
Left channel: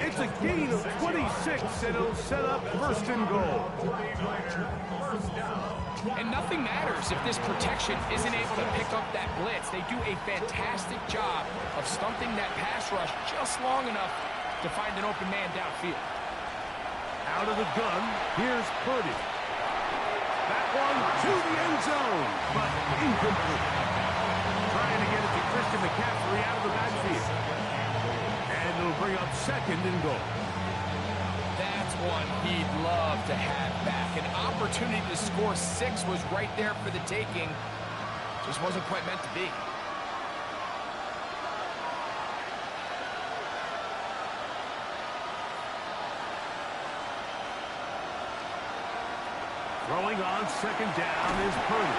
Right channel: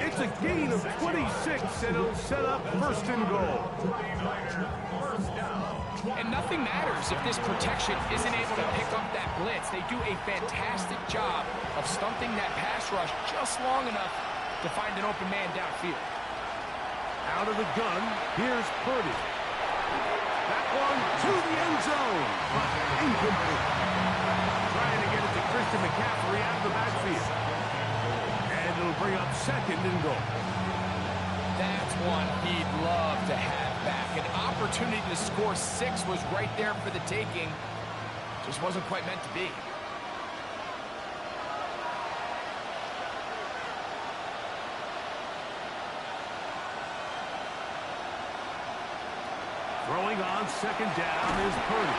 It's a gain of 26, and it'll set up first and goal. And nothing matters if this protection isn't able to pick up that blitz. They do a fantastic job of stumping that pass rush just long enough to find an open man downfield. Out of the gun, here's Purdy. That one to the end zone, but incomplete. Trying to get it to Christian McCaffrey out of the backfield. And it'll bring up second and goal. That's one he'd love to have back. An opportunity to score 6 was right there for the taking. Just wasn't quite meant to be. Throwing on second down is Purdy.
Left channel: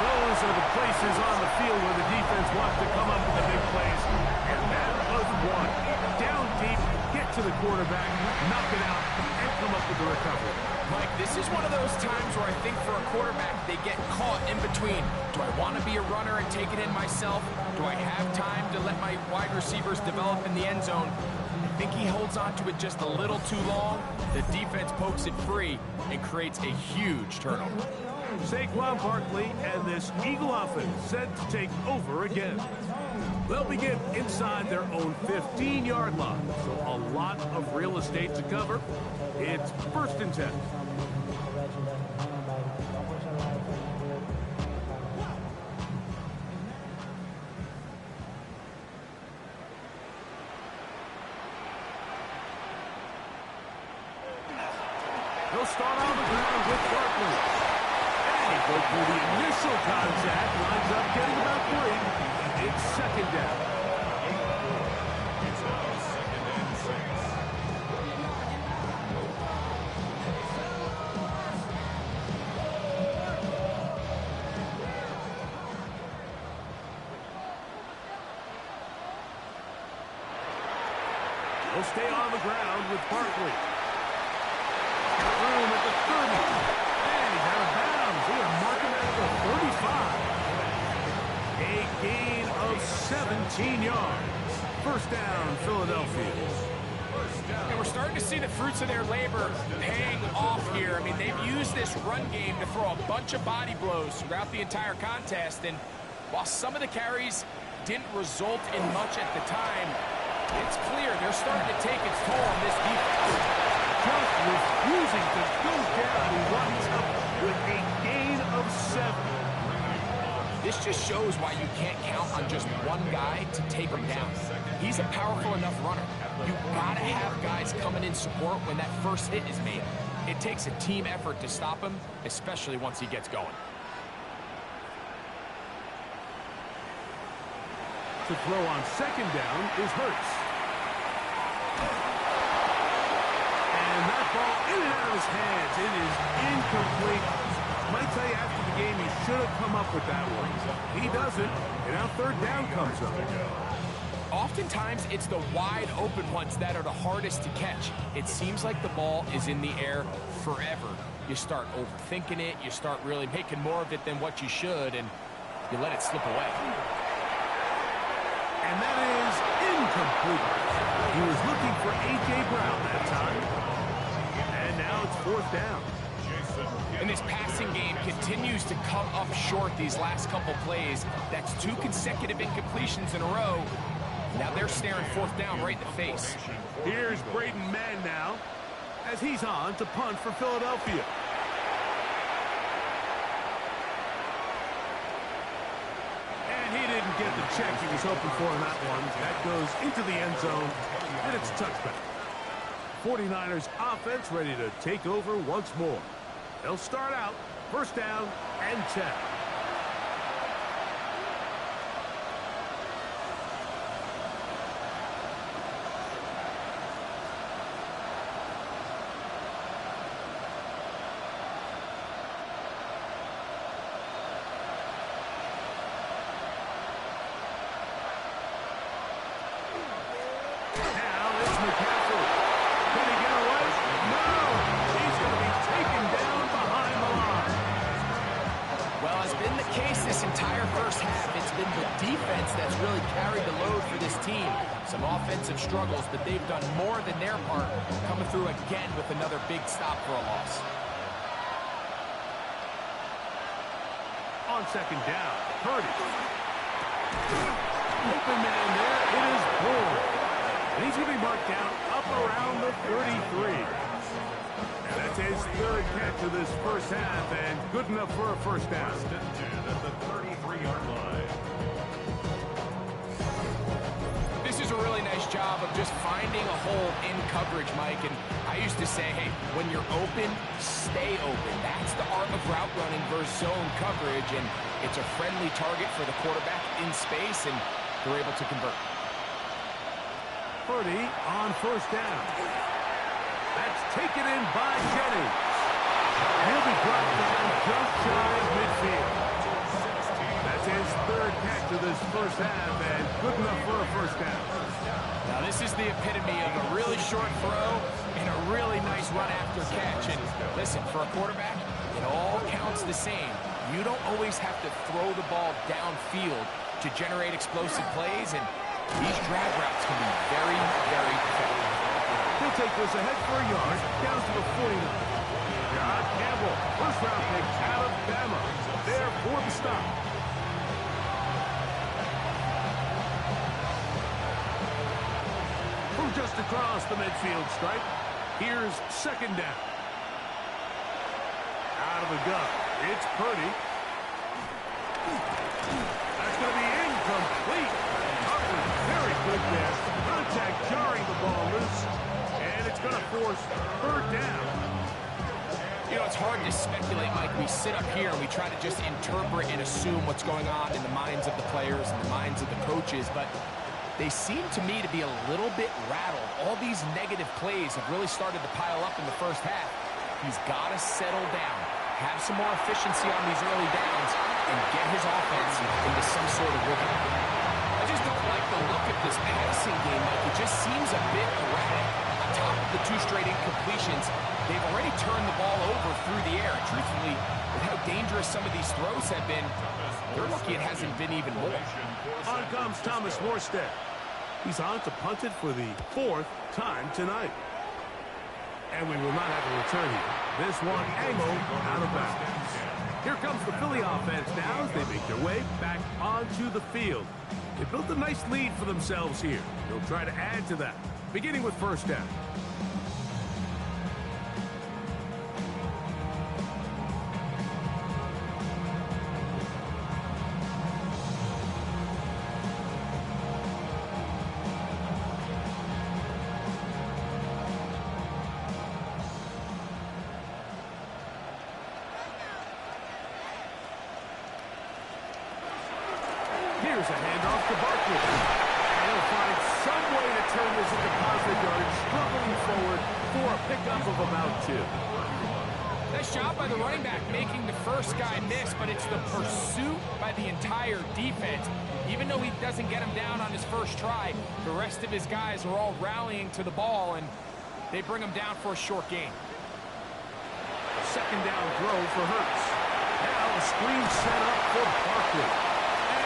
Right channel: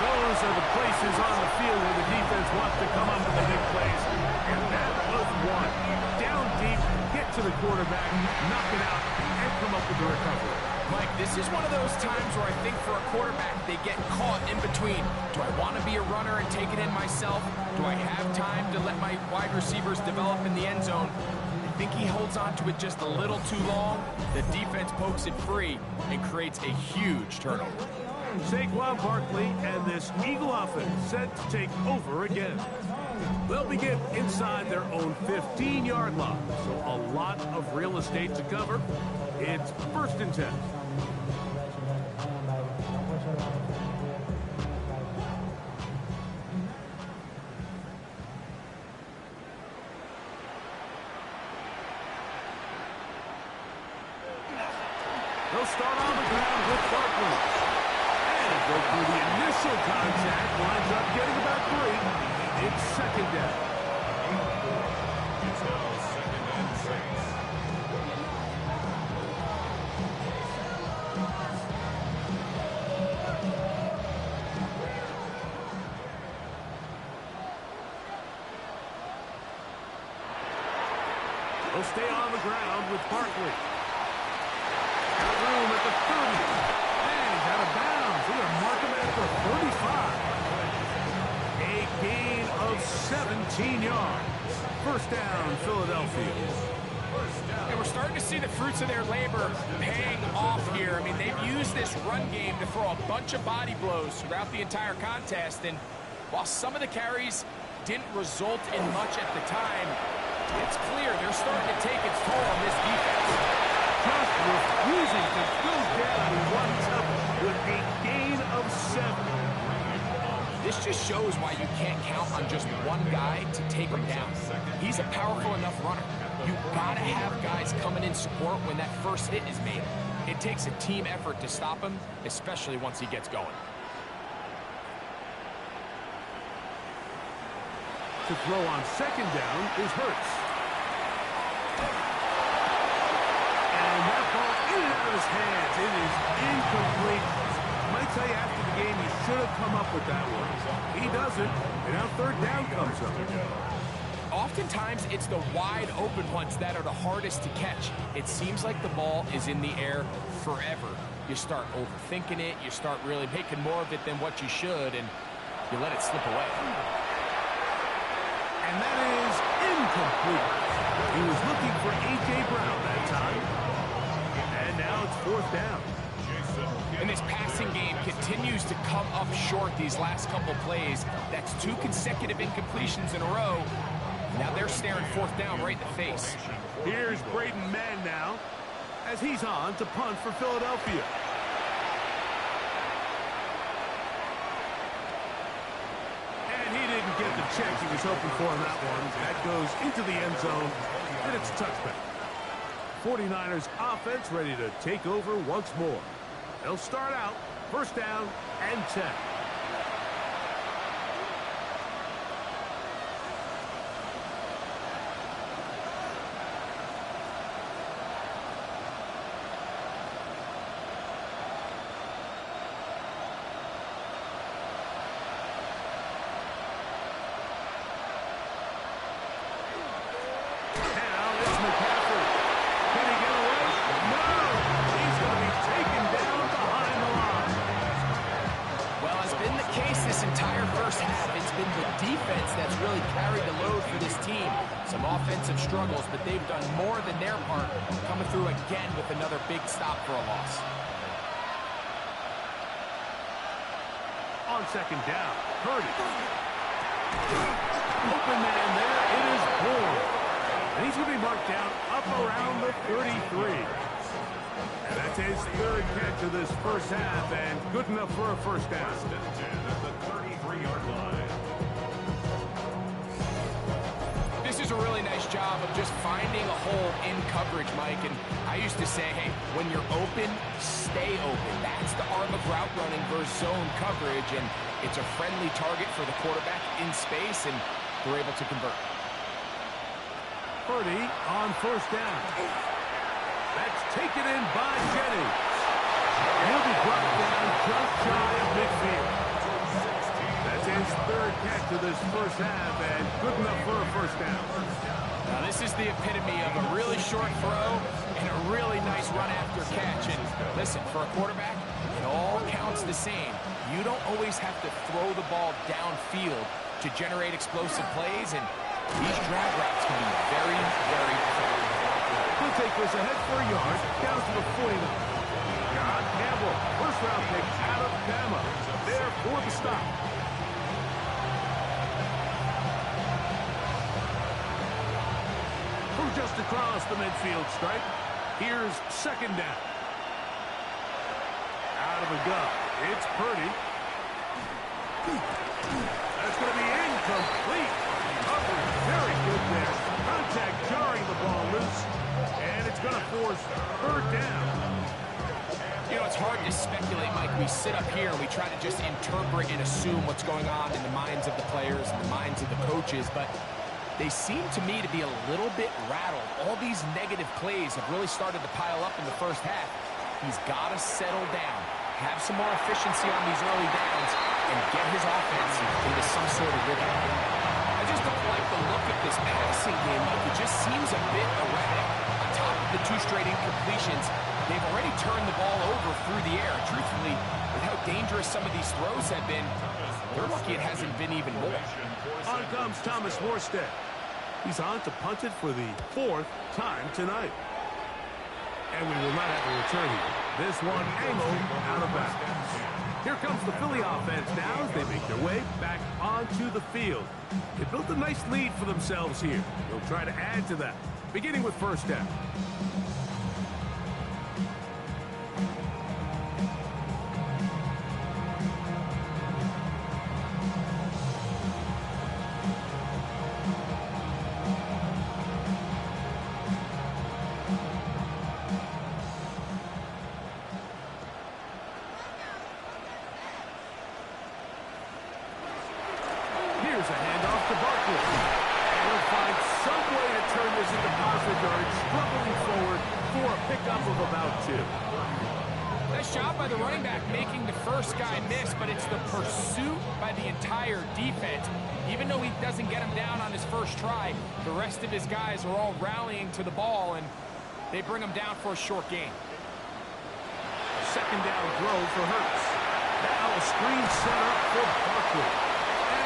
Those are the places on the field where the defense wants to come up with the big plays. And that was one. Down deep, get to the quarterback, knock it out, and come up with the recovery. Mike, this is one of those times where I think for a quarterback, they get caught in between. Do I want to be a runner and take it in myself? Do I have time to let my wide receivers develop in the end zone? I think he holds on to it just a little too long. The defense pokes it free and creates a huge turnover. Saquon Barkley and this Eagle offense set to take over again. They'll begin inside their own 15-yard line, so a lot of real estate to cover. It's first and 10. They'll start on the ground with Barkley. And he broke through the initial contact, winds up getting about 3. It's second down. It's now second and 6. They'll stay on the ground with Barkley. Got room at the 30. And he's out of bounds. We're going to mark him at the 35. A gain of 17 yards. First down, Philadelphia. And we're starting to see the fruits of their labor paying off here. I mean, they've used this run game to throw a bunch of body blows throughout the entire contest. And while some of the carries didn't result in much at the time, it's clear they're starting to take its toll on this defense. Just refusing to go down. He winds up with a gain of 7. This just shows why you can't count on just one guy to take him down. He's a powerful enough runner. You gotta have guys coming in support when that first hit is made. It takes a team effort to stop him, especially once he gets going. To throw on second down is Hurts. And that ball in and out of his hands. It is incomplete. Might tell you after the game he should have come up with that one. He doesn't, and now third down comes up. Oftentimes, it's the wide open ones that are the hardest to catch. It seems like the ball is in the air forever. You start overthinking it, you start really making more of it than what you should, and you let it slip away. And that is incomplete. He was looking for A.J. Brown that time. And now it's fourth down. And this passing game continues to come up short these last couple plays. That's 2 consecutive incompletions in a row. Now they're staring fourth down right in the face. Here's Braden Mann now, as he's on to punt for Philadelphia. And he didn't get the check he was hoping for on that one. That goes into the end zone, and it's a touchback. 49ers offense ready to take over once more. They'll start out first down and 10. This entire first half, it's been the defense that's really carried the load for this team. Some offensive struggles, but they've done more than their part, coming through again with another big stop for a loss. On second down, Purdy. Open man there, it is Bourne. And he's going to be marked down up around the 33. And that's his third catch of this first half, and good enough for a first down. At the 33-yard line. This is a really nice job of just finding a hole in coverage, Mike. And I used to say, hey, when you're open, stay open. That's the art of route running versus zone coverage, and it's a friendly target for the quarterback in space, and they're able to convert. Purdy on first down. That's taken in by Jennings. He'll be brought down just shy of midfield. That's his third catch of this first half, and good enough for a first down. Now, this is the epitome of a really short throw and a really nice run after catch. And listen, for a quarterback, it all counts the same. You don't always have to throw the ball downfield to generate explosive plays, and these drag routes can be very, very effective. He'll take this ahead for a yard, down to the 49. John Campbell, first-round pick out of Bama, there for the stop. From just across the midfield stripe, here's second down. Out of the gun, it's Purdy. That's going to be incomplete. Coverage very good there. Contact jarring the ball loose. And it's going to force third down. You know, it's hard to speculate, Mike. We sit up here and we try to just interpret and assume what's going on in the minds of the players and the minds of the coaches, but they seem to me to be a little bit rattled. All these negative plays have really started to pile up in the first half. He's got to settle down, have some more efficiency on these early downs, and get his offense into some sort of rhythm. I just don't like the look of this passing game, Mike. It just seems a bit erratic. On top of the 2 straight incompletions, they've already turned the ball over through the air. Truthfully, with how dangerous some of these throws have been, they're lucky it hasn't been even more. On comes Thomas Morstead. He's on to punt it for the 4th time tonight. And we will not have a return here. This one angled out of bounds. Here comes the Philly offense now as they make their way back onto the field. They built a nice lead for themselves here. They'll try to add to that, beginning with first down. Here's a handoff to Barkley. And he'll find some way to turn this into positive yardage, struggling forward for a pickup of about 2. Nice job by the running back making the first guy miss, but it's the pursuit by the entire defense. Even though he doesn't get him down on his first try, the rest of his guys are all rallying to the ball, and they bring him down for a short gain. Second down throw for Hurts. Now a screen set up for Barkley.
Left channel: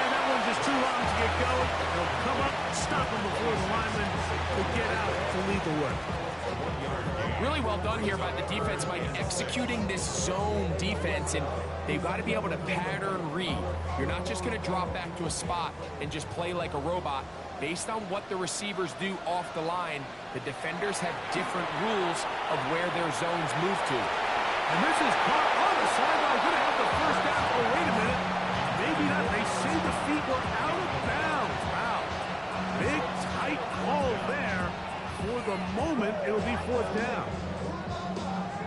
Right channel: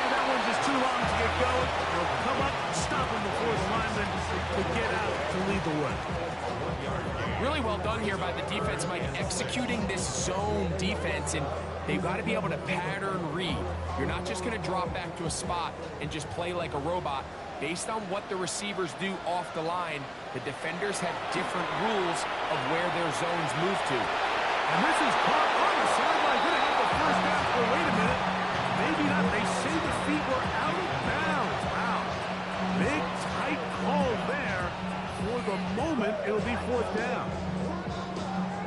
And that one's just too long to get going. They'll come up and stop him before the lineman to get out to lead the way. Really well done here by the defense, Mike, executing this zone defense, and they've got to be able to pattern read. You're not just going to drop back to a spot and just play like a robot. Based on what the receivers do off the line, the defenders have different rules of where their zones move to. And this is caught on the sideline. Going to have the first down. Oh, wait a minute. Maybe not. They say the feet were out of bounds. Wow. Big, tight call there. For the moment, it'll be 4th down.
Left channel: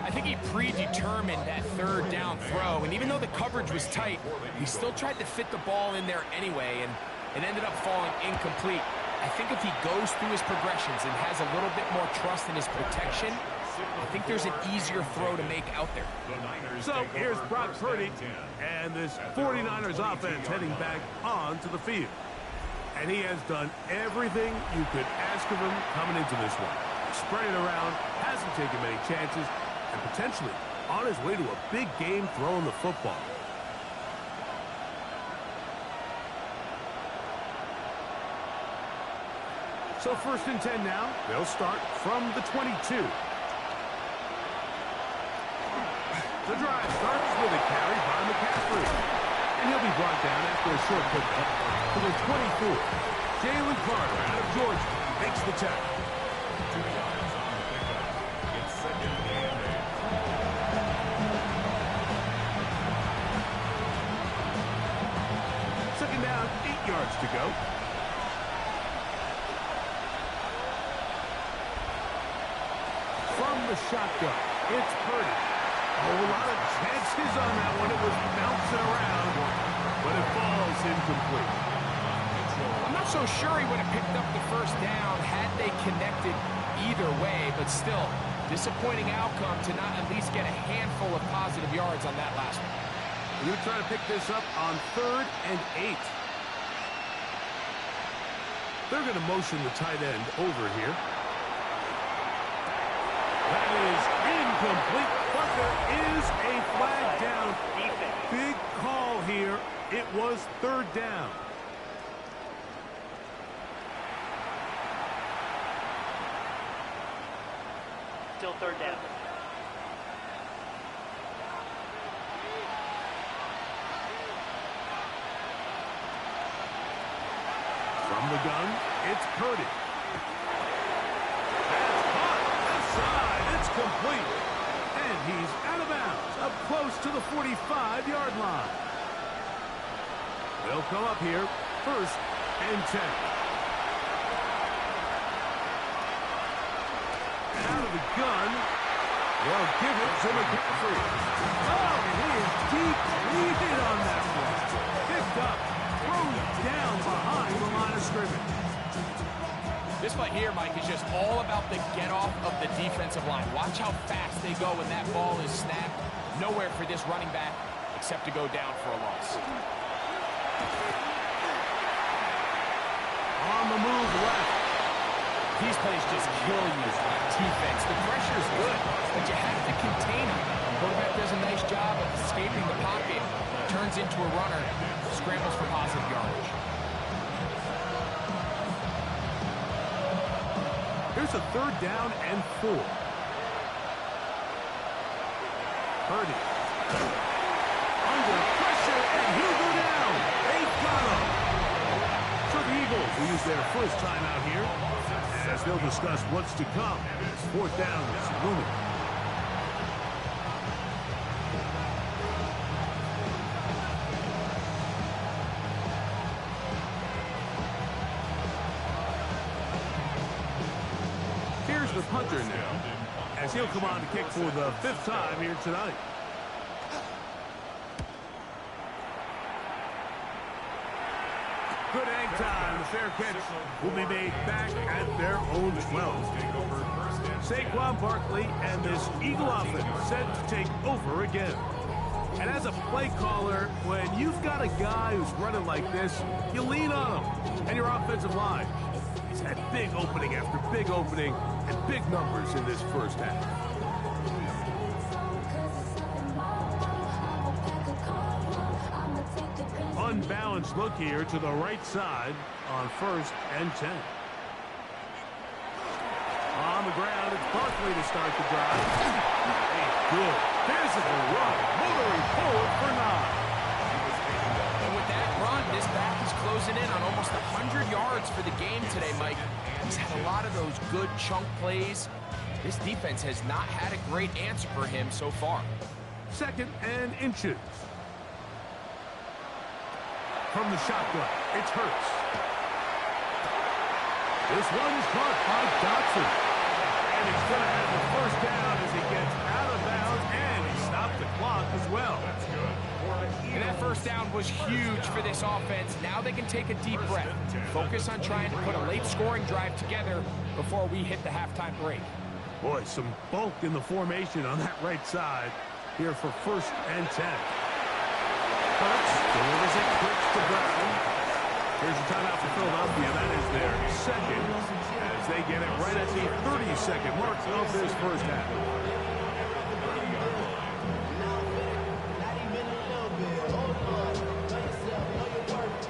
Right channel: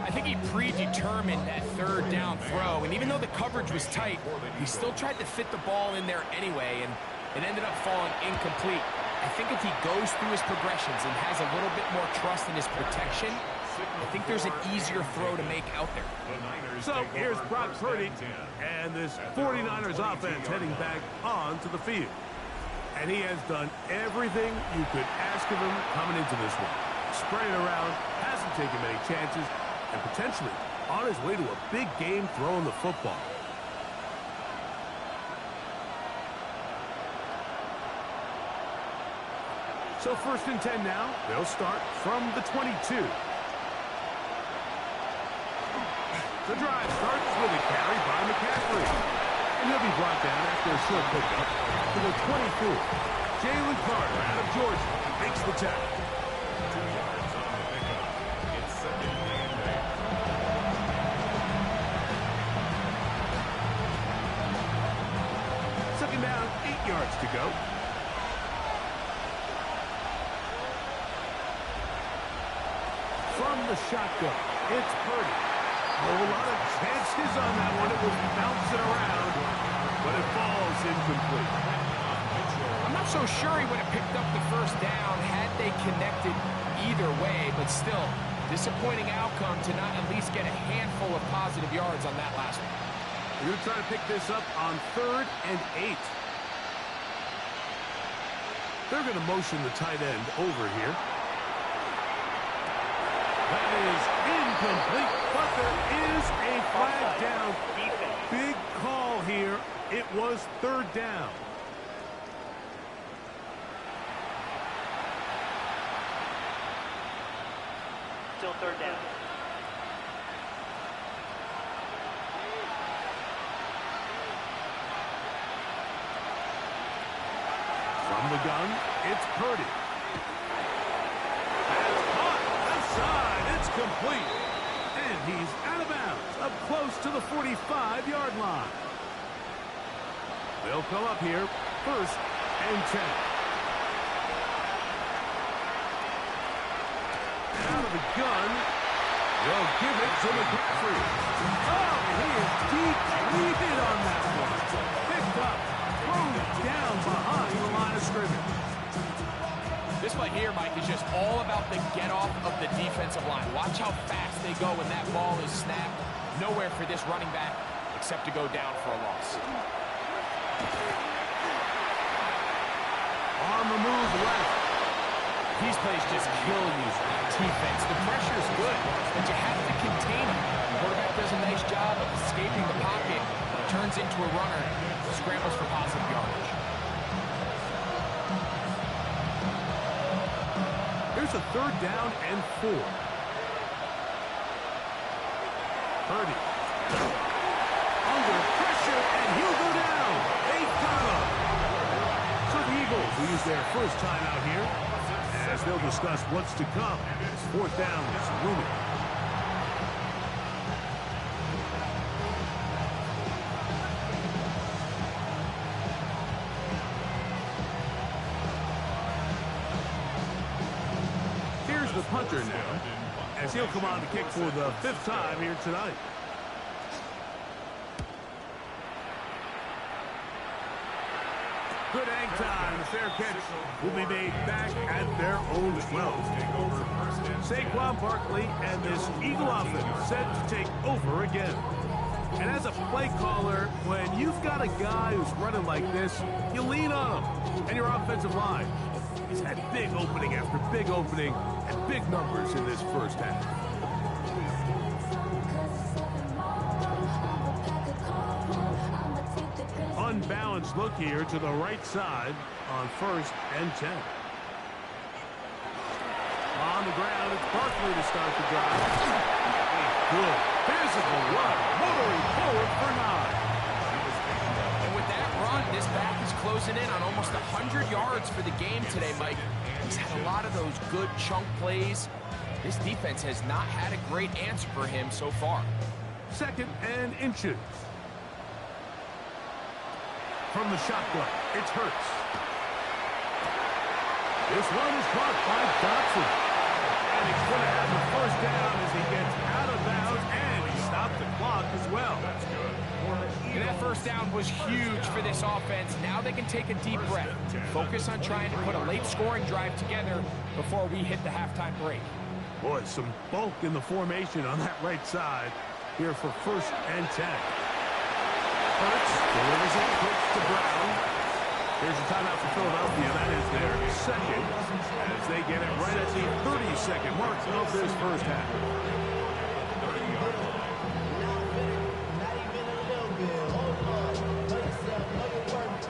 I think he predetermined that 3rd down throw, and even though the coverage was tight, he still tried to fit the ball in there anyway, and it ended up falling incomplete. I think if he goes through his progressions and has a little bit more trust in his protection, I think there's an easier throw to make out there. So here's Brock Purdy and this 49ers offense heading back onto the field. And he has done everything you could ask of him coming into this one. Spread it around, hasn't taken many chances, and potentially on his way to a big game throwing the football. So 1st and 10 now. They'll start from the 22. The drive starts with a carry by McCaffrey. And he'll be brought down after a short pickup to the 24. Jalen Carter out of Georgia makes the tackle. 2 yards on the pickup. It's 2nd and 8. Second down, 8 yards to go. From the shotgun, it's Purdy. Oh, a lot of chances on that one. It was bouncing around, but it falls incomplete. I'm not so sure he would have picked up the first down had they connected either way, but still, disappointing outcome to not at least get a handful of positive yards on that last one. We're going to try to pick this up on 3rd and 8. They're going to motion the tight end over here. That is incomplete, but there is a flag down. Big call here. It was 3rd down. Still 3rd down. From the gun, it's Purdy. That's caught. Left side. It's complete. And he's out of bounds, up close to the 45-yard line. They'll come up here, 1st and 10. Out of the gun, they'll give it to McCaffrey. Oh, and he is depleted on that one. Picked up, thrown down behind the line of scrimmage. This play here, Mike, is just all about the get-off of the defensive line. Watch how fast they go when that ball is snapped. Nowhere for this running back except to go down for a loss. On the move left. These plays just kill you on defense. The pressure's good, but you have to contain him. The quarterback does a nice job of escaping the pocket, turns into a runner, scrambles for positive yardage. Here's a 3rd down and 4. Purdy. Under pressure, and he'll go down. They got him. So the Eagles will use their first time out here, as they'll discuss what's to come. 4th down is looming. Here's the punter now, as he'll come on to kick for the 5th time here tonight. Good hang time. The fair catch will be made back at their own 12. Saquon Barkley and this Eagle offense set to take over again. And as a play caller, when you've got a guy who's running like this, you lean on him. And your offensive line, he's had big opening after big opening and big numbers in this first half. Unbalanced look here to the right side on 1st and 10. On the ground, it's Barkley to start the drive. A good physical run, motoring forward for 9. And with that run, this back is closing in on almost 100 yards for the game today, Mike. He's had a lot of those good chunk plays. This defense has not had a great answer for him so far. 2nd and inches. From the shotgun, it's Hurts. This one is caught by Dotson. And he's going to have the first down as he gets out of bounds, and he stopped the clock as well. That's good. And that first down was huge for this offense. Now they can take a deep breath. Focus on trying to put a late scoring drive together before we hit the halftime break. Boy, some bulk in the formation on that right side here for 1st and 10. Hurts delivers it quick to Brown. Here's a timeout for Philadelphia. That is their 2nd as they get it right at the 30-second mark of this first half. Not even a little bit. Hold on. Know yourself. Know your worth.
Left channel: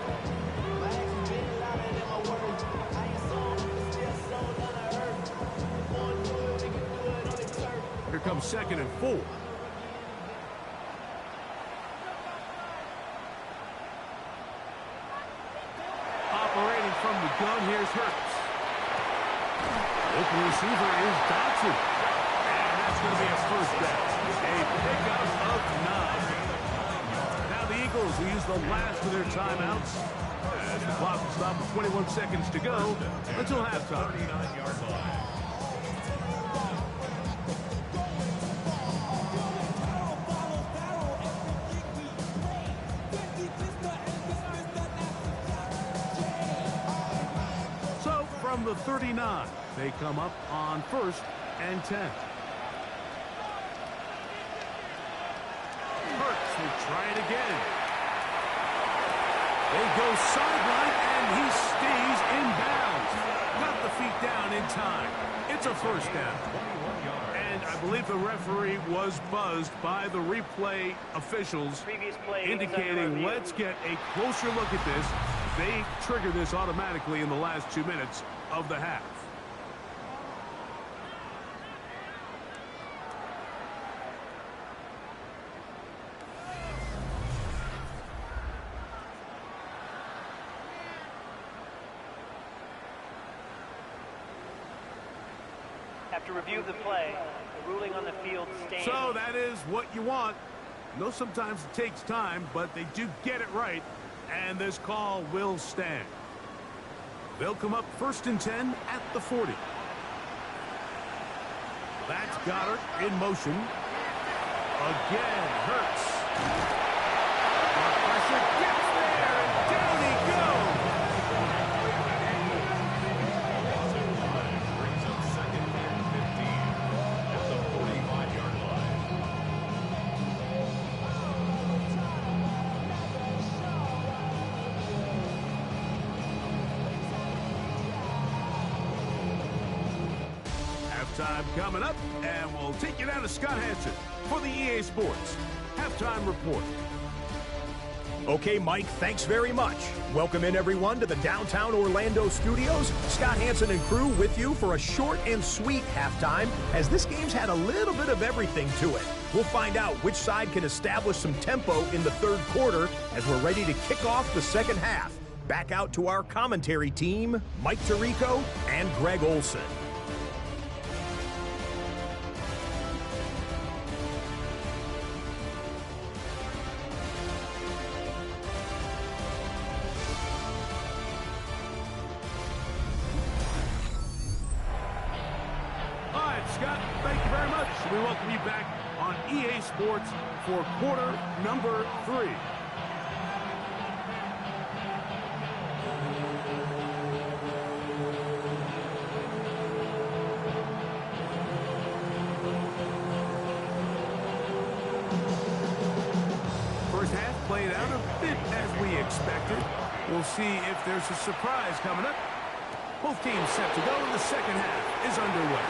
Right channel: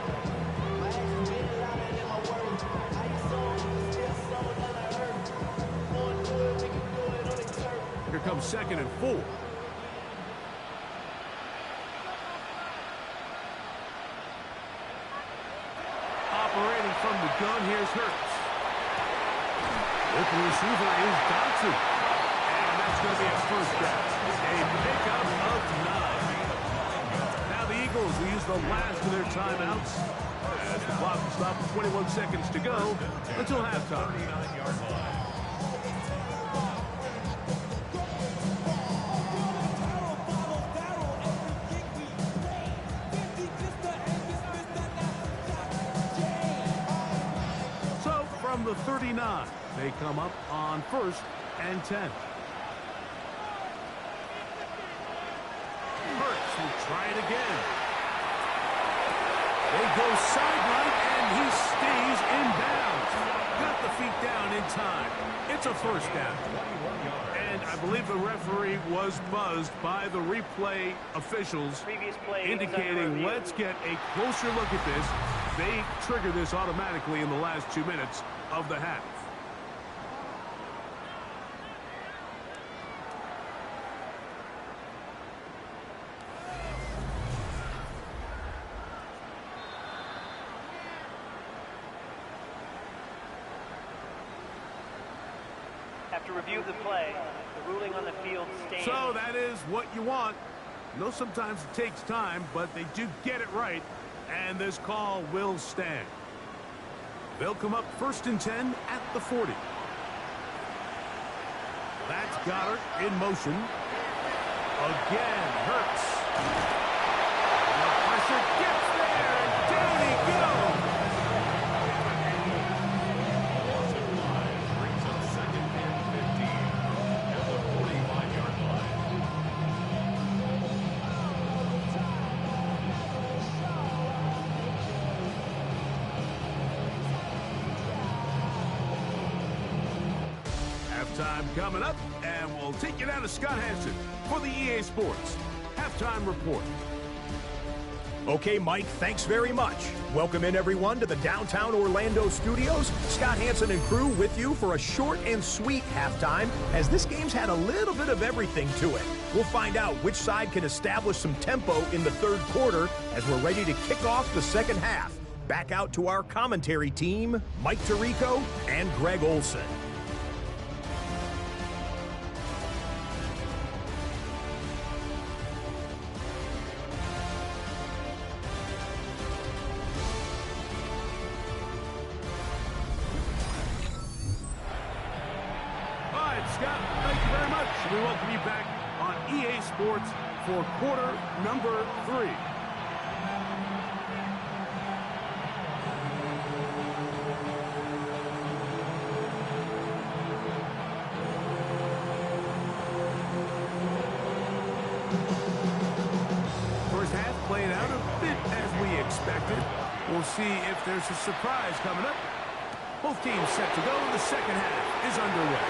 My actions been louder than my words. How you sold, but still sold on the earth. Wanna do it, we can do it on the turf. Here comes 2nd and 4. Operating from the gun, here's Hurts. Open receiver is Dotson. And that's going to be a first down. A pickup of 9. Now the Eagles will use the last of their timeouts as the clock will stop with 21 seconds to go until halftime. 39-yard line. From the 39, they come up on 1st and 10. Hurts will try it again. They go sideline, and he stays in bounds. Got the feet down in time. It's a first down. And I believe the referee was buzzed by the replay officials, indicating let's get a closer look at this. They trigger this automatically in the last 2 minutes of the half. After review of the play, the ruling on the field stands. So that is what you want. I know sometimes it takes time, but they do get it right, and this call will stand. They'll come up 1st and 10 at the 40. That's Goddard in motion. Again, Hurts. The pressure gets there, and down he goes. Offensive line brings up 2nd and 15 at the 45-yard line. Halftime coming up, and we'll take you down to Scott Hansen for the EA Sports Halftime Report. Okay, Mike, thanks very much. Welcome in, everyone, to the downtown Orlando studios. Scott Hansen and crew with you for a short and sweet halftime, as this game's had a little bit of everything to it. We'll find out which side can establish some tempo in the 3rd quarter as we're ready to kick off the 2nd half. Back out to our commentary team, Mike Tirico and Greg Olson. Scott, thank you very much. We welcome you back on EA Sports for quarter number 3. played out a bit as we expected. We'll see if there's a surprise coming up. Both teams set to go, and the second half is underway.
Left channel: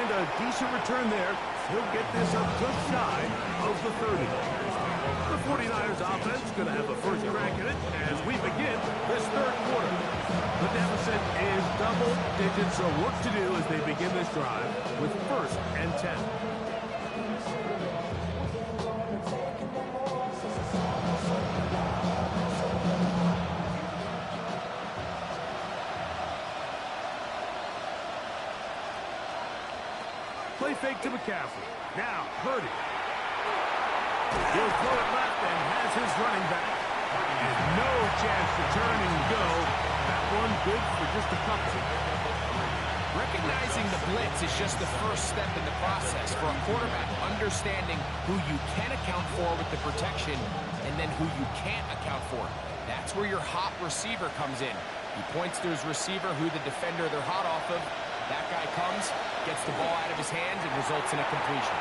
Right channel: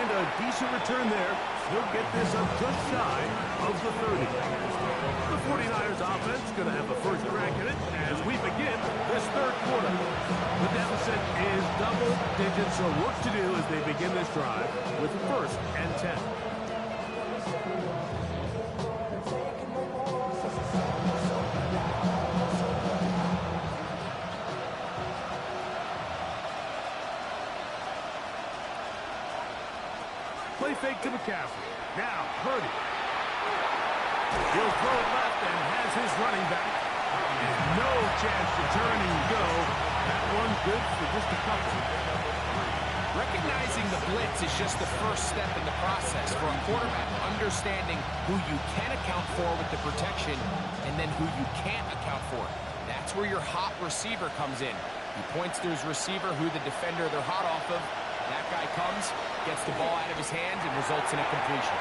And a decent return there. He'll get this up just shy of the 30. The 49ers offense is going to have the first crack at it as we begin this third quarter. The deficit is double digits, so work to do as they begin this drive with 1st and 10. Play fake to McCaffrey. Now, Purdy. He'll throw it left and has his running back. And no chance to turn and go. That one good for just a couple. Recognizing the blitz is just the first step in the process for a quarterback, understanding who you can account for with the protection and then who you can't account for. That's where your hot receiver comes in. He points to his receiver who the defender they're hot off of. That guy comes, gets the ball out of his hands, and results in a completion.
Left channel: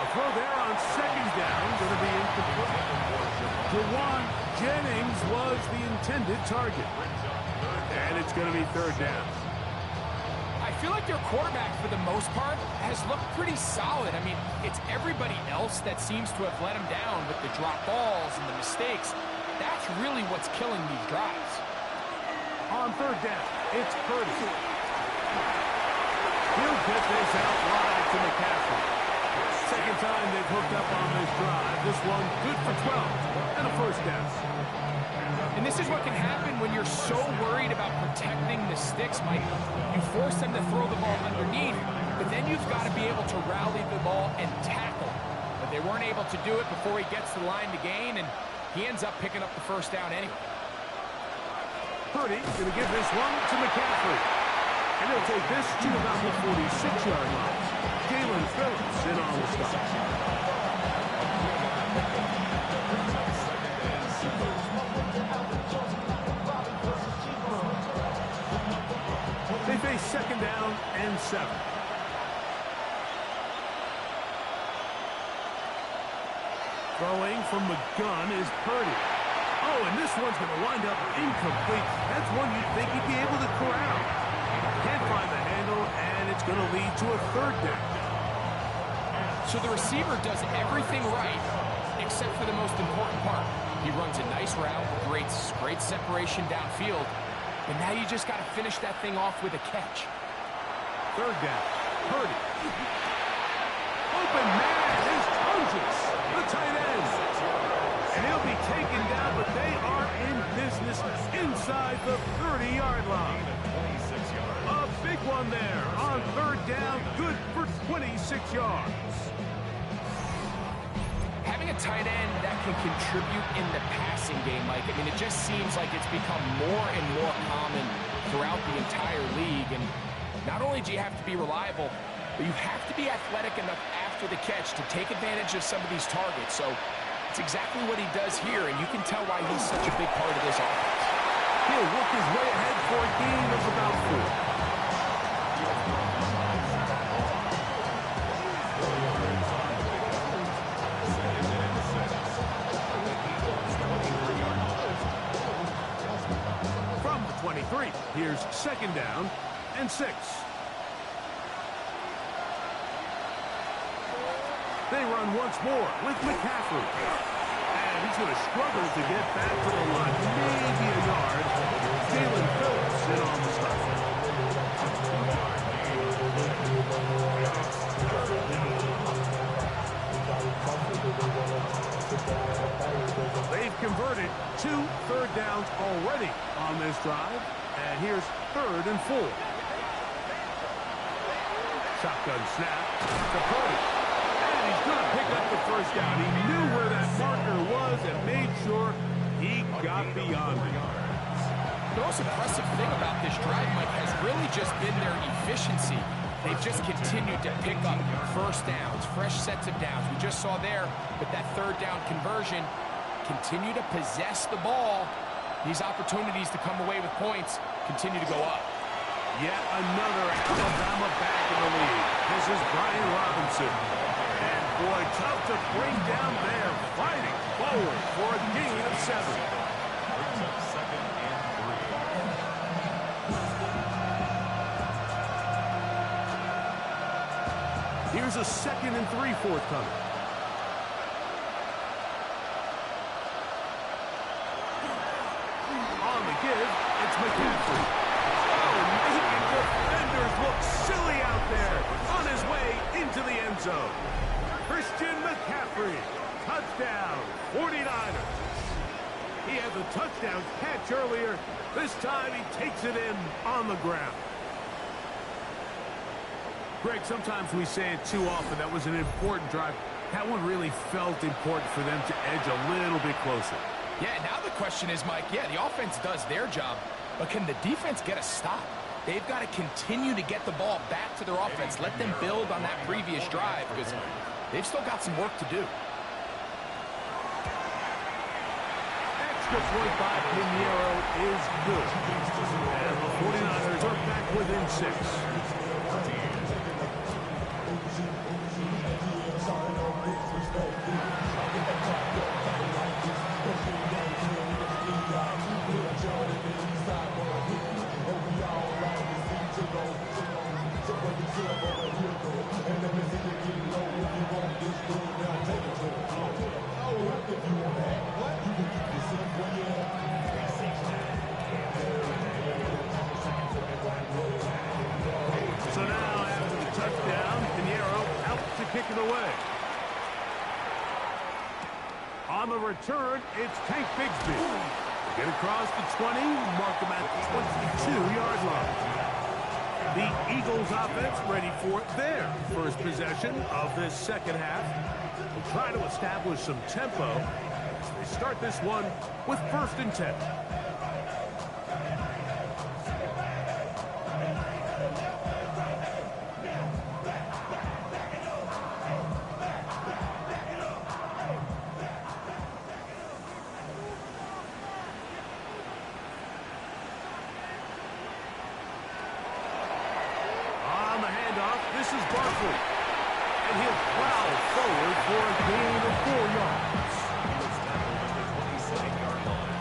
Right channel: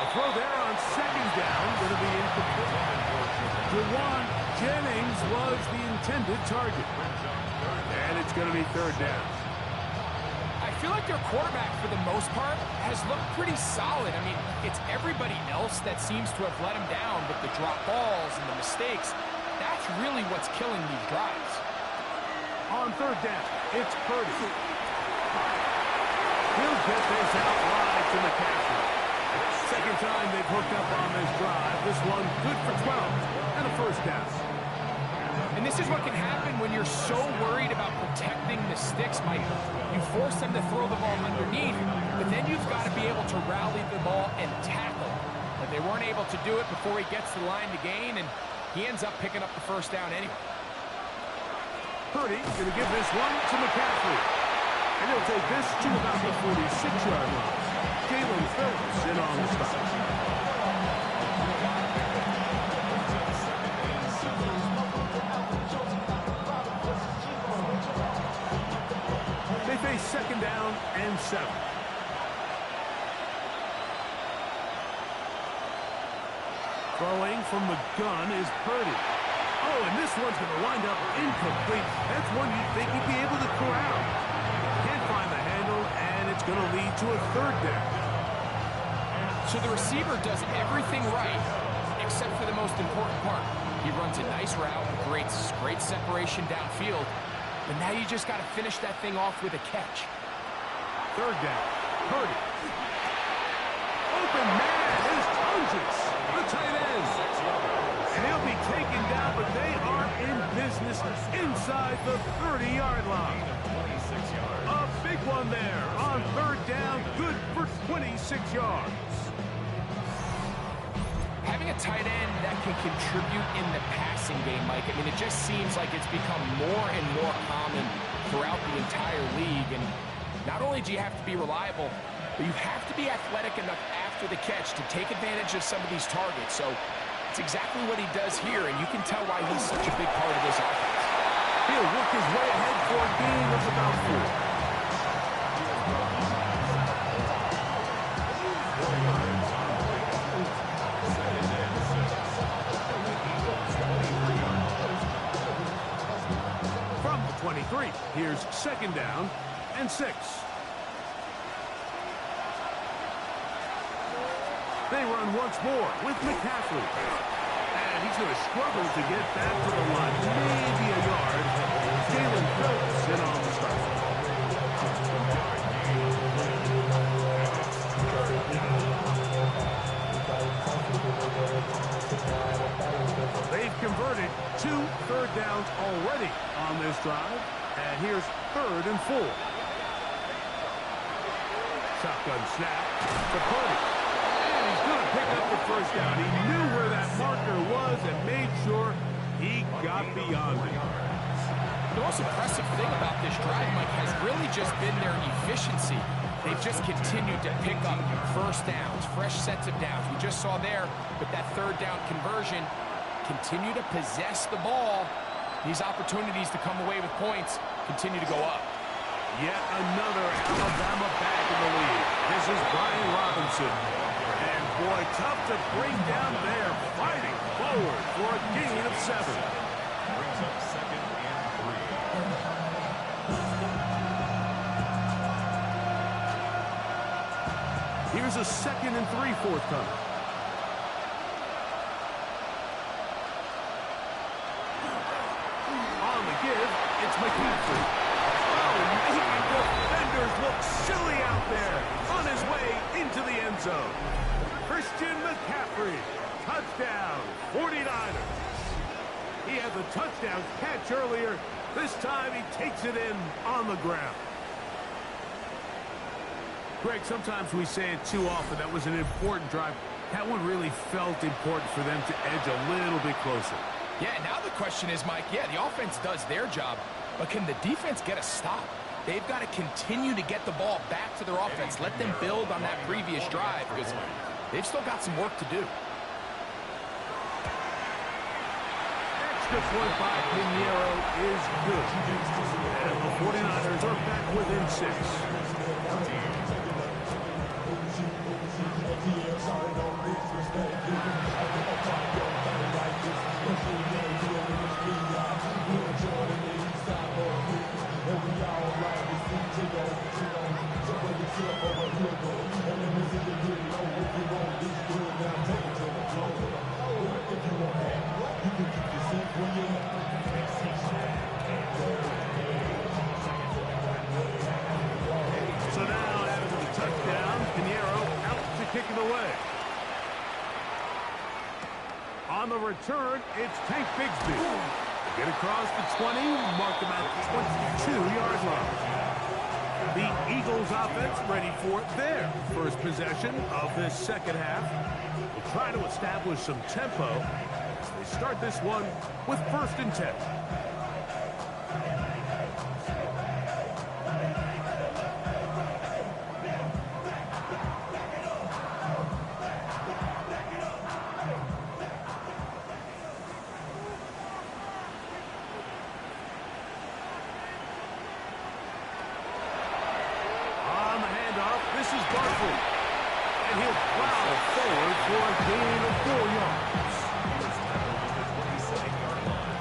A throw there on second down, going to be incomplete. Jawan Jennings was the intended target. And it's going to be third down. I feel like their quarterback, for the most part, has looked pretty solid. I mean, it's everybody else that seems to have let him down with the drop balls and the mistakes. That's really what's killing these drives. On third down, it's Purdy. He'll get this out wide to McCaffrey. Second time they've hooked up on this drive. This one good for 12 and a first down. And this is what can happen when you're so worried about protecting the sticks, Mike. You force them to throw the ball underneath, but then you've got to be able to rally the ball and tackle. But they weren't able to do it before he gets to the line to gain, and he ends up picking up the first down anyway. Purdy going to give this one to McCaffrey. And he'll take this to about the 46-yard line. Jalen Phillips in on the stop. They face second down and 7. Throwing from the gun is Purdy. Oh, and this one's going to wind up incomplete. That's one you'd think he'd be able to corral. Can't find the handle, and it's going to lead to a third down. So the receiver does everything right, except for the most important part. He runs a nice route, great separation downfield, but now you just got to finish that thing off with a catch. Third down, Purdy. Open man is Tonjes, the tight end. And he'll be taken down, but they are in business inside the 30-yard line. A big one there on third down, good for 26 yards. Having a tight end that can contribute in the passing game, Mike, I mean, it just seems like it's become more and more common throughout the entire league. And not only do you have to be reliable, but you have to be athletic enough after the catch to take advantage of some of these targets. So it's exactly what he does here, and you can tell why he's such a big part of this offense. He'll work his way ahead for a gain of about 4. From the 23, here's second down and 6. They run once more with McCaffrey. And he's going to struggle to get back to the line. Maybe a yard. Jalen Phillips in on the stop. They've converted 2 third downs already on this drive. And here's 3rd and 4. Shotgun snap to Purdy. And he's going to pick up the first down. He knew where that marker was and made sure he got beyond it. The most impressive thing about this drive, Mike, has really just been their efficiency. They've just continued to pick up first downs, fresh sets of downs. We just saw there with that third down conversion, continue to possess the ball. These opportunities to come away with points continue to go up. Yet another Alabama back in the lead. This is Brian Robinson. And boy, tough to bring down there. Fighting forward for a gain of 7. Brings up 2nd and 3. Here's a 2nd and 3 forthcoming. On the give, it's McCaffrey. Oh, making defenders look silly out there. On his way into the end zone. Christian McCaffrey. Touchdown, 49ers. He had the touchdown catch earlier. This time he takes it in on the ground. Greg, sometimes we say it too often. That was an important drive. That one really felt important for them to edge a little bit closer. Yeah, now the question is, Mike, yeah, the offense does their job, but can the defense get a stop? They've got to continue to get the ball back to their offense. Let them build on that previous drive because they've still got some work to do. Extra point by Pinheiro is good. And the 49ers are back within 6. So now, after the touchdown, Pinheiro out to kick it away. On the return, it's Tank Bigsby. Get across the 20, mark him at the 22-yard line. The Eagles offense ready for their first possession of this second half. Will try to establish some tempo as they start this one with 1st and 10. On the handoff, this is Barkley. And he'll plow forward for a gain of 4 yards. He was tackled at the 27-yard line.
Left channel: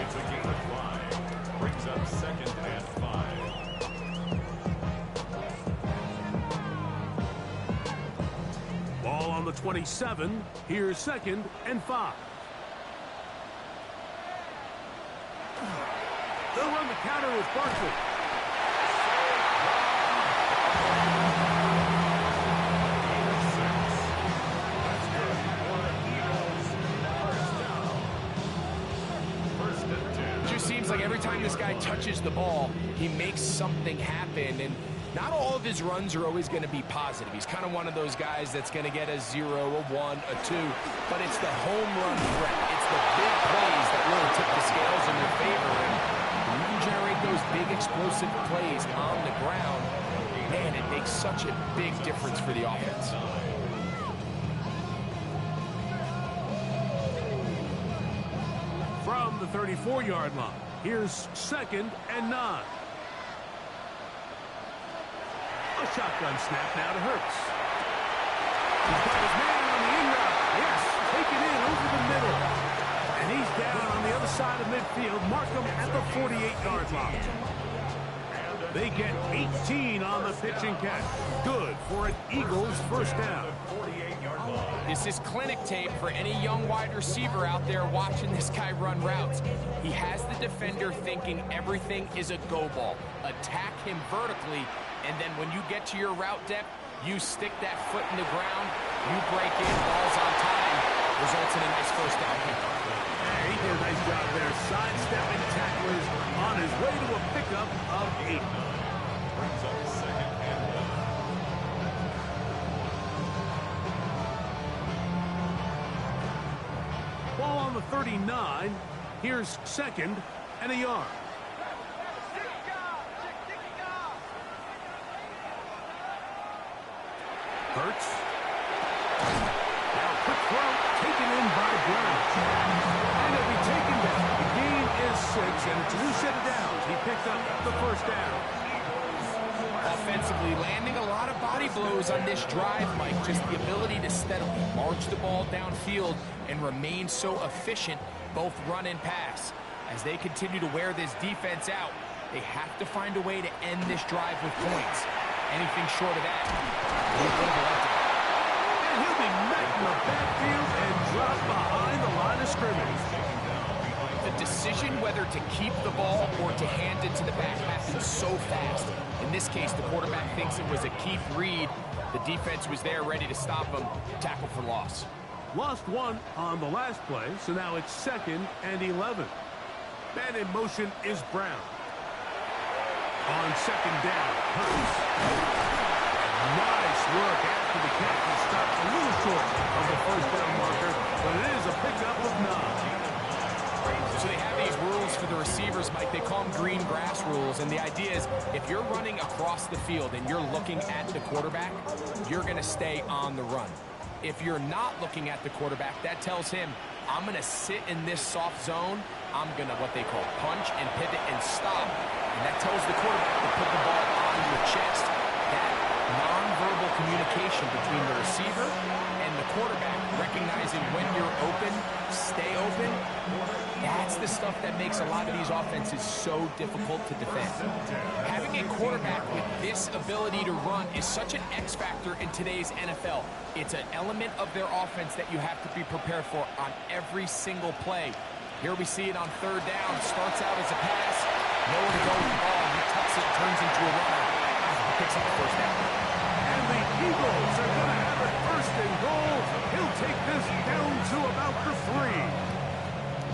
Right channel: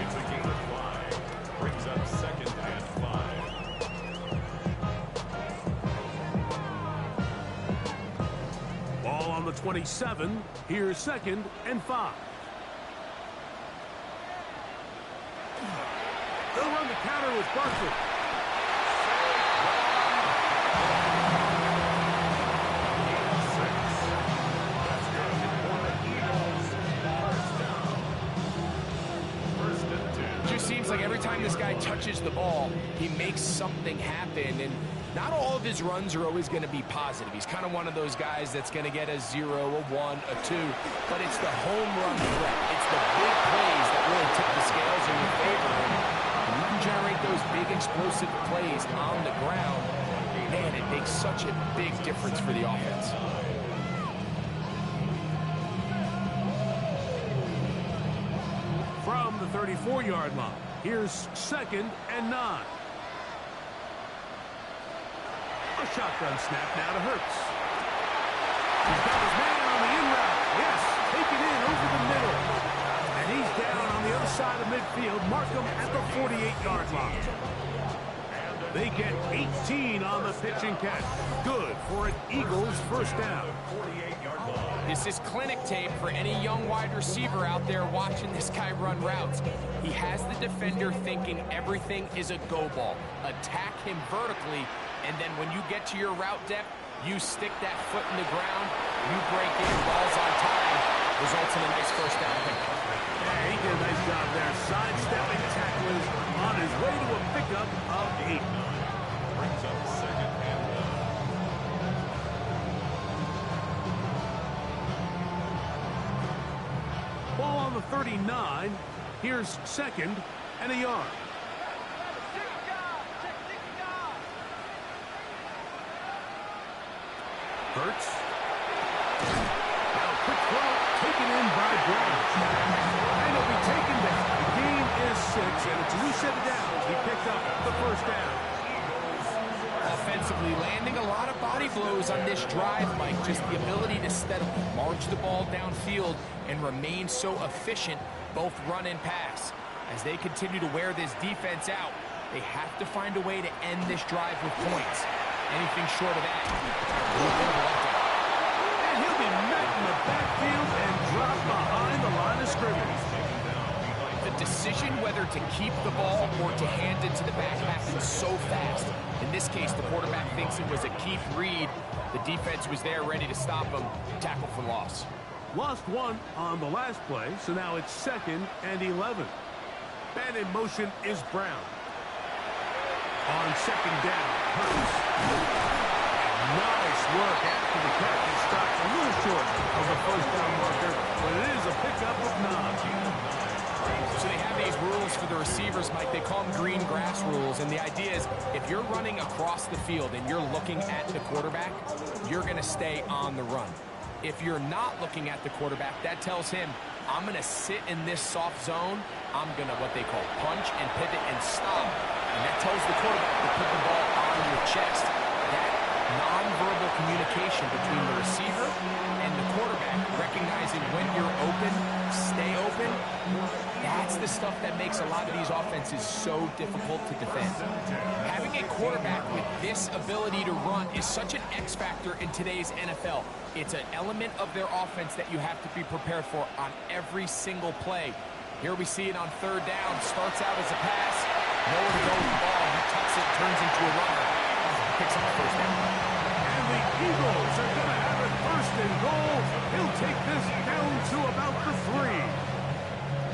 It's a gain of 5. Brings up 2nd and 5. Ball on the 27. Here's 2nd and 5. They'll run the counter with Barkley. Seems like every time this guy touches the ball, he makes something happen, and not all of his runs are always going to be positive. He's kind of one of those guys that's going to get a 0, a 1, a 2, but it's the home run threat. It's the big plays that really tip the scales in your favor, and when you can generate those big explosive plays on the ground, man, it makes such a big difference for the offense. From the 34-yard line, here's 2nd and 9. A shotgun snap now to Hurts. He's got his man on the in route. Yes, taken in over the middle. And he's down on the other side of midfield. Mark him at the 48-yard line. They get 18 on the pitch and catch. Good for an Eagles first down. This is clinic tape for any young wide receiver out there watching this guy run routes. He has the defender thinking everything is a go ball. Attack him vertically, and then when you get to your route depth, you stick that foot in the ground, you break in, balls on time, results in a nice first down pickup. Yeah, he did a nice job there, sidestepping tacklers on his way to a pickup of 8. Brings up 2nd and 1. Ball on the 39. Here's 2nd and a yard. Hurts. Now quick throw taken in by Brown. And he'll be taken down. The gain is 6, and it's a new set of downs. He picked up the first down. offensively, landing a lot of body blows on this drive, Mike. Just the ability to steadily march the ball downfield and remain so efficient, both run and pass. As they continue to wear this defense out, they have to find a way to end this drive with points. Anything short of that, a little bit of a letdown. And he'll be met in the backfield and dropped behind the line of scrimmage. The decision whether to keep the ball or to hand it to the back happens so fast. In this case, the quarterback thinks it was a keep read. The defense was there ready to stop him. Tackle for loss. Lost one on the last play, so now it's 2nd and 11. Man in motion is Brown. On 2nd down, Hurts. Nice work after the catch. He stops a little short of the 1st down marker, but it is a pickup of 9. So they have these rules for the receivers, Mike. They call them green grass rules. And the idea is if you're running across the field and you're looking at the quarterback, you're going to stay on the run. If you're not looking at the quarterback, that tells him, I'm going to sit in this soft zone. I'm going to what they call punch and pivot and stop. And that tells the quarterback to put the ball on your chest. That nonverbal communication between the receiver and the quarterback, recognizing when you're open, stay open, that's the stuff that makes a lot of these offenses so difficult to defend. Having a quarterback with this ability to run is such an X factor in today's NFL. It's an element of their offense that you have to be prepared for on every single play. Here we see it on 3rd down. Starts out as a pass. Nowhere to go with the ball. He tucks it, turns into a runner. Picks up the 1st down. And the Eagles are going to have it 1st and goal. He'll take this down to about the 3.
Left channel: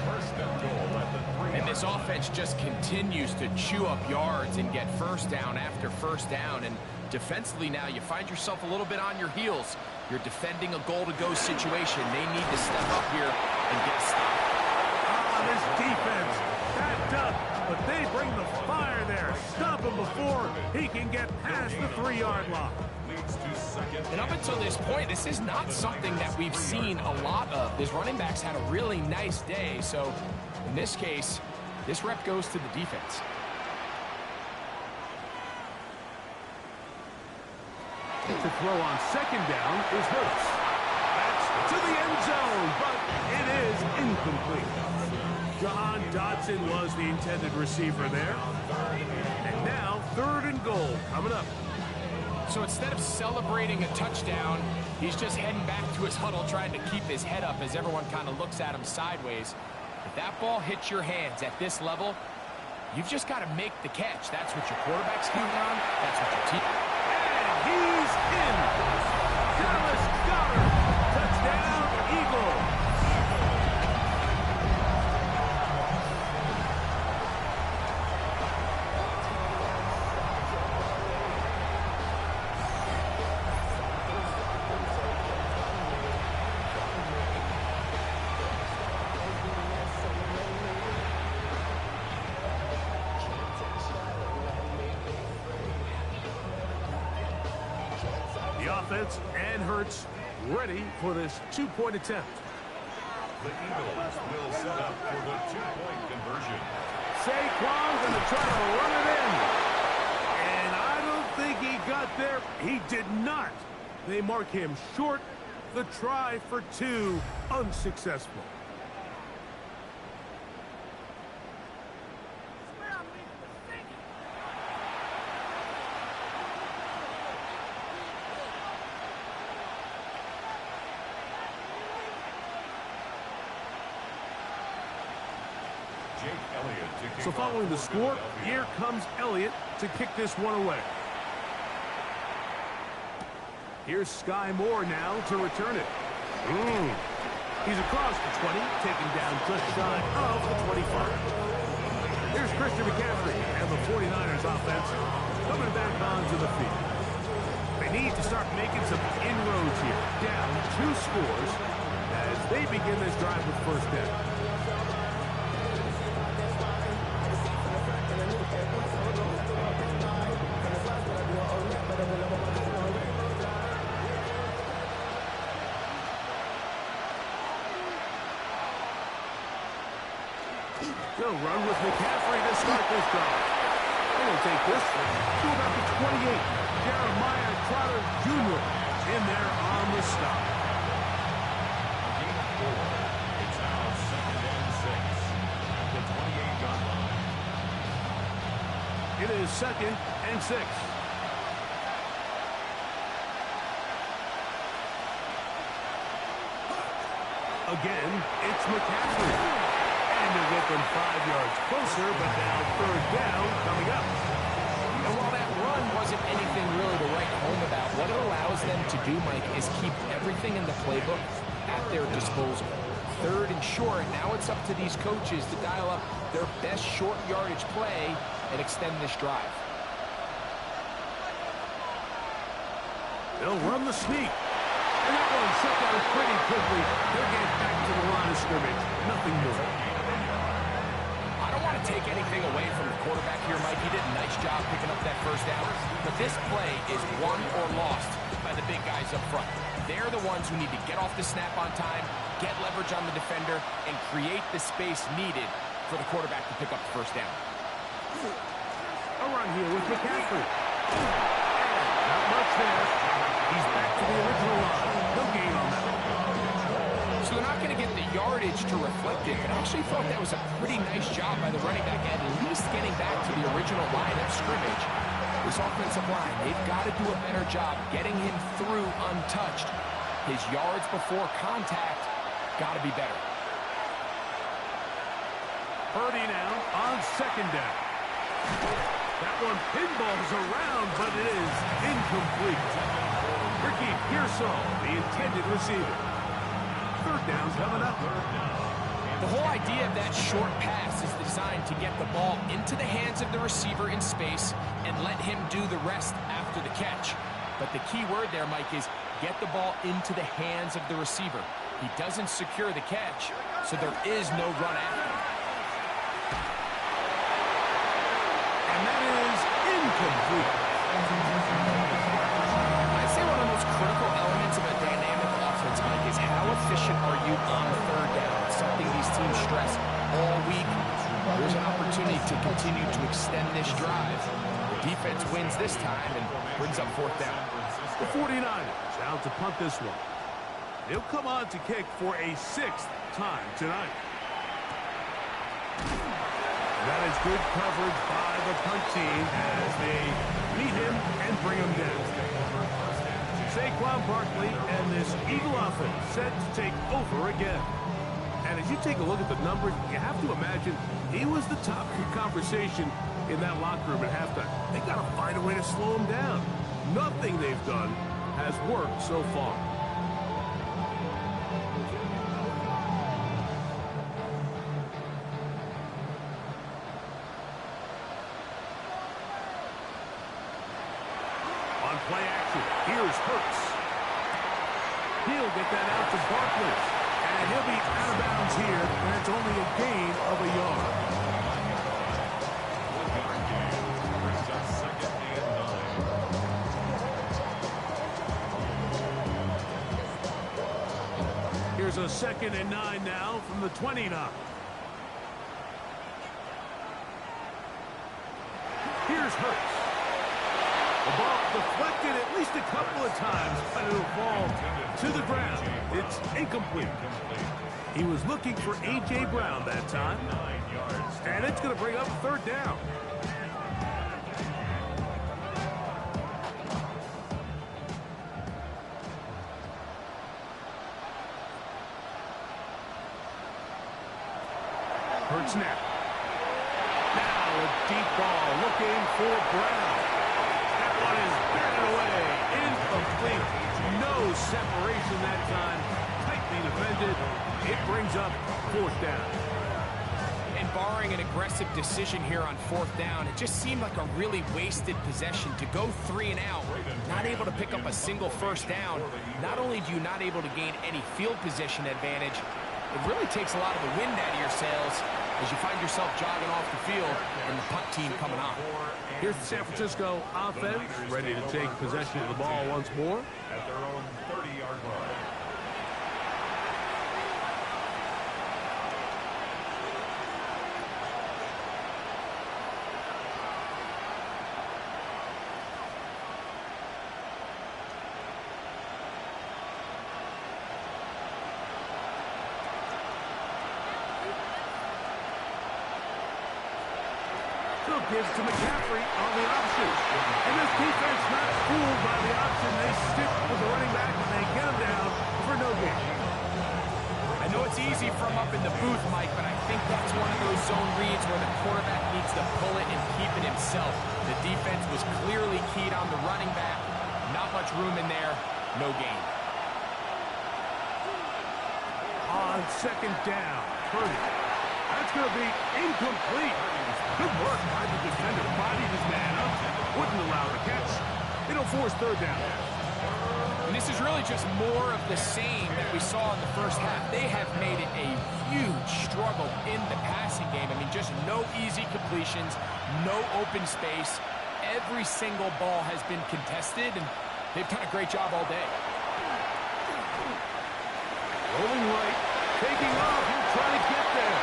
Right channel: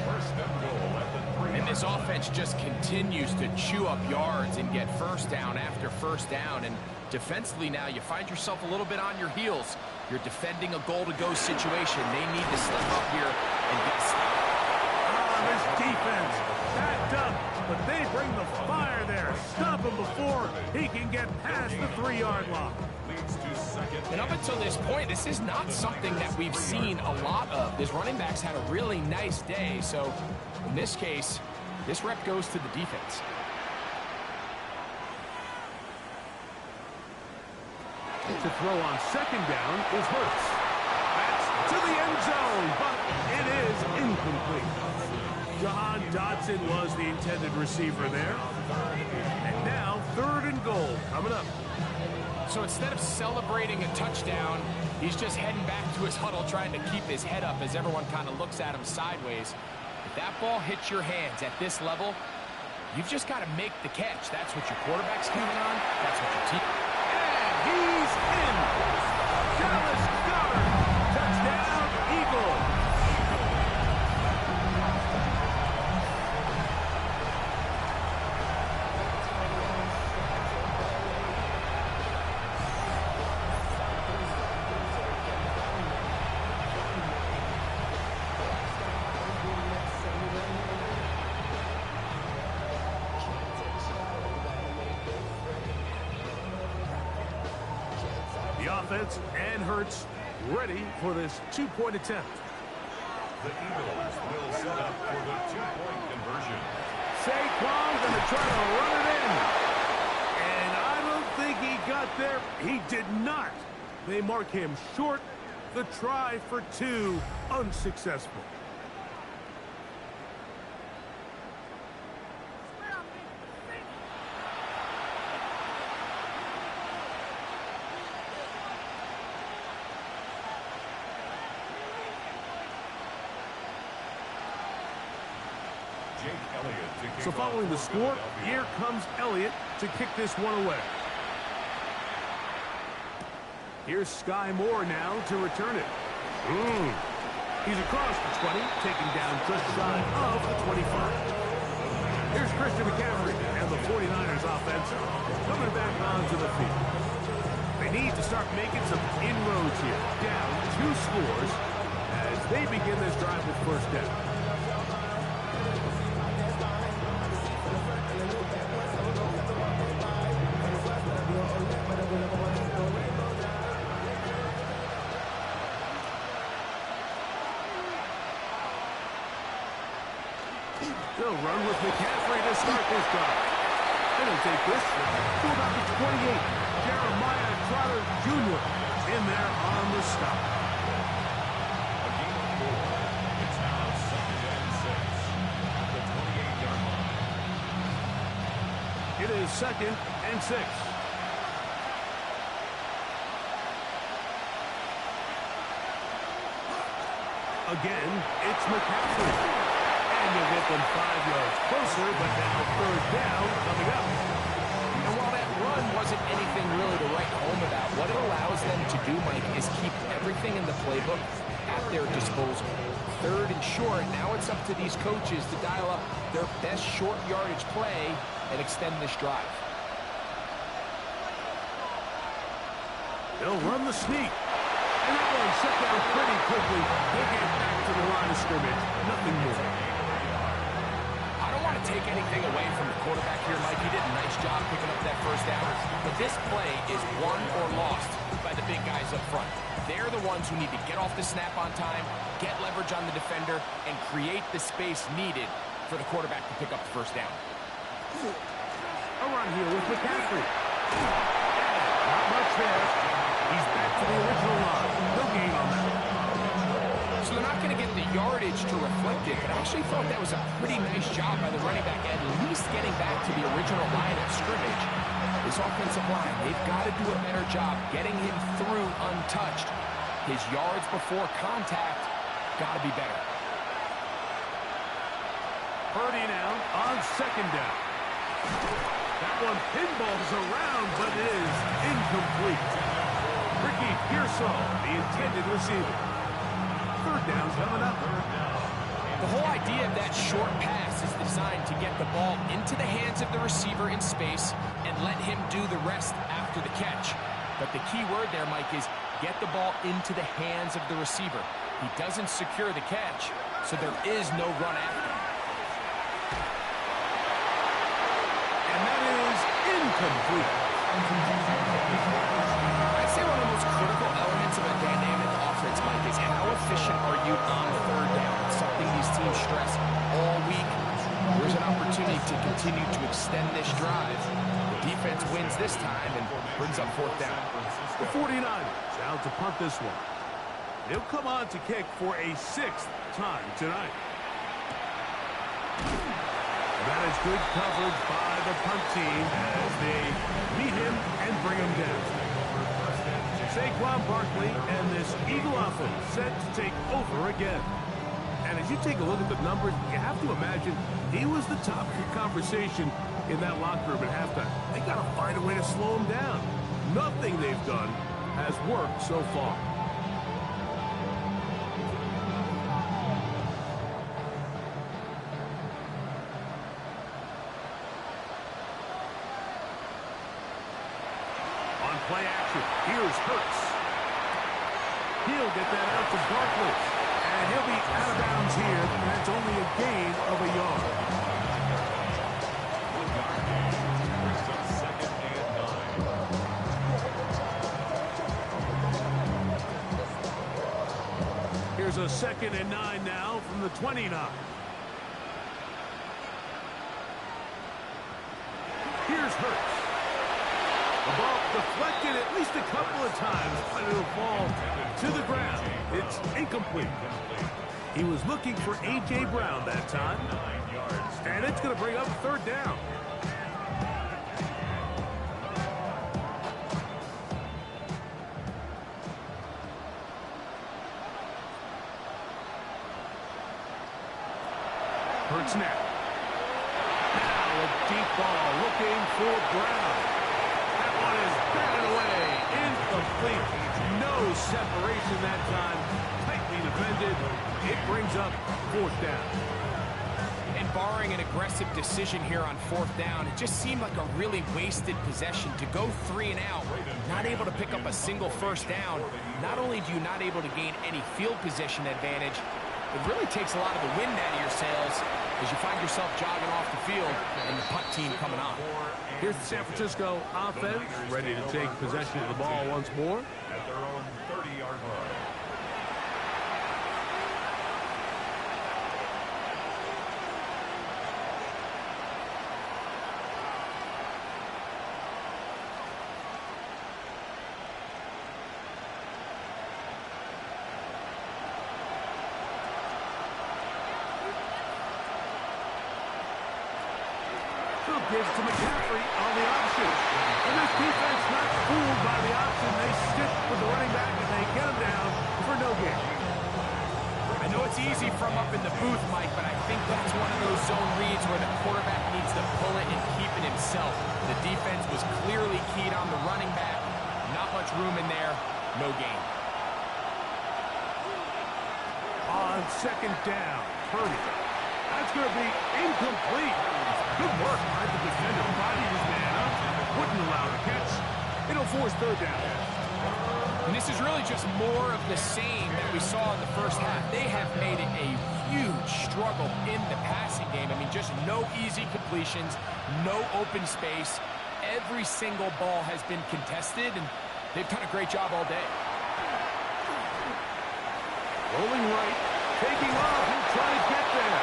1st and goal at the 3. And this offense just continues to chew up yards and get 1st down after 1st down. And defensively now, you find yourself a little bit on your heels. You're defending a goal-to-go situation. They need to step up here and get a stop. This defense backed up, but they bring the fire there. Stop him before he can get past the 3-yard line. And up until this point, this is not something that we've seen a lot of. This running back's had a really nice day, so in this case, this rep goes to the defense. To throw on 2nd down is Hurts. That's to the end zone, but it is incomplete. Jahan Dotson was the intended receiver there. And now 3rd and goal coming up. So instead of celebrating a touchdown, he's just heading back to his huddle trying to keep his head up as everyone kind of looks at him sideways. If that ball hits your hands at this level, you've just got to make the catch. That's what your quarterback's counting on. That's what your team... And he's in. Dallas Goedert. Touchdown, Eagles. The offense and Hurts ready for this 2-point attempt. The Eagles will set up for the 2-point conversion. Saquon going to try to run it in. And I don't think he got there. He did not. They mark him short. The try for 2 unsuccessful. So following the score, here comes Elliott to kick this one away. Here's Sky Moore now to return it. He's across the 20, taken down just shy of the 25. Here's Christian McCaffrey and the 49ers offense coming back onto the field. They need to start making some inroads here. Down 2 scores as they begin this drive with 1st down. They'll run with McCaffrey to start this drive. And he'll take this to about the 28. Jeremiah Trotter Jr. in there on the stop. A gain of 4. It's now 2nd and 6 at the 28-yard line. It is 2nd and 6. Again, it's McCaffrey. And he'll get them 5 yards closer, but now 3rd down coming up. And while that run wasn't anything really to write home about, what it allows them to do, Mike, is keep everything in the playbook at their disposal. 3rd and short, now it's up to these coaches to dial up their best short yardage play and extend this drive. They'll run the sneak. And that one shut down pretty quickly. They'll get back to the line of scrimmage. Nothing more. I don't want to take anything away from the quarterback here, Mike. He did a nice job picking up that 1st down. But this play is won or lost by the big guys up front. They're the ones who need to get off the snap on time, get leverage on the defender, and create the space needed for the quarterback to pick up the 1st down. A run here with McCaffrey. And not much there. He's back to the original line. No gain on that. So they're not going to get the yardage to reflect it, but I actually thought that was a pretty nice job by the running back, at least getting back to the original line of scrimmage. This offensive line, they've got to do a better job getting him through untouched. His yards before contact got to be better. Purdy now on 2nd down. That one pinballs around, but it is incomplete. Ricky Pearsall, the intended receiver. 3rd down coming up. The whole idea of that short pass is designed to get the ball into the hands of the receiver in space and let him do the rest after the catch. But the key word there, Mike, is get the ball into the hands of the receiver. He doesn't secure the catch, so there is no run after him. And that is incomplete. I'd say one of the most critical elements of a dynamic offense, Mike, is how efficient are you on 3rd down? It's something these teams stress all week. There's an opportunity to continue to extend this drive. The defense wins this time and brings up 4th down. The 49ers out to punt this one. They'll come on to kick for a 6th time tonight. That is good coverage by the punt team as they meet him and bring him down. Saquon Barkley and this Eagle offense set to take over again. And as you take a look at the numbers, you have to imagine he was the top conversation in that locker room at halftime. They got to find a way to slow him down. Nothing they've done has worked so far. On play action, here's Hurts. He'll get that out to Barkley. And he'll be out of bounds here. That's only a gain of a yard. 1-yard gain brings us 2nd and 9. Here's a 2nd and 9 now from the 29. Here's Hurts. The ball deflected at least a couple of times, but it'll fall to the ground. It's incomplete. He was looking for A.J. Brown that time. 9 yards. And it's going to bring up 3rd down. Hurts now. Now a deep ball looking for Brown. That one is batted away. Incomplete. No separation that time. Tightly defended. It brings up 4th down. And barring an aggressive decision here on 4th down, it just seemed like a really wasted possession to go 3 and out, not able to pick up a single 1st down. Not only do you not able to gain any field position advantage, it really takes a lot of the wind out of your sails as you find yourself jogging off the field and the punt team coming on. Here's the San Francisco offense ready to take possession of the ball once more. At their own 30-yard line. gives to McCaffrey on the option. And this defense not fooled by the option. They stick with the running back, and they get him down for no gain. I know it's easy from up in the booth, Mike, but I think that's one of those zone reads where the quarterback needs to pull it and keep it himself. The defense was clearly keyed on the running back. Not much room in there. No gain. On second down, Purdy. That's going to be incomplete. Good work by the defender. Bodied his man up. Wouldn't allow the catch. It'll force third down. And this is really just more of the same that we saw in the first half. They have made it a huge struggle in the passing game. I mean, just no easy completions, no open space. Every single ball has been contested, and they've done a great job all day. Rolling right, taking off. He'll try to get there.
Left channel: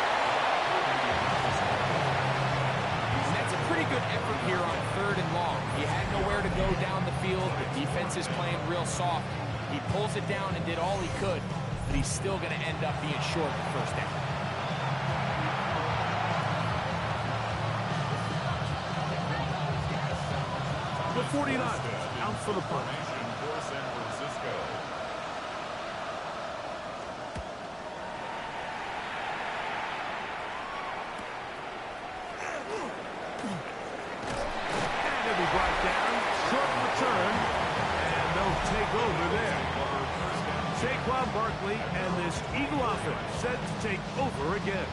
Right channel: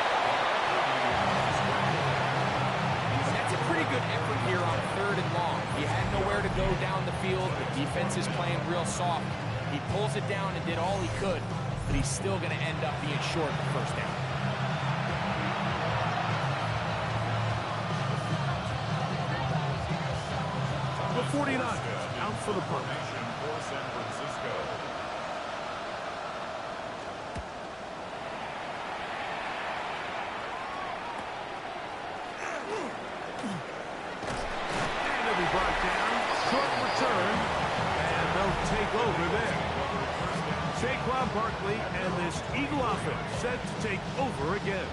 And that's a pretty good effort here on third and long. He had nowhere to go down the field. The defense is playing real soft. He pulls it down and did all he could, but he's still going to end up being short the first down. The 49 out for the punt. For San Francisco. And he'll be brought down. Short return. And they'll take over there. Saquon Barkley and this Eagle offense set to take over again.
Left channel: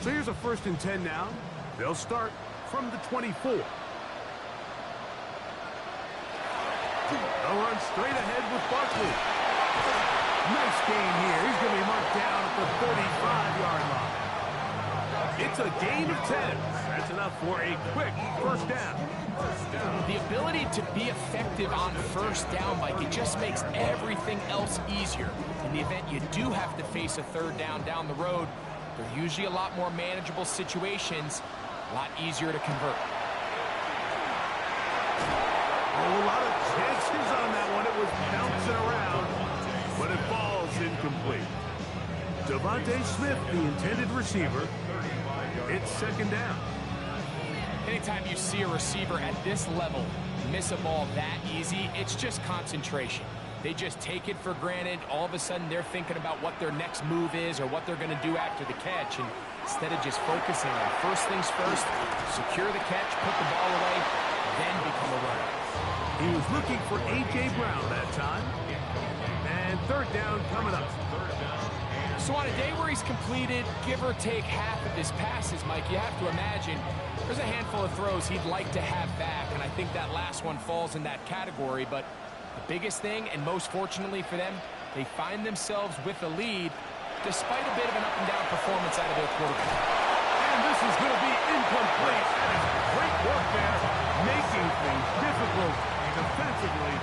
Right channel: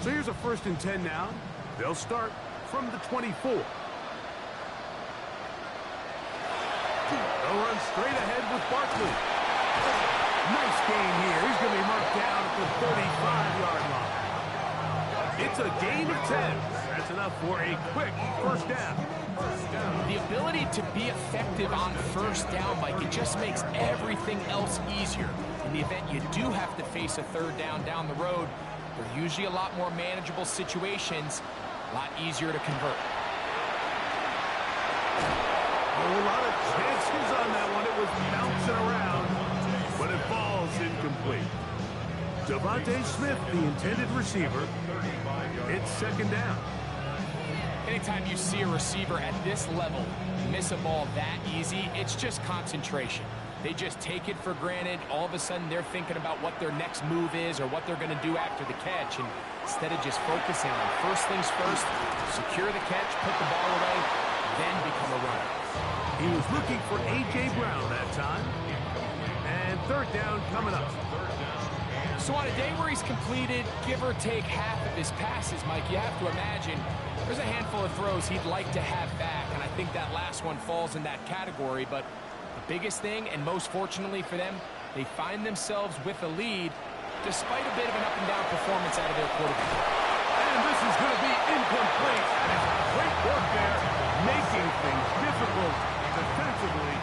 So here's a 1st and 10 now. They'll start from the 24. They'll run straight ahead with Barkley. Nice gain here. He's going to be marked down at the 35-yard line. It's a gain of 10. That's enough for a quick first down. The ability to be effective on first down, Mike, it just makes everything else easier. In the event you do have to face a third down the road, they're usually a lot more manageable situations, a lot easier to convert. Oh, a lot of chances on that one. It was bouncing around, but it falls incomplete. Devontae Smith, the intended receiver. It's second down. Anytime you see a receiver at this level miss a ball that easy, it's just concentration. They just take it for granted. All of a sudden, they're thinking about what their next move is or what they're going to do after the catch. And instead of just focusing on first things first, secure the catch, put the ball away, then become a runner. He was looking for A.J. Brown that time. And third down coming up. So on a day where he's completed, give or take half of his passes, Mike, you have to imagine there's a handful of throws he'd like to have back. And I think that last one falls in that category. But the biggest thing, and most fortunately for them, they find themselves with a lead despite a bit of an up-and-down performance out of their quarterback. And this is going to be incomplete. That is great work there, making things difficult defensively.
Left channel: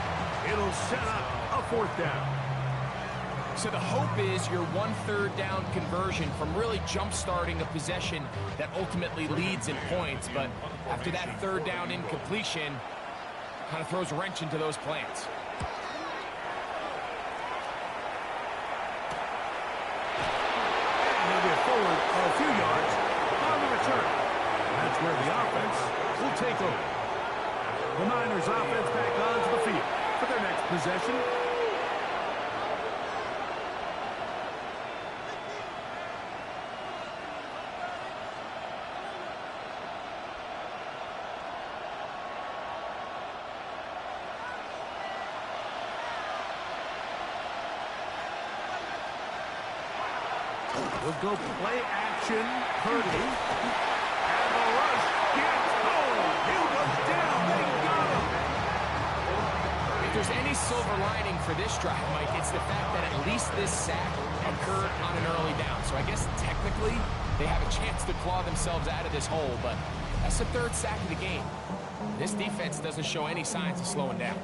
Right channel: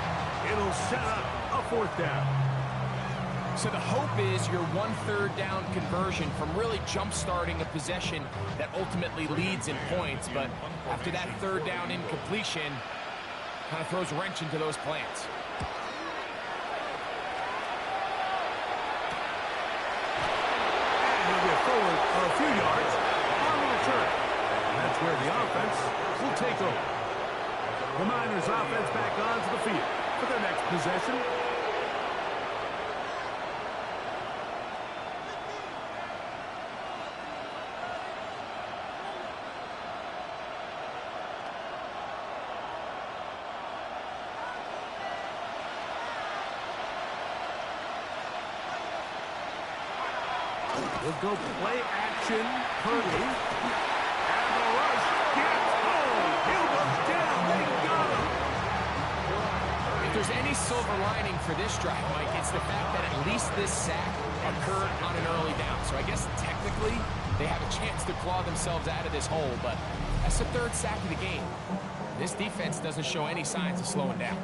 It'll set up a fourth down. So the hope is your 1/3 down conversion from really jump-starting a possession that ultimately leads in points. But after that third down incompletion, kind of throws a wrench into those plans. And he'll get forward a few yards on the return. And that's where the offense will take over. The Niners offense back onto the field for their next possession. We'll go play action. Purdy. And the rush gets home. Hill goes down. They got him. If there's any silver lining for this drive, Mike, it's the fact that at least this sack occurred on an early down. So I guess technically they have a chance to claw themselves out of this hole, but that's the third sack of the game. This defense doesn't show any signs of slowing down.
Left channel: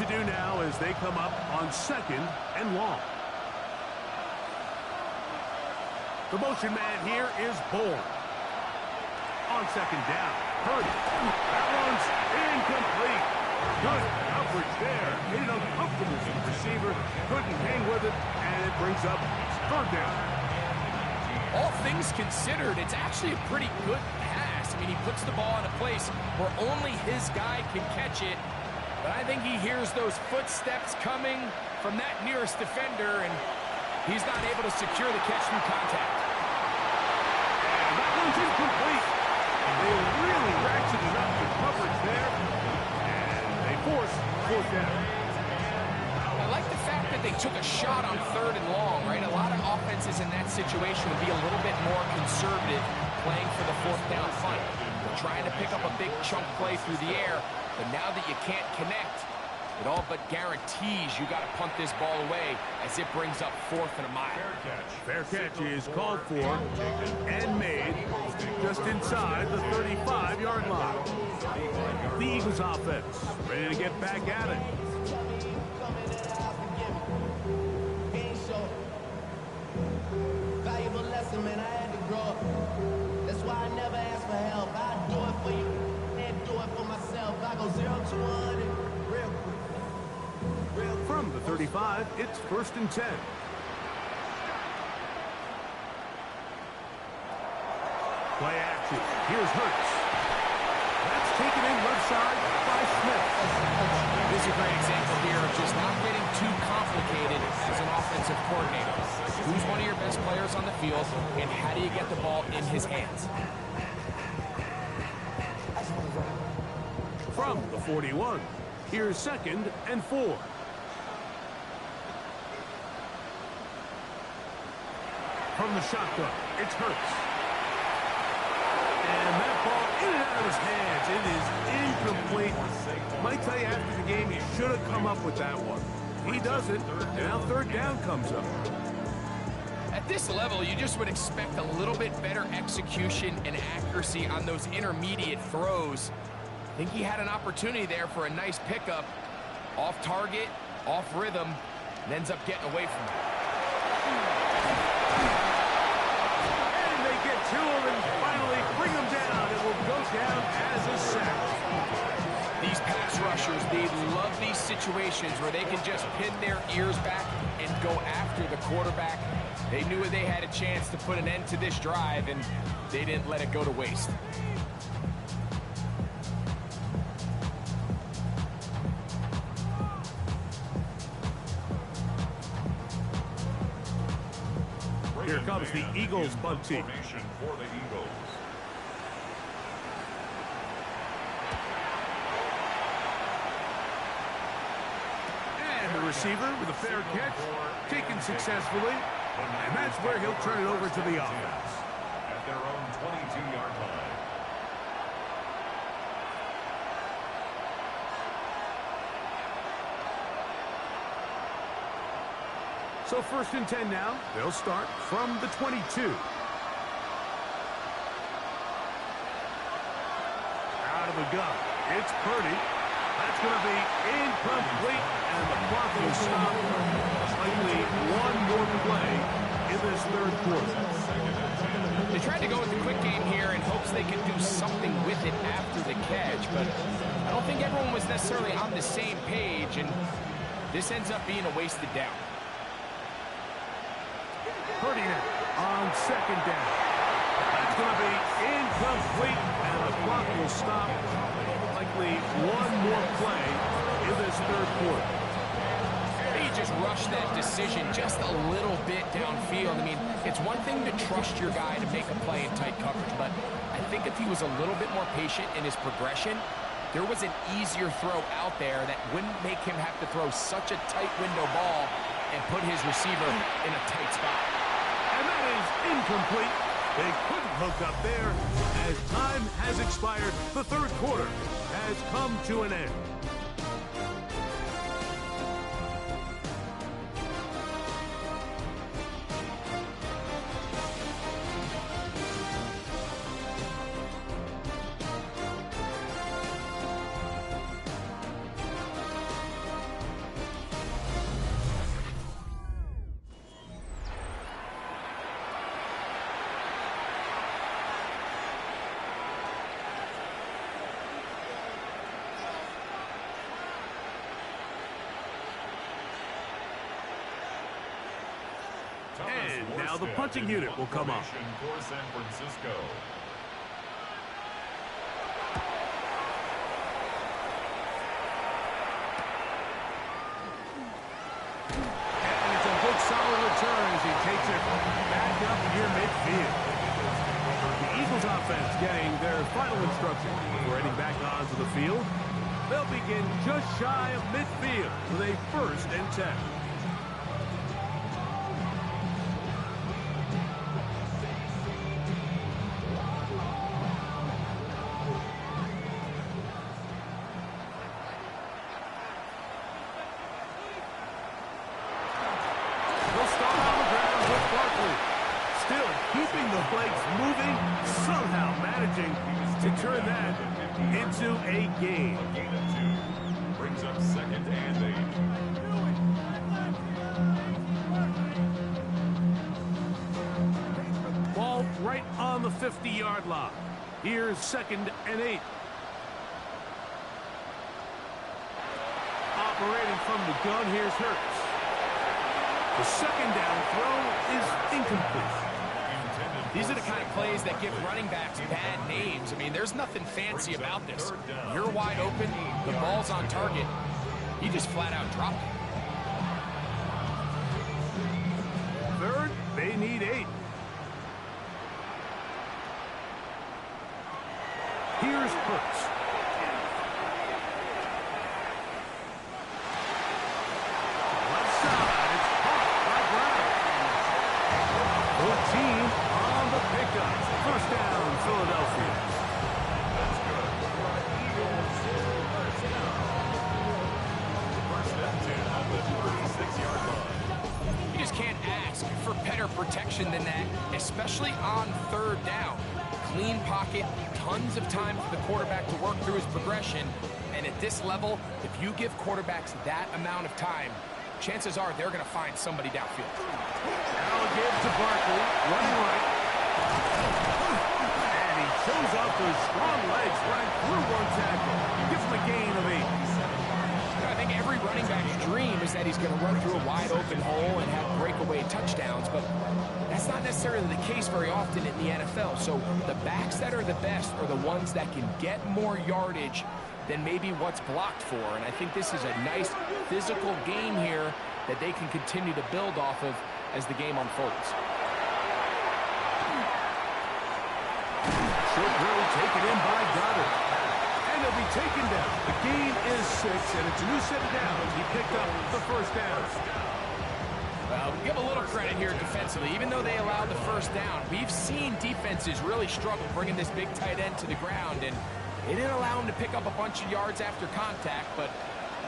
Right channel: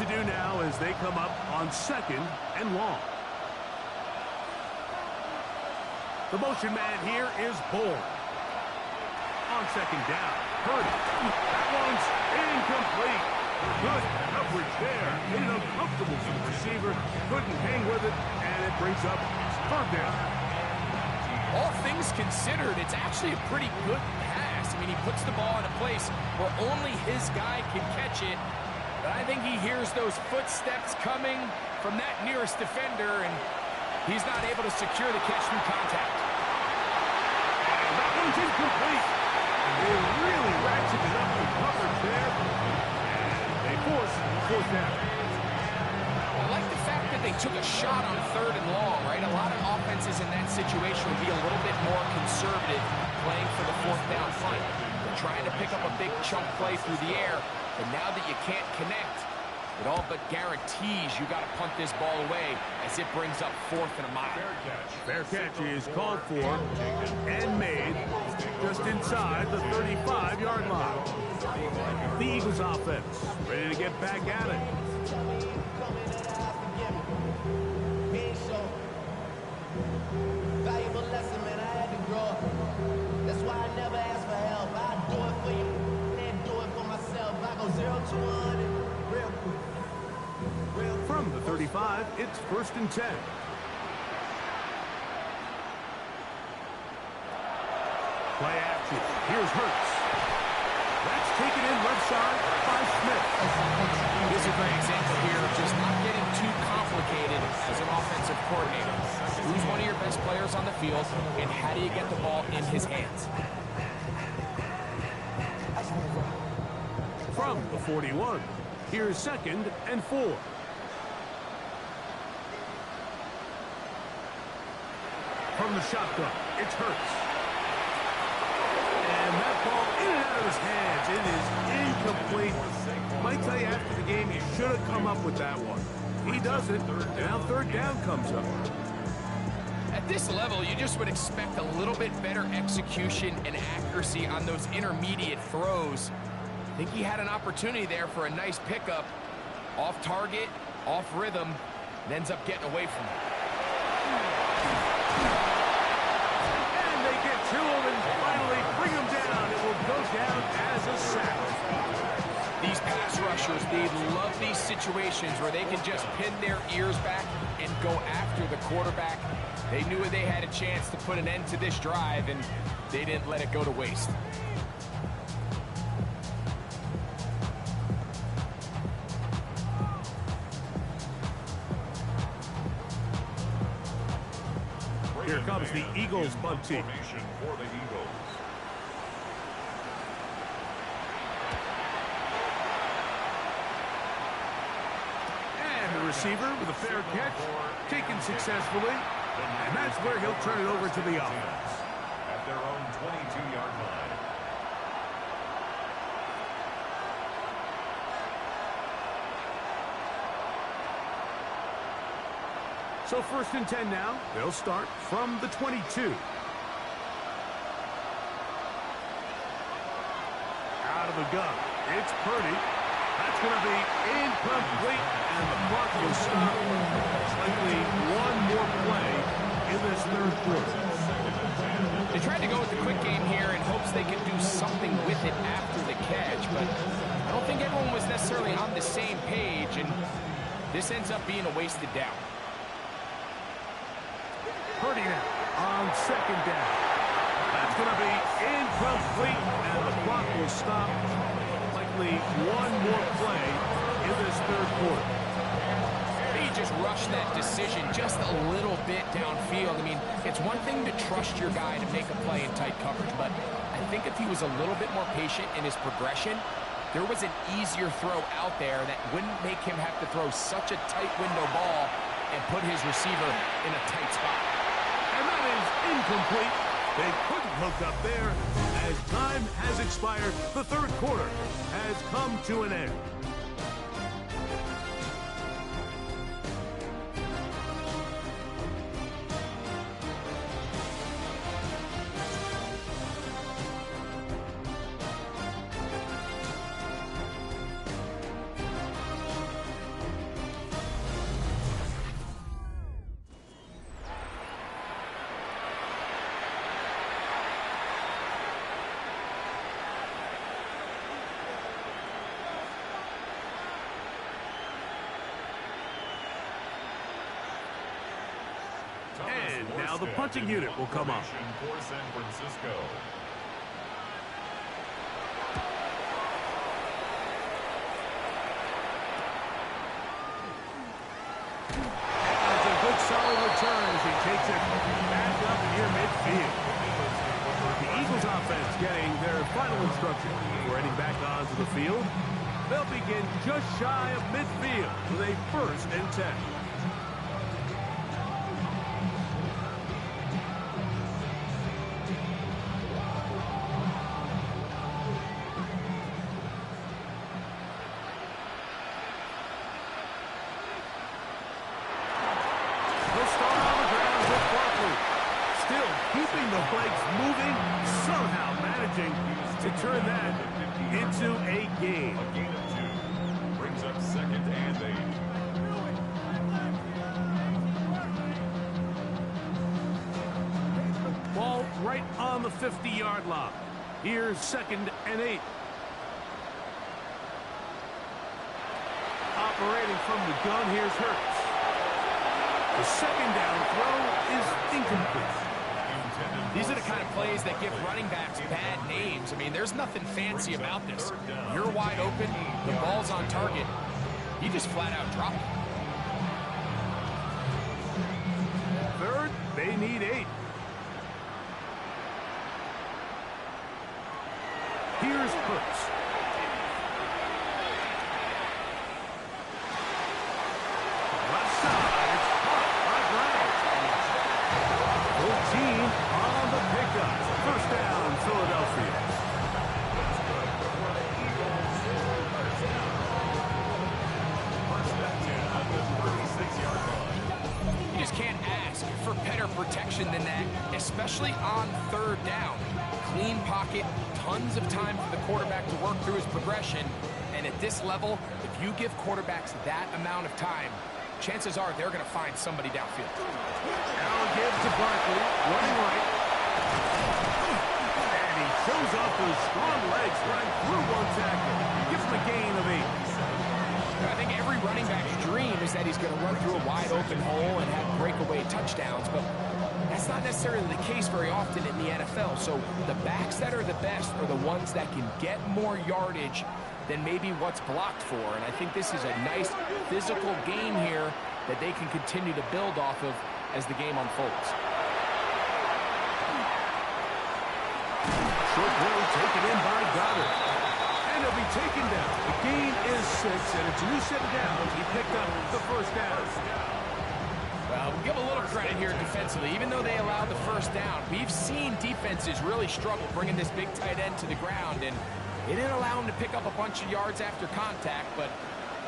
to do now as they come up on 2nd and long. The motion man here is Bourne. On 2nd down, Purdy. That one's incomplete. Good coverage there. Made it uncomfortable for the receiver. Couldn't hang with it, and it brings up 3rd down. All things considered, it's actually a pretty good pass. I mean, he puts the ball in a place where only his guy can catch it. But I think he hears those footsteps coming from that nearest defender, and he's not able to secure the catch through contact. And that one's incomplete. They really ratcheted up the coverage there, and they force 4th down. I like the fact that they took a shot on 3rd and long, right? A lot of offenses in that situation would be a little bit more conservative playing for the 4th down punt. They're trying to pick up a big chunk play through the air, but now that you can't connect, it all but guarantees you got to punt this ball away as it brings up 4th and a mile. Fair catch is called for and made just inside the 35-yard line. The Eagles offense ready to get back at it. Valuable lesson, man. I had to grow up. That's why I never ask for help. I do it for you and do it for myself. I go 0 to 100 real quick. From the 35, it's 1st and 10. Play action. Here's Hurts. That's taken in left side by Smith. This is a great example here of just not getting too complicated as an offensive coordinator. Who's one of your best players on the field, and how do you get the ball in his hands? From the 41, here's 2nd and 4. From the shotgun, it's Hurts. And that ball in and out of his hands. It is incomplete. Might tell you after the game, he should have come up with that one. He doesn't. And now 3rd down comes up. At this level, you just would expect a little bit better execution and accuracy on those intermediate throws. I think he had an opportunity there for a nice pickup. Off target, off rhythm, and ends up getting away from it. And they get to him and finally bring him down. It will go down as a sack. These pass rushers, they love these situations where they can just pin their ears back and go after the quarterback. They knew they had a chance to put an end to this drive, and they didn't let it go to waste. Here comes the Eagles bunt team. For the Eagles. And the receiver with a fair catch, taken successfully. And that's where he'll turn it over to the offense. At their own 22-yard line. So 1st and 10 now. They'll start from the 22. Out of the gun. It's Purdy. That's going to be incomplete, and the clock will stop. Likely one more play in this 3rd quarter. They tried to go with the quick game here in hopes they could do something with it after the catch, but I don't think everyone was necessarily on the same page, and this ends up being a wasted down. Purdy now on 2nd down. That's going to be incomplete, and the clock will stop. Likely one more play in this 3rd quarter. He just rushed that decision just a little bit downfield. I mean, it's one thing to trust your guy to make a play in tight coverage, but I think if he was a little bit more patient in his progression, there was an easier throw out there that wouldn't make him have to throw such a tight window ball and put his receiver in a tight spot. And that is incomplete. They couldn't hook up there. As time has expired, the 3rd quarter has come to an end. Now the punching unit will come up. For San Francisco. And it's a good solid return as he takes it back up near midfield. The Eagles offense getting their final instruction before heading back onto the field. They'll begin just shy of midfield with a 1st and 10. They'll start on the ground with Barkley. Still keeping the legs moving, somehow managing to turn that into a gain. A gain of 2. Brings up 2nd and 8. Ball right on the 50-yard line. Here's 2nd and 8. Operating from the gun, here's Hurts. The 2nd down throw is incomplete. These are the kind of plays that give running backs bad names. I mean, there's nothing fancy about this. You're wide open, the ball's on target. You just flat out drop it. 3rd, they need 8. Here's Hurts. Left side, it's caught by Brown. 14 on the pickup. 1st down, Philadelphia. That's good. For the Eagles, 1st down. 1st and 10 at the 36-yard line. You just can't ask for better protection than that, especially on 3rd down. Clean pocket, tons of time for the quarterback to work through his progression. And at this level, if you give quarterbacks that amount of time, chances are they're going to find somebody downfield. Now a give to Barkley, running right. And he shows off those strong legs running through 1 tackle. Gives him a gain of 8. I think every running back's dream is that he's going to run through a wide open hole and have breakaway touchdowns, but that's not necessarily the case very often in the NFL. So the backs that are the best are the ones that can get more yardage than maybe what's blocked for. And I think this is a nice physical game here that they can continue to build off of as the game unfolds. Short throw taken in by Goddard. And he'll be taken down. The gain is 6, and it's a new set of downs. He picked up the 1st down. Well, we'll give a little credit here defensively. Even though they allowed the 1st down, we've seen defenses really struggle bringing this big tight end to the ground, and they didn't allow him to pick up a bunch of yards after contact, but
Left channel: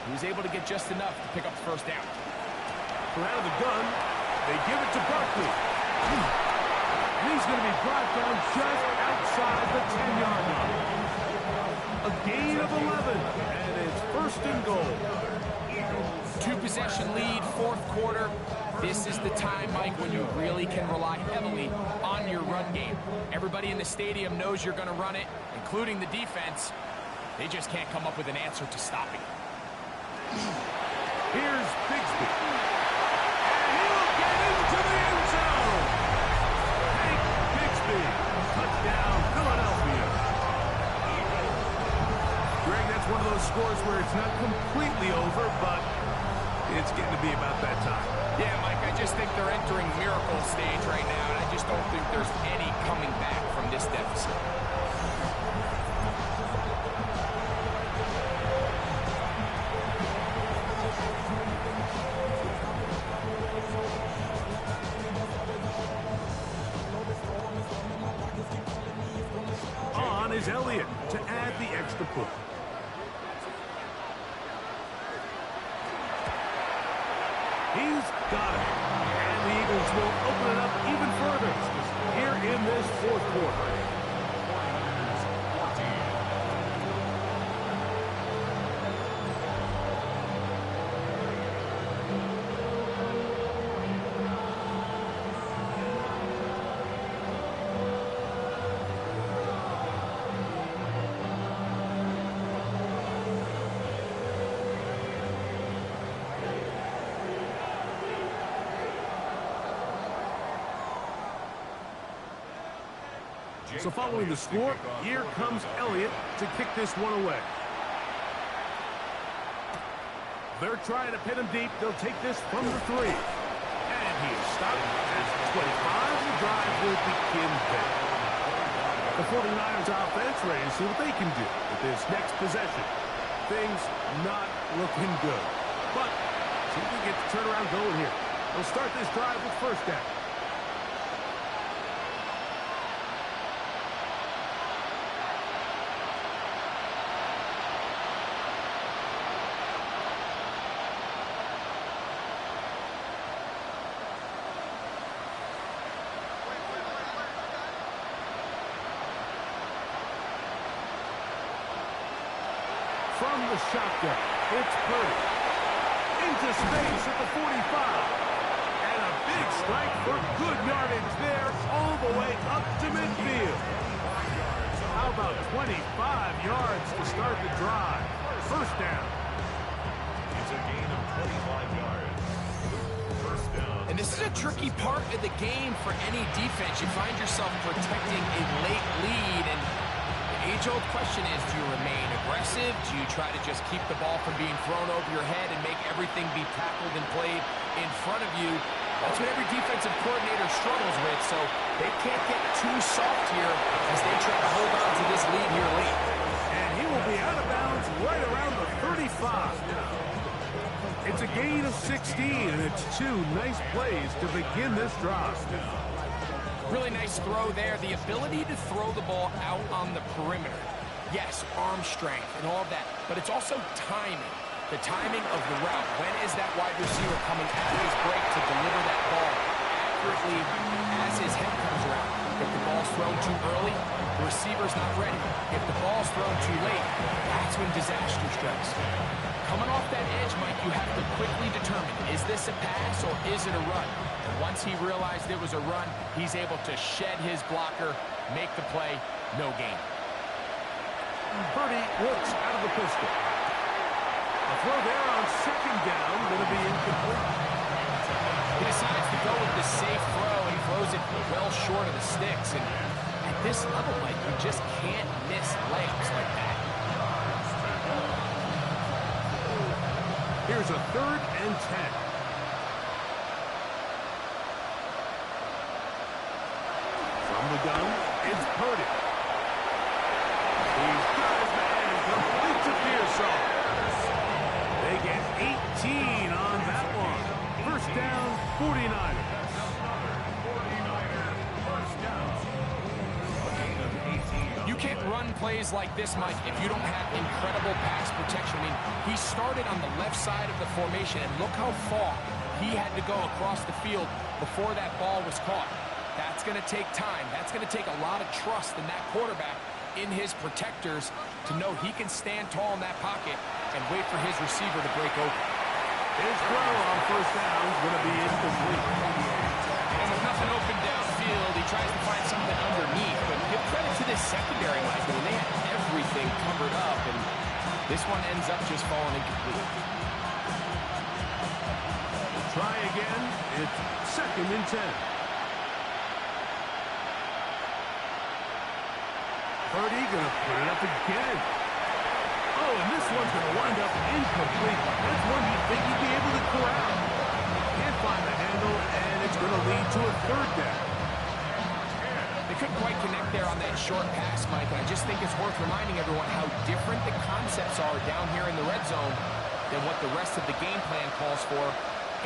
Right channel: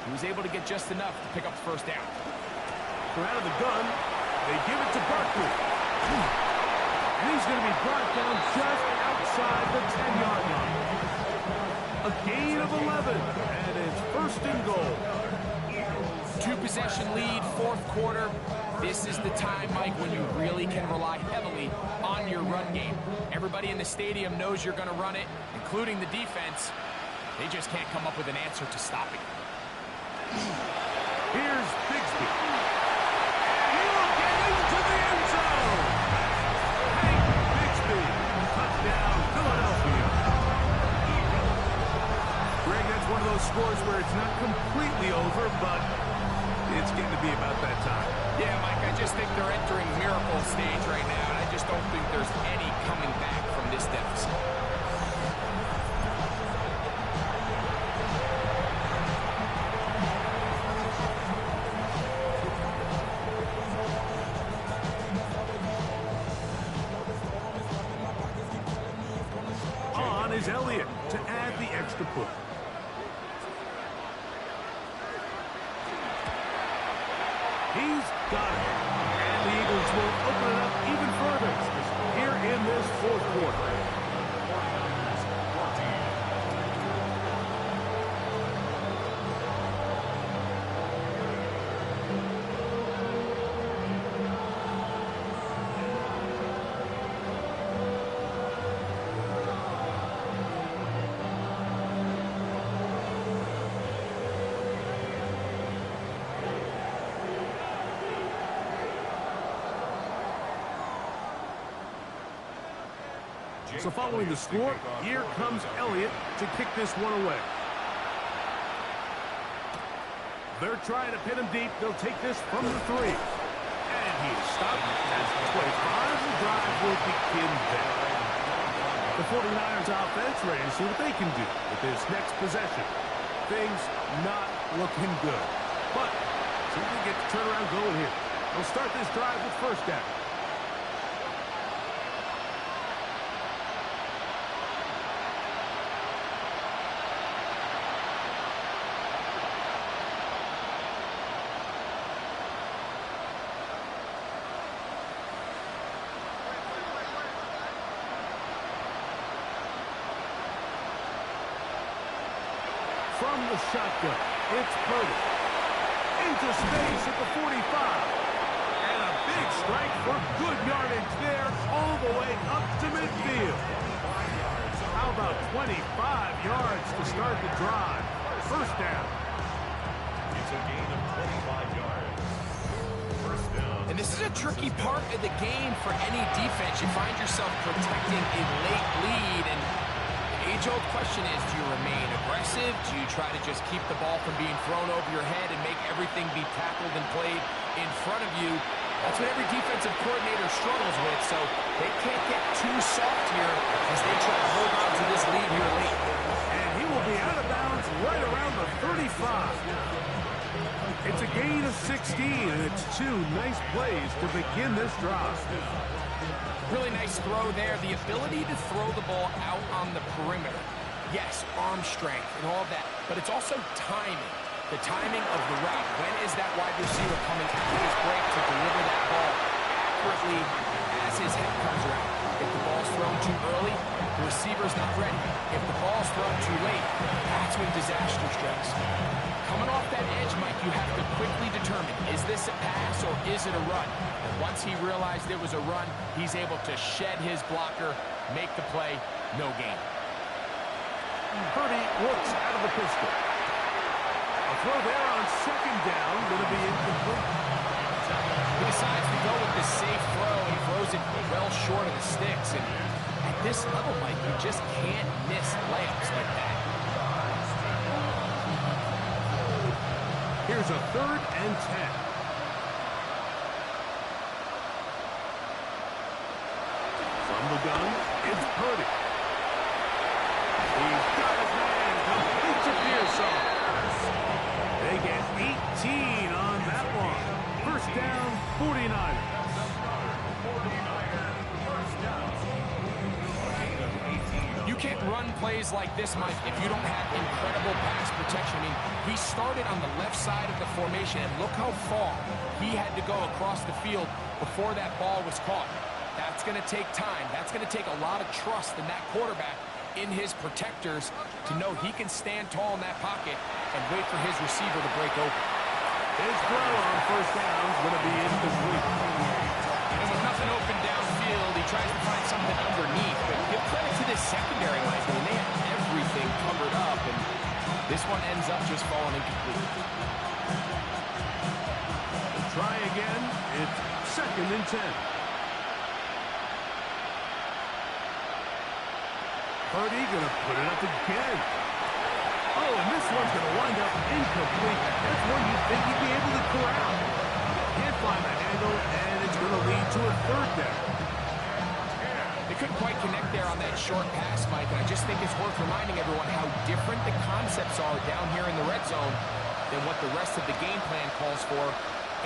he was able to get just enough to pick up the 1st down. From out of the gun, they give it to Barkley. And he's going to be brought down just outside the 10-yard line. A gain of 11, and it's 1st and goal. 2-possession lead, 4th quarter. This is the time, Mike, when you really can rely heavily on your run game. Everybody in the stadium knows you're going to run it, including the defense. They just can't come up with an answer to stopping it. Here's Bigsby. And he'll get into the end zone. Hank Bigsby. Touchdown, Philadelphia. Greg, that's one of those scores where it's not completely over, but it's getting to be about that time. Yeah, Mike, I just think they're entering miracle stage right now, and I just don't think there's any coming back from this deficit. On is Elliott to add the extra point. He's got it. And the Eagles will open it up even further here in this 4th quarter. So following the score, here comes Elliott to kick this one away. They're trying to pin him deep. They'll take this from the 3. And he is stopped at 25. The drive will begin there. The 49ers offense ready to see what they can do with this next possession. Things not looking good. But see if they get the turnaround going here. They'll start this drive with first down. From the shotgun, it's Purdy. Into space at the 45. And a big strike for good yardage there all the way up to midfield. How about 25 yards to start the drive? First down. It's a gain of 25 yards. First down. And this is a tricky part of the game for any defense. You find yourself protecting a late lead, and the age-old question is, do you remain aggressive? Do you try to just keep the ball from being thrown over your head and make everything be tackled and played in front of you? That's what every defensive coordinator struggles with, so they can't get too soft here as they try to hold on to this lead here late. And he will be out of bounds right around the 35. It's a gain of 16, and it's 2 nice plays to begin this drive. Really nice throw there. The ability to throw the ball out on the perimeter. Yes, arm strength and all of that, but it's also timing. The timing of the route. When is that wide receiver coming out of his break to deliver that ball accurately as his head comes around? If the ball's thrown too early, the receiver's not ready. If the ball's thrown too late, that's when disaster strikes. Coming off that edge, Mike, you have to quickly determine, is this a pass or is it a run? And once he realized it was a run, he's able to shed his blocker, make the play, no gain. Purdy works out of the pistol. A throw there on second down, going to be incomplete. He decides to go with the safe throw, and he throws it well short of the sticks. And at this level, Mike, you just can't miss layups like that. Here's a 3rd and 10. From the gun, it's Purdy. He's got his man, complete to Pearsall. They get 18 on that one. First down, 49ers. You can't run plays like this, Mike, if you don't have incredible pass protection. I mean, he started on the left side of the formation, and look how far he had to go across the field before that ball was caught. That's going to take time. That's going to take a lot of trust in that quarterback, in his protectors, to know he can stand tall in that pocket and wait for his receiver to break open. His throw on first down is going to be incomplete. And with nothing open downfield, he tries to find something underneath. But give credit to this secondary, Mike. I mean, they had everything covered up, and this one ends up just falling incomplete. Try again. It's 2nd and 10. Purdy going to put it up again. Oh, and this one's going to wind up incomplete. That's one you'd think he'd be able to corral. Can't find the handle, and it's going to lead to a 3rd down. They couldn't quite connect there on that short pass, Mike, and I just think it's worth reminding everyone how different the concepts are down here in the red zone than what the rest of the game plan calls for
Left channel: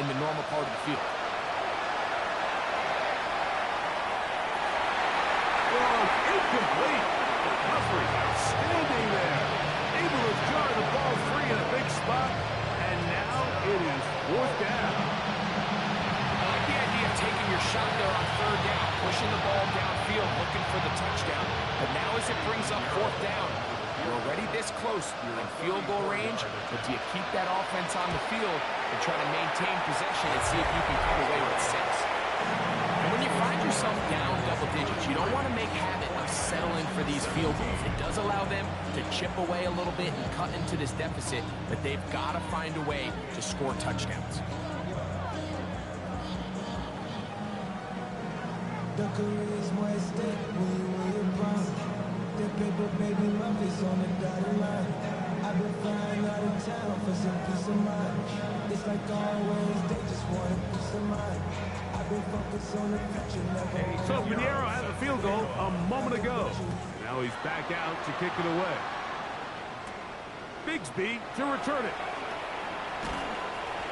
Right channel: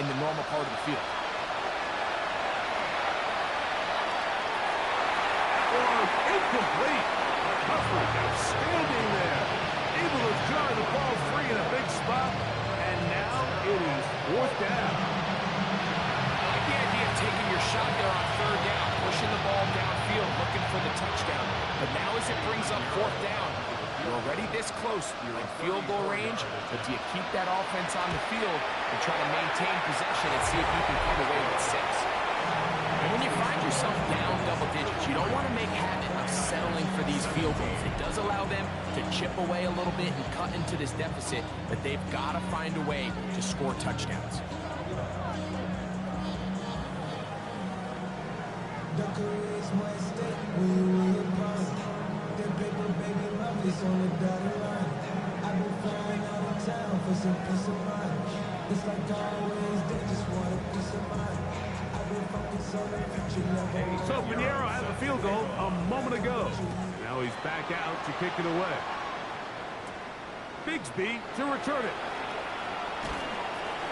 in the normal part of the field. One incomplete. Recovery outstanding there. Able to jar the ball free in a big spot, and now it is 4th down. I like the idea of taking your shot there on 3rd down, pushing the ball downfield, looking for the touchdown. But now as it brings up 4th down, you're already this close. You're in field goal range, but do you keep that offense on the field and try to maintain possession and see if you can come away with 6? And when you find yourself down double digits, you don't want to make habit of settling for these field goals. It does allow them to chip away a little bit and cut into this deficit, but they've got to find a way to score touchdowns. The career is more at stake when you win your prime. That paper, baby, my face on the dotted line. I've been flying out of town for some peace of mind. It's like always, they just want a peace of mind. I've been focused on the future, never. So Pinheiro had the field goal a moment ago. Now he's back out to kick it away. Bigsby to return it.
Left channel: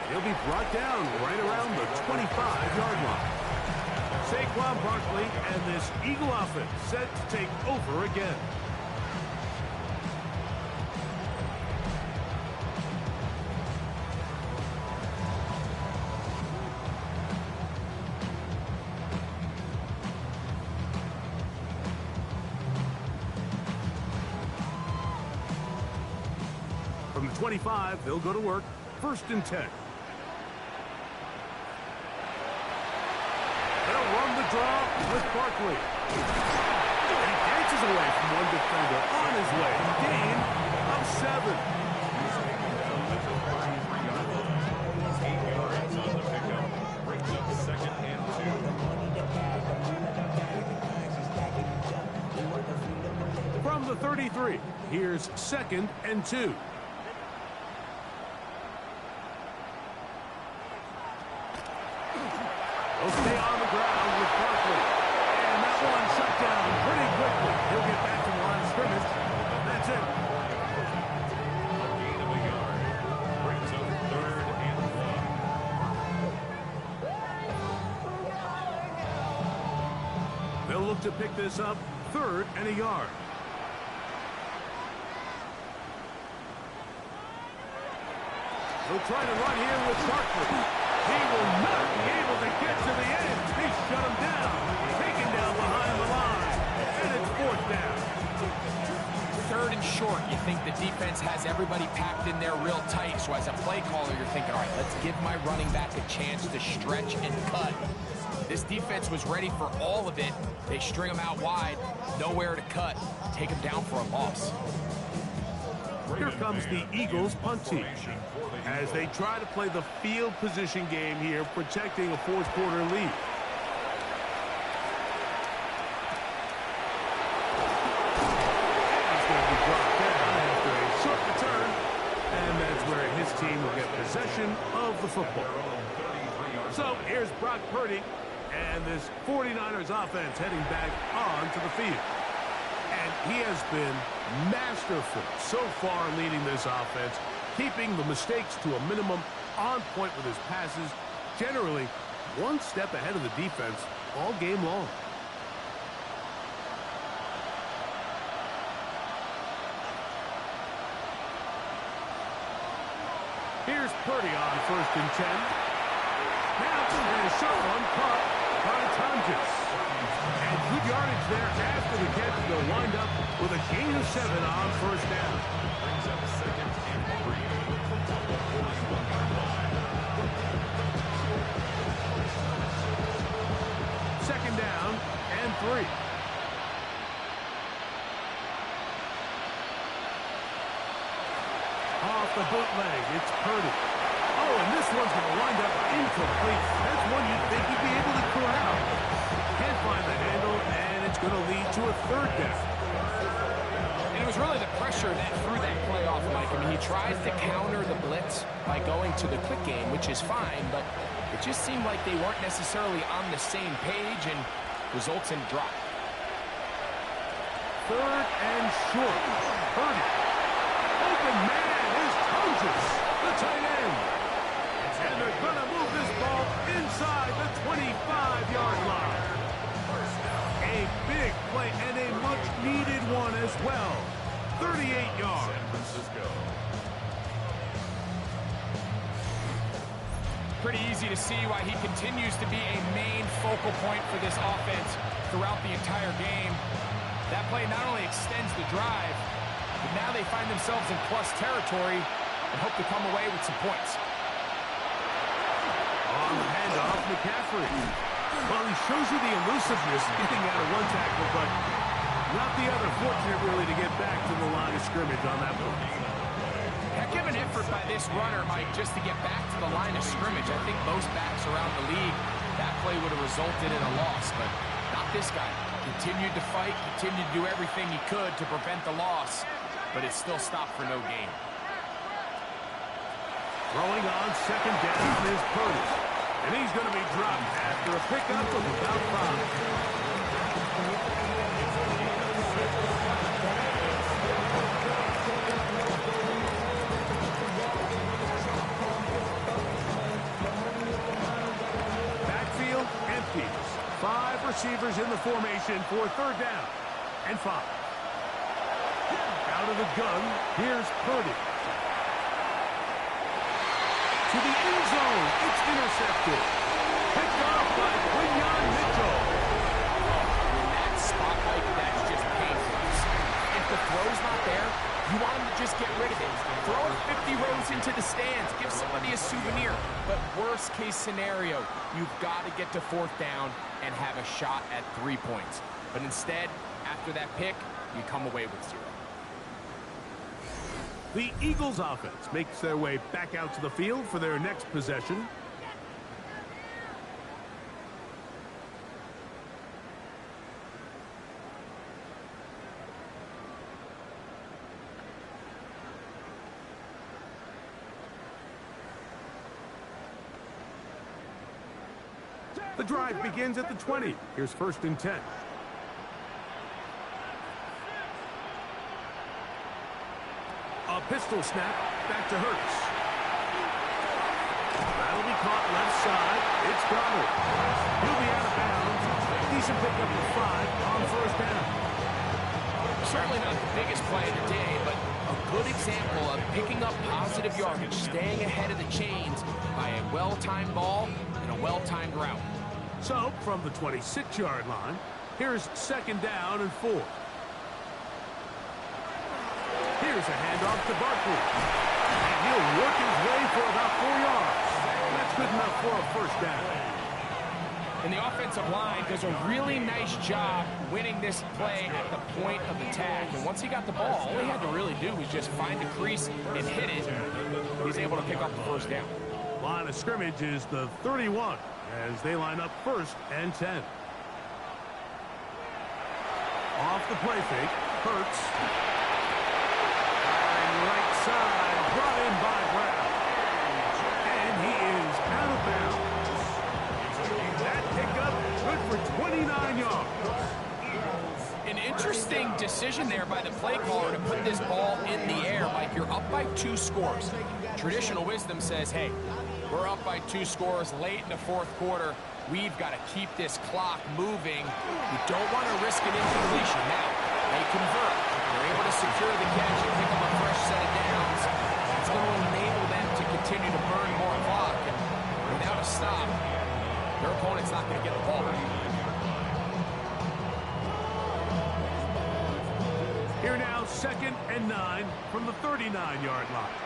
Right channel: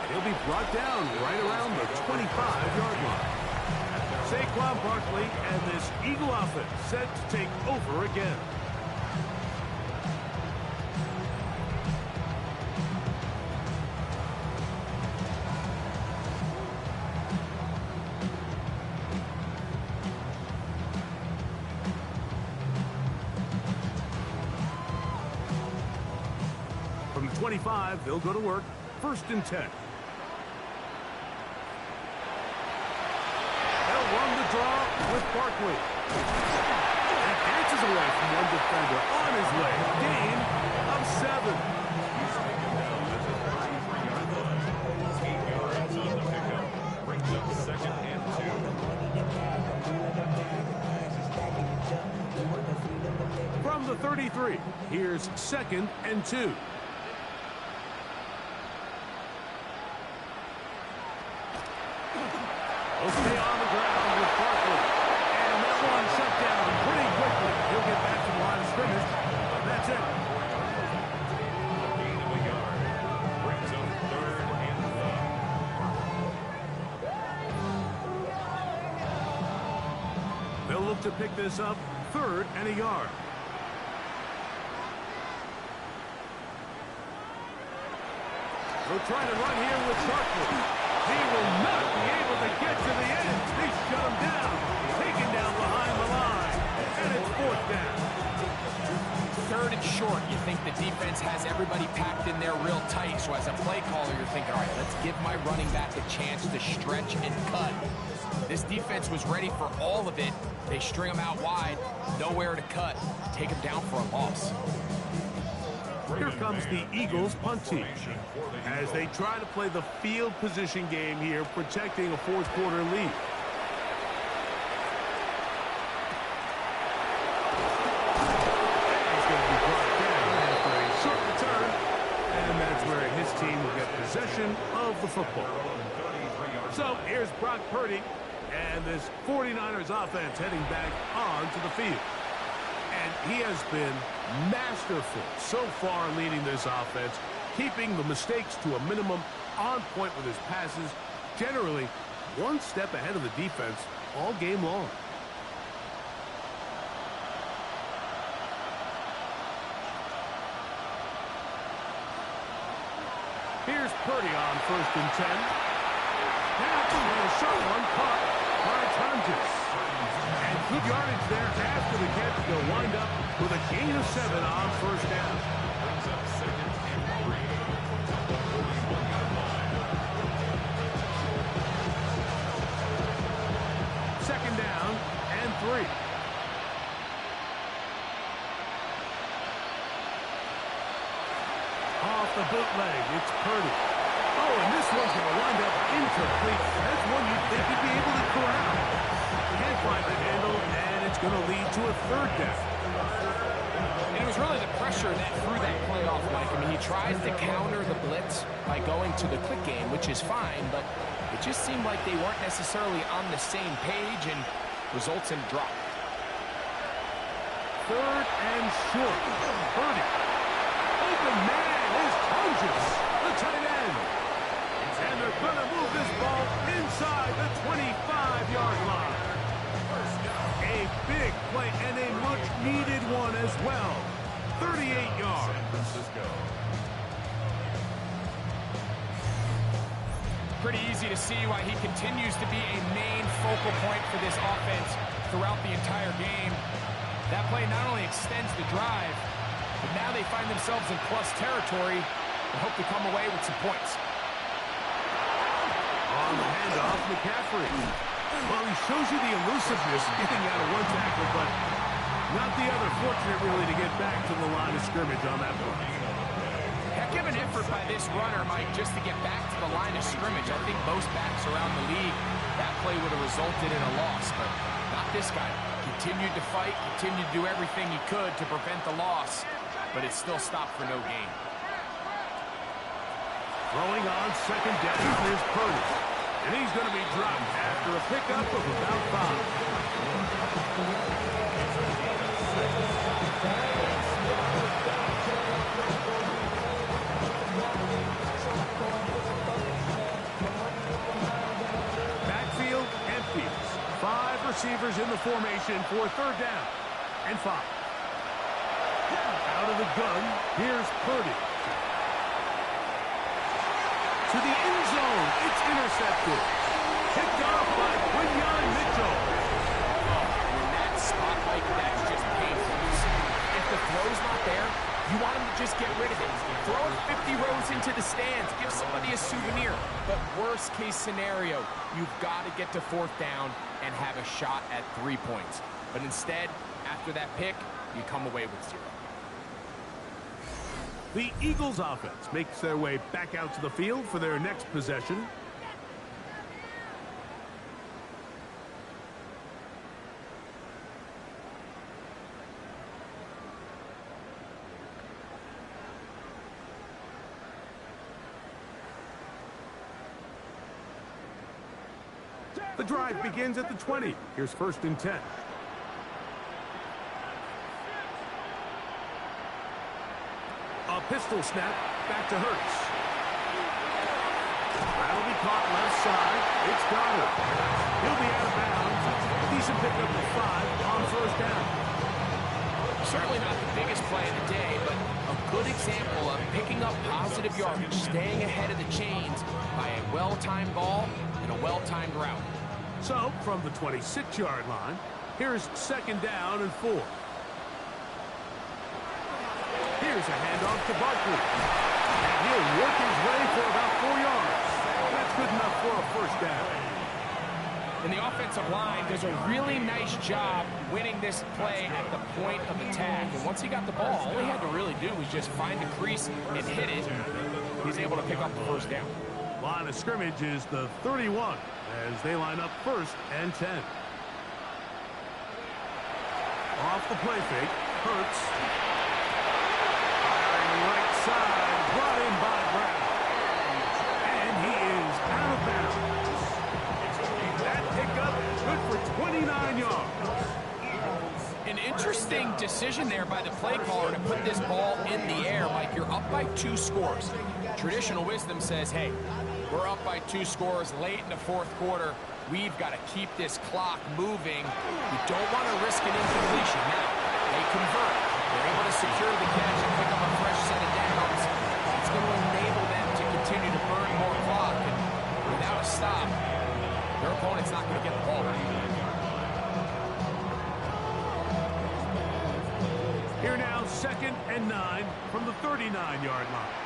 And he'll be brought down right around the 25-yard line. Saquon Barkley and this Eagle offense set to take over again. From the 25, they'll go to work. 1st and 10. They'll run the draw with Barkley. And he dances away from one defender on his way. Gain of 7. He's taken down at the 33-yard line. 8 yards on the pickup. Brings up 2nd and 2. From the 33, here's 2nd and 2. He'll stay on the ground with Barkley. And that one shut down pretty quickly. He'll get back to the line of scrimmage. That's it. A gain of a yard. Brings up 3rd and 1. They'll look to pick this up 3rd and a yard. They'll try to run here with Barkley. He will not be able to get to the end. They shut him down. Taken down behind the line. And it's 4th down. 3rd and short. You think the defense has everybody packed in there real tight. So as a play caller, you're thinking, all right, let's give my running back a chance to stretch and cut. This defense was ready for all of it. They string him out wide. Nowhere to cut. Take him down for a loss. Here comes the Eagles punt team as they try to play the field position game here, protecting a 4th quarter lead. And he's going to be brought down after a short return, and that's where his team will get possession of the football. So here's Brock Purdy and this 49ers offense heading back onto the field. And he has been masterful so far leading this offense, keeping the mistakes to a minimum, on point with his passes, generally one step ahead of the defense all game long. Here's Purdy on 1st and 10. Now, and a short one caught by Tonjes. And good yardage there after the catch. They'll wind up with a gain of 7 on 1st down. Brings up 2nd and 3. From the 41-yard line. 2nd down and 3. Off the bootleg, it's Purdy. Oh, and this one's going to wind up incomplete. That's one you'd think he'd be able to corral. Can't find the handle, and it's going to lead to a 3rd down. And it was really the pressure that threw that play off, Mike. I mean, he tries to counter the blitz by going to the quick game, which is fine, but it just seemed like they weren't necessarily on the same page and results in a drop. 3rd and short. Purdy. Open man is Tonjes, the tight end. And they're going to move this ball inside the 25-yard line. A big play and a much-needed one as well. 38 yards. San Francisco. Pretty easy to see why he continues to be a main focal point for this offense throughout the entire game. That play not only extends the drive, but now they find themselves in plus territory and hope to come away with some points. On the handoff, McCaffrey. Well, he shows you the elusiveness getting out of one tackle, but not the other. Fortunate, really, to get back to the line of scrimmage on that one. Heck of an effort by this runner, Mike, just to get back to the line of scrimmage. I think most backs around the league, that play would have resulted in a loss, but Not this guy. Continued to fight, continued to do everything he could to prevent the loss, but it still stopped for no gain. Throwing on second down is Purdy. And he's going to be dropped after a pickup of about 5. Backfield empties. 5 receivers in the formation for third down and 5. Out of the gun, here's Purdy. To the end zone, it's intercepted. Picked off by Quinyon Mitchell. Oh, in that spot, Mike, that's just painful. If the throw's not there, you want him to just get rid of it. Throw it 50 rows into the stands. Give somebody a souvenir. But worst case scenario, you've got to get to fourth down and have a shot at 3 points. But instead, after that pick, you come away with 0. The Eagles offense makes their way back out to the field for their next possession. The drive begins at the 20. Here's 1st and 10. A pistol snap, back to Hurts. That'll be caught left side. It's Goddard. He'll be out of bounds. Decent pickup of 5 on 1st down. Certainly not the biggest play of the day, but a good example of picking up positive yardage, staying ahead of the chains by a well-timed ball and a well-timed route. So, from the 26-yard line, here's 2nd down and 4. Here's a handoff to Barkley. And he'll work his way for about 4 yards. That's good enough for a 1st down. And the offensive line does a really nice job winning this play at the point of attack. And once he got the ball, all he had to really do was just find the crease and hit it. He's able to pick up the 1st down. Line of scrimmage is the 31 as they line up 1st and 10. Off the play fake, Hurts. Right side, brought in by Brown. And he is out of bounds. That pickup, good for 29 yards. An interesting decision there by the play caller to put this ball in the air. Mike, you're up by 2 scores. Traditional wisdom says, hey, we're up by 2 scores late in the 4th quarter. We've got to keep this clock moving. We don't want to risk an incompletion. Now, they convert. They're able to secure the catch and pick up a fresh set of downs. It's going to enable them to continue to burn more clock. And without a stop, their opponent's not going to get the ball back. Here now, 2nd and 9 from the 39-yard line.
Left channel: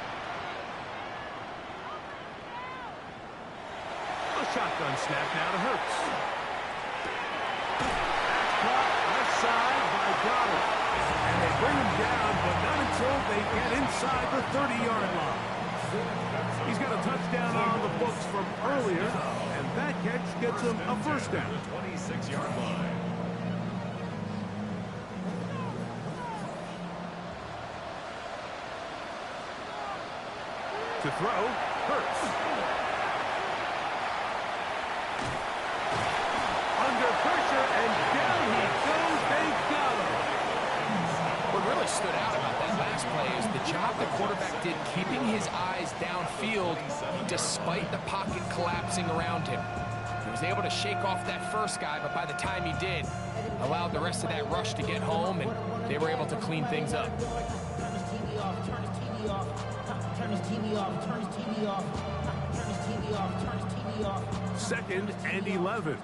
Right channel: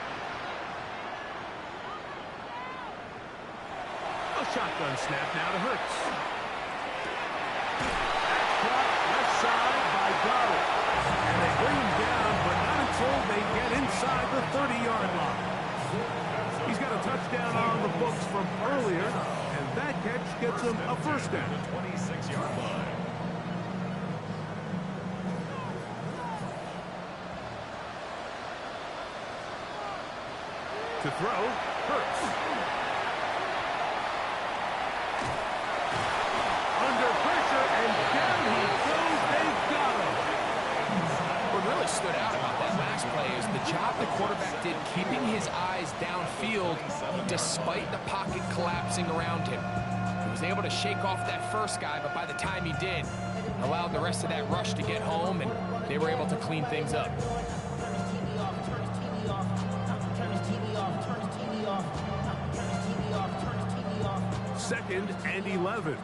A shotgun snap now to Hurts. That's caught left side by Goddard. And they bring him down, but not until they get inside the 30-yard line. He's got a touchdown on the books from earlier, and that catch gets him a 1st down. The 26-yard line. To throw, Hurts. Under pressure, and down he goes. They got him. What really stood out about that last play is the job the quarterback did keeping his eyes downfield despite the pocket collapsing around him. He was able to shake off that first guy, but by the time he did, allowed the rest of that rush to get home, and they were able to clean things up. Turn his TV off, turn his TV off, turn his TV off, turn his TV off, turn his TV off, turn his TV off. 2nd and 11.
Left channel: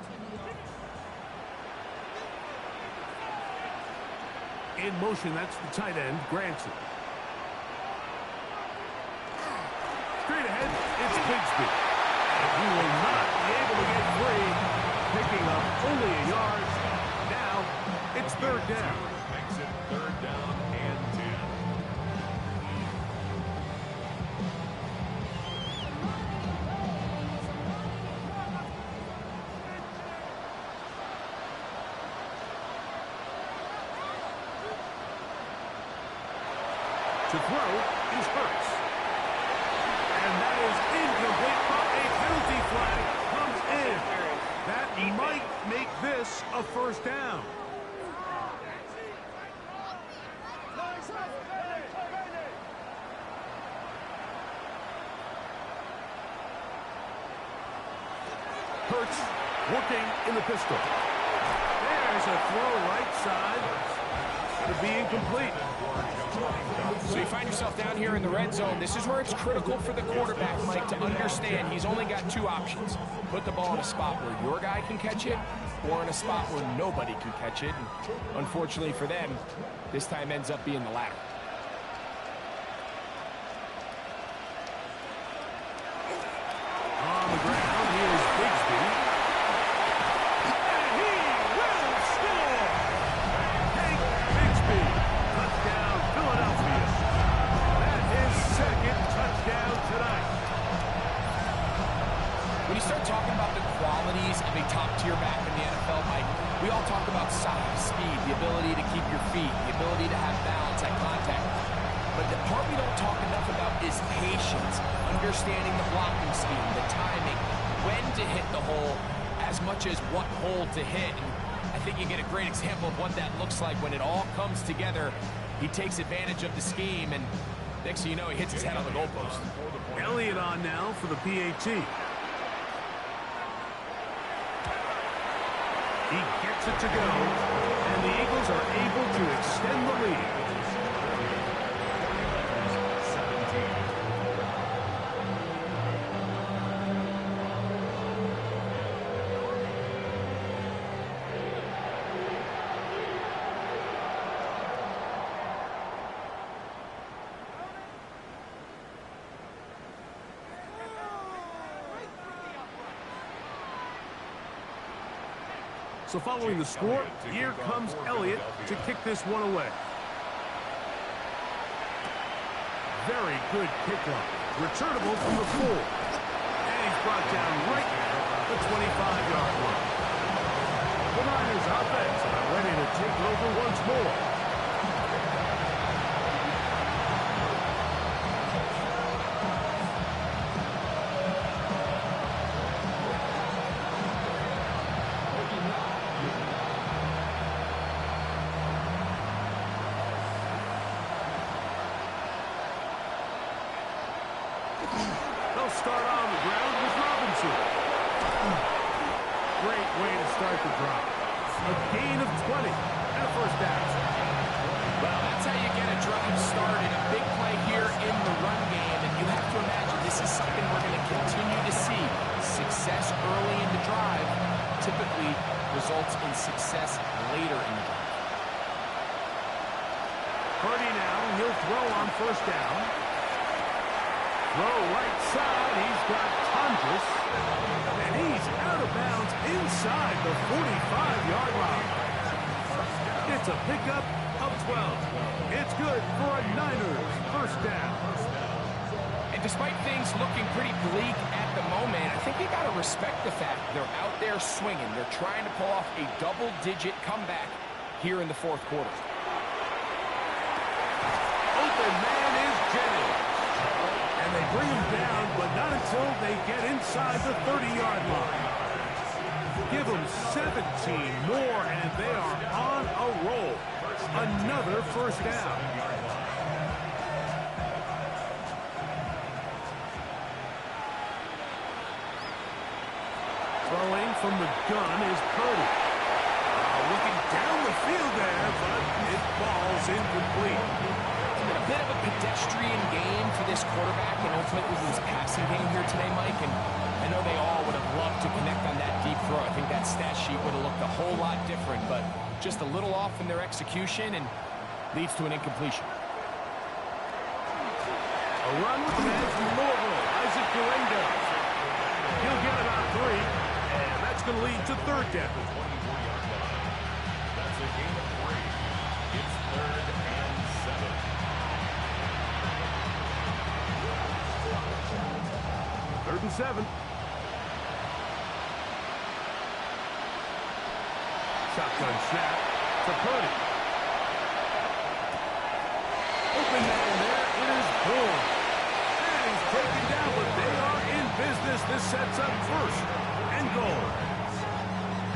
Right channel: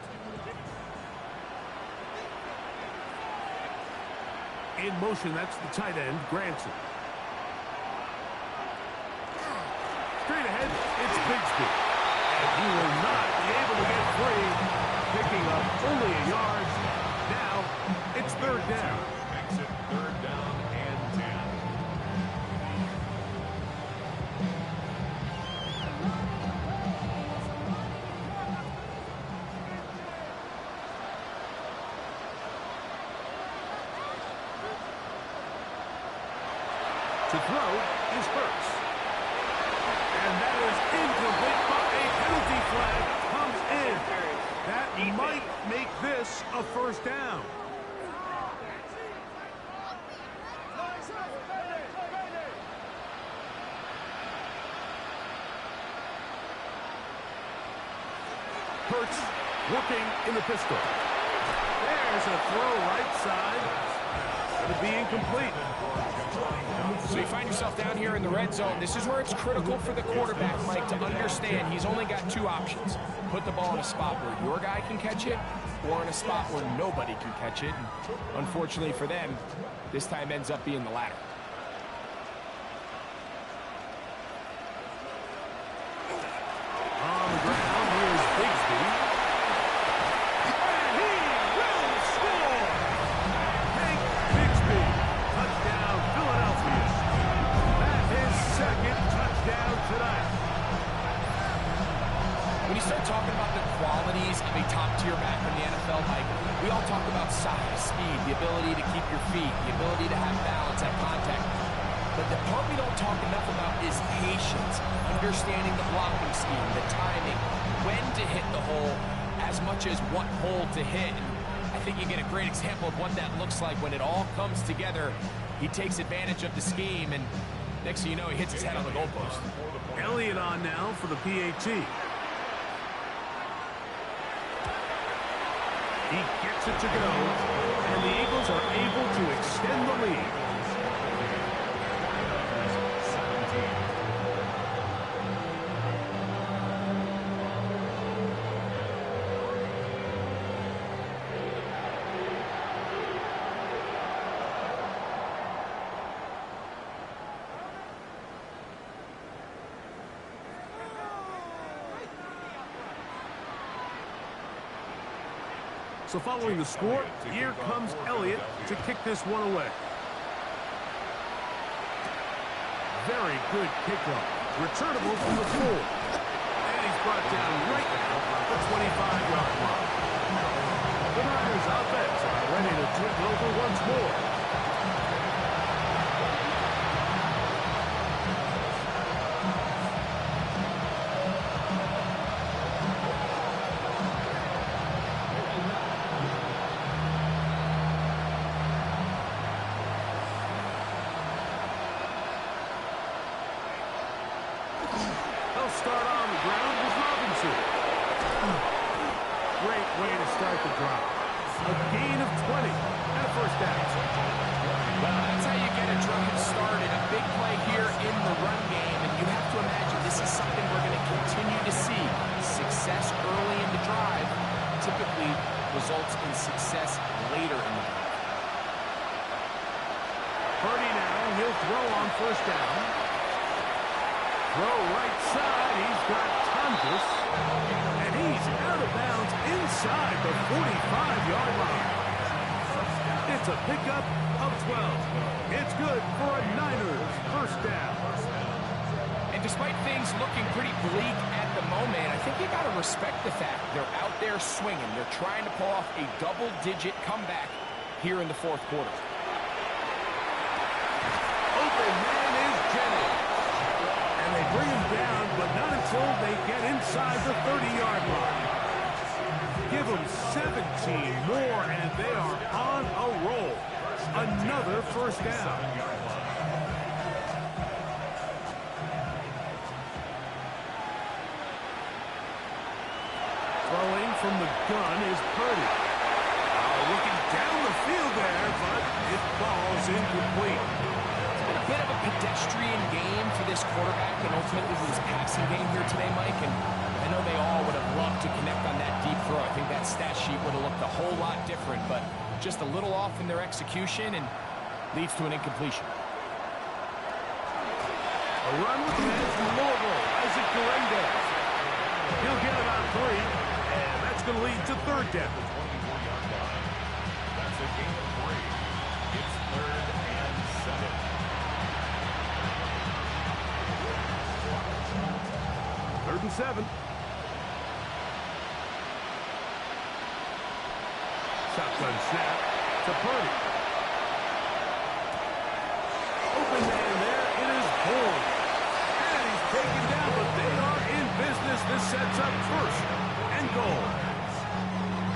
In motion, that's the tight end, Granson. Straight ahead, it's Bigsby. And he will not be able to get free, picking up only a yard. Now, it's 3rd down. Makes it 3rd down and 10. To throw is Hurts. And that is incomplete, but a penalty flag comes in. That might make this a first down. Hurts working in the pistol. There's a throw right side. Going to be incomplete. So you find yourself down here in the red zone. This is where it's critical for the quarterback, Mike, to understand he's only got two options. Put the ball in a spot where your guy can catch it, or in a spot where nobody can catch it. And unfortunately for them, this time ends up being the latter. On the ground, here's Bigsby. And he will score! Hank Bigsby, touchdown Philadelphia. That's his second touchdown tonight. When you start talking about the qualities of a top-tier back in the NFL, Mike, we all talk about size, speed, the ability to keep your feet, the ability to have balance at contact. But the part we don't talk enough about is patience, understanding the blocking scheme, the timing, when to hit the hole, as much as what hole to hit. And I think you get a great example of what that looks like when it all comes together. He takes advantage of the scheme, and next thing you know, he hits his head on the goalpost. Elliott on now for the PAT. He gets it to go, and the Eagles are able to extend the lead. So following the score, here comes Elliott to kick this one away. Very good kickoff. Returnable from the 4. And he's brought down right at the 25-yard line. The Niners offense about ready to take over once more. They'll start on the ground with Robinson. Great way to start the drive. A gain of 20 and a first down. Well, that's how you get a drive started. A big play here in the run game, and you have to imagine this is something we're going to continue to see. Success early in the drive typically results in success later in the drive. Purdy now, he'll throw on first down. Throw right side, he's got Tonkus, and he's out of bounds inside the 45-yard line. It's a pickup of 12. It's good for a Niners first down. And despite things looking pretty bleak at the moment, I think you got to respect the fact they're out there swinging. They're trying to pull off a double-digit comeback here in the fourth quarter. Open man is Jennings. And they bring him down, but not until they get inside the 30-yard line. Give them 17 more, and they are on a roll. Another first down. Throwing from the gun is Purdy. Looking down the field there, but it falls incomplete. It's been a bit of a pedestrian game for this quarterback and ultimately his passing game here today, Mike. And I know they all would have loved to connect on that deep throw. I think that stat sheet would have looked a whole lot different, but just a little off in their execution and leads to an incompletion. A run with the man from Louisville, Isaac Guerendo. He'll get about 3, and that's going to lead to third down. That's a gain of 3. It's 3rd and 7. 3rd and 7. Shotgun snap to Purdy. Open man there horn. And he's taken down, but they are in business. This sets up first and goal.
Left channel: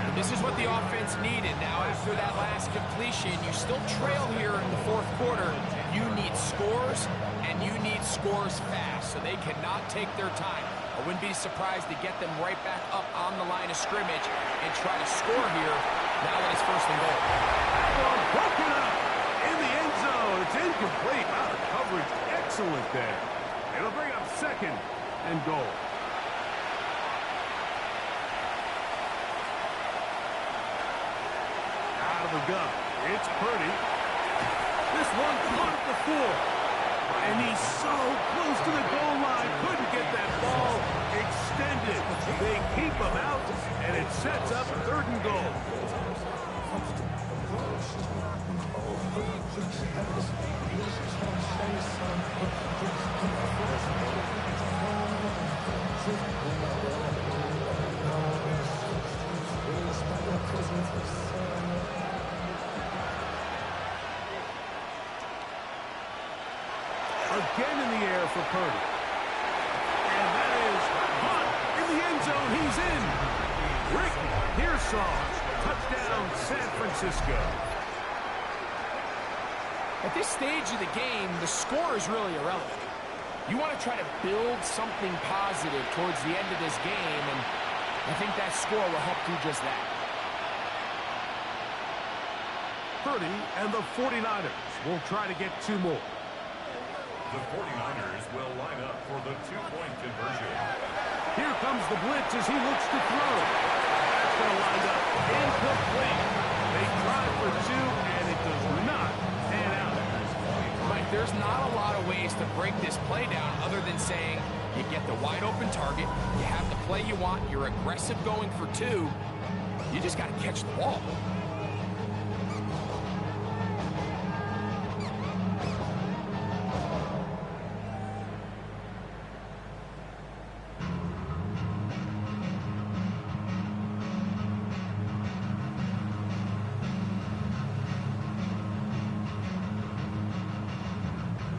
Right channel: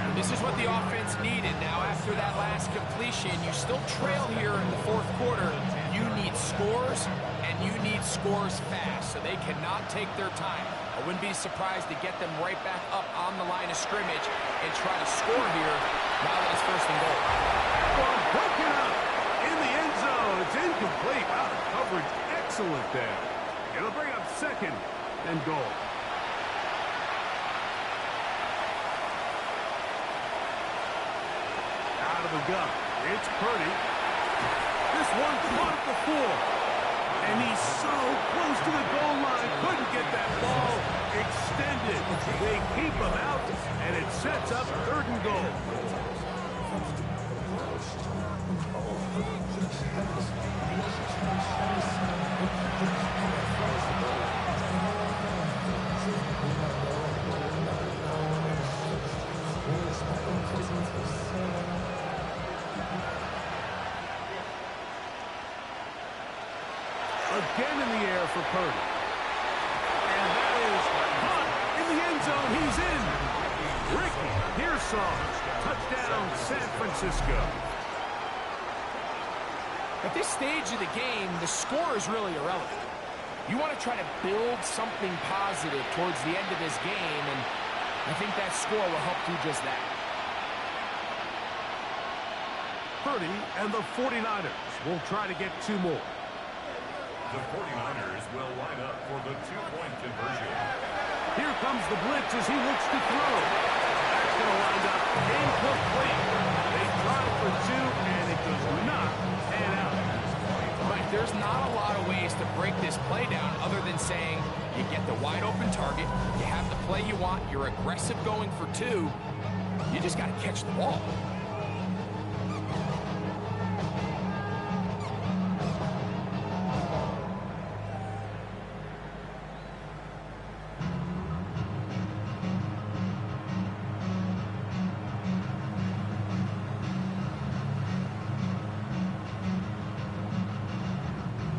And this is what the offense needed. Now, after that last completion, you still trail here in the fourth quarter. You need scores, and you need scores fast, so they cannot take their time. I wouldn't be surprised to get them right back up on the line of scrimmage and try to score here now that it's first and goal. That one broken up in the end zone. It's incomplete. Wow, the coverage excellent there. It'll bring up second and goal. Out of the gun. It's Purdy. This one caught at the 4. And he's so close to the goal line. Couldn't get that ball extended. They keep him out, and it sets up third and goal. Again in the air for Purdy. And that is caught in the end zone. He's in. Ricky Pearsall. Touchdown, San Francisco. At this stage of the game, the score is really irrelevant. You want to try to build something positive towards the end of this game, and I think that score will help do just that. Purdy and the 49ers will try to get 2 more. The 49ers will line up for the two-point conversion. Here comes the blitz as he looks to throw. That's going to wind up incomplete. They try for 2, and it does not pan out. Mike, there's not a lot of ways to break this play down other than saying you get the wide-open target, you have the play you want, you're aggressive going for 2, you just got to catch the ball.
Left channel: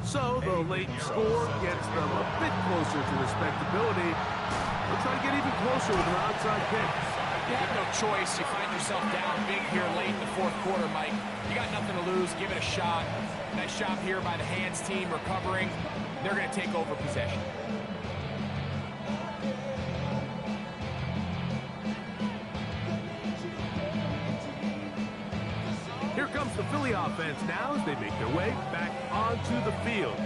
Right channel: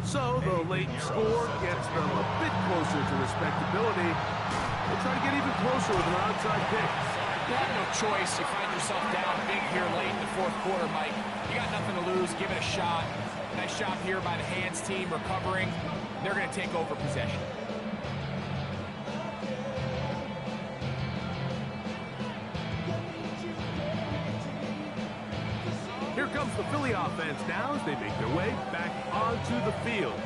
So the late score gets them a bit closer to respectability. They'll try to get even closer with an outside kick. You have no choice. You find yourself down big here late in the fourth quarter, Mike. You got nothing to lose. Give it a shot. Nice job here by the hands team recovering. They're going to take over possession. Here comes the Philly offense now as they make their way back onto the field.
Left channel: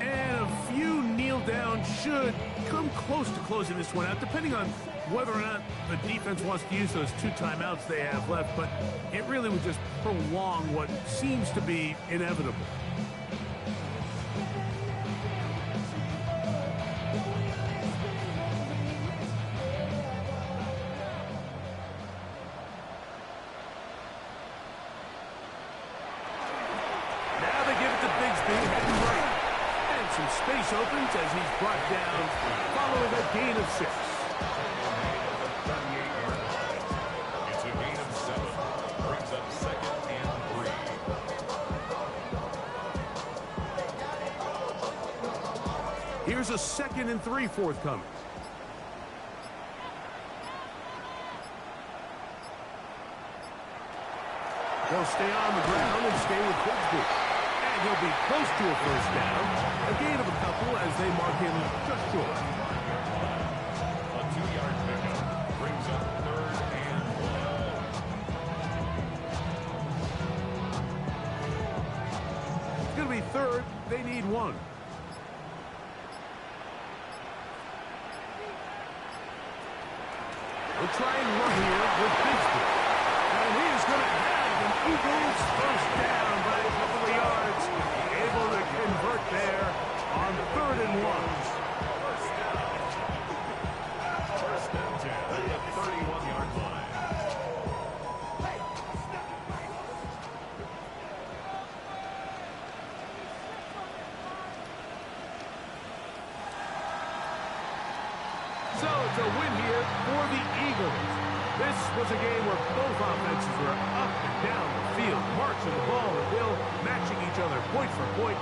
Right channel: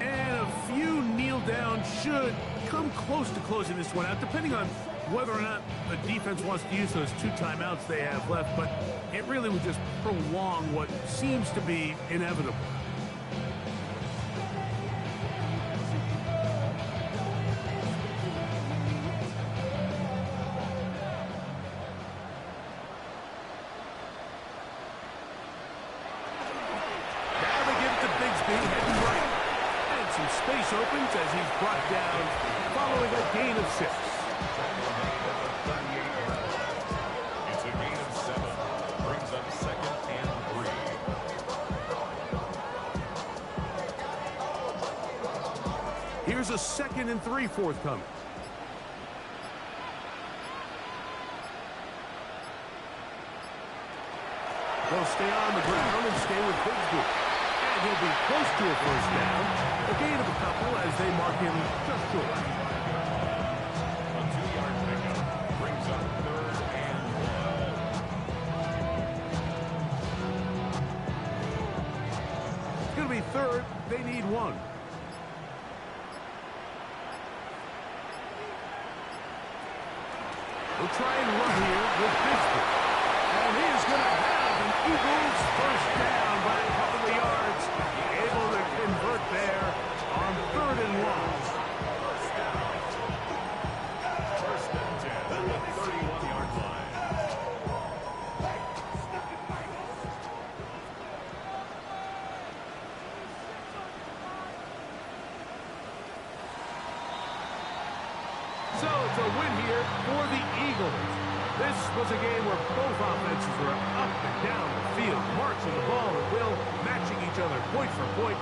And a few kneel down should come close to closing this one out, depending on whether or not the defense wants to use those 2 timeouts they have left. But it really would just prolong what seems to be inevitable. Some space opens as he's brought down following a gain of 6. It's a gain of 7. Brings up second and 3. Here's a 2nd and 3 forthcoming. They'll stay on the ground and stay with Bigsby. And he'll be close to a first down. A gain of a couple as they mark him just short. A 2-yard pickup brings up third and 1. It's going to be third. They need 1. We'll try and run here with Bigsby. And he is going to have an Eagles first down by a couple of yards. Able to convert there on third and 1. First down. First and 10 at the 31-yard line. So it's a win here for the Eagles. This was a game where both offenses were up and down the field, marching the ball at will, matching each other point for point.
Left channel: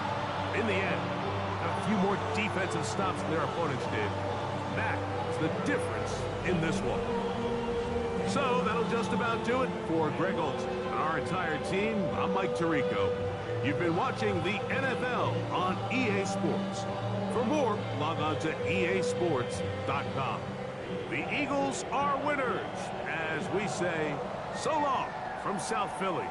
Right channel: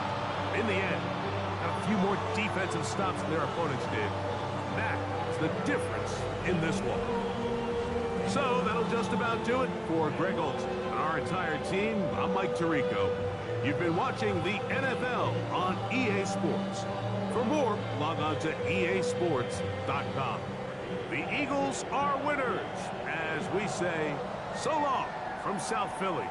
In the end, a few more defensive stops than their opponents did. That's the difference in this one. So that'll just about do it for Greg Olson and our entire team. I'm Mike Tirico. You've been watching the NFL on EA Sports. For more, log on to easports.com. The Eagles are winners, as we say, so long from South Philly.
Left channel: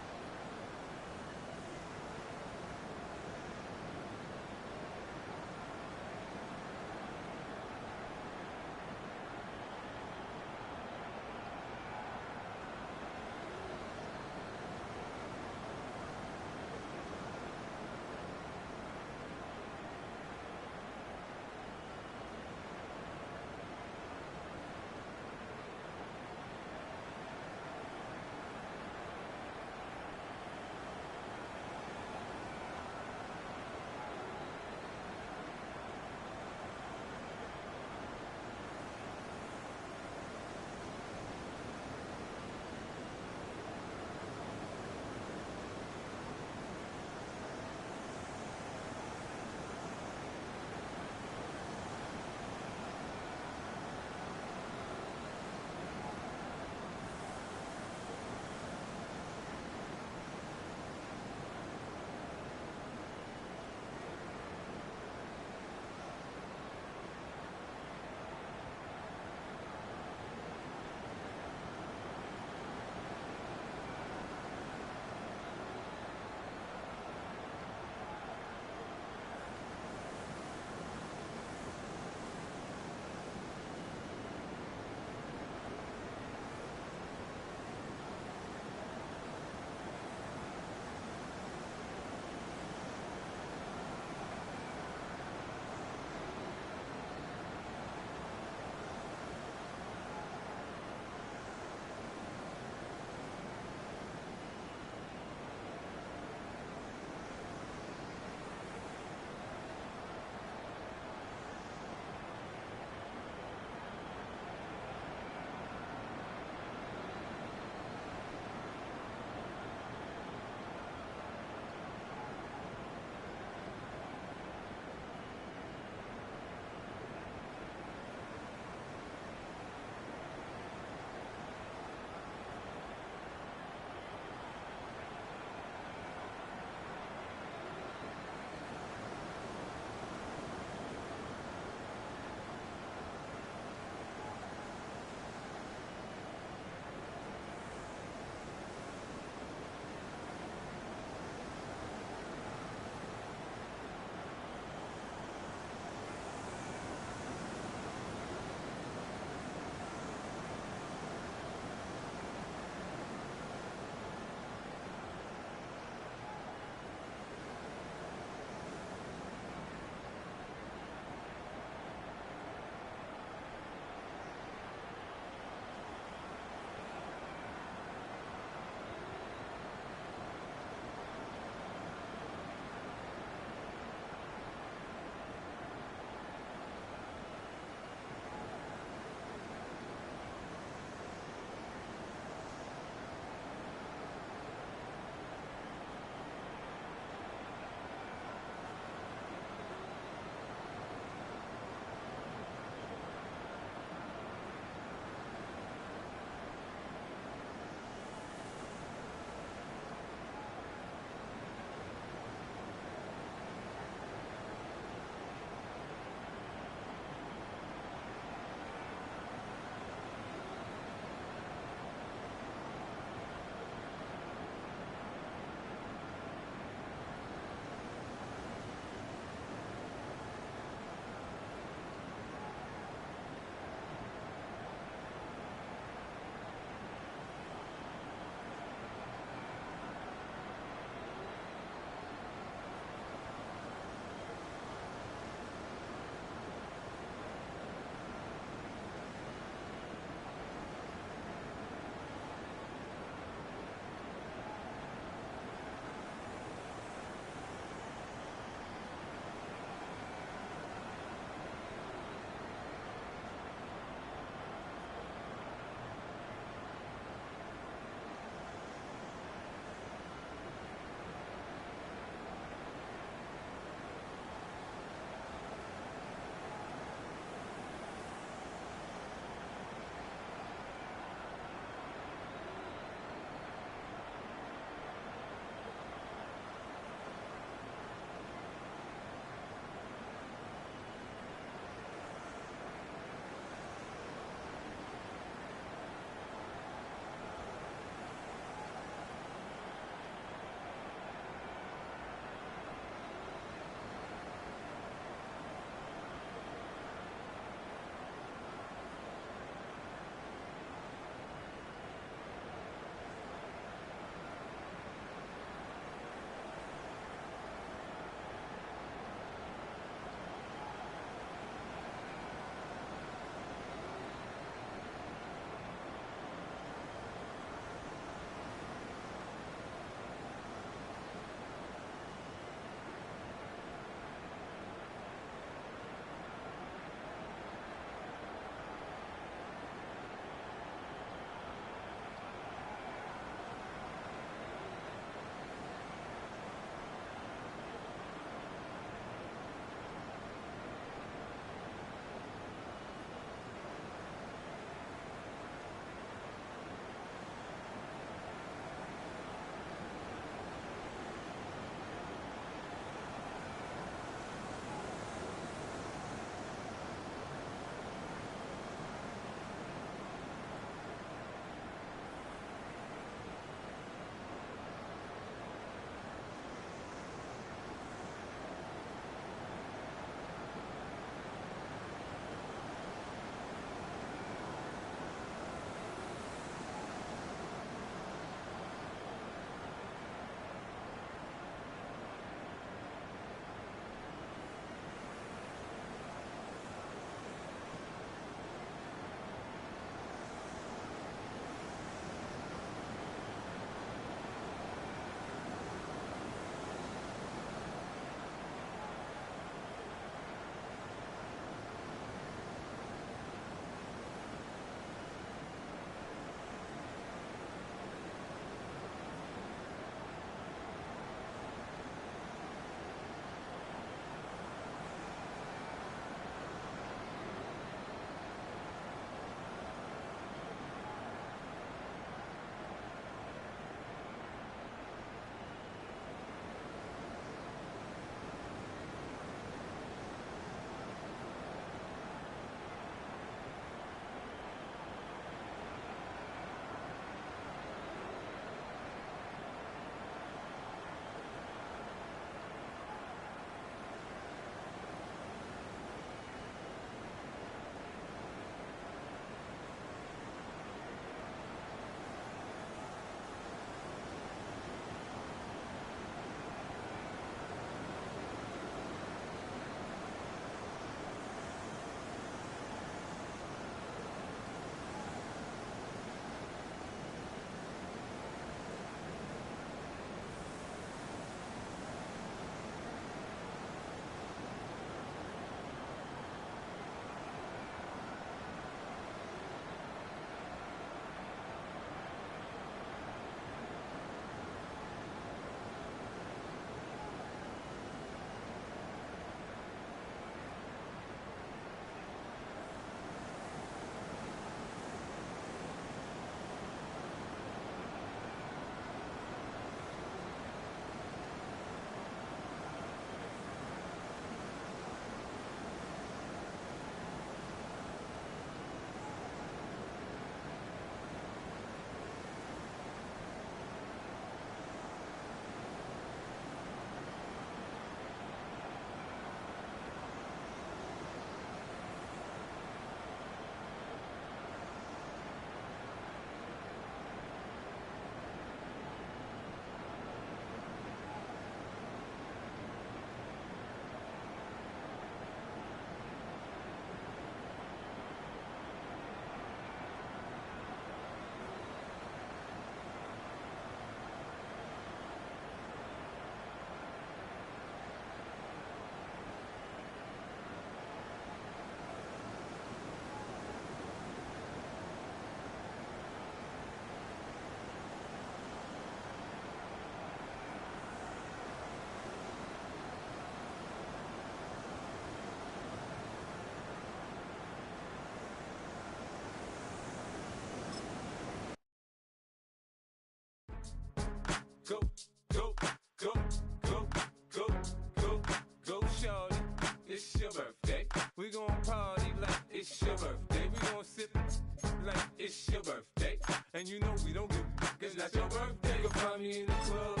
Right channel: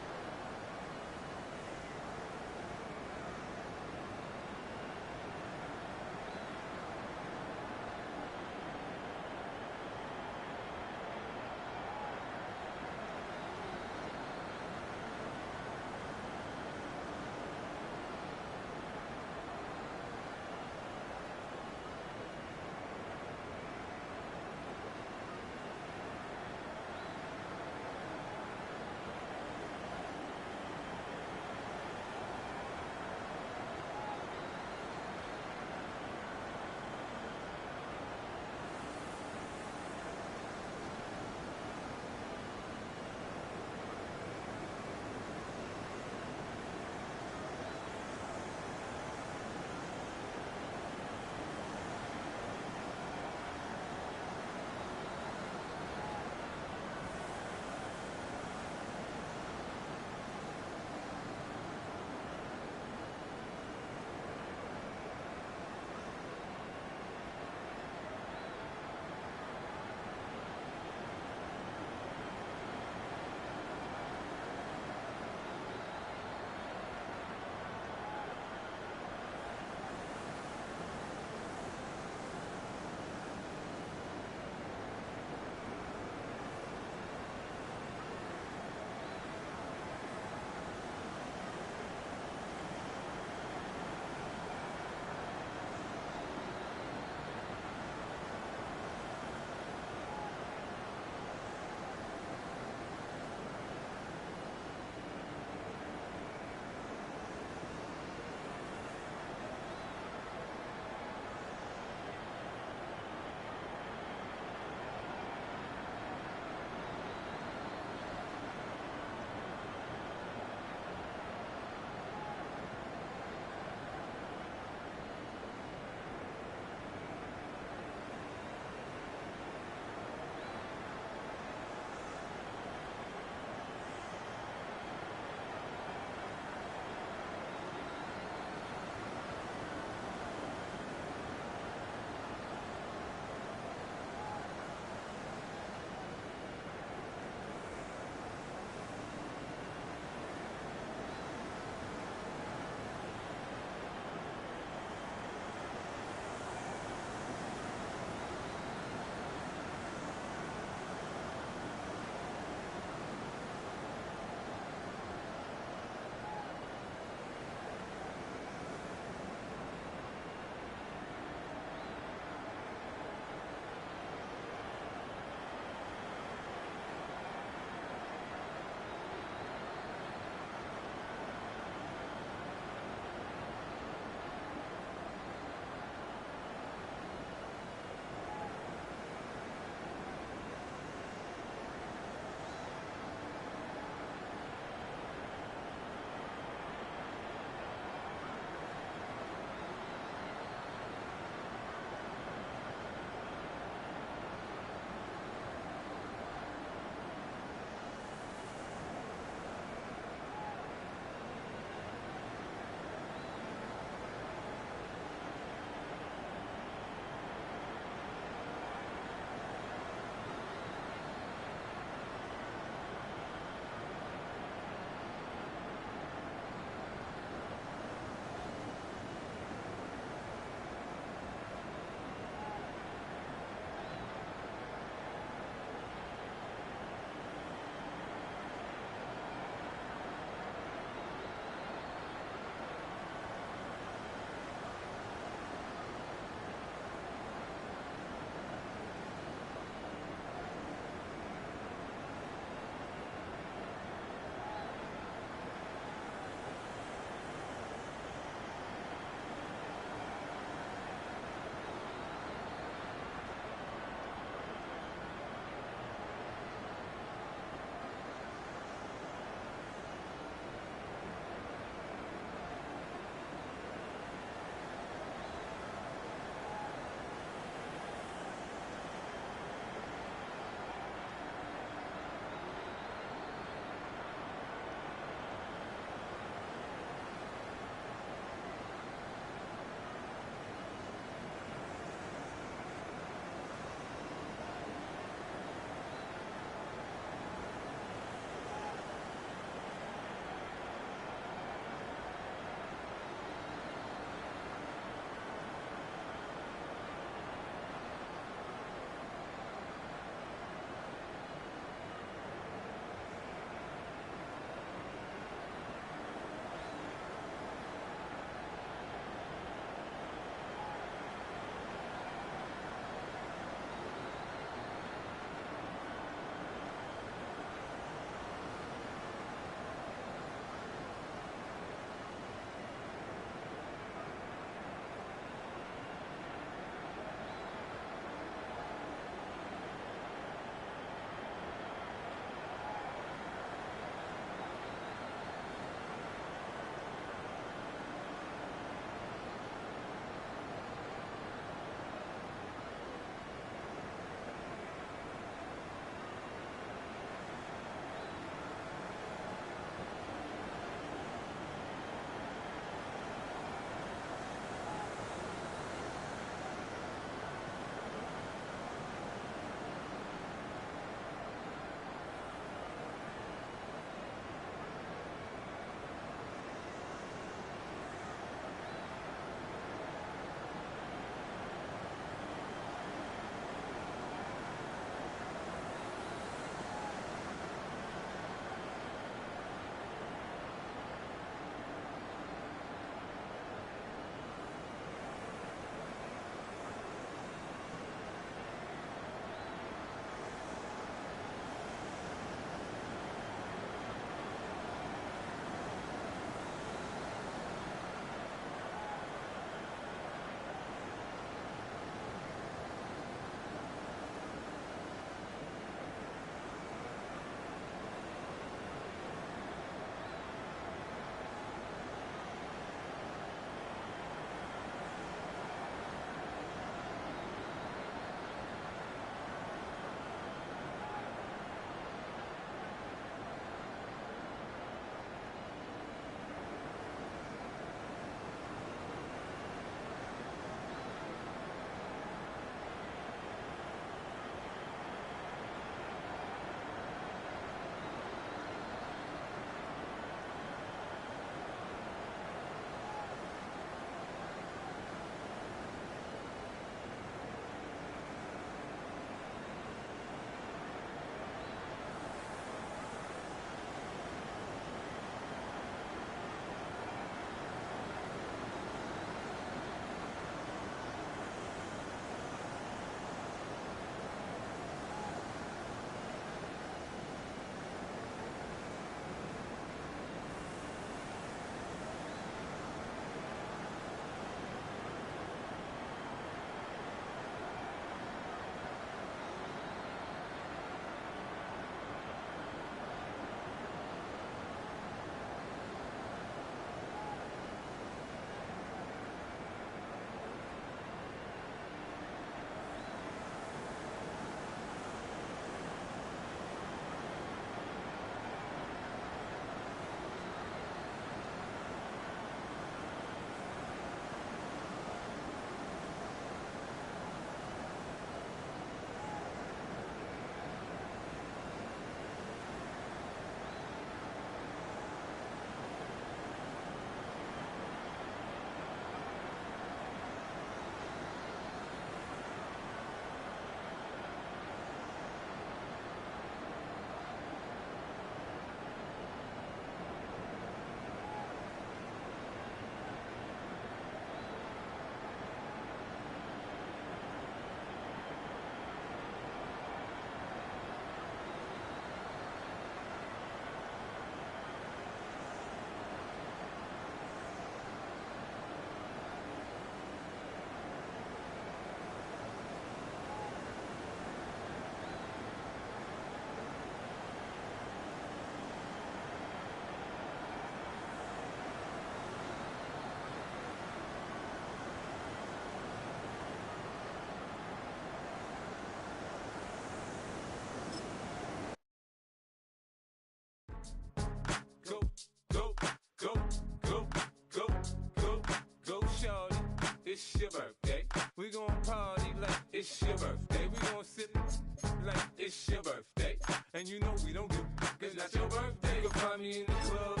And you know we don't give cause that's your birthday. You can find me in the club,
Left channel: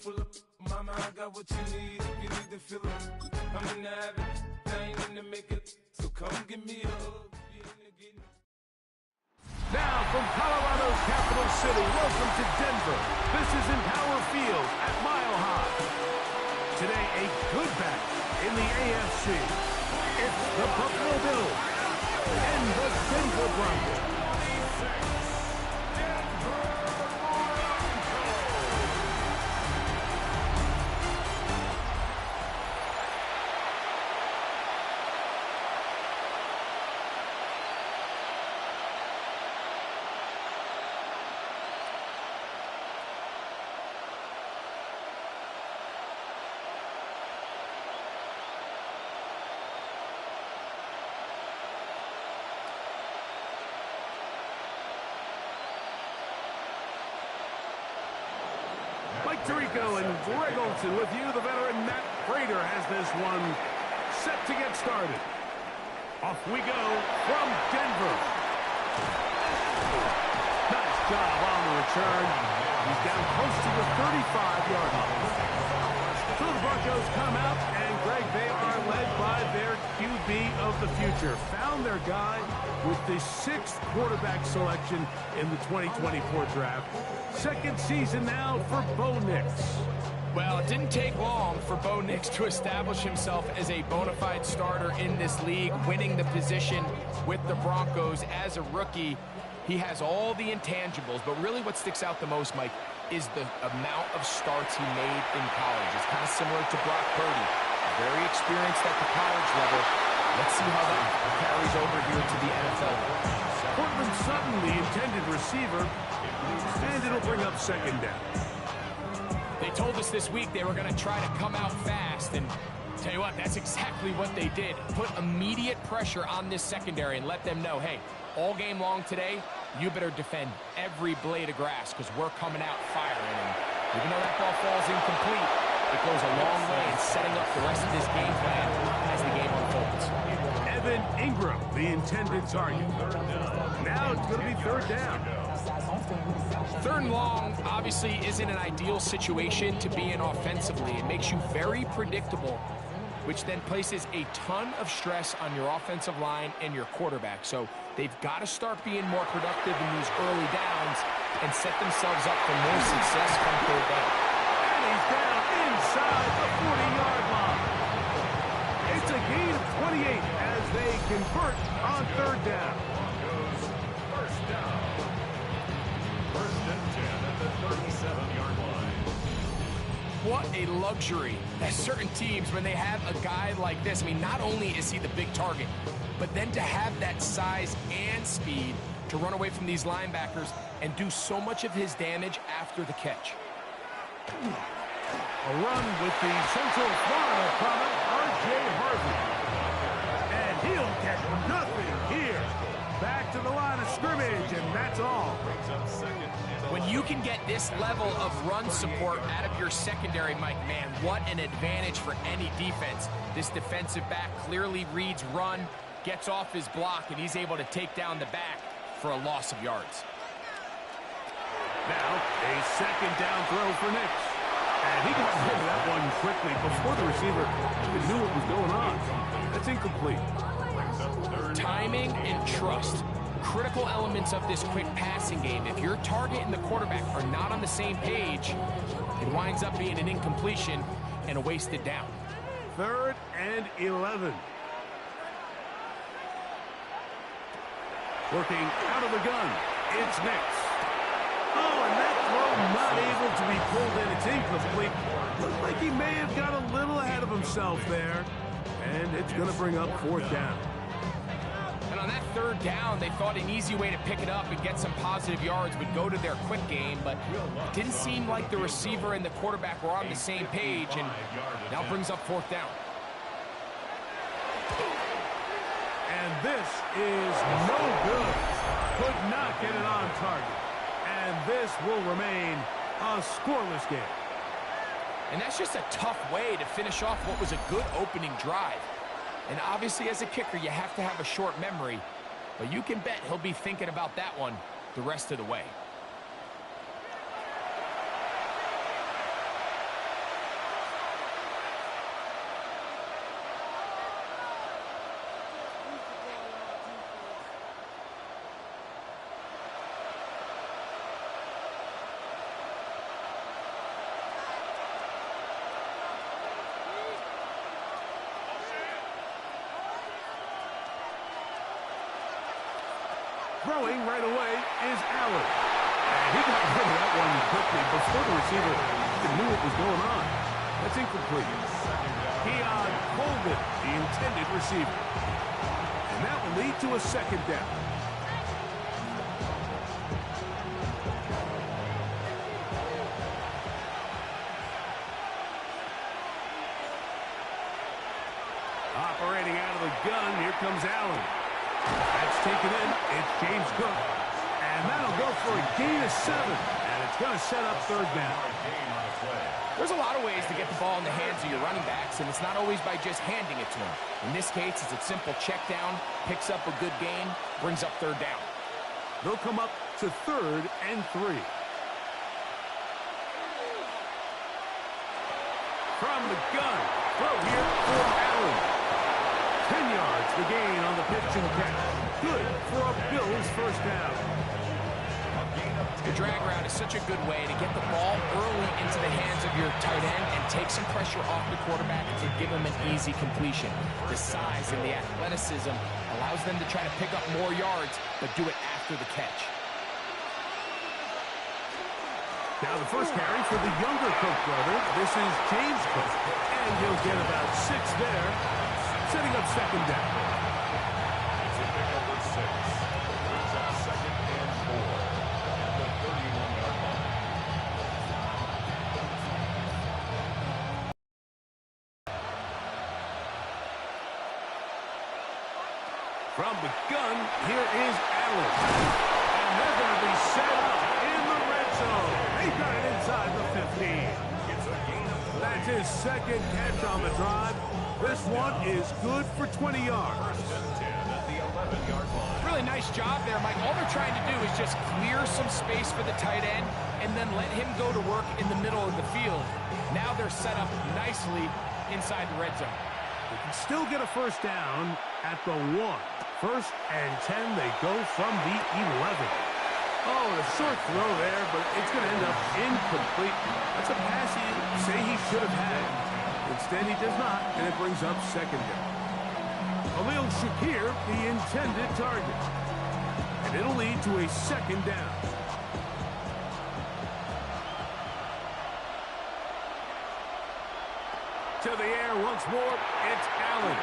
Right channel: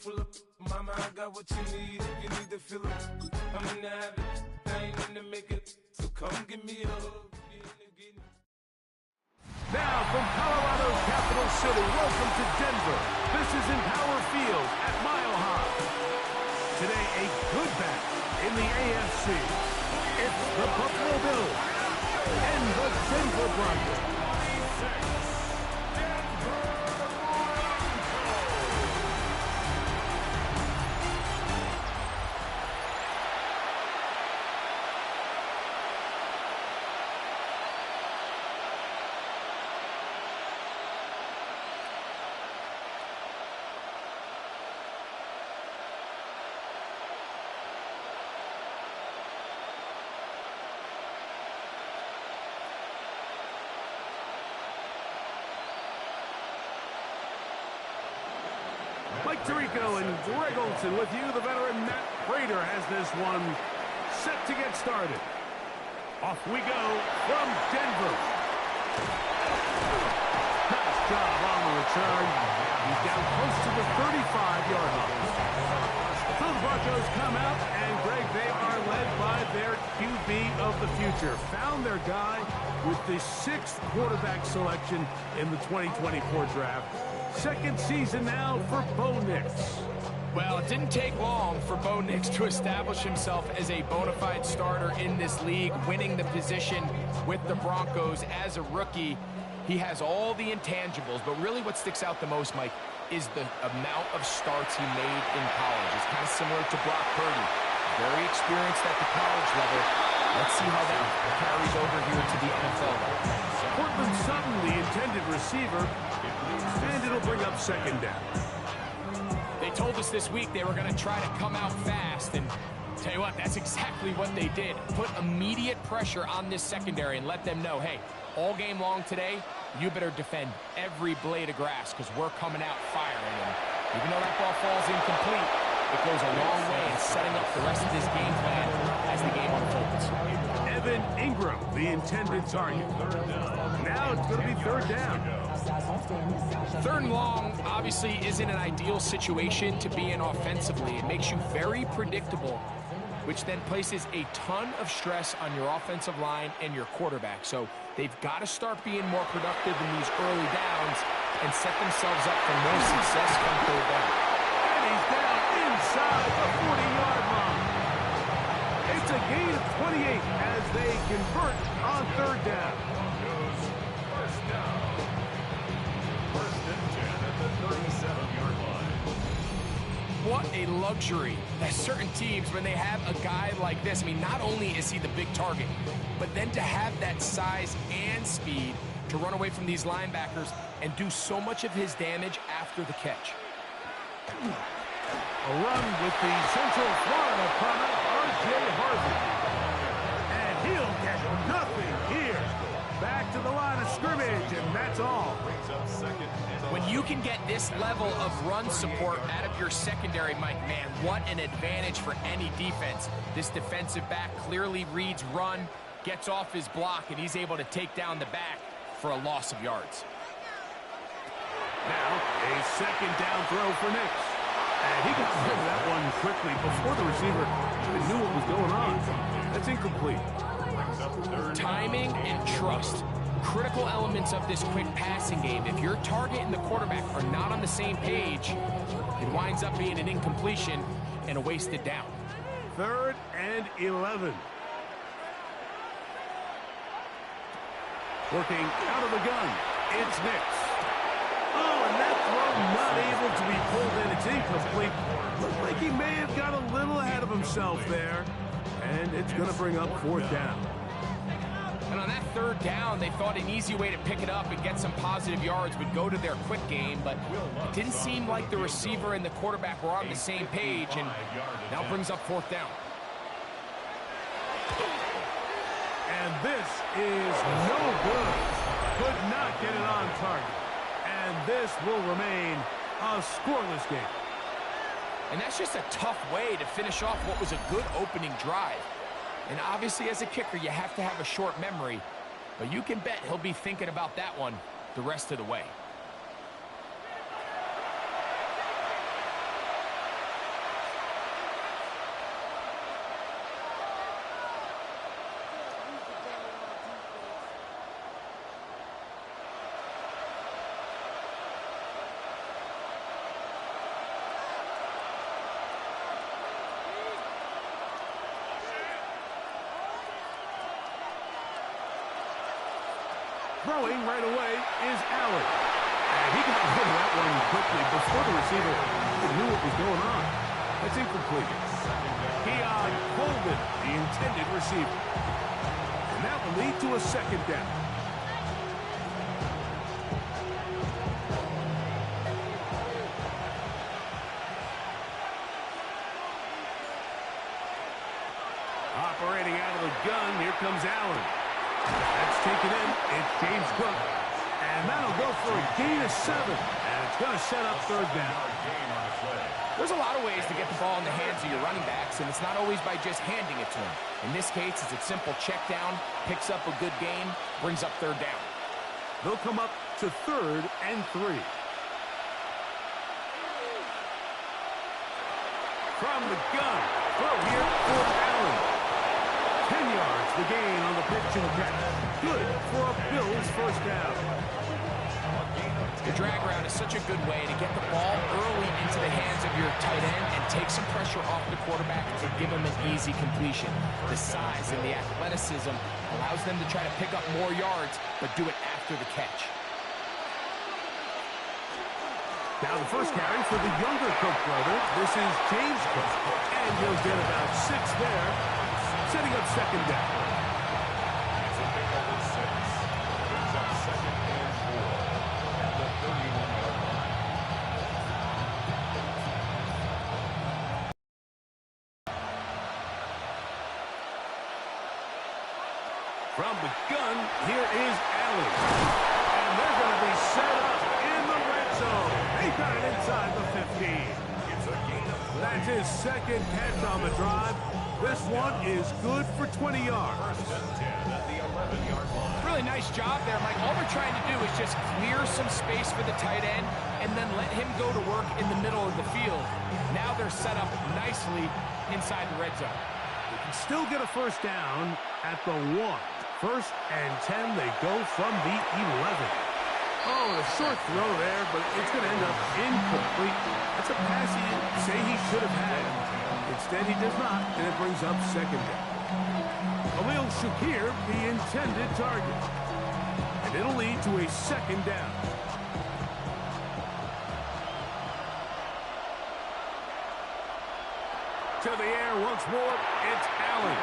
full of mama, I got what you need if you need to fill it. I'm in the habit, I ain't in the make it. So come give me a hug. Now from Colorado's capital city, welcome to Denver. This is Empower Field at Mile High. Today, a good battle in the AFC. It's the Buffalo Bills and the Denver Broncos. Mike Tirico and Greg Olson with you. The veteran Matt Prater has this one set to get started. Off we go from Denver. Nice job on the return. He's down close to the 35-yard line. So the Broncos come out, and Greg, they are led by their QB of the future. Found their guy with the 6th quarterback selection in the 2024 draft. Second season now for Bo Nix. Well, it didn't take long for Bo Nix to establish himself as a bona fide starter in this league, winning the position with the Broncos as a rookie. He has all the intangibles, but really what sticks out the most, Mike, is the amount of starts he made in college. It's kind of similar to Brock Purdy. Very experienced at the college level. Let's see how that carries over here to the NFL level. Cortland Sutton, the intended receiver, and it'll bring up second down. They told us this week they were going to try to come out fast, and tell you what, that's exactly what they did. Put immediate pressure on this secondary and let them know, hey, all game long today, you better defend every blade of grass because we're coming out firing. And even though that ball falls incomplete, it goes a long way in setting up the rest of this game plan as the game unfolds. Evan Ingram, the intended target. Now it's going to be third down. Third and long obviously isn't an ideal situation to be in offensively. It makes you very predictable, which then places a ton of stress on your offensive line and your quarterback. So they've got to start being more productive in these early downs and set themselves up for more success come third down. And he's down inside the 40-yard line. It's a gain of 28 as they convert on third down. First down. First and 10 at the 37-yard line. What a luxury that certain teams, when they have a guy like this, I mean, not only is he the big target, but then to have that size and speed to run away from these linebackers and do so much of his damage after the catch. A run with the Central Florida product, R.J. Harvey. And he'll get nothing here. Back to the line of scrimmage, and that's all. When you can get this level of run support out of your secondary, Mike, man, what an advantage for any defense. This defensive back clearly reads run, gets off his block, and he's able to take down the back for a loss of yards. Now, a second down throw for Nix. And he got rid of that one quickly before the receiver even knew what was going on. That's incomplete. Timing and trust, critical elements of this quick passing game. If your target and the quarterback are not on the same page, it winds up being an incompletion and a wasted down. 3rd and 11. Working out of the gun, it's Nix. Oh, and that throw not able to be pulled in. It's incomplete. Looked like he may have got a little ahead of himself there. And it's going to bring up 4th down. And on that 3rd down, they thought an easy way to pick it up and get some positive yards would go to their quick game, but it didn't seem like the receiver and the quarterback were on the same page, and now brings up 4th down. And this is no good. Could not get it on target. And this will remain a scoreless game. And that's just a tough way to finish off what was a good opening drive. And obviously, as a kicker, you have to have a short memory. But you can bet he'll be thinking about that one the rest of the way. Throwing right away is Allen. And he got rid of that one quickly before the receiver even knew what was going on. That's incomplete. Keon Holden, the intended receiver. And that will lead to a second down. Operating out of the gun, here comes Allen. That's taken in. It's James Cook. And that'll go for a gain of 7. And it's going to set up third down. There's a lot of ways to get the ball in the hands of your running backs, and it's not always by just handing it to them. In this case, it's a simple check down, picks up a good gain, brings up third down. They'll come up to 3rd and 3. From the gun, throw here for Allen. 10 yards, the gain on the pitch and catch. Good for a Bills first down. The drag route is such a good way to get the ball early into the hands of your tight end and take some pressure off the quarterback and give him an easy completion. The size and the athleticism allows them to try to pick up more yards, but do it after the catch. Now the first carry for the younger Cook brother. This is James Cook, and he'll get about 6 there, setting up second down. It's a pickup of 6. Brings up 2nd and 4 at the 31-yard line. From the gun, here is Allen. And they're going to be set up in the red zone. They've got it inside the 15. It's a gain of 4. That's his second catch on the drive. This one is good for 20 yards. 1st and 10 at the 11-yard line. Really nice job there, Mike. All they're trying to do is just clear some space for the tight end and then let him go to work in the middle of the field. Now they're set up nicely inside the red zone. They can still get a first down at the 1. 1st and 10, they go from the 11. Oh, a short throw there, but it's going to end up incomplete. That's a pass you say he should have had. Instead, he does not, and it brings up second down. Khalil Shakir, the intended target. And it'll lead to a second down. To the air once more, it's Allen.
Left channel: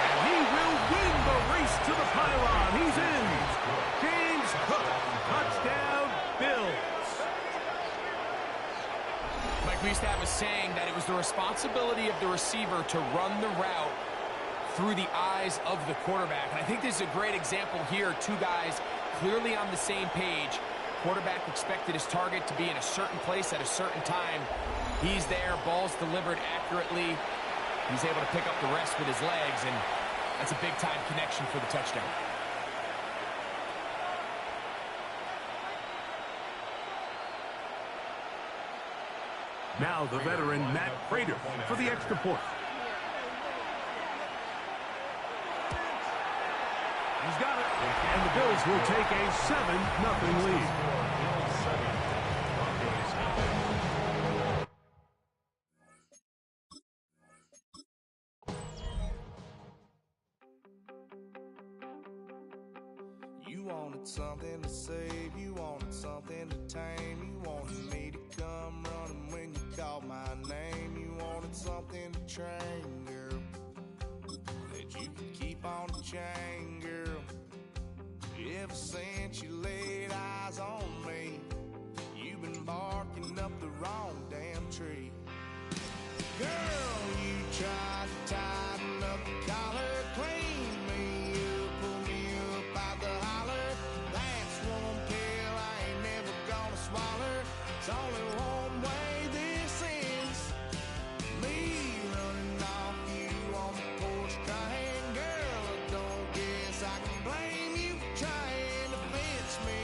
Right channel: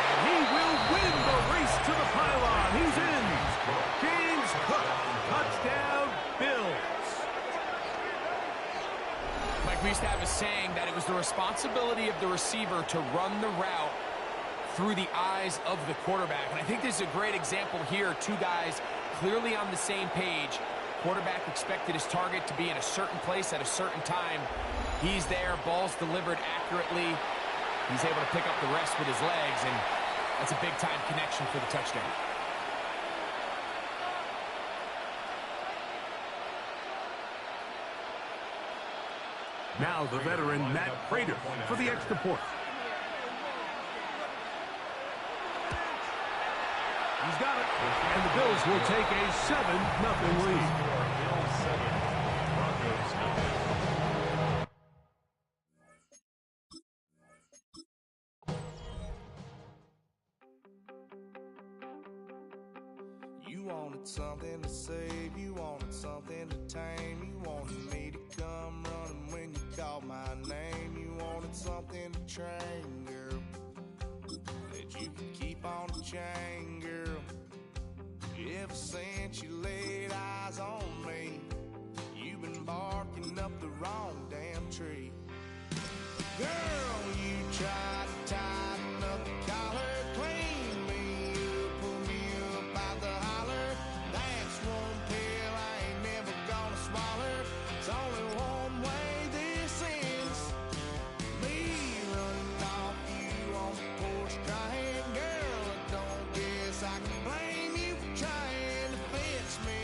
And he will win the race to the pylon. He's in. James Cook, touchdown, Bills. Mike, we used to have a saying that it was the responsibility of the receiver to run the route through the eyes of the quarterback. And I think this is a great example here. 2 guys clearly on the same page. Quarterback expected his target to be in a certain place at a certain time. He's there, ball's delivered accurately. He's able to pick up the rest with his legs, and that's a big-time connection for the touchdown. Now the veteran Matt Prater for the extra point. He's got it, and the Bills will take a 7-0 lead. Bills 7, Broncos 0. You wanted something to save, you wanted something to tame, you wanted me to come running when you called my name, you wanted something to train, girl, that you could keep on the chain, girl. Ever since you laid eyes on me, you've been barking up the wrong damn tree. Girl, you tried to tighten up the collar, clean me up, pull me up out the holler. That's one pill I ain't never gonna swallow. It's only one way this ends. Me running off you on the porch crying. Girl, I don't guess I can blame you for trying to fence me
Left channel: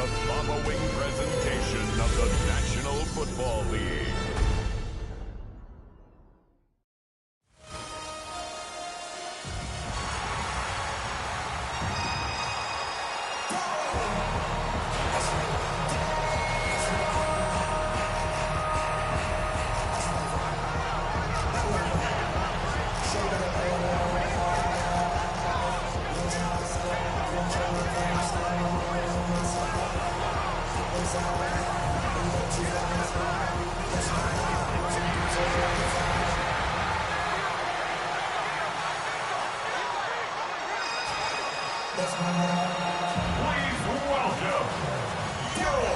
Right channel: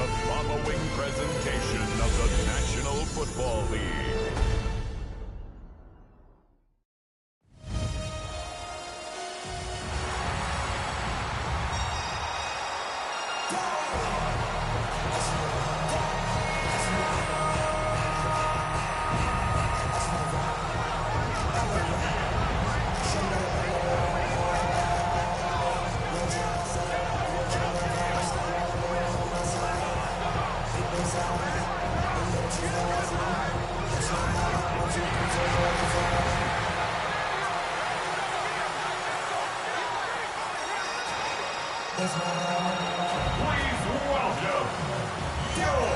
the following presentation of the National Football League. Please welcome your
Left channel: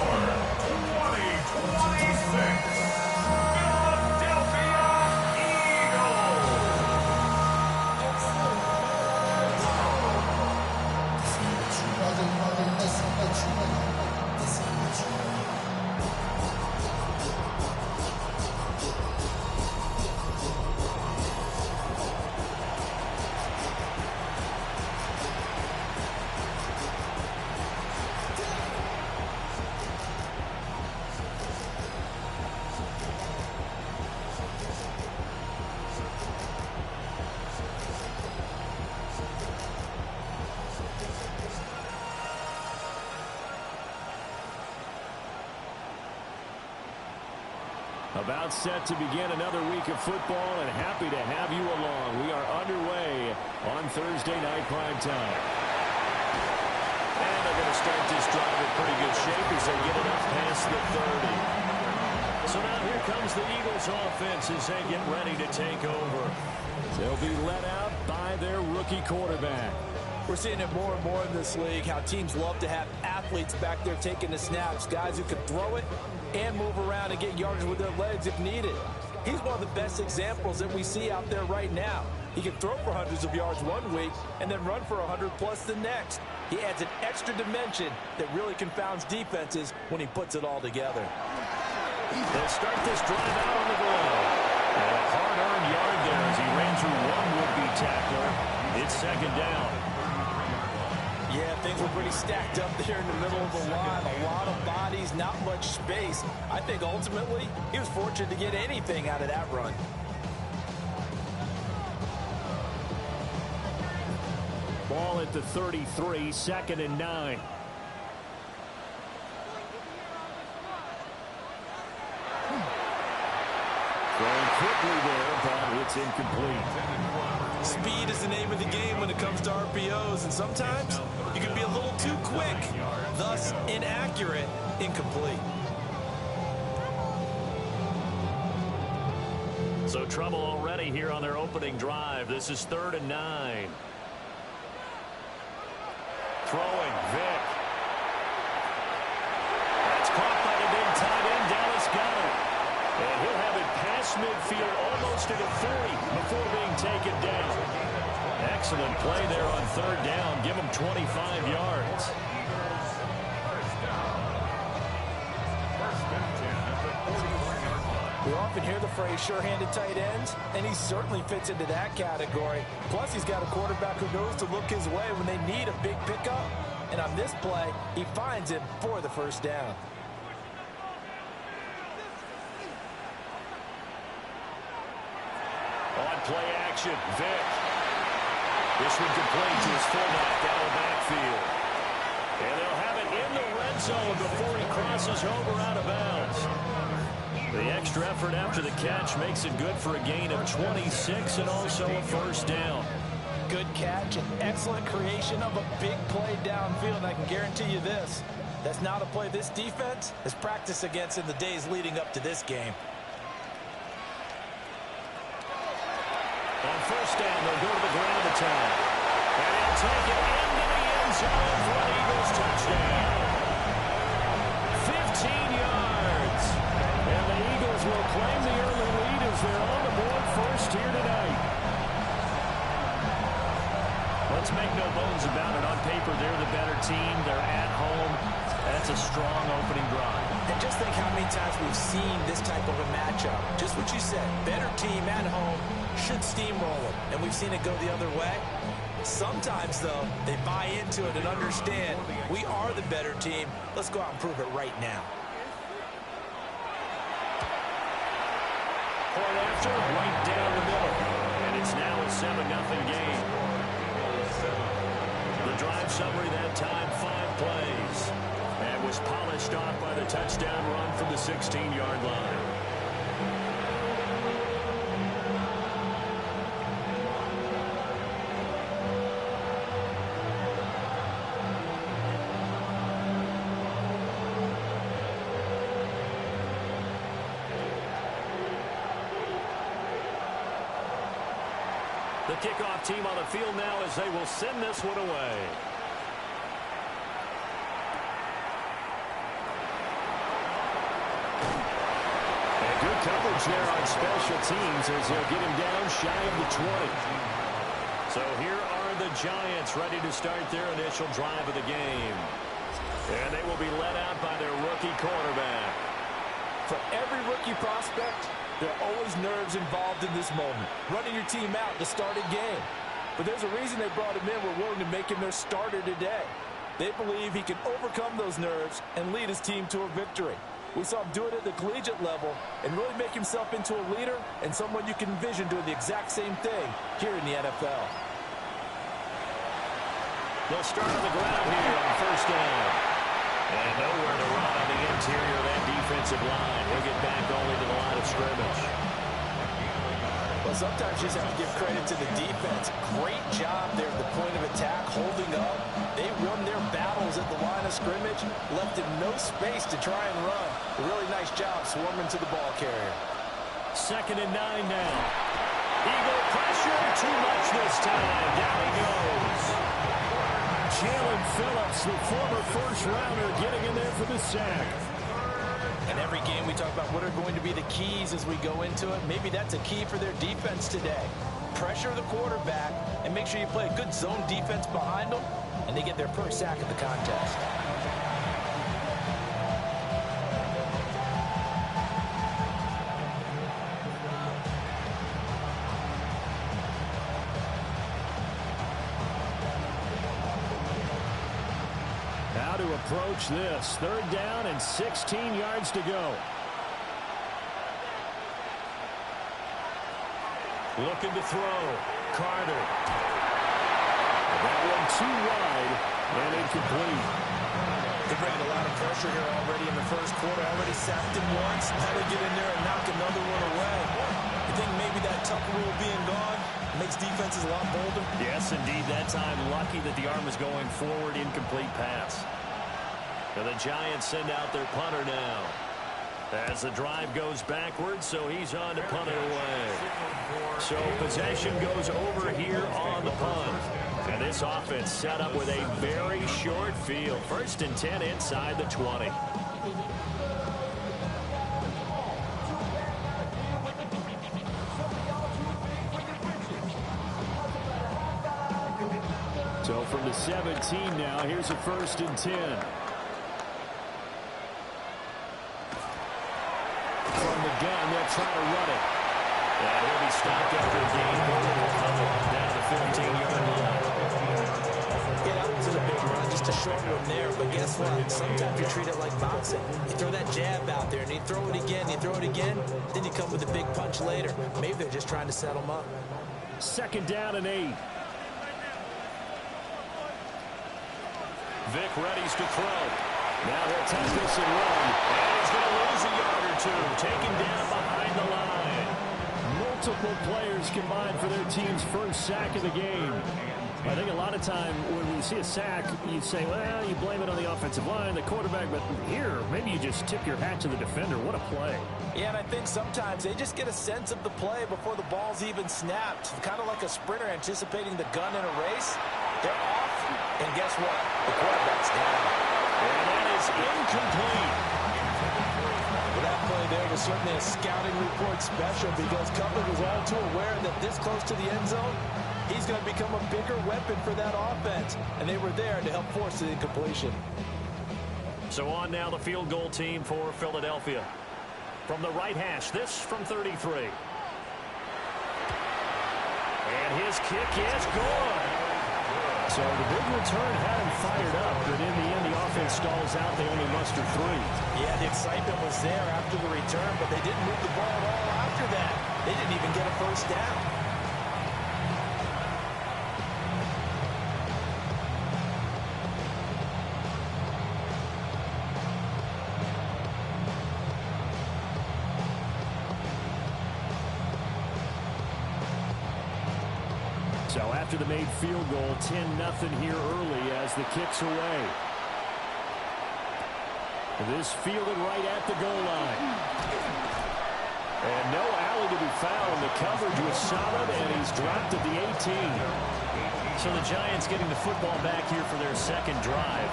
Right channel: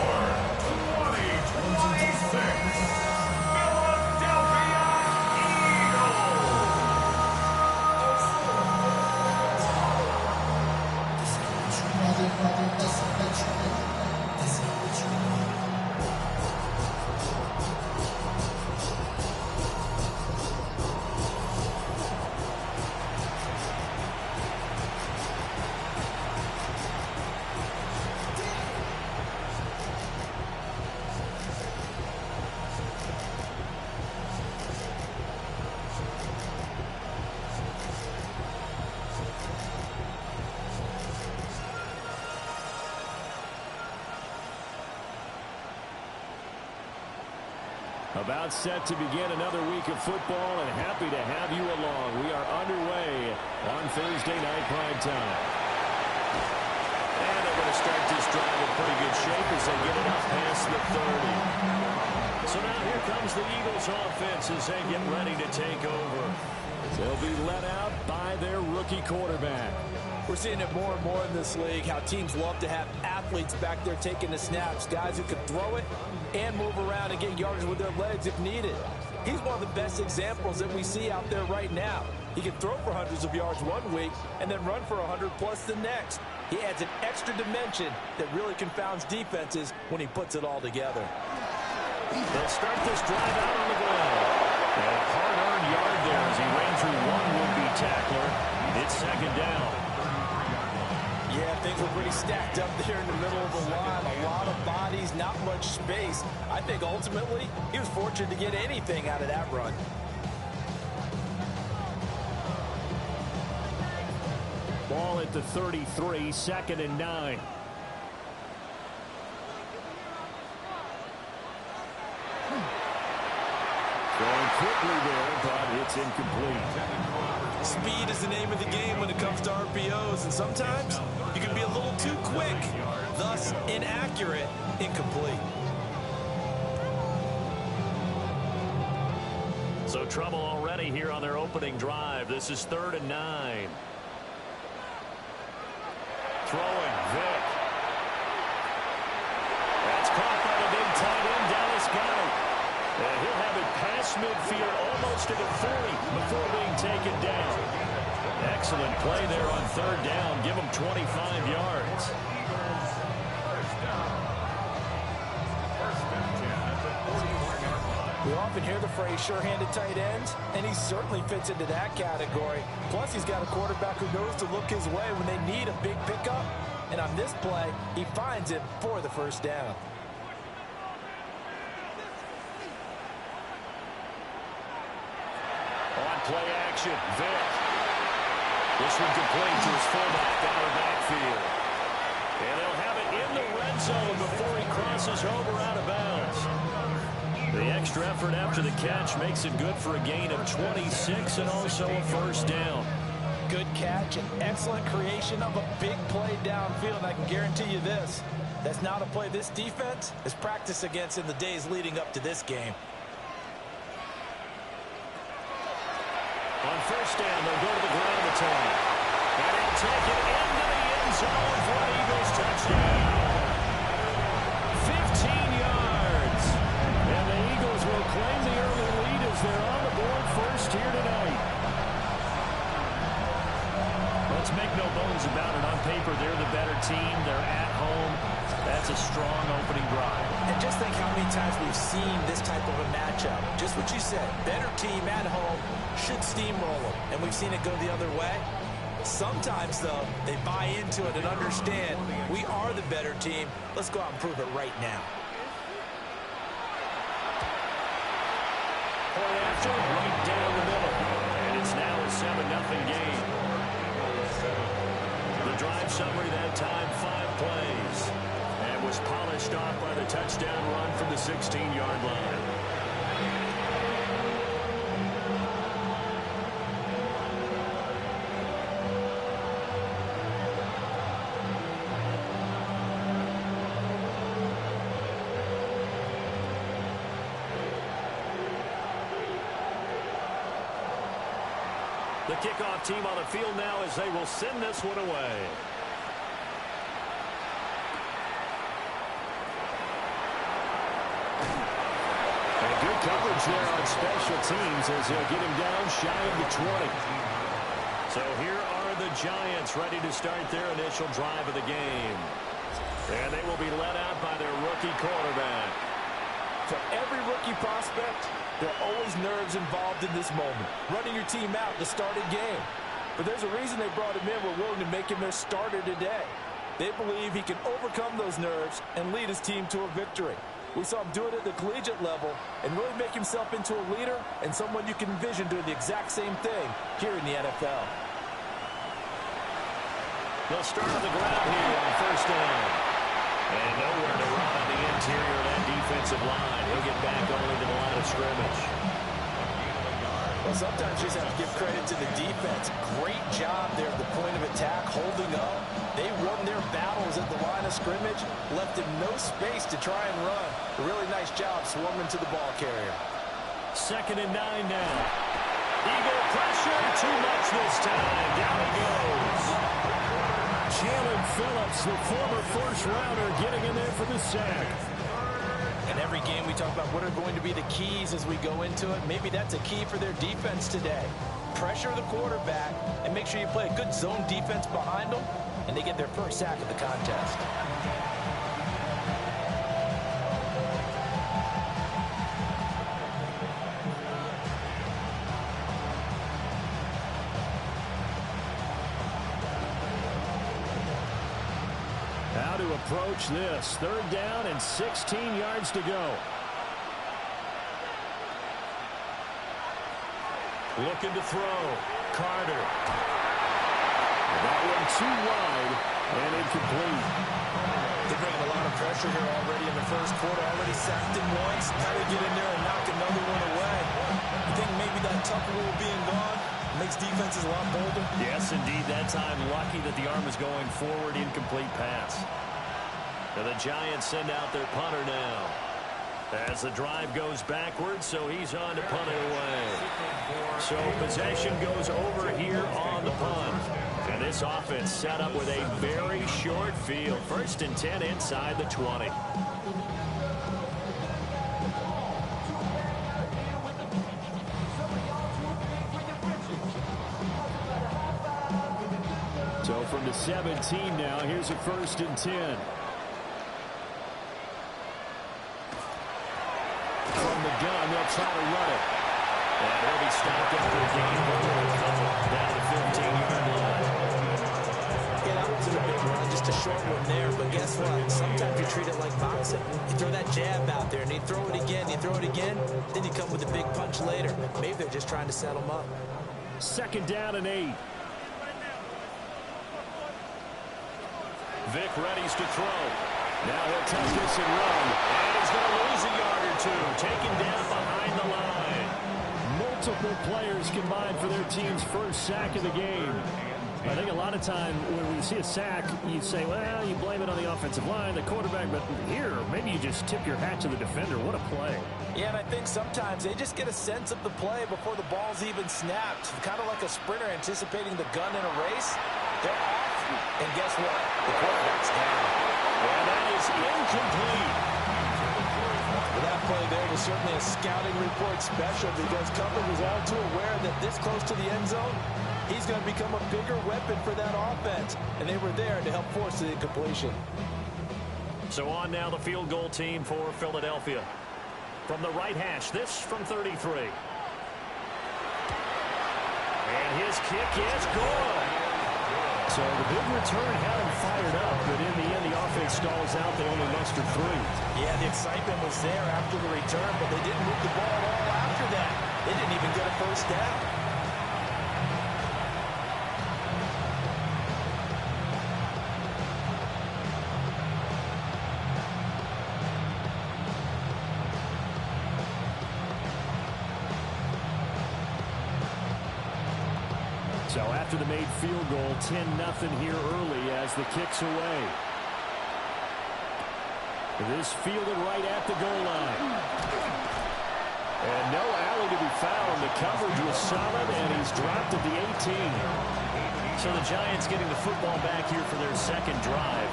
2026 Philadelphia Eagles. About set to begin another week of football, and happy to have you along. We are underway on Thursday night prime time. And they're going to start this drive in pretty good shape as they get it up past the 30. So now here comes the Eagles offense as they get ready to take over. They'll be led out by their rookie quarterback. We're seeing it more and more in this league, how teams love to have athletes back there taking the snaps, guys who can throw it and move around and get yardage with their legs if needed. He's one of the best examples that we see out there right now. He can throw for hundreds of yards one week and then run for 100+ the next. He adds an extra dimension that really confounds defenses when he puts it all together. They'll start this drive out on the ground. And a hard-earned yard there as he ran through one would-be tackler. It's second down. Yeah, things were pretty stacked up there in the middle of the line. A lot of bodies, not much space. I think ultimately he was fortunate to get anything out of that run. Ball at the 33, 2nd and 9. Throwing quickly there, but it's incomplete. Speed is the name of the game when it comes to RPOs, and sometimes you can be a little too quick, thus inaccurate, incomplete. So trouble already here on their opening drive. This is 3rd and 9. Throwing, Vick. That's caught by the big tight end, Dallas Goedert. And he'll have it past midfield, almost to the 40 before being taken down. Excellent play there on 3rd down. Give him 25 yards. We often hear the phrase sure-handed tight ends, and he certainly fits into that category. Plus, he's got a quarterback who knows to look his way when they need a big pickup. And on this play, he finds him for the 1st down. On play action, Vick. This one complete to his fullback down the backfield. And they'll have it in the red zone before he crosses over out of bounds. The extra effort after the catch makes it good for a gain of 26 and also a 1st down. Good catch and excellent creation of a big play downfield. And I can guarantee you this, that's not a play this defense has practiced against in the days leading up to this game. On 1st down, they'll go to the ground attack. And he'll take it into the end zone for an Eagles touchdown. 15 yards. And the Eagles will claim the early lead as they're on the board first here tonight. Let's make no bones about it. On paper, they're the better team. They're at home. That's a strong opening drive. And just think how many times we've seen this type of a matchup. Just what you said. Better team at home should steamroll them. And we've seen it go the other way. Sometimes, though, they buy into it and understand we are the better team. Let's go out and prove it right now. Point after, right down the middle. And it's now a 7-0 game. The drive summary that time, 5 plays. And was polished off by the touchdown run from the 16-yard line. The kickoff team on the field now as they will send this one away. And good coverage there on special teams as they'll get him down shy of the 20. So here are the Giants ready to start their initial drive of the game. And they will be led out by their rookie quarterback. For every rookie prospect, there are always nerves involved in this moment. Running your team out to start a game. But there's a reason they brought him in. We're willing to make him their starter today. They believe he can overcome those nerves and lead his team to a victory. We saw him do it at the collegiate level and really make himself into a leader and someone you can envision doing the exact same thing here in the NFL. They'll start on the ground here on first down. And nowhere to run on the interior of that defensive line. He'll get back only to the line of scrimmage. Well, sometimes you just have to give credit to the defense. Great job there at the point of attack, holding up. They won their battles at the line of scrimmage, left him no space to try and run. A really nice job swarming to the ball carrier. 2nd and 9 now. Eagle pressure, too much this time. Down he goes. Jalen Phillips, the former first-rounder, getting in there for the sack. And every game we talk about what are going to be the keys as we go into it. Maybe that's a key for their defense today. Pressure the quarterback and make sure you play a good zone defense behind them, and they get their first sack of the contest. How to approach this. 3rd down and 16 yards to go. Looking to throw. Carter. And that one too wide and incomplete. They're bringing a lot of pressure here already in the first quarter. Already sacked him once. Now they get in there and knock another one away. You think maybe that Tucker rule being gone makes defenses a lot bolder? Yes, indeed. That time, lucky that the arm was going forward. Incomplete pass. And the Giants send out their punter now. As the drive goes backwards, so he's on to punt it away. So possession goes over here on the punt. And this offense set up with a very short field. 1st and 10 inside the 20. So from the 17 now, here's a 1st and 10. From the gun, they'll try to run it. And he'll be stopped after a gain of only a couple down the 15-yard line. Yeah, that wasn't a big run, just a short one there. But guess what? Sometimes you treat it like boxing. You throw that jab out there, and you throw it again, then you come with a big punch later. Maybe they're just trying to set them up. 2nd down and 8. Vic readies to throw. Now he'll tuck this and run. And he's going to lose a yard or two. Taken down behind the line. Multiple players combined for their team's first sack of the game. I think a lot of time when we see a sack, you say, well, you blame it on the offensive line, the quarterback, but here, maybe you just tip your hat to the defender. What a play. Yeah, and I think sometimes they just get a sense of the play before the ball's even snapped. Kind of like a sprinter anticipating the gun in a race. They're off, and guess what? The quarterback's down. And that is incomplete. Well, that play there was certainly a scouting report special because coverage was all too aware that this close to the end zone, he's going to become a bigger weapon for that offense. And they were there to help force the incompletion. So on now the field goal team for Philadelphia. From the right hash, this from 33. And his kick is good. So the big return had him fired up, but in the end, the offense stalls out. They only muster 3. Yeah, the excitement was there after the return, but they didn't move the ball at all after that. They didn't even get a first down. So after the made field goal, 10-0 here early as the kick's away. This fielded right at the goal line. And no alley to be found. The coverage was solid, and he's dropped at the 18. So the Giants getting the football back here for their second drive.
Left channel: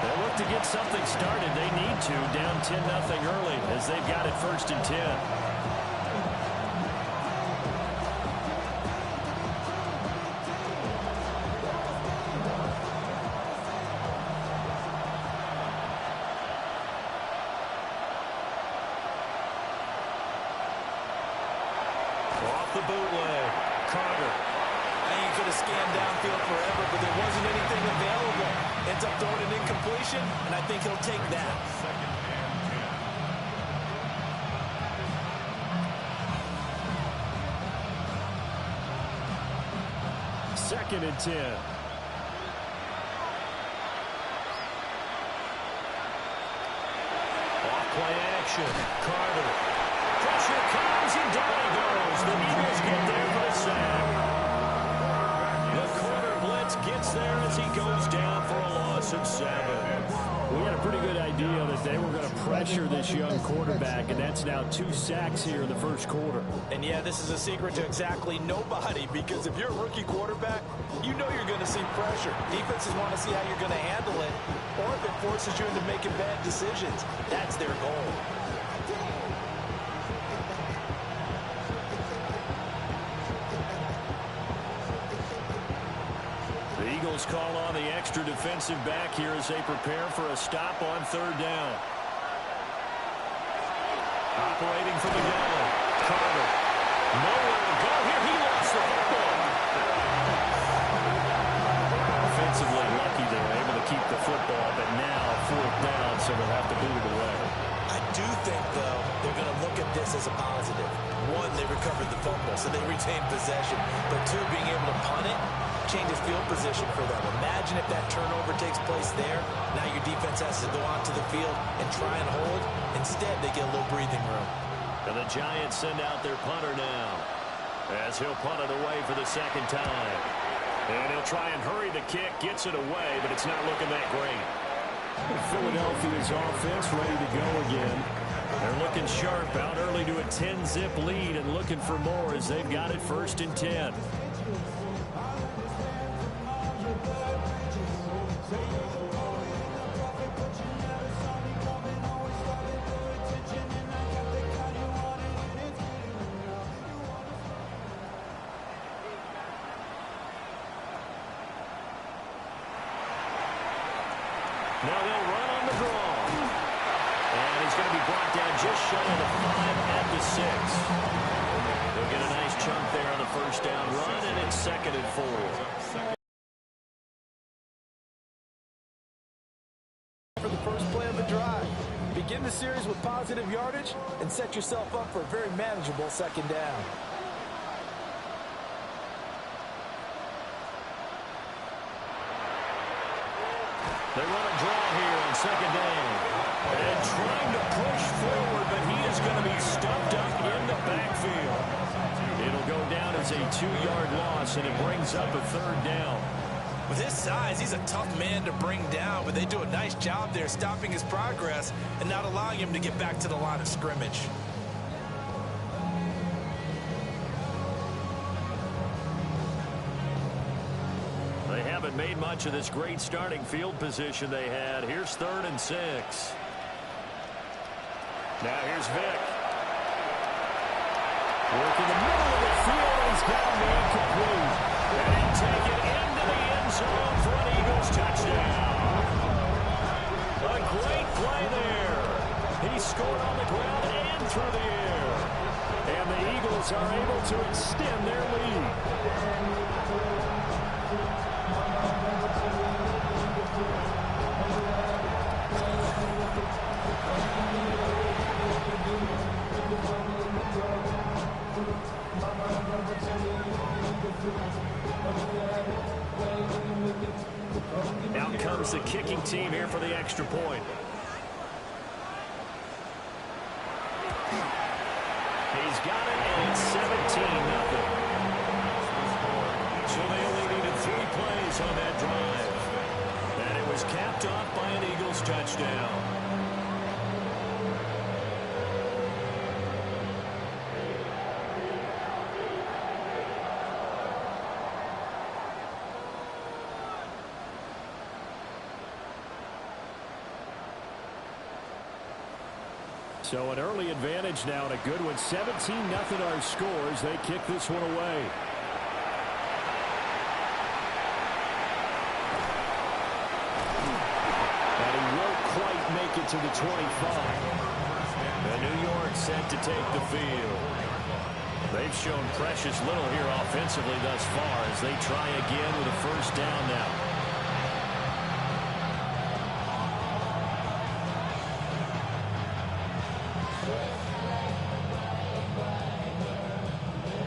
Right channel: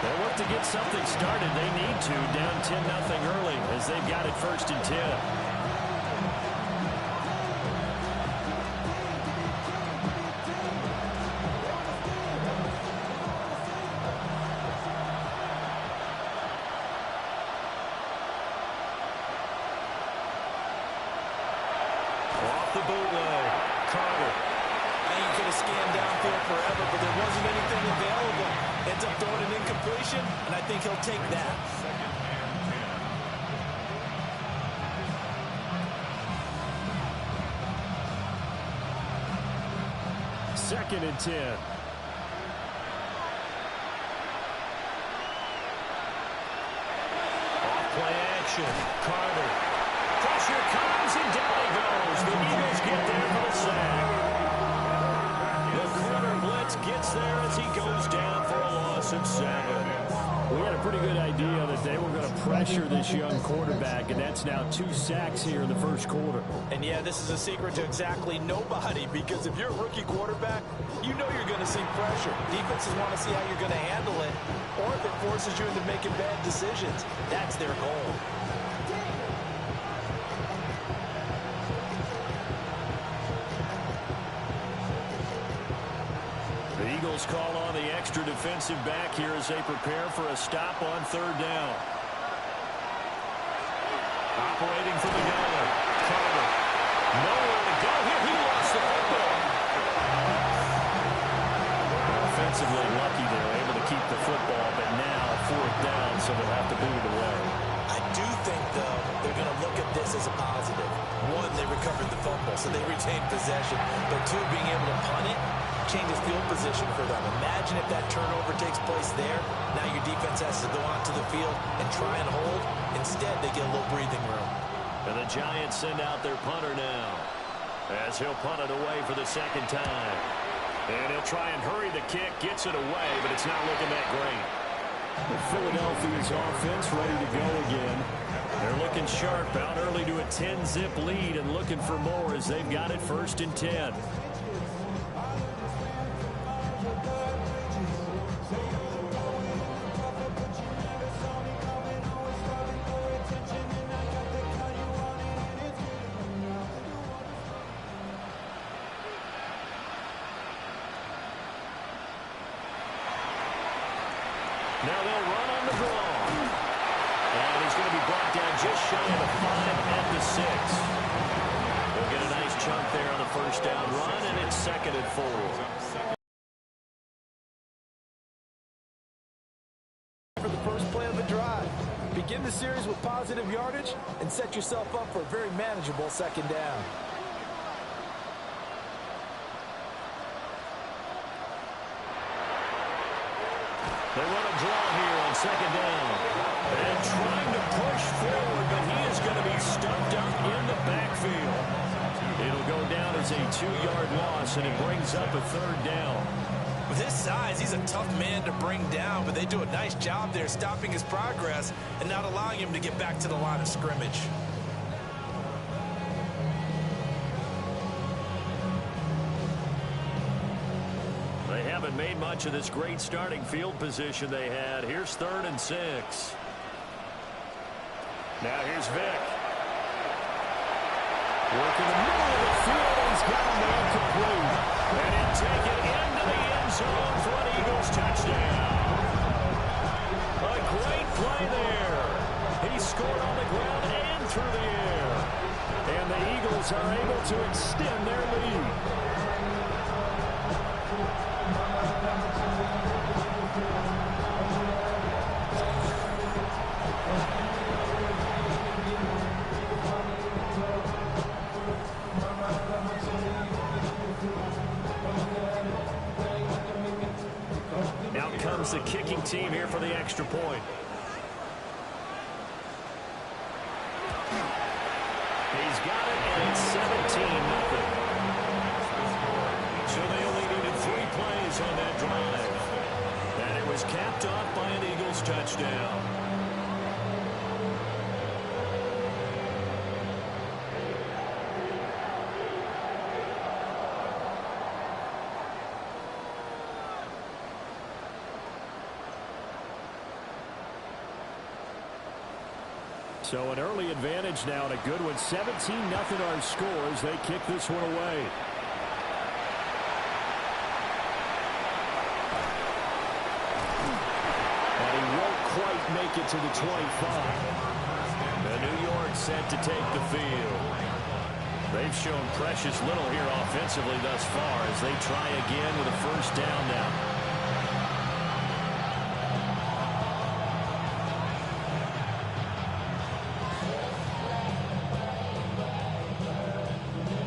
They look to get something started. They need to, down 10-0 early as they've got it 1st and 10. Off the bootleg. Carter. I think he could have scanned downfield forever, but there wasn't anything available. Ends up throwing an incompletion, and I think he'll take that. Second and 10. Off-play action. Carter. Pressure comes, and down he goes. The Eagles get there for the sack. The corner blitz gets there as he goes down for a loss of 7. We had a pretty good idea that they were going to pressure this young quarterback, and that's now 2 sacks here in the first quarter. And yeah, this is a secret to exactly nobody, because if you're a rookie quarterback, you know you're going to see pressure. Defenses want to see how you're going to handle it, or if it forces you into making bad decisions. That's their goal. The Eagles call on the extra defensive back here as they prepare for a stop on 3rd down. Operating from the gun. Carter. Nowhere to go here. He lost the football. Offensively lucky they were able to keep the football, but now 4th down, so they'll have to boot it away. I do think, though, they're going to look at this as a positive. 1, they recovered the fumble, so they retained possession. But 2, being able to punt it changes field position for them. Imagine if that turnover takes place there. Now your defense has to go onto the field and try and hold. Instead, they get a little breathing room. And the Giants send out their punter now, as he'll punt it away for the 2nd time. And he'll try and hurry the kick, gets it away, but it's not looking that great. Philadelphia's offense ready to go again. They're looking sharp, out early to a 10-zip lead and looking for more as they've got it 1st and 10. Now they'll run on the draw. And he's going to be brought down just shy of the 5 at the 6. They'll get a nice chunk there on the 1st down run, and it's 2nd and 4. For the first play of the drive. Begin the series with positive yardage and set yourself up for a very manageable 2nd down. They run a draw here on 2nd down. And trying to push forward, but he is going to be stuffed up in the backfield. It'll go down as a 2-yard loss, and it brings up a 3rd down. With his size, he's a tough man to bring down, but they do a nice job there stopping his progress and not allowing him to get back to the line of scrimmage. They haven't made much of this great starting field position they had. Here's 3rd and 6. Now here's Vick. Working the middle of the field, and he's got a man complete. And he'll take it into the end zone for an Eagles touchdown. A great play there. He scored on the ground and through the air. And the Eagles are able to extend their lead. Out comes the kicking team here for the extra point. He's got it, and it's 17-0. So they only needed 3 plays on that drive. And it was capped off by an Eagles touchdown. So an early advantage now, and a good one. 17-0 our scores. They kick this one away. And he won't quite make it to the 25. The New York set to take the field. They've shown precious little here offensively thus far as they try again with a first down now.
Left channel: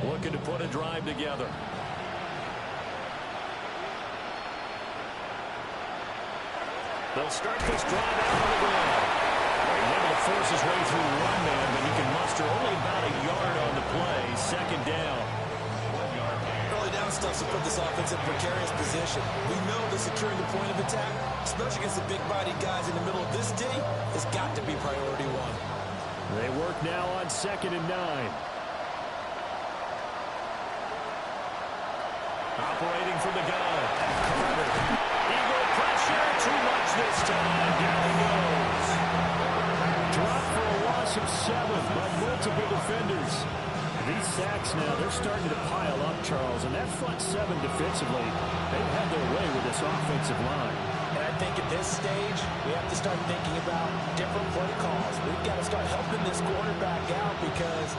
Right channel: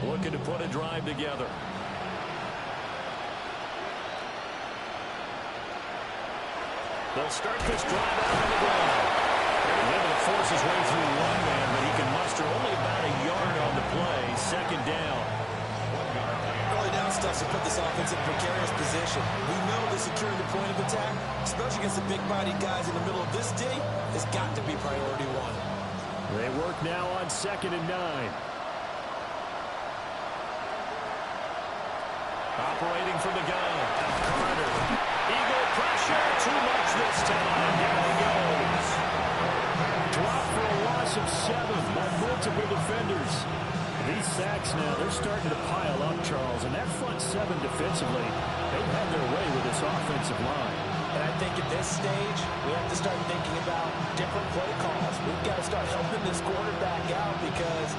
Looking to put a drive together. They'll start this drive out on the ground. He's able to force his way through one man, but he can muster only about a yard on the play. Second down. Early down stuff to put this offense in a precarious position. We know that securing the point of attack, especially against the big-bodied guys in the middle of this D, has got to be priority one. They work now on 2nd and 9. Operating from the gun. Carter. Eagle pressure. Too much this time. Down he goes. Dropped for a loss of 7 by multiple defenders. These sacks now, they're starting to pile up, Charles. And that front 7 defensively, they've had their way with this offensive line. And I think at this stage, we have to start thinking about different play calls. We've got to start helping this quarterback out because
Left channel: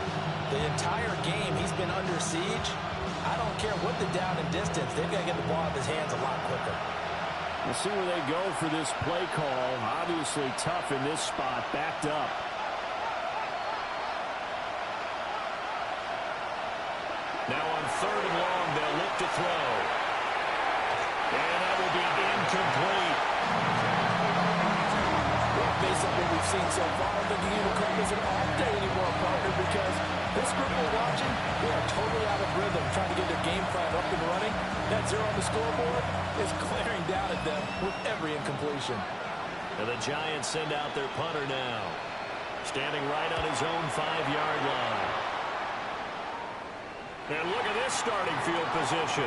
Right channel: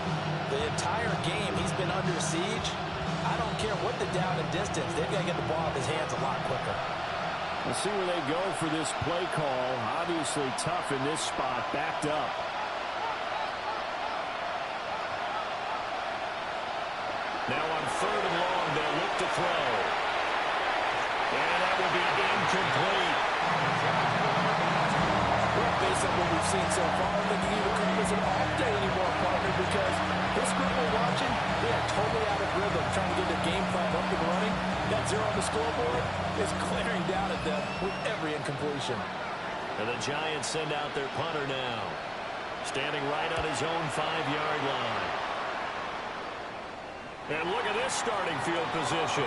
the entire game he's been under siege. I don't care what the down and distance. They've got to get the ball out of his hands a lot quicker. We'll see where they go for this play call. Obviously tough in this spot. Backed up. Now on 3rd and long, they'll look to throw. And that will be incomplete. Well, based on what we've seen so far, I think you can call this an off day anymore, partner, because this group we're watching, they are totally out of rhythm, trying to get their game plan up and running. That 0 on the scoreboard is glaring down at them with every incompletion. And the Giants send out their punter now, standing right on his own 5-yard line. And look at this starting field position.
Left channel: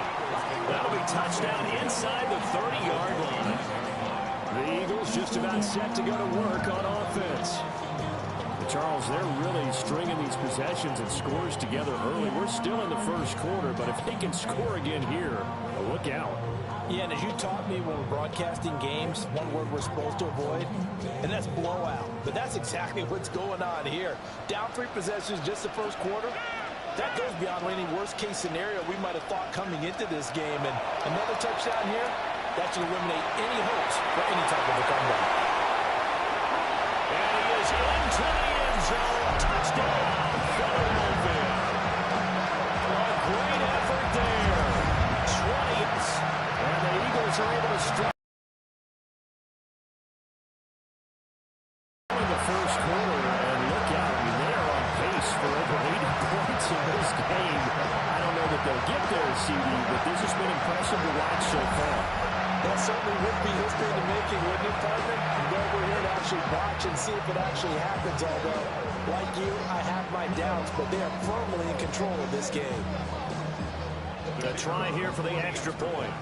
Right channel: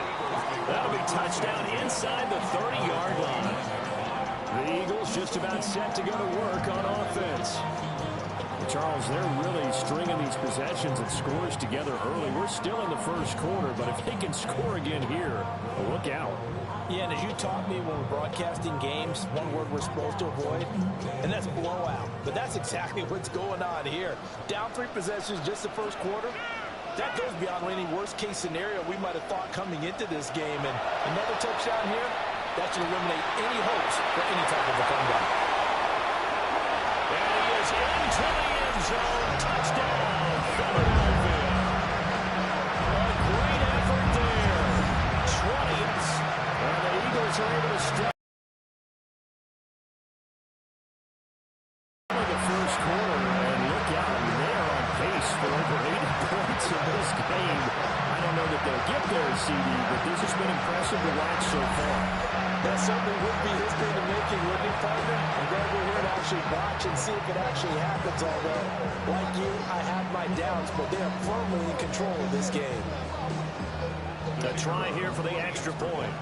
That'll be touchdown inside the 30-yard line. The Eagles just about set to go to work on offense. Charles, they're really stringing these possessions and scores together early. We're still in the first quarter, but if they can score again here, look out. Yeah, and as you taught me when we're broadcasting games, one word we're supposed to avoid, and that's blowout. But that's exactly what's going on here. Down 3 possessions just the first quarter. That goes beyond any worst-case scenario we might have thought coming into this game. And another touchdown here, that should eliminate any hopes for any type of a comeback. And he is into the end zone. Touchdown, Philadelphia. A great effort there. 20s. And the Eagles are able to strike in the first quarter. And look out, I mean, they are on pace for over 80 points in this game. I don't know that they'll get there, CD, but this has been impressive to watch so far. That certainly would be history in the making, wouldn't it, partner? I'm glad we're here to actually watch and see if it actually happens, although, like you, I have my doubts, but they are firmly in control of this game. A try here for the extra point.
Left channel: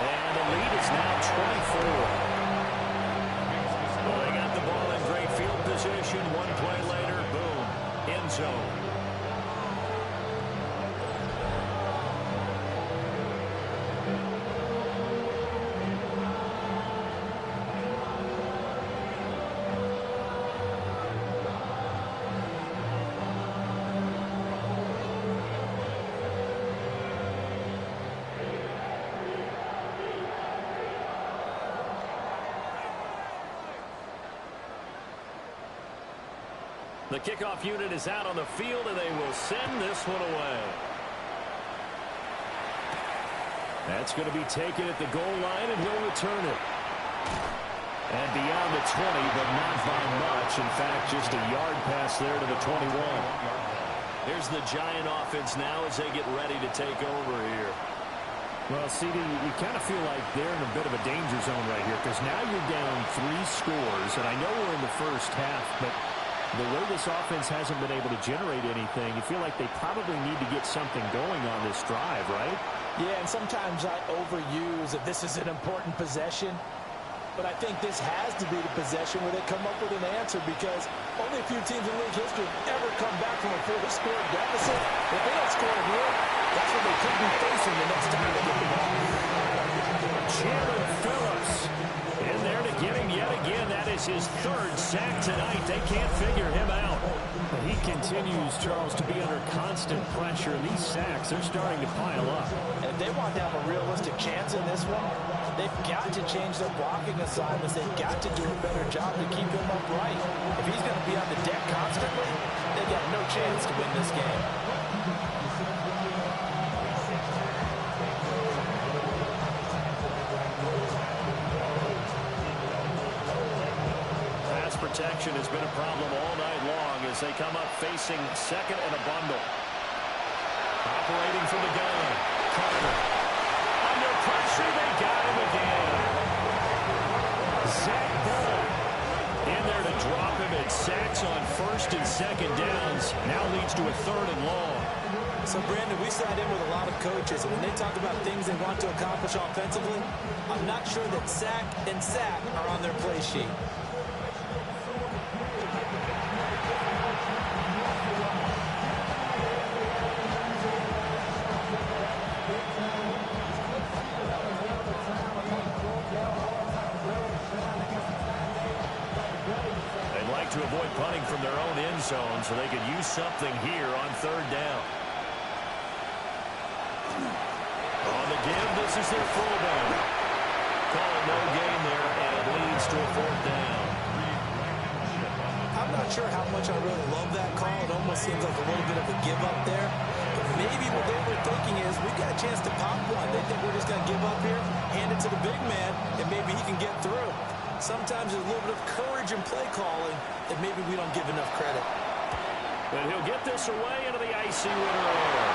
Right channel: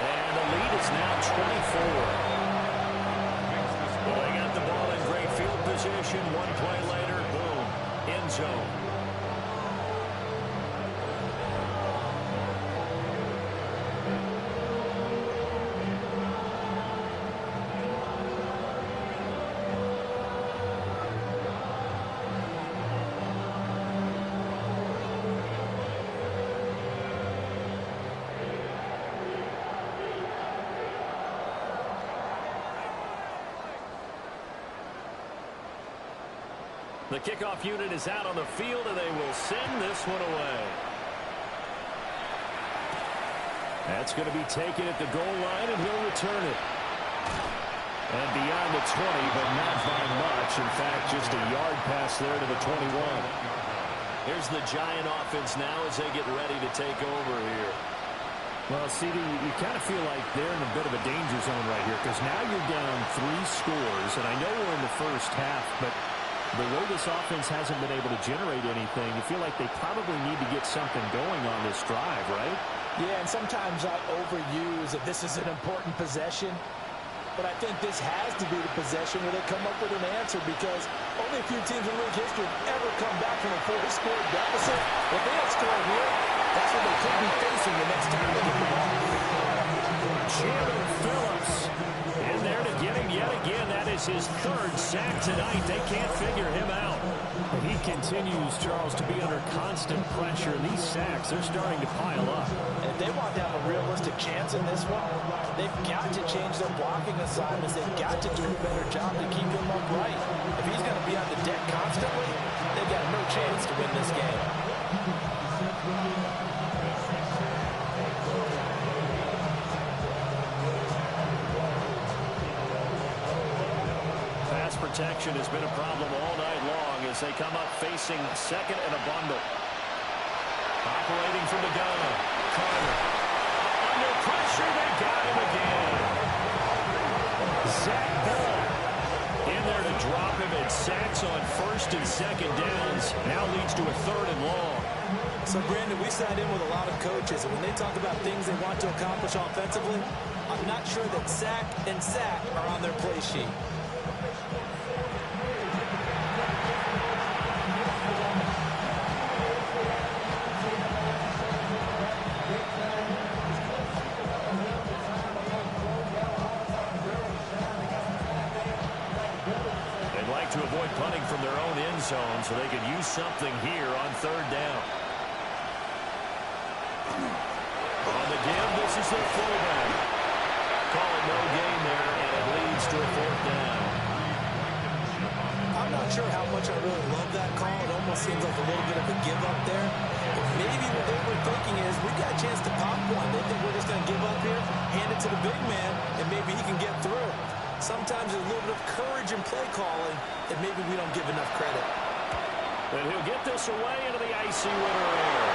And the lead is now 24. Well, they got the ball in great field position. One play later, boom, end zone. The kickoff unit is out on the field, and they will send this one away. That's going to be taken at the goal line, and he'll return it. And beyond the 20, but not by much. In fact, just a yard pass there to the 21. Here's the Giant offense now as they get ready to take over here. Well, CD, you kind of feel like they're in a bit of a danger zone right here because now you're down 3 scores, and I know we're in the first half, but the way this offense hasn't been able to generate anything, you feel like they probably need to get something going on this drive, right? Yeah, and sometimes I overuse that this is an important possession, but I think this has to be the possession where they come up with an answer because only a few teams in league history have ever come back from a 4-score deficit. If they don't score here, that's what they could be facing the next time they get the ball. Jalen Phillips in there to get him yet again. That is his 3rd sack tonight. They can't figure him out. But he continues, Charles, to be under constant pressure. And these sacks, they're starting to pile up. And if they want to have a realistic chance in this one, they've got to change their blocking assignments. They've got to do a better job to keep him upright. If he's going to be on the deck constantly, they've got no chance to win this game. Pass protection has been a problem all night long as they come up facing second and a bundle. Operating from the gun, Carter. Under pressure, they got him again. Zach Ball in there to drop him, and sacks on 1st and 2nd downs now leads to a 3rd and long. So, Brandon, we sat in with a lot of coaches, and when they talk about things they want to accomplish offensively, I'm not sure that sack and sack are on their play sheet. To avoid punting from their own end zone so they could use something here on 3rd down. On the give, this is their fullback. Call it no gain there, and it leads to a 4th down. I'm not sure how much I really love that call. It almost seems like a little bit of a give up there. But maybe what they were thinking is we've got a chance to pop one. They think we're just going to give up here, hand it to the big man, and maybe he can get through. Sometimes there's a little bit of courage in play calling that maybe we don't give enough credit. And he'll get this away into the icy winter air.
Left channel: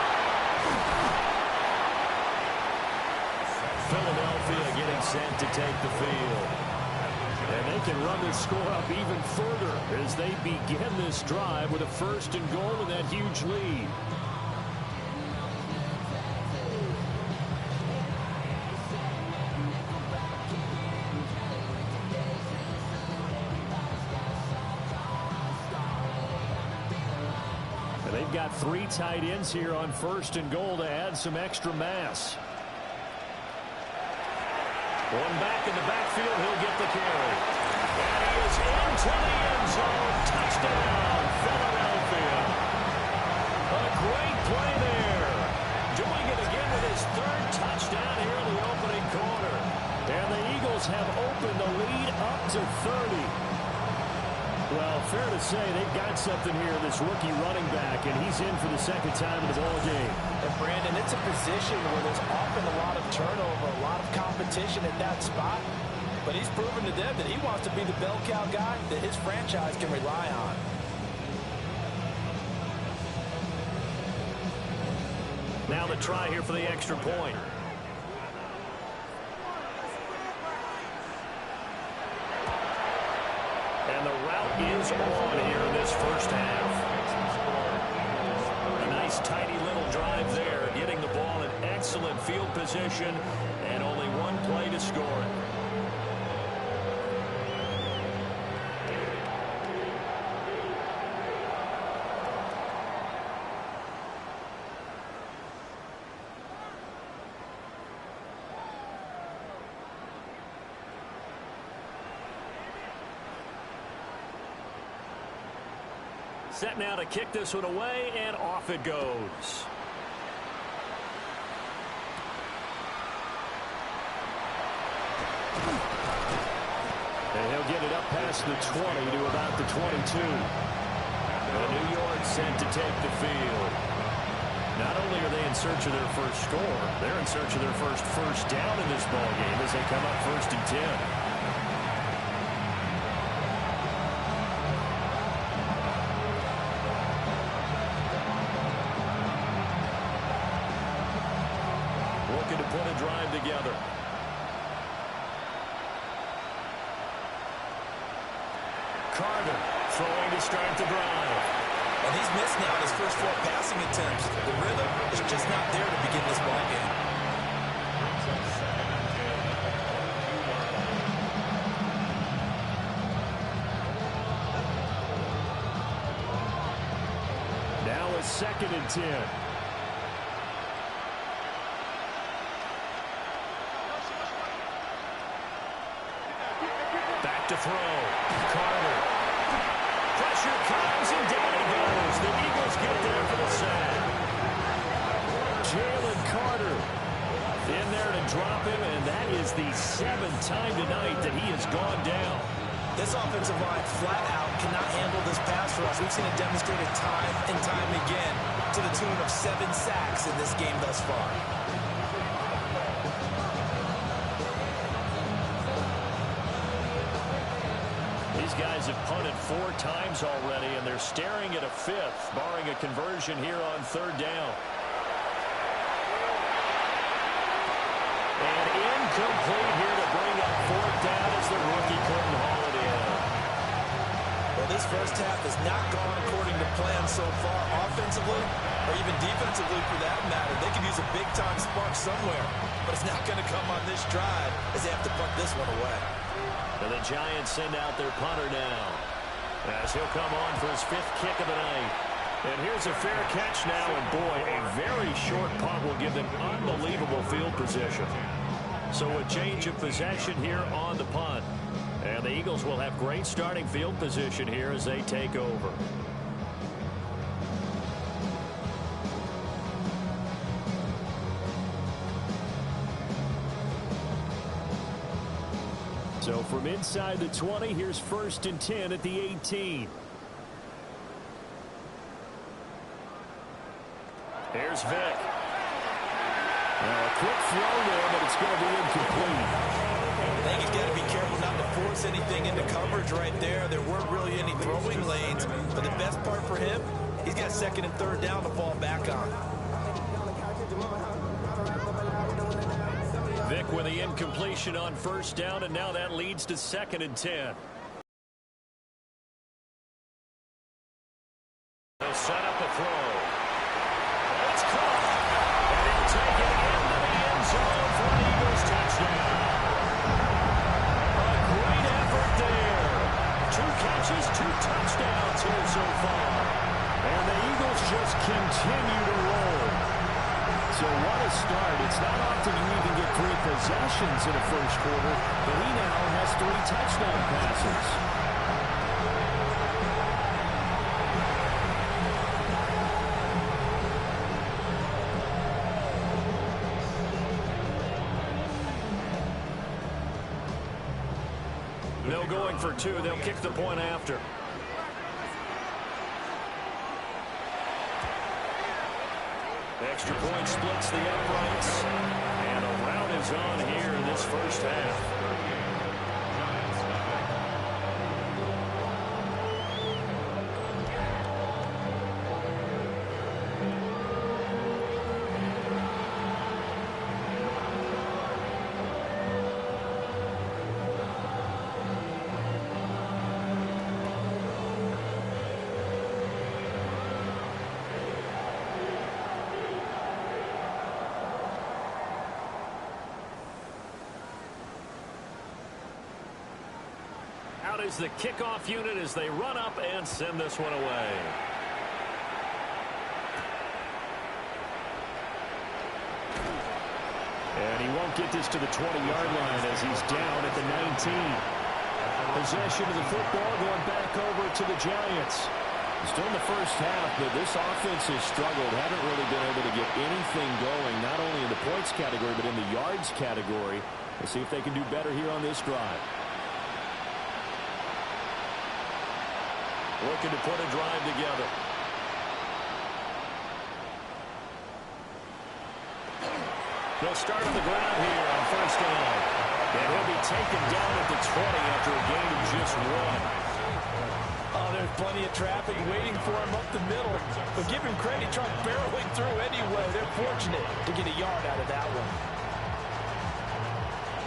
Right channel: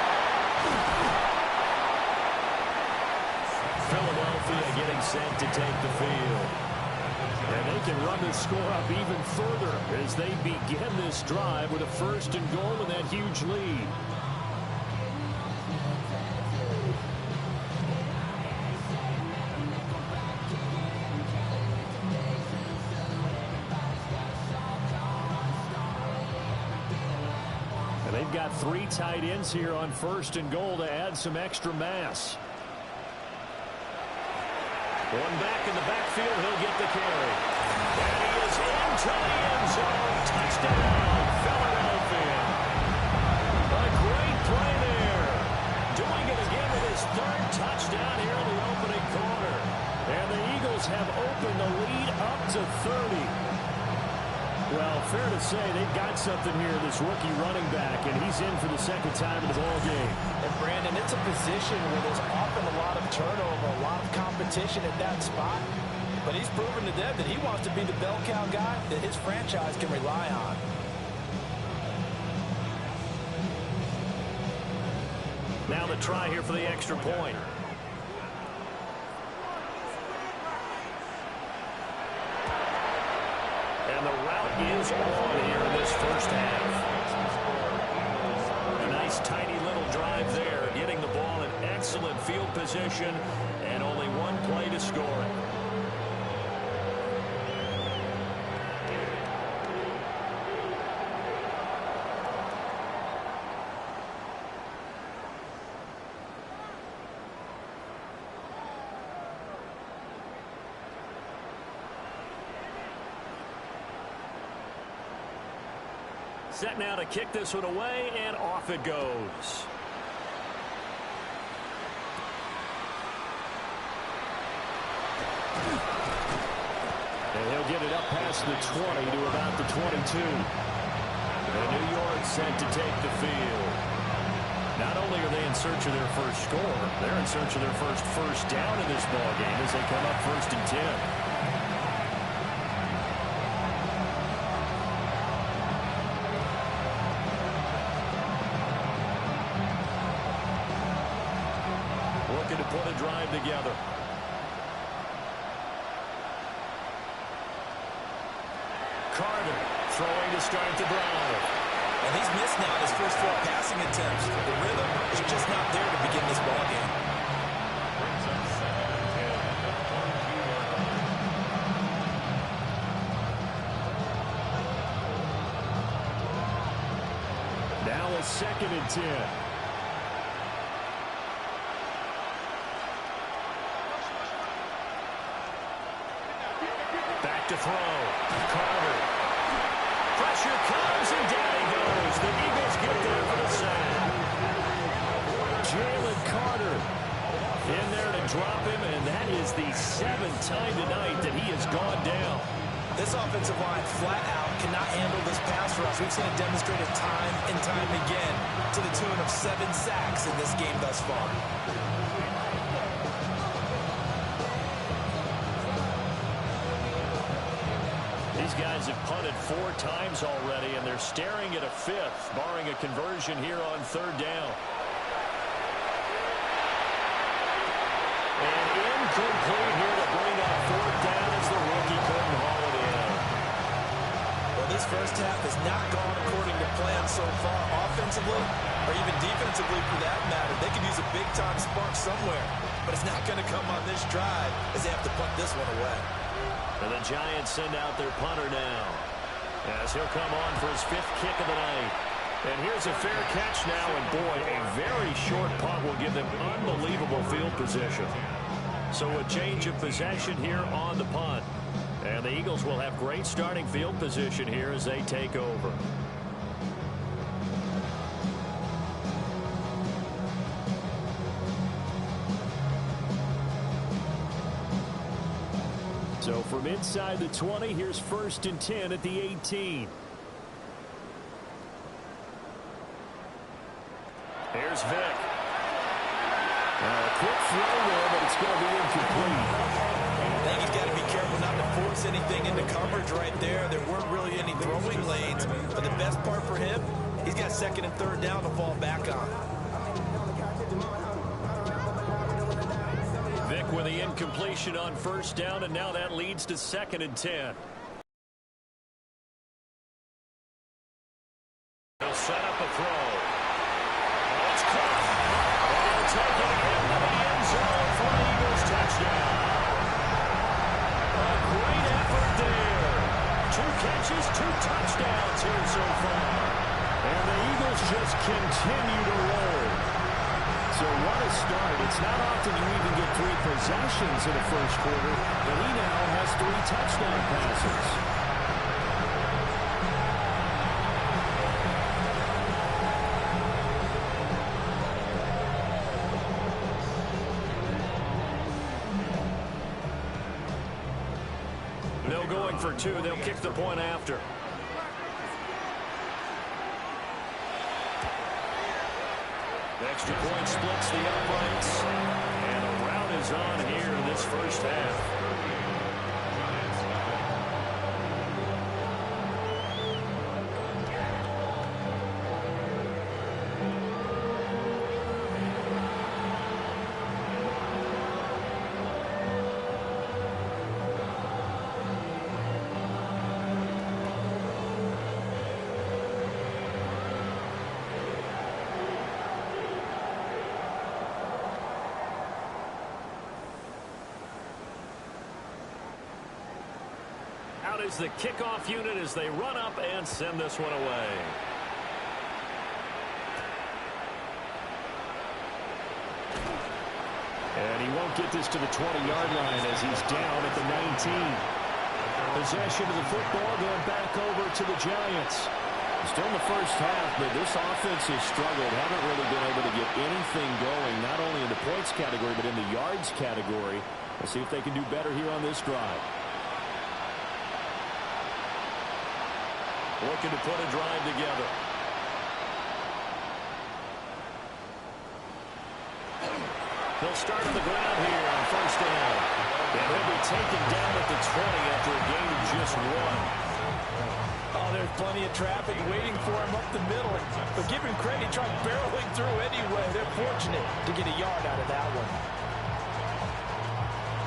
Philadelphia getting set to take the field. And they can run this score up even further as they begin this drive with a 1st and goal and that huge lead. They've got 3 tight ends here on 1st and goal to add some extra mass. One back in the backfield, he'll get the carry. And he is into the end zone. Touchdown, Philadelphia. A great play there. Doing it again with his 3rd touchdown here in the opening quarter. And the Eagles have opened the lead up to 30. Well, fair to say they've got something here, this rookie running back, and he's in for the 2nd time in the ball game. And, Brandon, it's a position where there's often a lot of turnover, a lot of competition at that spot. But he's proven to them that he wants to be the bell cow guy that his franchise can rely on. Now the try here for the extra point. And the route is on here in this first half. A nice, tidy little drive there, getting the ball in excellent field position, and only one play to score it. Set now to kick this one away, and off it goes. And he'll get it up past the 20 to about the 22. And New York set to take the field. Not only are they in search of their first score, they're in search of their first down in this ball game as they come up 1st and 10. Looking to put a drive together. Carter throwing to start the drive. And he's missed now his first 4 passing attempts. The rhythm is just not there to begin this ball game. Brings up 2nd and 10 at the 22-yard line. Now a 2nd and 10. Back to throw. Carter. Pressure comes, and down he goes. The Eagles get there for the sack. Jalen Carter in there to drop him, and that is the 7th time tonight that he has gone down. This offensive line flat out cannot handle this pass rush. We've seen it demonstrated time and time again to the tune of 7 sacks in this game thus far. These guys have punted 4 times already, and they're staring at a 5th, barring a conversion here on 3rd down. And incomplete here to bring up 4th down as the rookie couldn't haul it in. Well, this first half has not gone according to plan so far, offensively or even defensively for that matter. They could use a big-time spark somewhere, but it's not going to come on this drive as they have to punt this one away. And the Giants send out their punter now as he'll come on for his 5th kick of the night. And here's a fair catch now, and boy, a very short punt will give them unbelievable field position. So a change of possession here on the punt. And the Eagles will have great starting field position here as they take over. So from inside the 20, here's 1st and 10 at the 18. Here's Vic. Now a quick throw there, but it's going to be incomplete. I think he's got to be careful not to force anything into coverage right there. There weren't really any throwing lanes, but the best part for him, he's got 2nd and 3rd down to fall back on. Vic with the incompletion on 1st down, and now that leads to 2nd and 10. He'll set up a throw. And it's caught. And he'll take it into the end zone for an Eagles touchdown. A great effort there. 2 catches, 2 touchdowns here so far. And the Eagles just continue to roll. So what a start. It's not often you even get 3 possessions in a first quarter, but he now has 3 touchdown passes. No going for 2. They'll kick the point after. Extra point splits the uprights, and a rout is on here in this first half. Out is the kickoff unit as they run up and send this one away. And he won't get this to the 20-yard line as he's down at the 19. Possession of the football going back over to the Giants. Still in the first half, but this offense has struggled. Haven't really been able to get anything going, not only in the points category, but in the yards category. We'll see if they can do better here on this drive. looking to put a drive together. They'll start on the ground here on first down. And he'll be taken down at the 20 after a gain of just 1. Oh, there's plenty of traffic waiting for him up the middle. But give him credit, he tried barreling through anyway. They're fortunate to get a yard out of that one.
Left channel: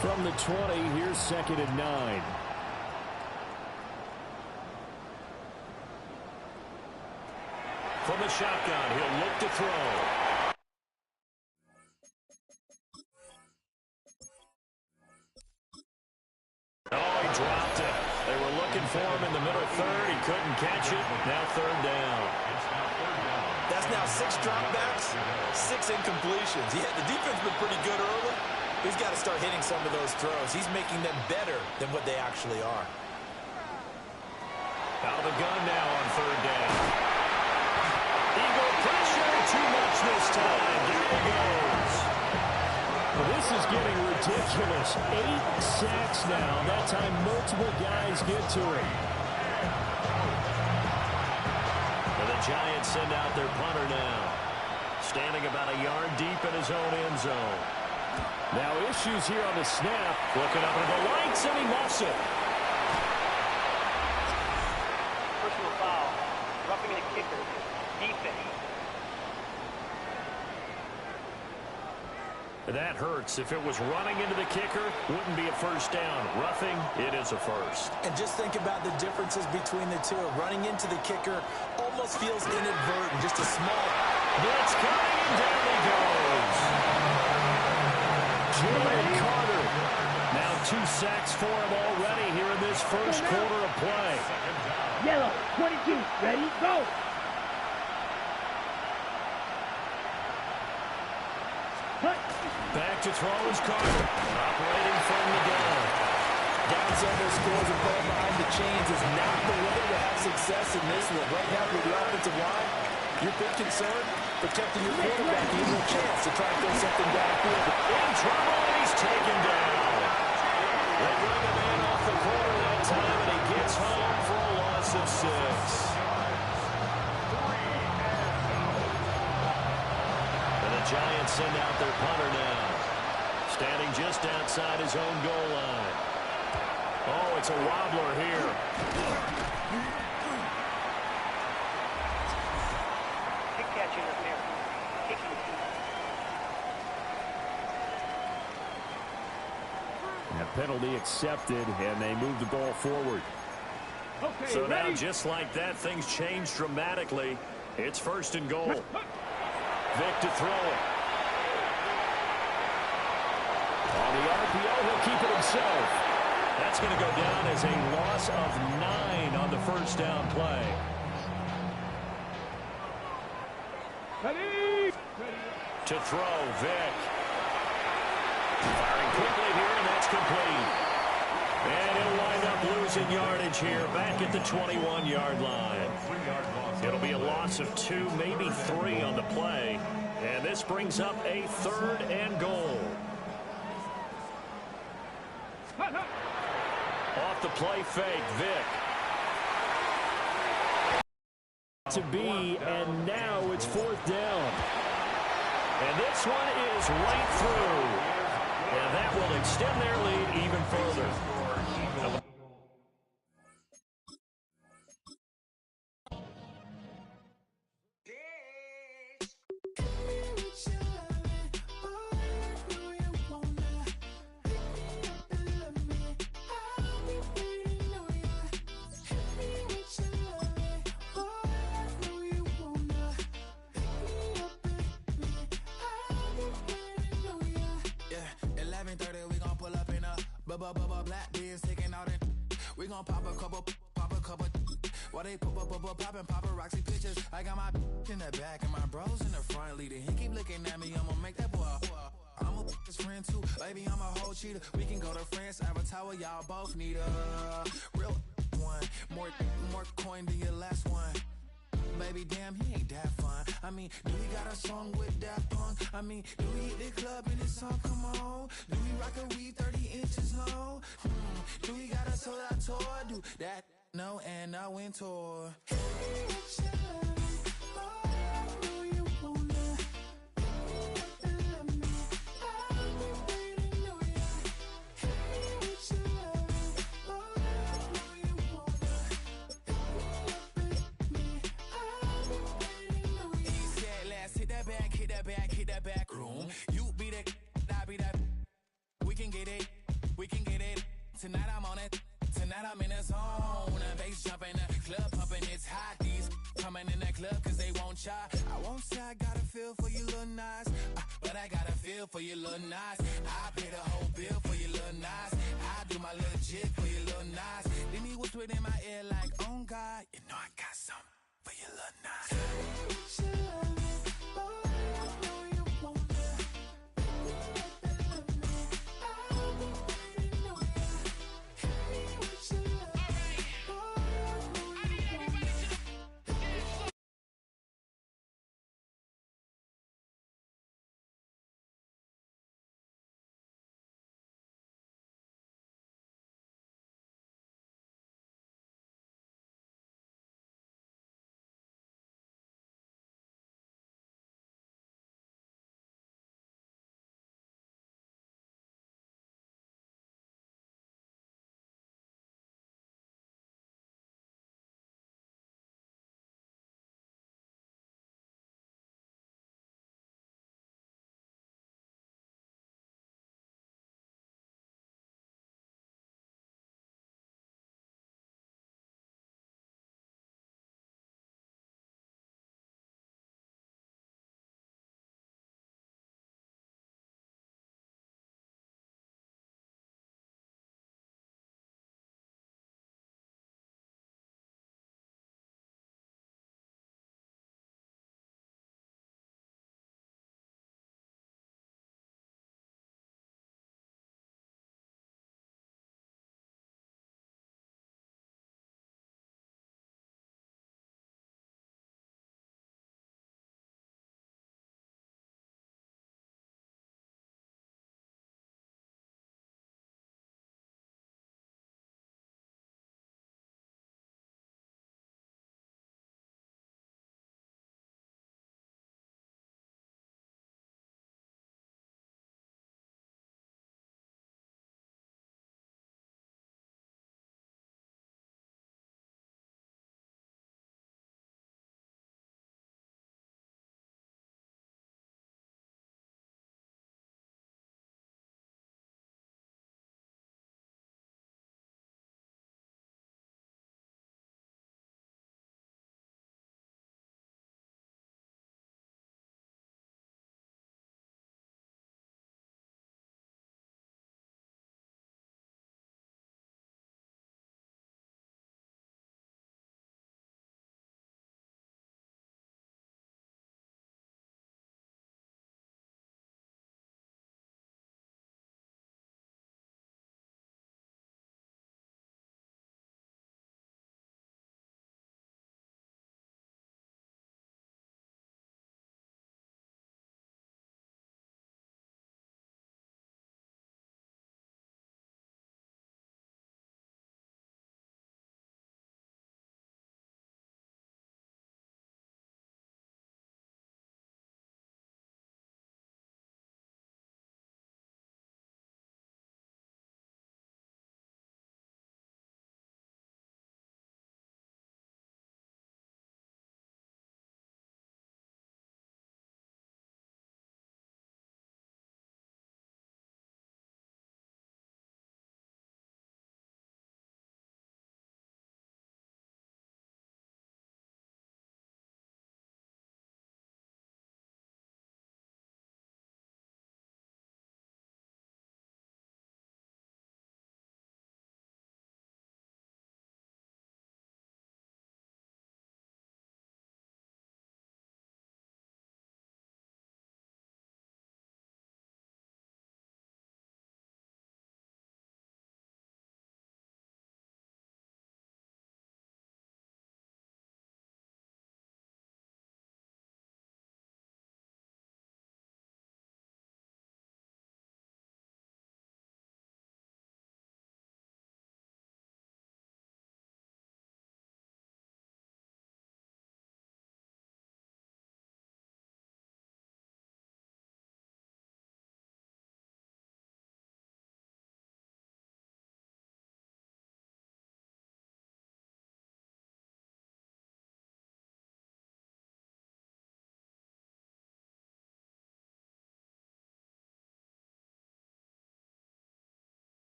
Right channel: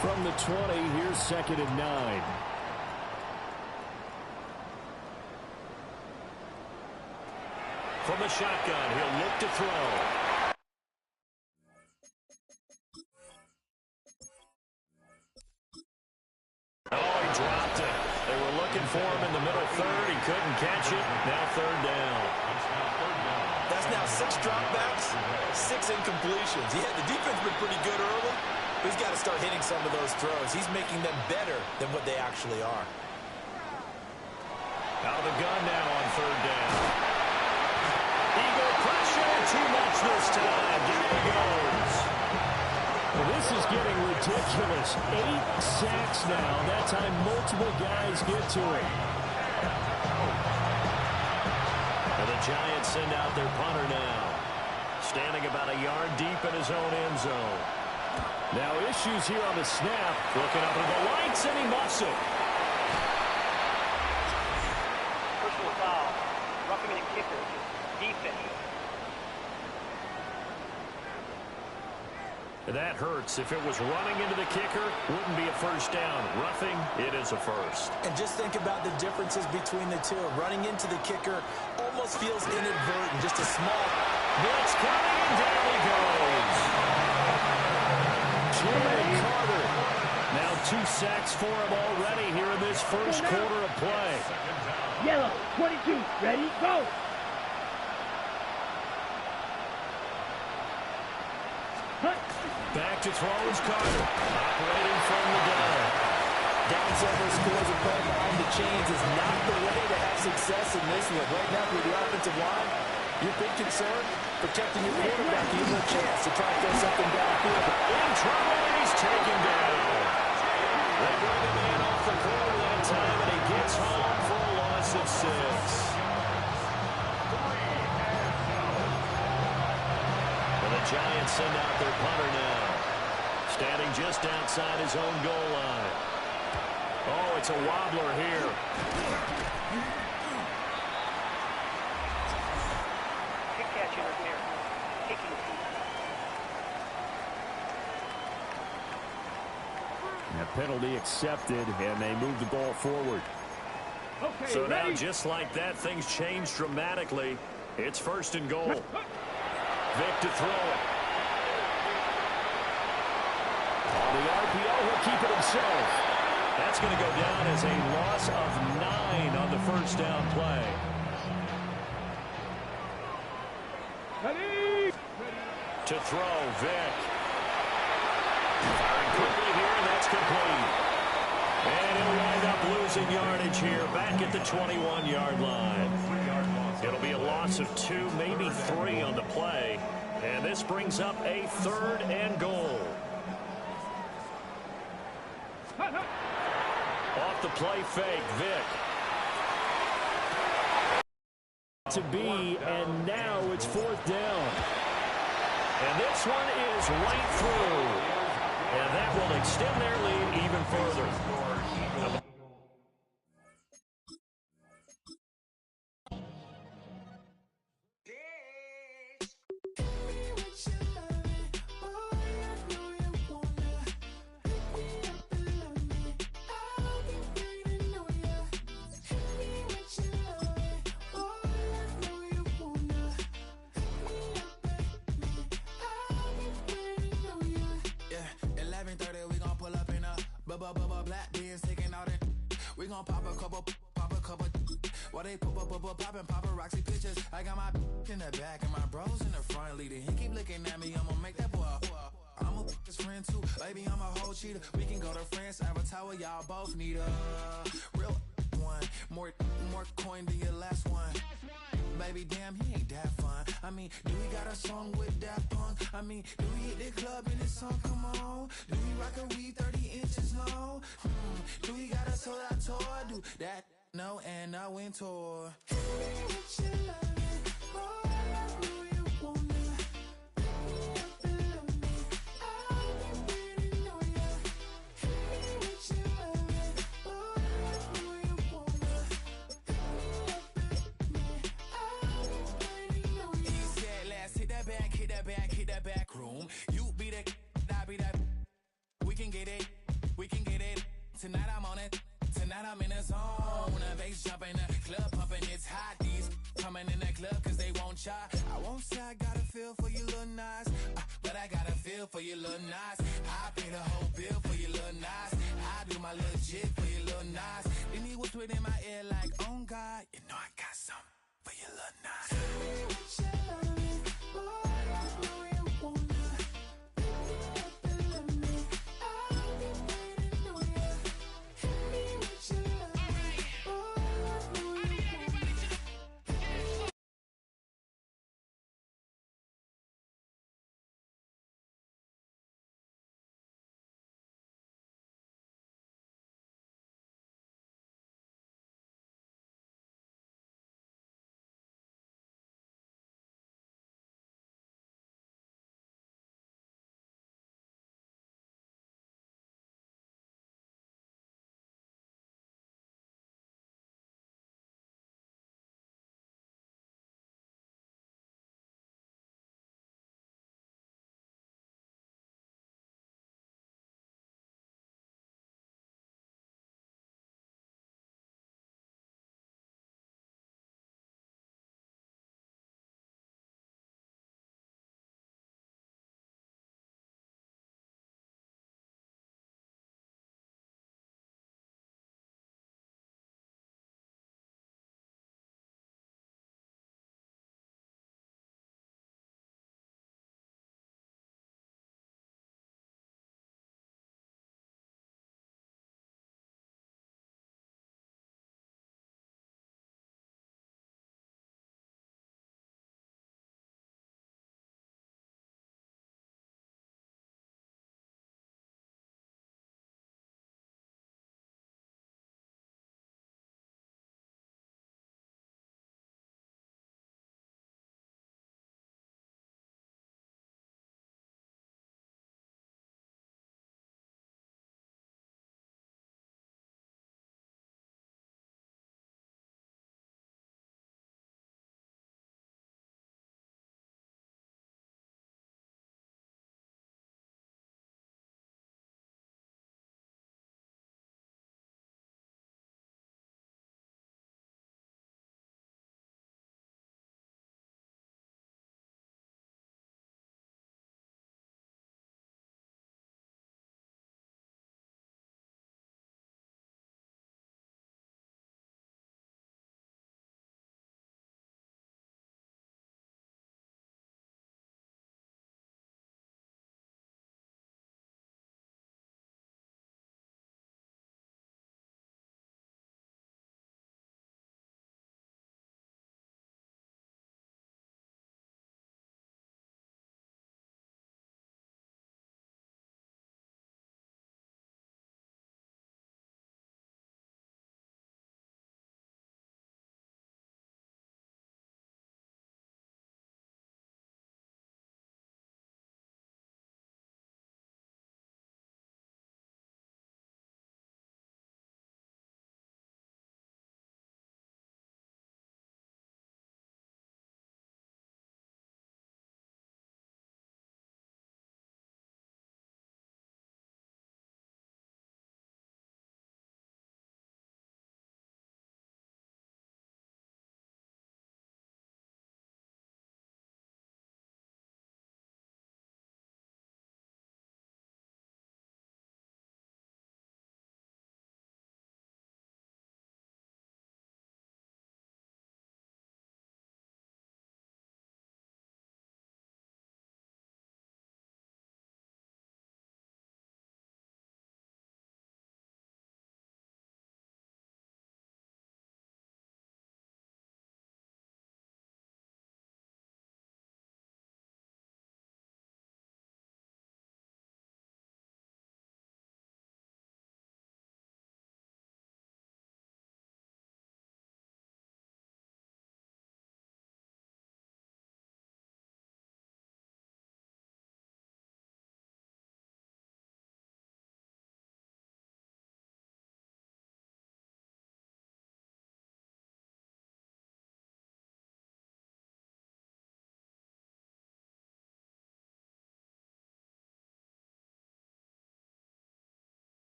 From the 20, here's 2nd and 9. From the shotgun, he'll look to throw. Oh, he dropped it. They were looking for him in the middle third. He couldn't catch it. Now 3rd down. That's now 6 dropbacks, 6 incompletions. Yeah, the defense has been pretty good early, but he's got to start hitting some of those throws. He's making them better than what they actually are. Out of the gun now on 3rd down. Eagle pressure, too much this time. There he goes. Well, this is getting ridiculous. 8 sacks now. That time multiple guys get to it. And the Giants send out their punter now. Standing about a yard deep in his own end zone. Now issues here on the snap. Looking up into the lights, and he muffs it. Personal foul. Roughing the kicker. Defense. That hurts. If it was running into the kicker, wouldn't be a first down. Roughing, it is a first. And just think about the differences between the two. Running into the kicker almost feels inadvertent. Just a small blitz coming, and down he goes. Jalen Carter. Now 2 sacks for him already here in this first quarter of play. Yellow, 22, ready, go! Back to throw is Carter, operating from the gun. Down several scores and playing behind the chains is not the way to have success in this one. Right now, with the offensive line, your big concern, protecting your quarterback. You have a chance to try and throw something downfield. In trouble, and he's taken down. They bring him in off the corner that time, and he gets home for a loss of 6. And the Giants send out their punter now. Standing just outside his own goal line. Oh, it's a wobbler here. Kick catch interference. Kicking team. That penalty accepted, and they move the ball forward. Okay, so ready? Now, just like that, things change dramatically. It's 1st and goal. Vic to throw it. On the RPO, he'll keep it himself. That's going to go down as a loss of 9 on the first down play. Ready! To throw, Vic. Firing quickly here, and that's complete. And he'll wind up losing yardage here, back at the 21-yard line. It'll be a loss of 2, maybe 3 on the play. And this brings up a 3rd and goal. Off the play fake, Vic. To be, and now it's 4th down. And this one is right through. And that will extend their lead even further. Black beans taking out it. We gon' pop a couple. While they poppin' paparazzi pictures. I got my in the back and my bros in the front leading. He keep looking at me, I'ma make that boy. I'm a his friend too, baby, I'm a whole cheater. We can go to France, Avatar, y'all both need a real one. More coin than your last one. Baby, damn, he ain't that fun. I mean, do he got a song with Daft Punk? I mean, do he hit the club in his song? Come on. Do he rock a weave 30 inches long? Do he got a sold out tour? Do that No, and I went tour. Hit that back room. You be that, I be that. We can get it. Tonight I'm on it. Tonight I'm in a zone. A bass jumping, a club pumping, it's hot. These coming in that club cause they won't try. I won't say I got a feel for you little nice, but I got a feel for you little nice. I pay the whole bill for you little nice. I do my little jig for you little nice. Then he whispered in my ear like, oh God, you know I got something for you little nice.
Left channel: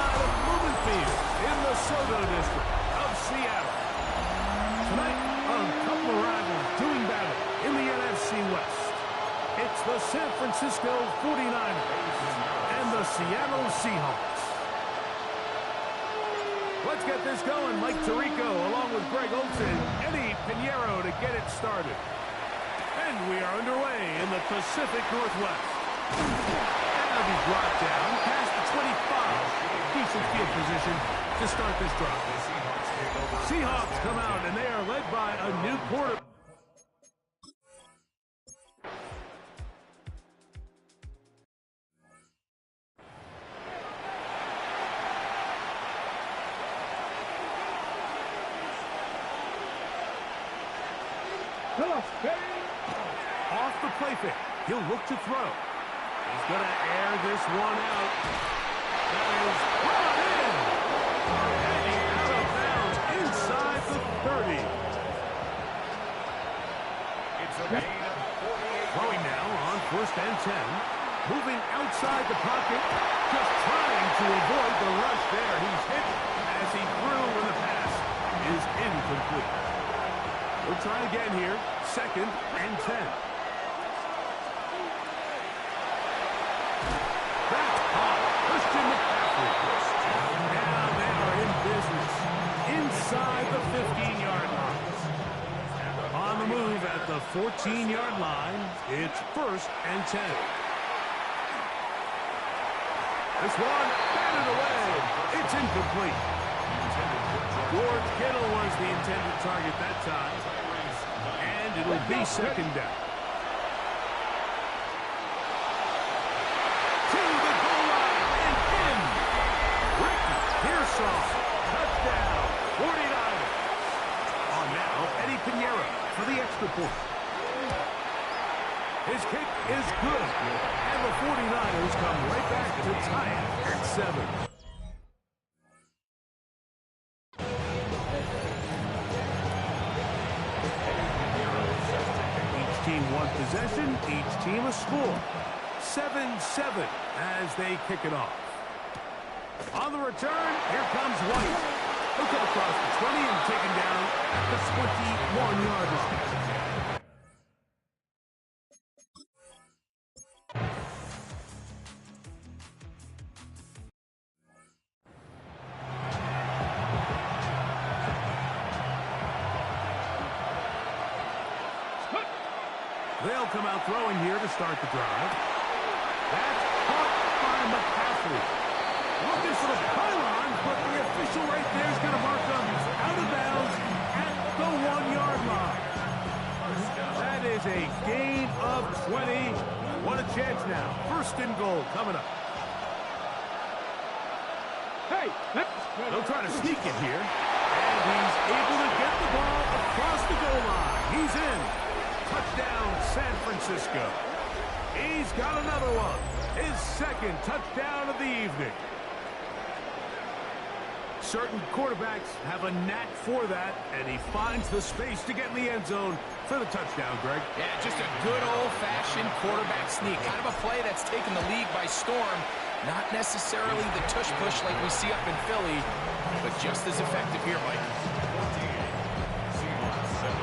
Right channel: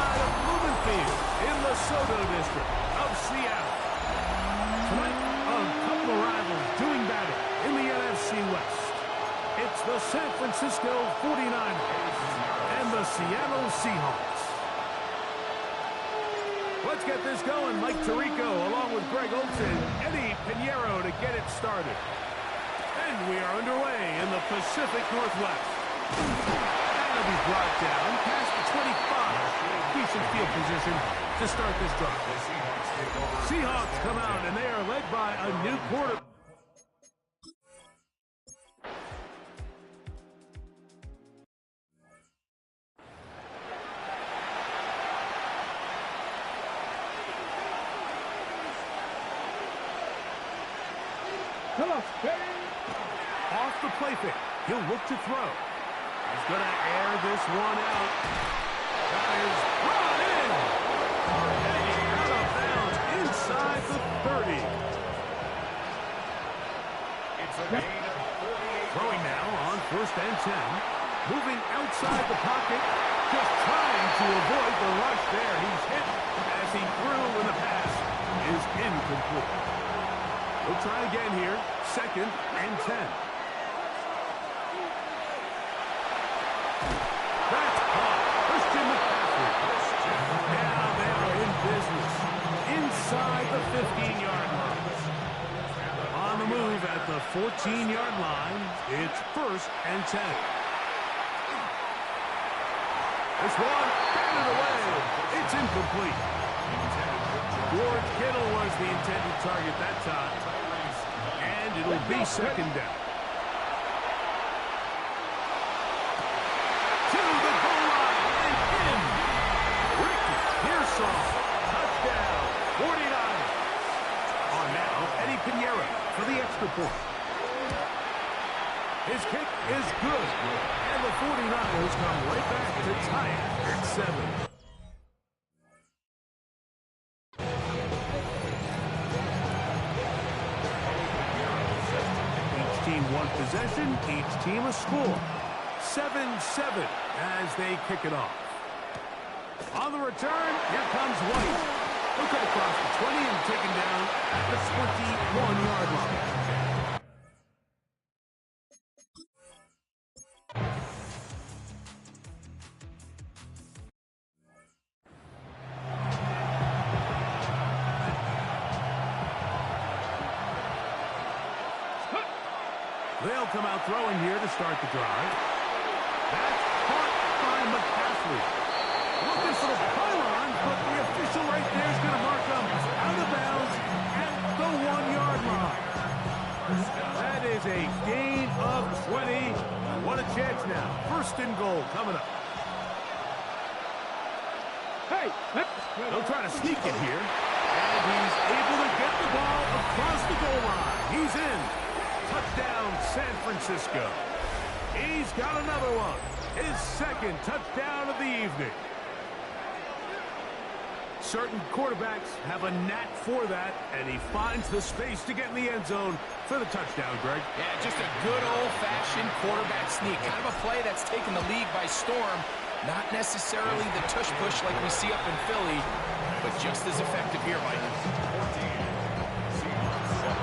side of Blumenfield in the Soto district of Seattle. Tonight, a couple of rivals doing battle in the NFC West. It's the San Francisco 49ers and the Seattle Seahawks. Let's get this going. Mike Tirico along with Greg Olson, Eddie Pinheiro to get it started. And we are underway in the Pacific Northwest. And it'll be brought down past the 25. Decent field position to start this drive. Seahawks come out, and they are led by a new quarterback. Off the play fake. He'll look to throw. He's going to air this one out. That is brought in. And out of bounds inside the 30. It's a gain of 48. Throwing now on 1st and 10. Moving outside the pocket. Just trying to avoid the rush there. He's hit as he threw when the pass is incomplete. We'll try again here. 2nd and 10. That's caught. Christian McCaffrey. Now they are in business. Inside the 15-yard line. On the move at the 14-yard line, it's 1st and 10. This one, batted away. It's incomplete. George Kittle was the intended target that time. And it'll be 2nd down. To the goal line and in. Ricky Pearsall. Touchdown. 49ers. On now, Eddie Pinheiro for the extra point. His kick is good. And the 49ers come right back to tie it at 7. Each team one possession, each team a score. 7-7 as they kick it off. On the return, here comes White. He'll come across the 20 and taken down at the 21-yard line. They'll come out throwing here to start the drive. That's caught by McCaffrey. Looking for the pylon, but the official right there is going to mark them out of bounds at the 1-yard line. That is a gain of 20. What a chance now. 1st and goal coming up. Hey, they'll try to sneak it here. And he's able to get the ball across the goal line. He's in. Touchdown, San Francisco. He's got another one. His 2nd touchdown of the evening. Certain quarterbacks have a knack for that, and he finds the space to get in the end zone for the touchdown, Greg. Yeah, just a good old-fashioned quarterback sneak. Kind of a play that's taken the league by storm. Not necessarily the tush-push like we see up in Philly, but just as effective here, Mike. 14. Seahawks 7.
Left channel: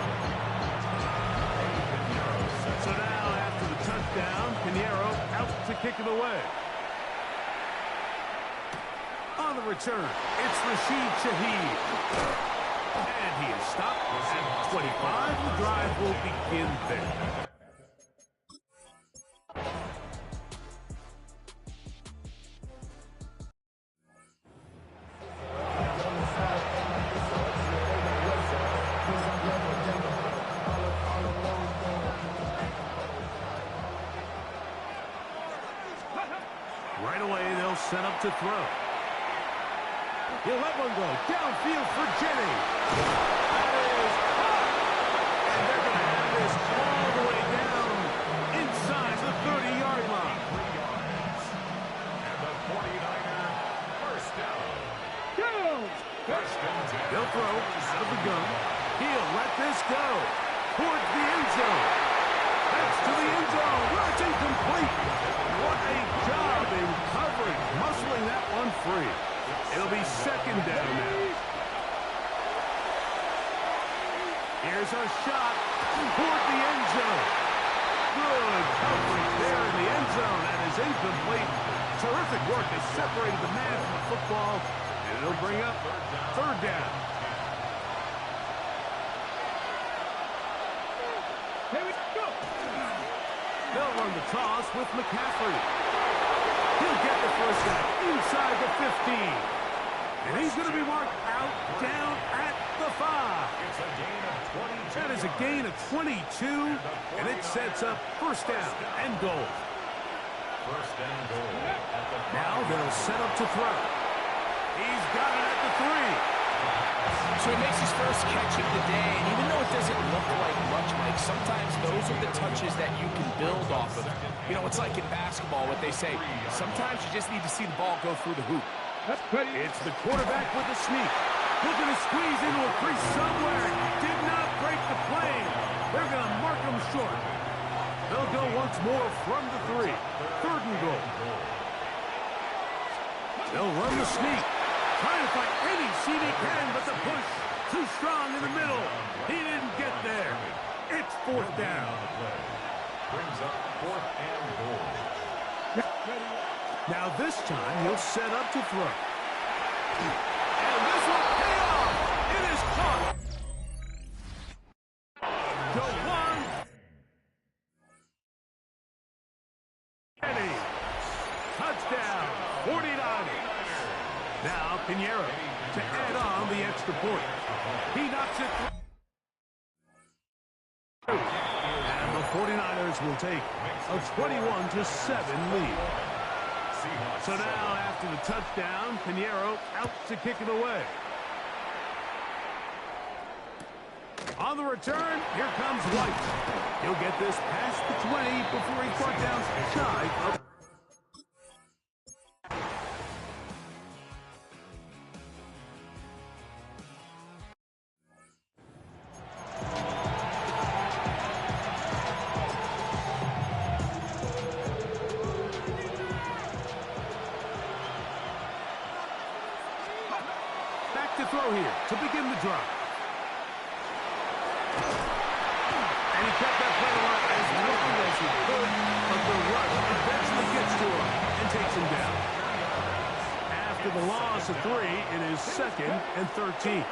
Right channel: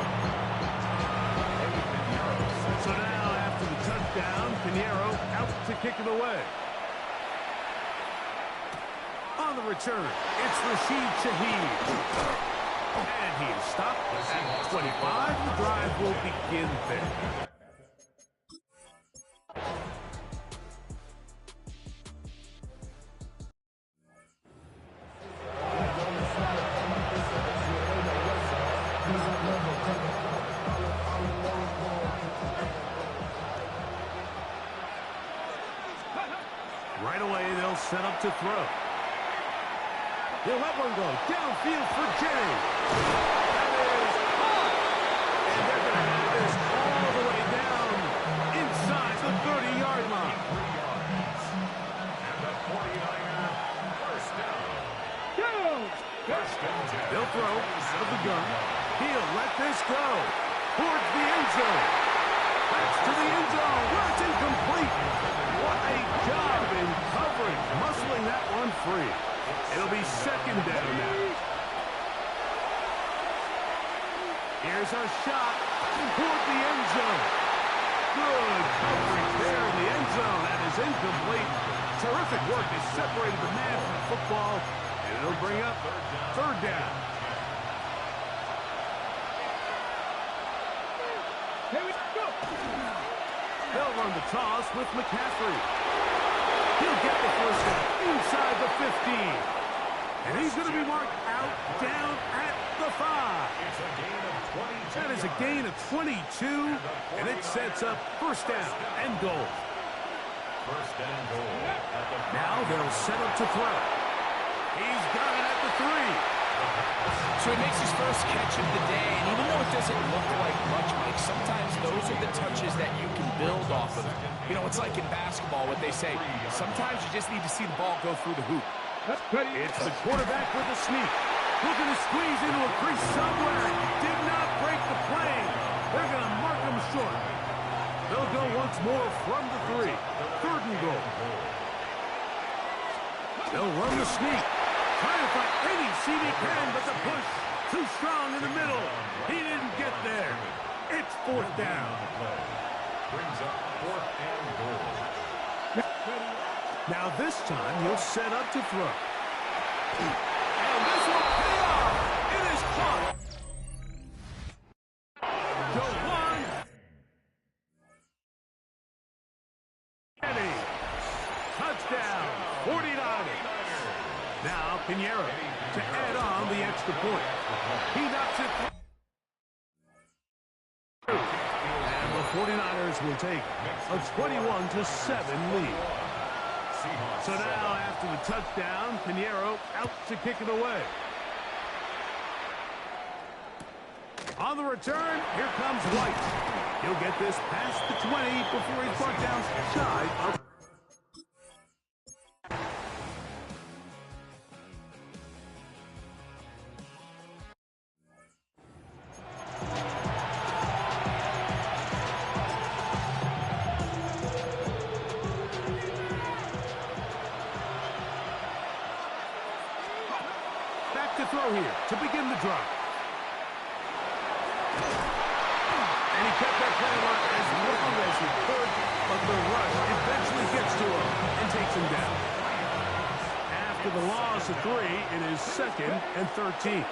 So now, after the touchdown, Pinheiro out to kick it away. On the return, it's Rashid Shaheed. And he is stopped at 25. The drive will begin there. Right away, they'll set up to throw. He'll let one go. Downfield for Jennings. That is caught. And they're going to have this all the way down inside the 30-yard line. 3 yards. And the 49er 1st down. First and 10. They'll throw out of the gun. He'll let this go towards the end zone. That's to the end zone. Well, it's incomplete. What a job in coverage, muscling that one free. It'll be second down now. Here's a shot toward the end zone. Good coverage there in the end zone. That is incomplete. Terrific work. They separated the man from the football, and it'll bring up third down. Here we go. They'll run the toss with McCaffrey. He'll get the first down inside the 15. And he's going to be marked out down at the 5. It's a gain of 22. That is a gain of 22, and it sets up first down and goal. First and goal at the 5. Now they'll set up to throw. He's got it at the 3. So he makes his first catch of the day, and even though it doesn't look like much, Mike, sometimes those are the touches that you can build off of. You know, it's like in basketball, what they say, sometimes you just need to see the ball go through the hoop. It's the quarterback with the sneak. Looking to squeeze into a crease somewhere. Did not break the plane. They're going to mark him short. They'll go once more from the 3. Third and goal. They'll run the sneak. Trying to find any seam he can, but the push too strong in the middle. He didn't get there. It's fourth down. Brings up fourth and goal. Now this time he'll set up to throw. And this will pay off. It is caught. To 1. Eddie. Touchdown. 49ers. Now Pinheiro to add on the extra point. He knocks it through. And the 49ers will take a 21-7 lead. So now, after the touchdown, Pinheiro out to kick it away. On the return, here comes White. He'll get this past the 20 before he's brought down shy of. To throw here to begin the drive. And he kept that play alive as long as he could, but the rush eventually gets to him and takes him down. After the loss of 3, it is second and 13.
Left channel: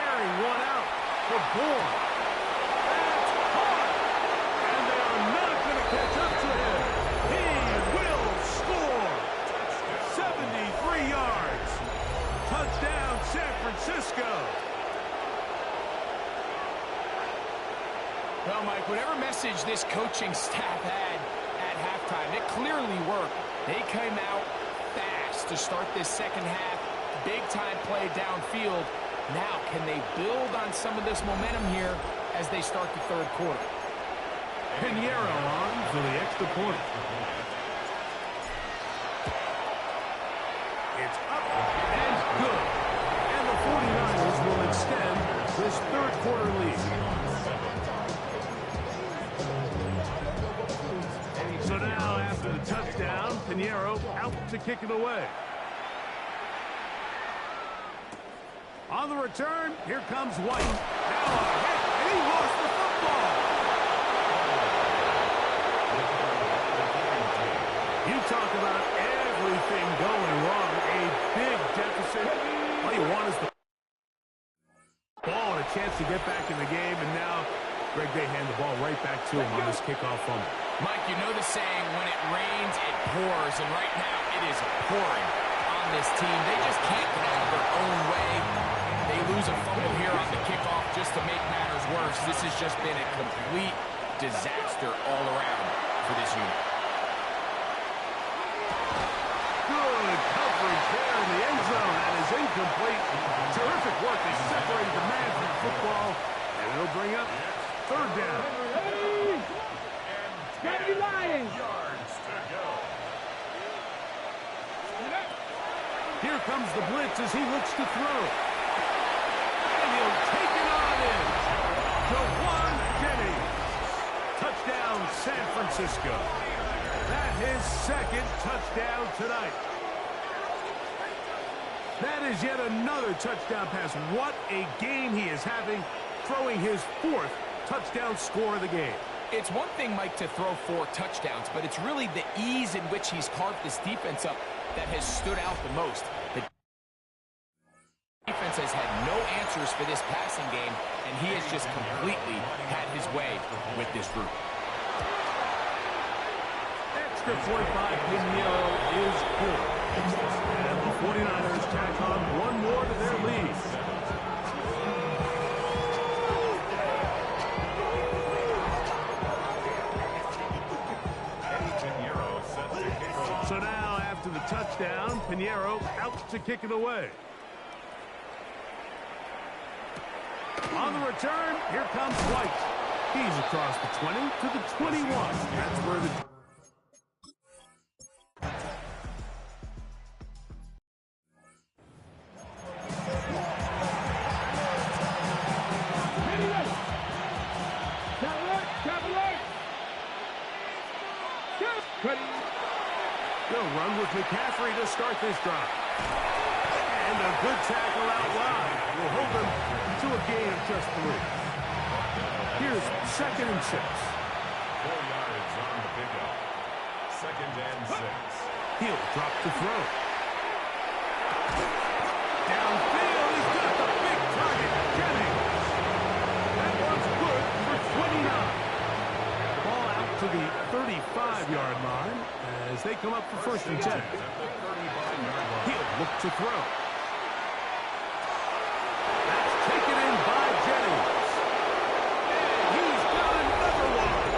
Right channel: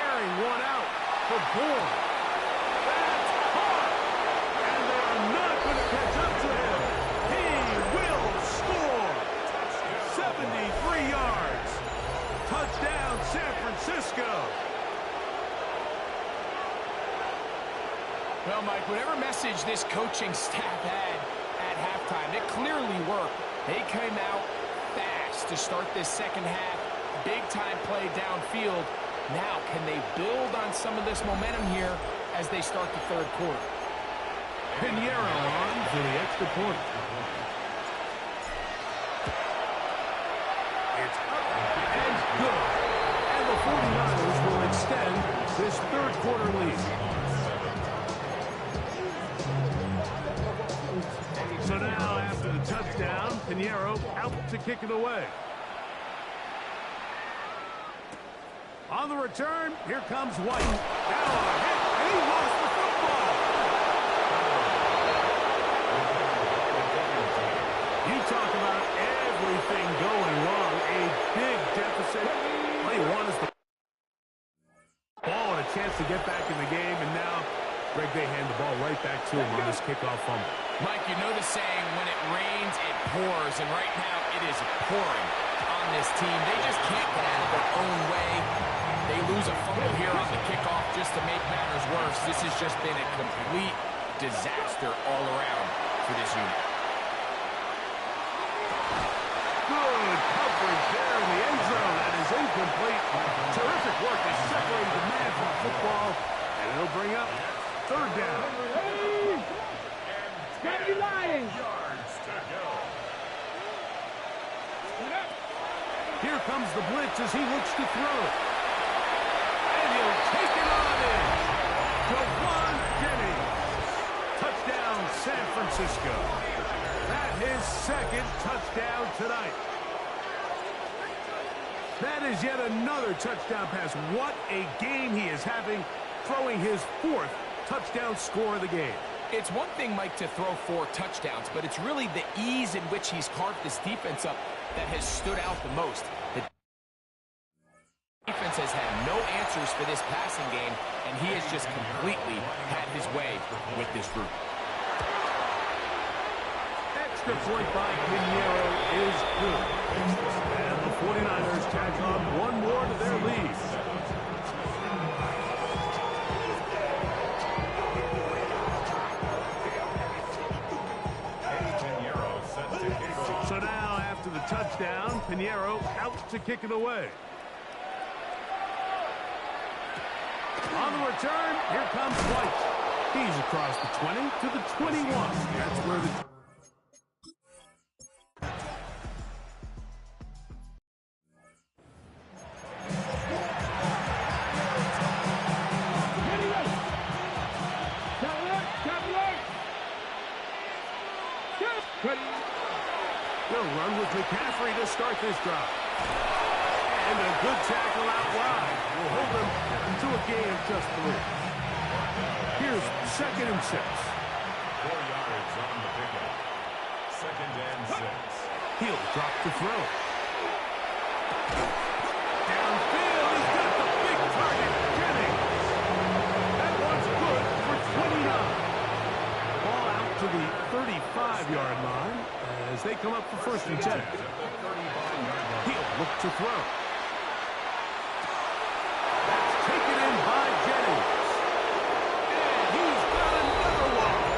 Airing one out for Bourne. That's caught! And they are not going to catch up to him. He will score! 73 yards. Touchdown, San Francisco. Well, Mike, whatever message this coaching staff had at halftime, it clearly worked. They came out fast to start this second half. Big-time play downfield. Now, can they build on some of this momentum here as they start the third quarter? Pinheiro on for the extra point. It's up and good. And the 49ers will extend this third quarter lead. So now, after the touchdown, Pinheiro out to kick it away. On the return, here comes White. Now a hit, and he lost the football. You talk about everything going wrong. A big deficit. All you want is the ball and a chance to get back in the game. And now, Greg, they hand the ball right back to him on this kickoff fumble. Mike, you know the saying, when it rains, it pours. And right now, it is pouring on this team. They just can't get out of their own way. They lose a fumble here on the kickoff just to make matters worse. This has just been a complete disaster all around for this unit. Good coverage there in the end zone. That is incomplete. Terrific work. They separated the man from the football, and it'll bring up third down. Gotta be lying. Yards to go. Here comes the blitz as he looks to throw. And he'll take it on in. Jawan Jennings. Touchdown, San Francisco. That his second touchdown tonight. That is yet another touchdown pass. What a game he is having, throwing his 4th touchdown score of the game. It's one thing, Mike, to throw 4 touchdowns, but it's really the ease in which he's carved this defense up that has stood out the most. The defense has had no answers for this passing game, and he has just completely had his way with this group. Extra point by Pinheiro is good. And the 49ers tack on one more to their lead. So now, after the touchdown, Pinheiro out to kick it away. On the return, here comes White. He's across the 20 to the 21. That's where the... They'll run with McCaffrey to start this drive. And a good tackle out wide will hold them to a gain of just 3. Here's 2nd and 6. 4 yards on the pickup. 2nd and 6. He'll drop to throw. Downfield, he's got the big target, Jennings. That one's good for 29. Ball out to the 35-yard line as they come up for 1st and 10. He'll look to throw. That's taken in by Jennings. And he's got another one.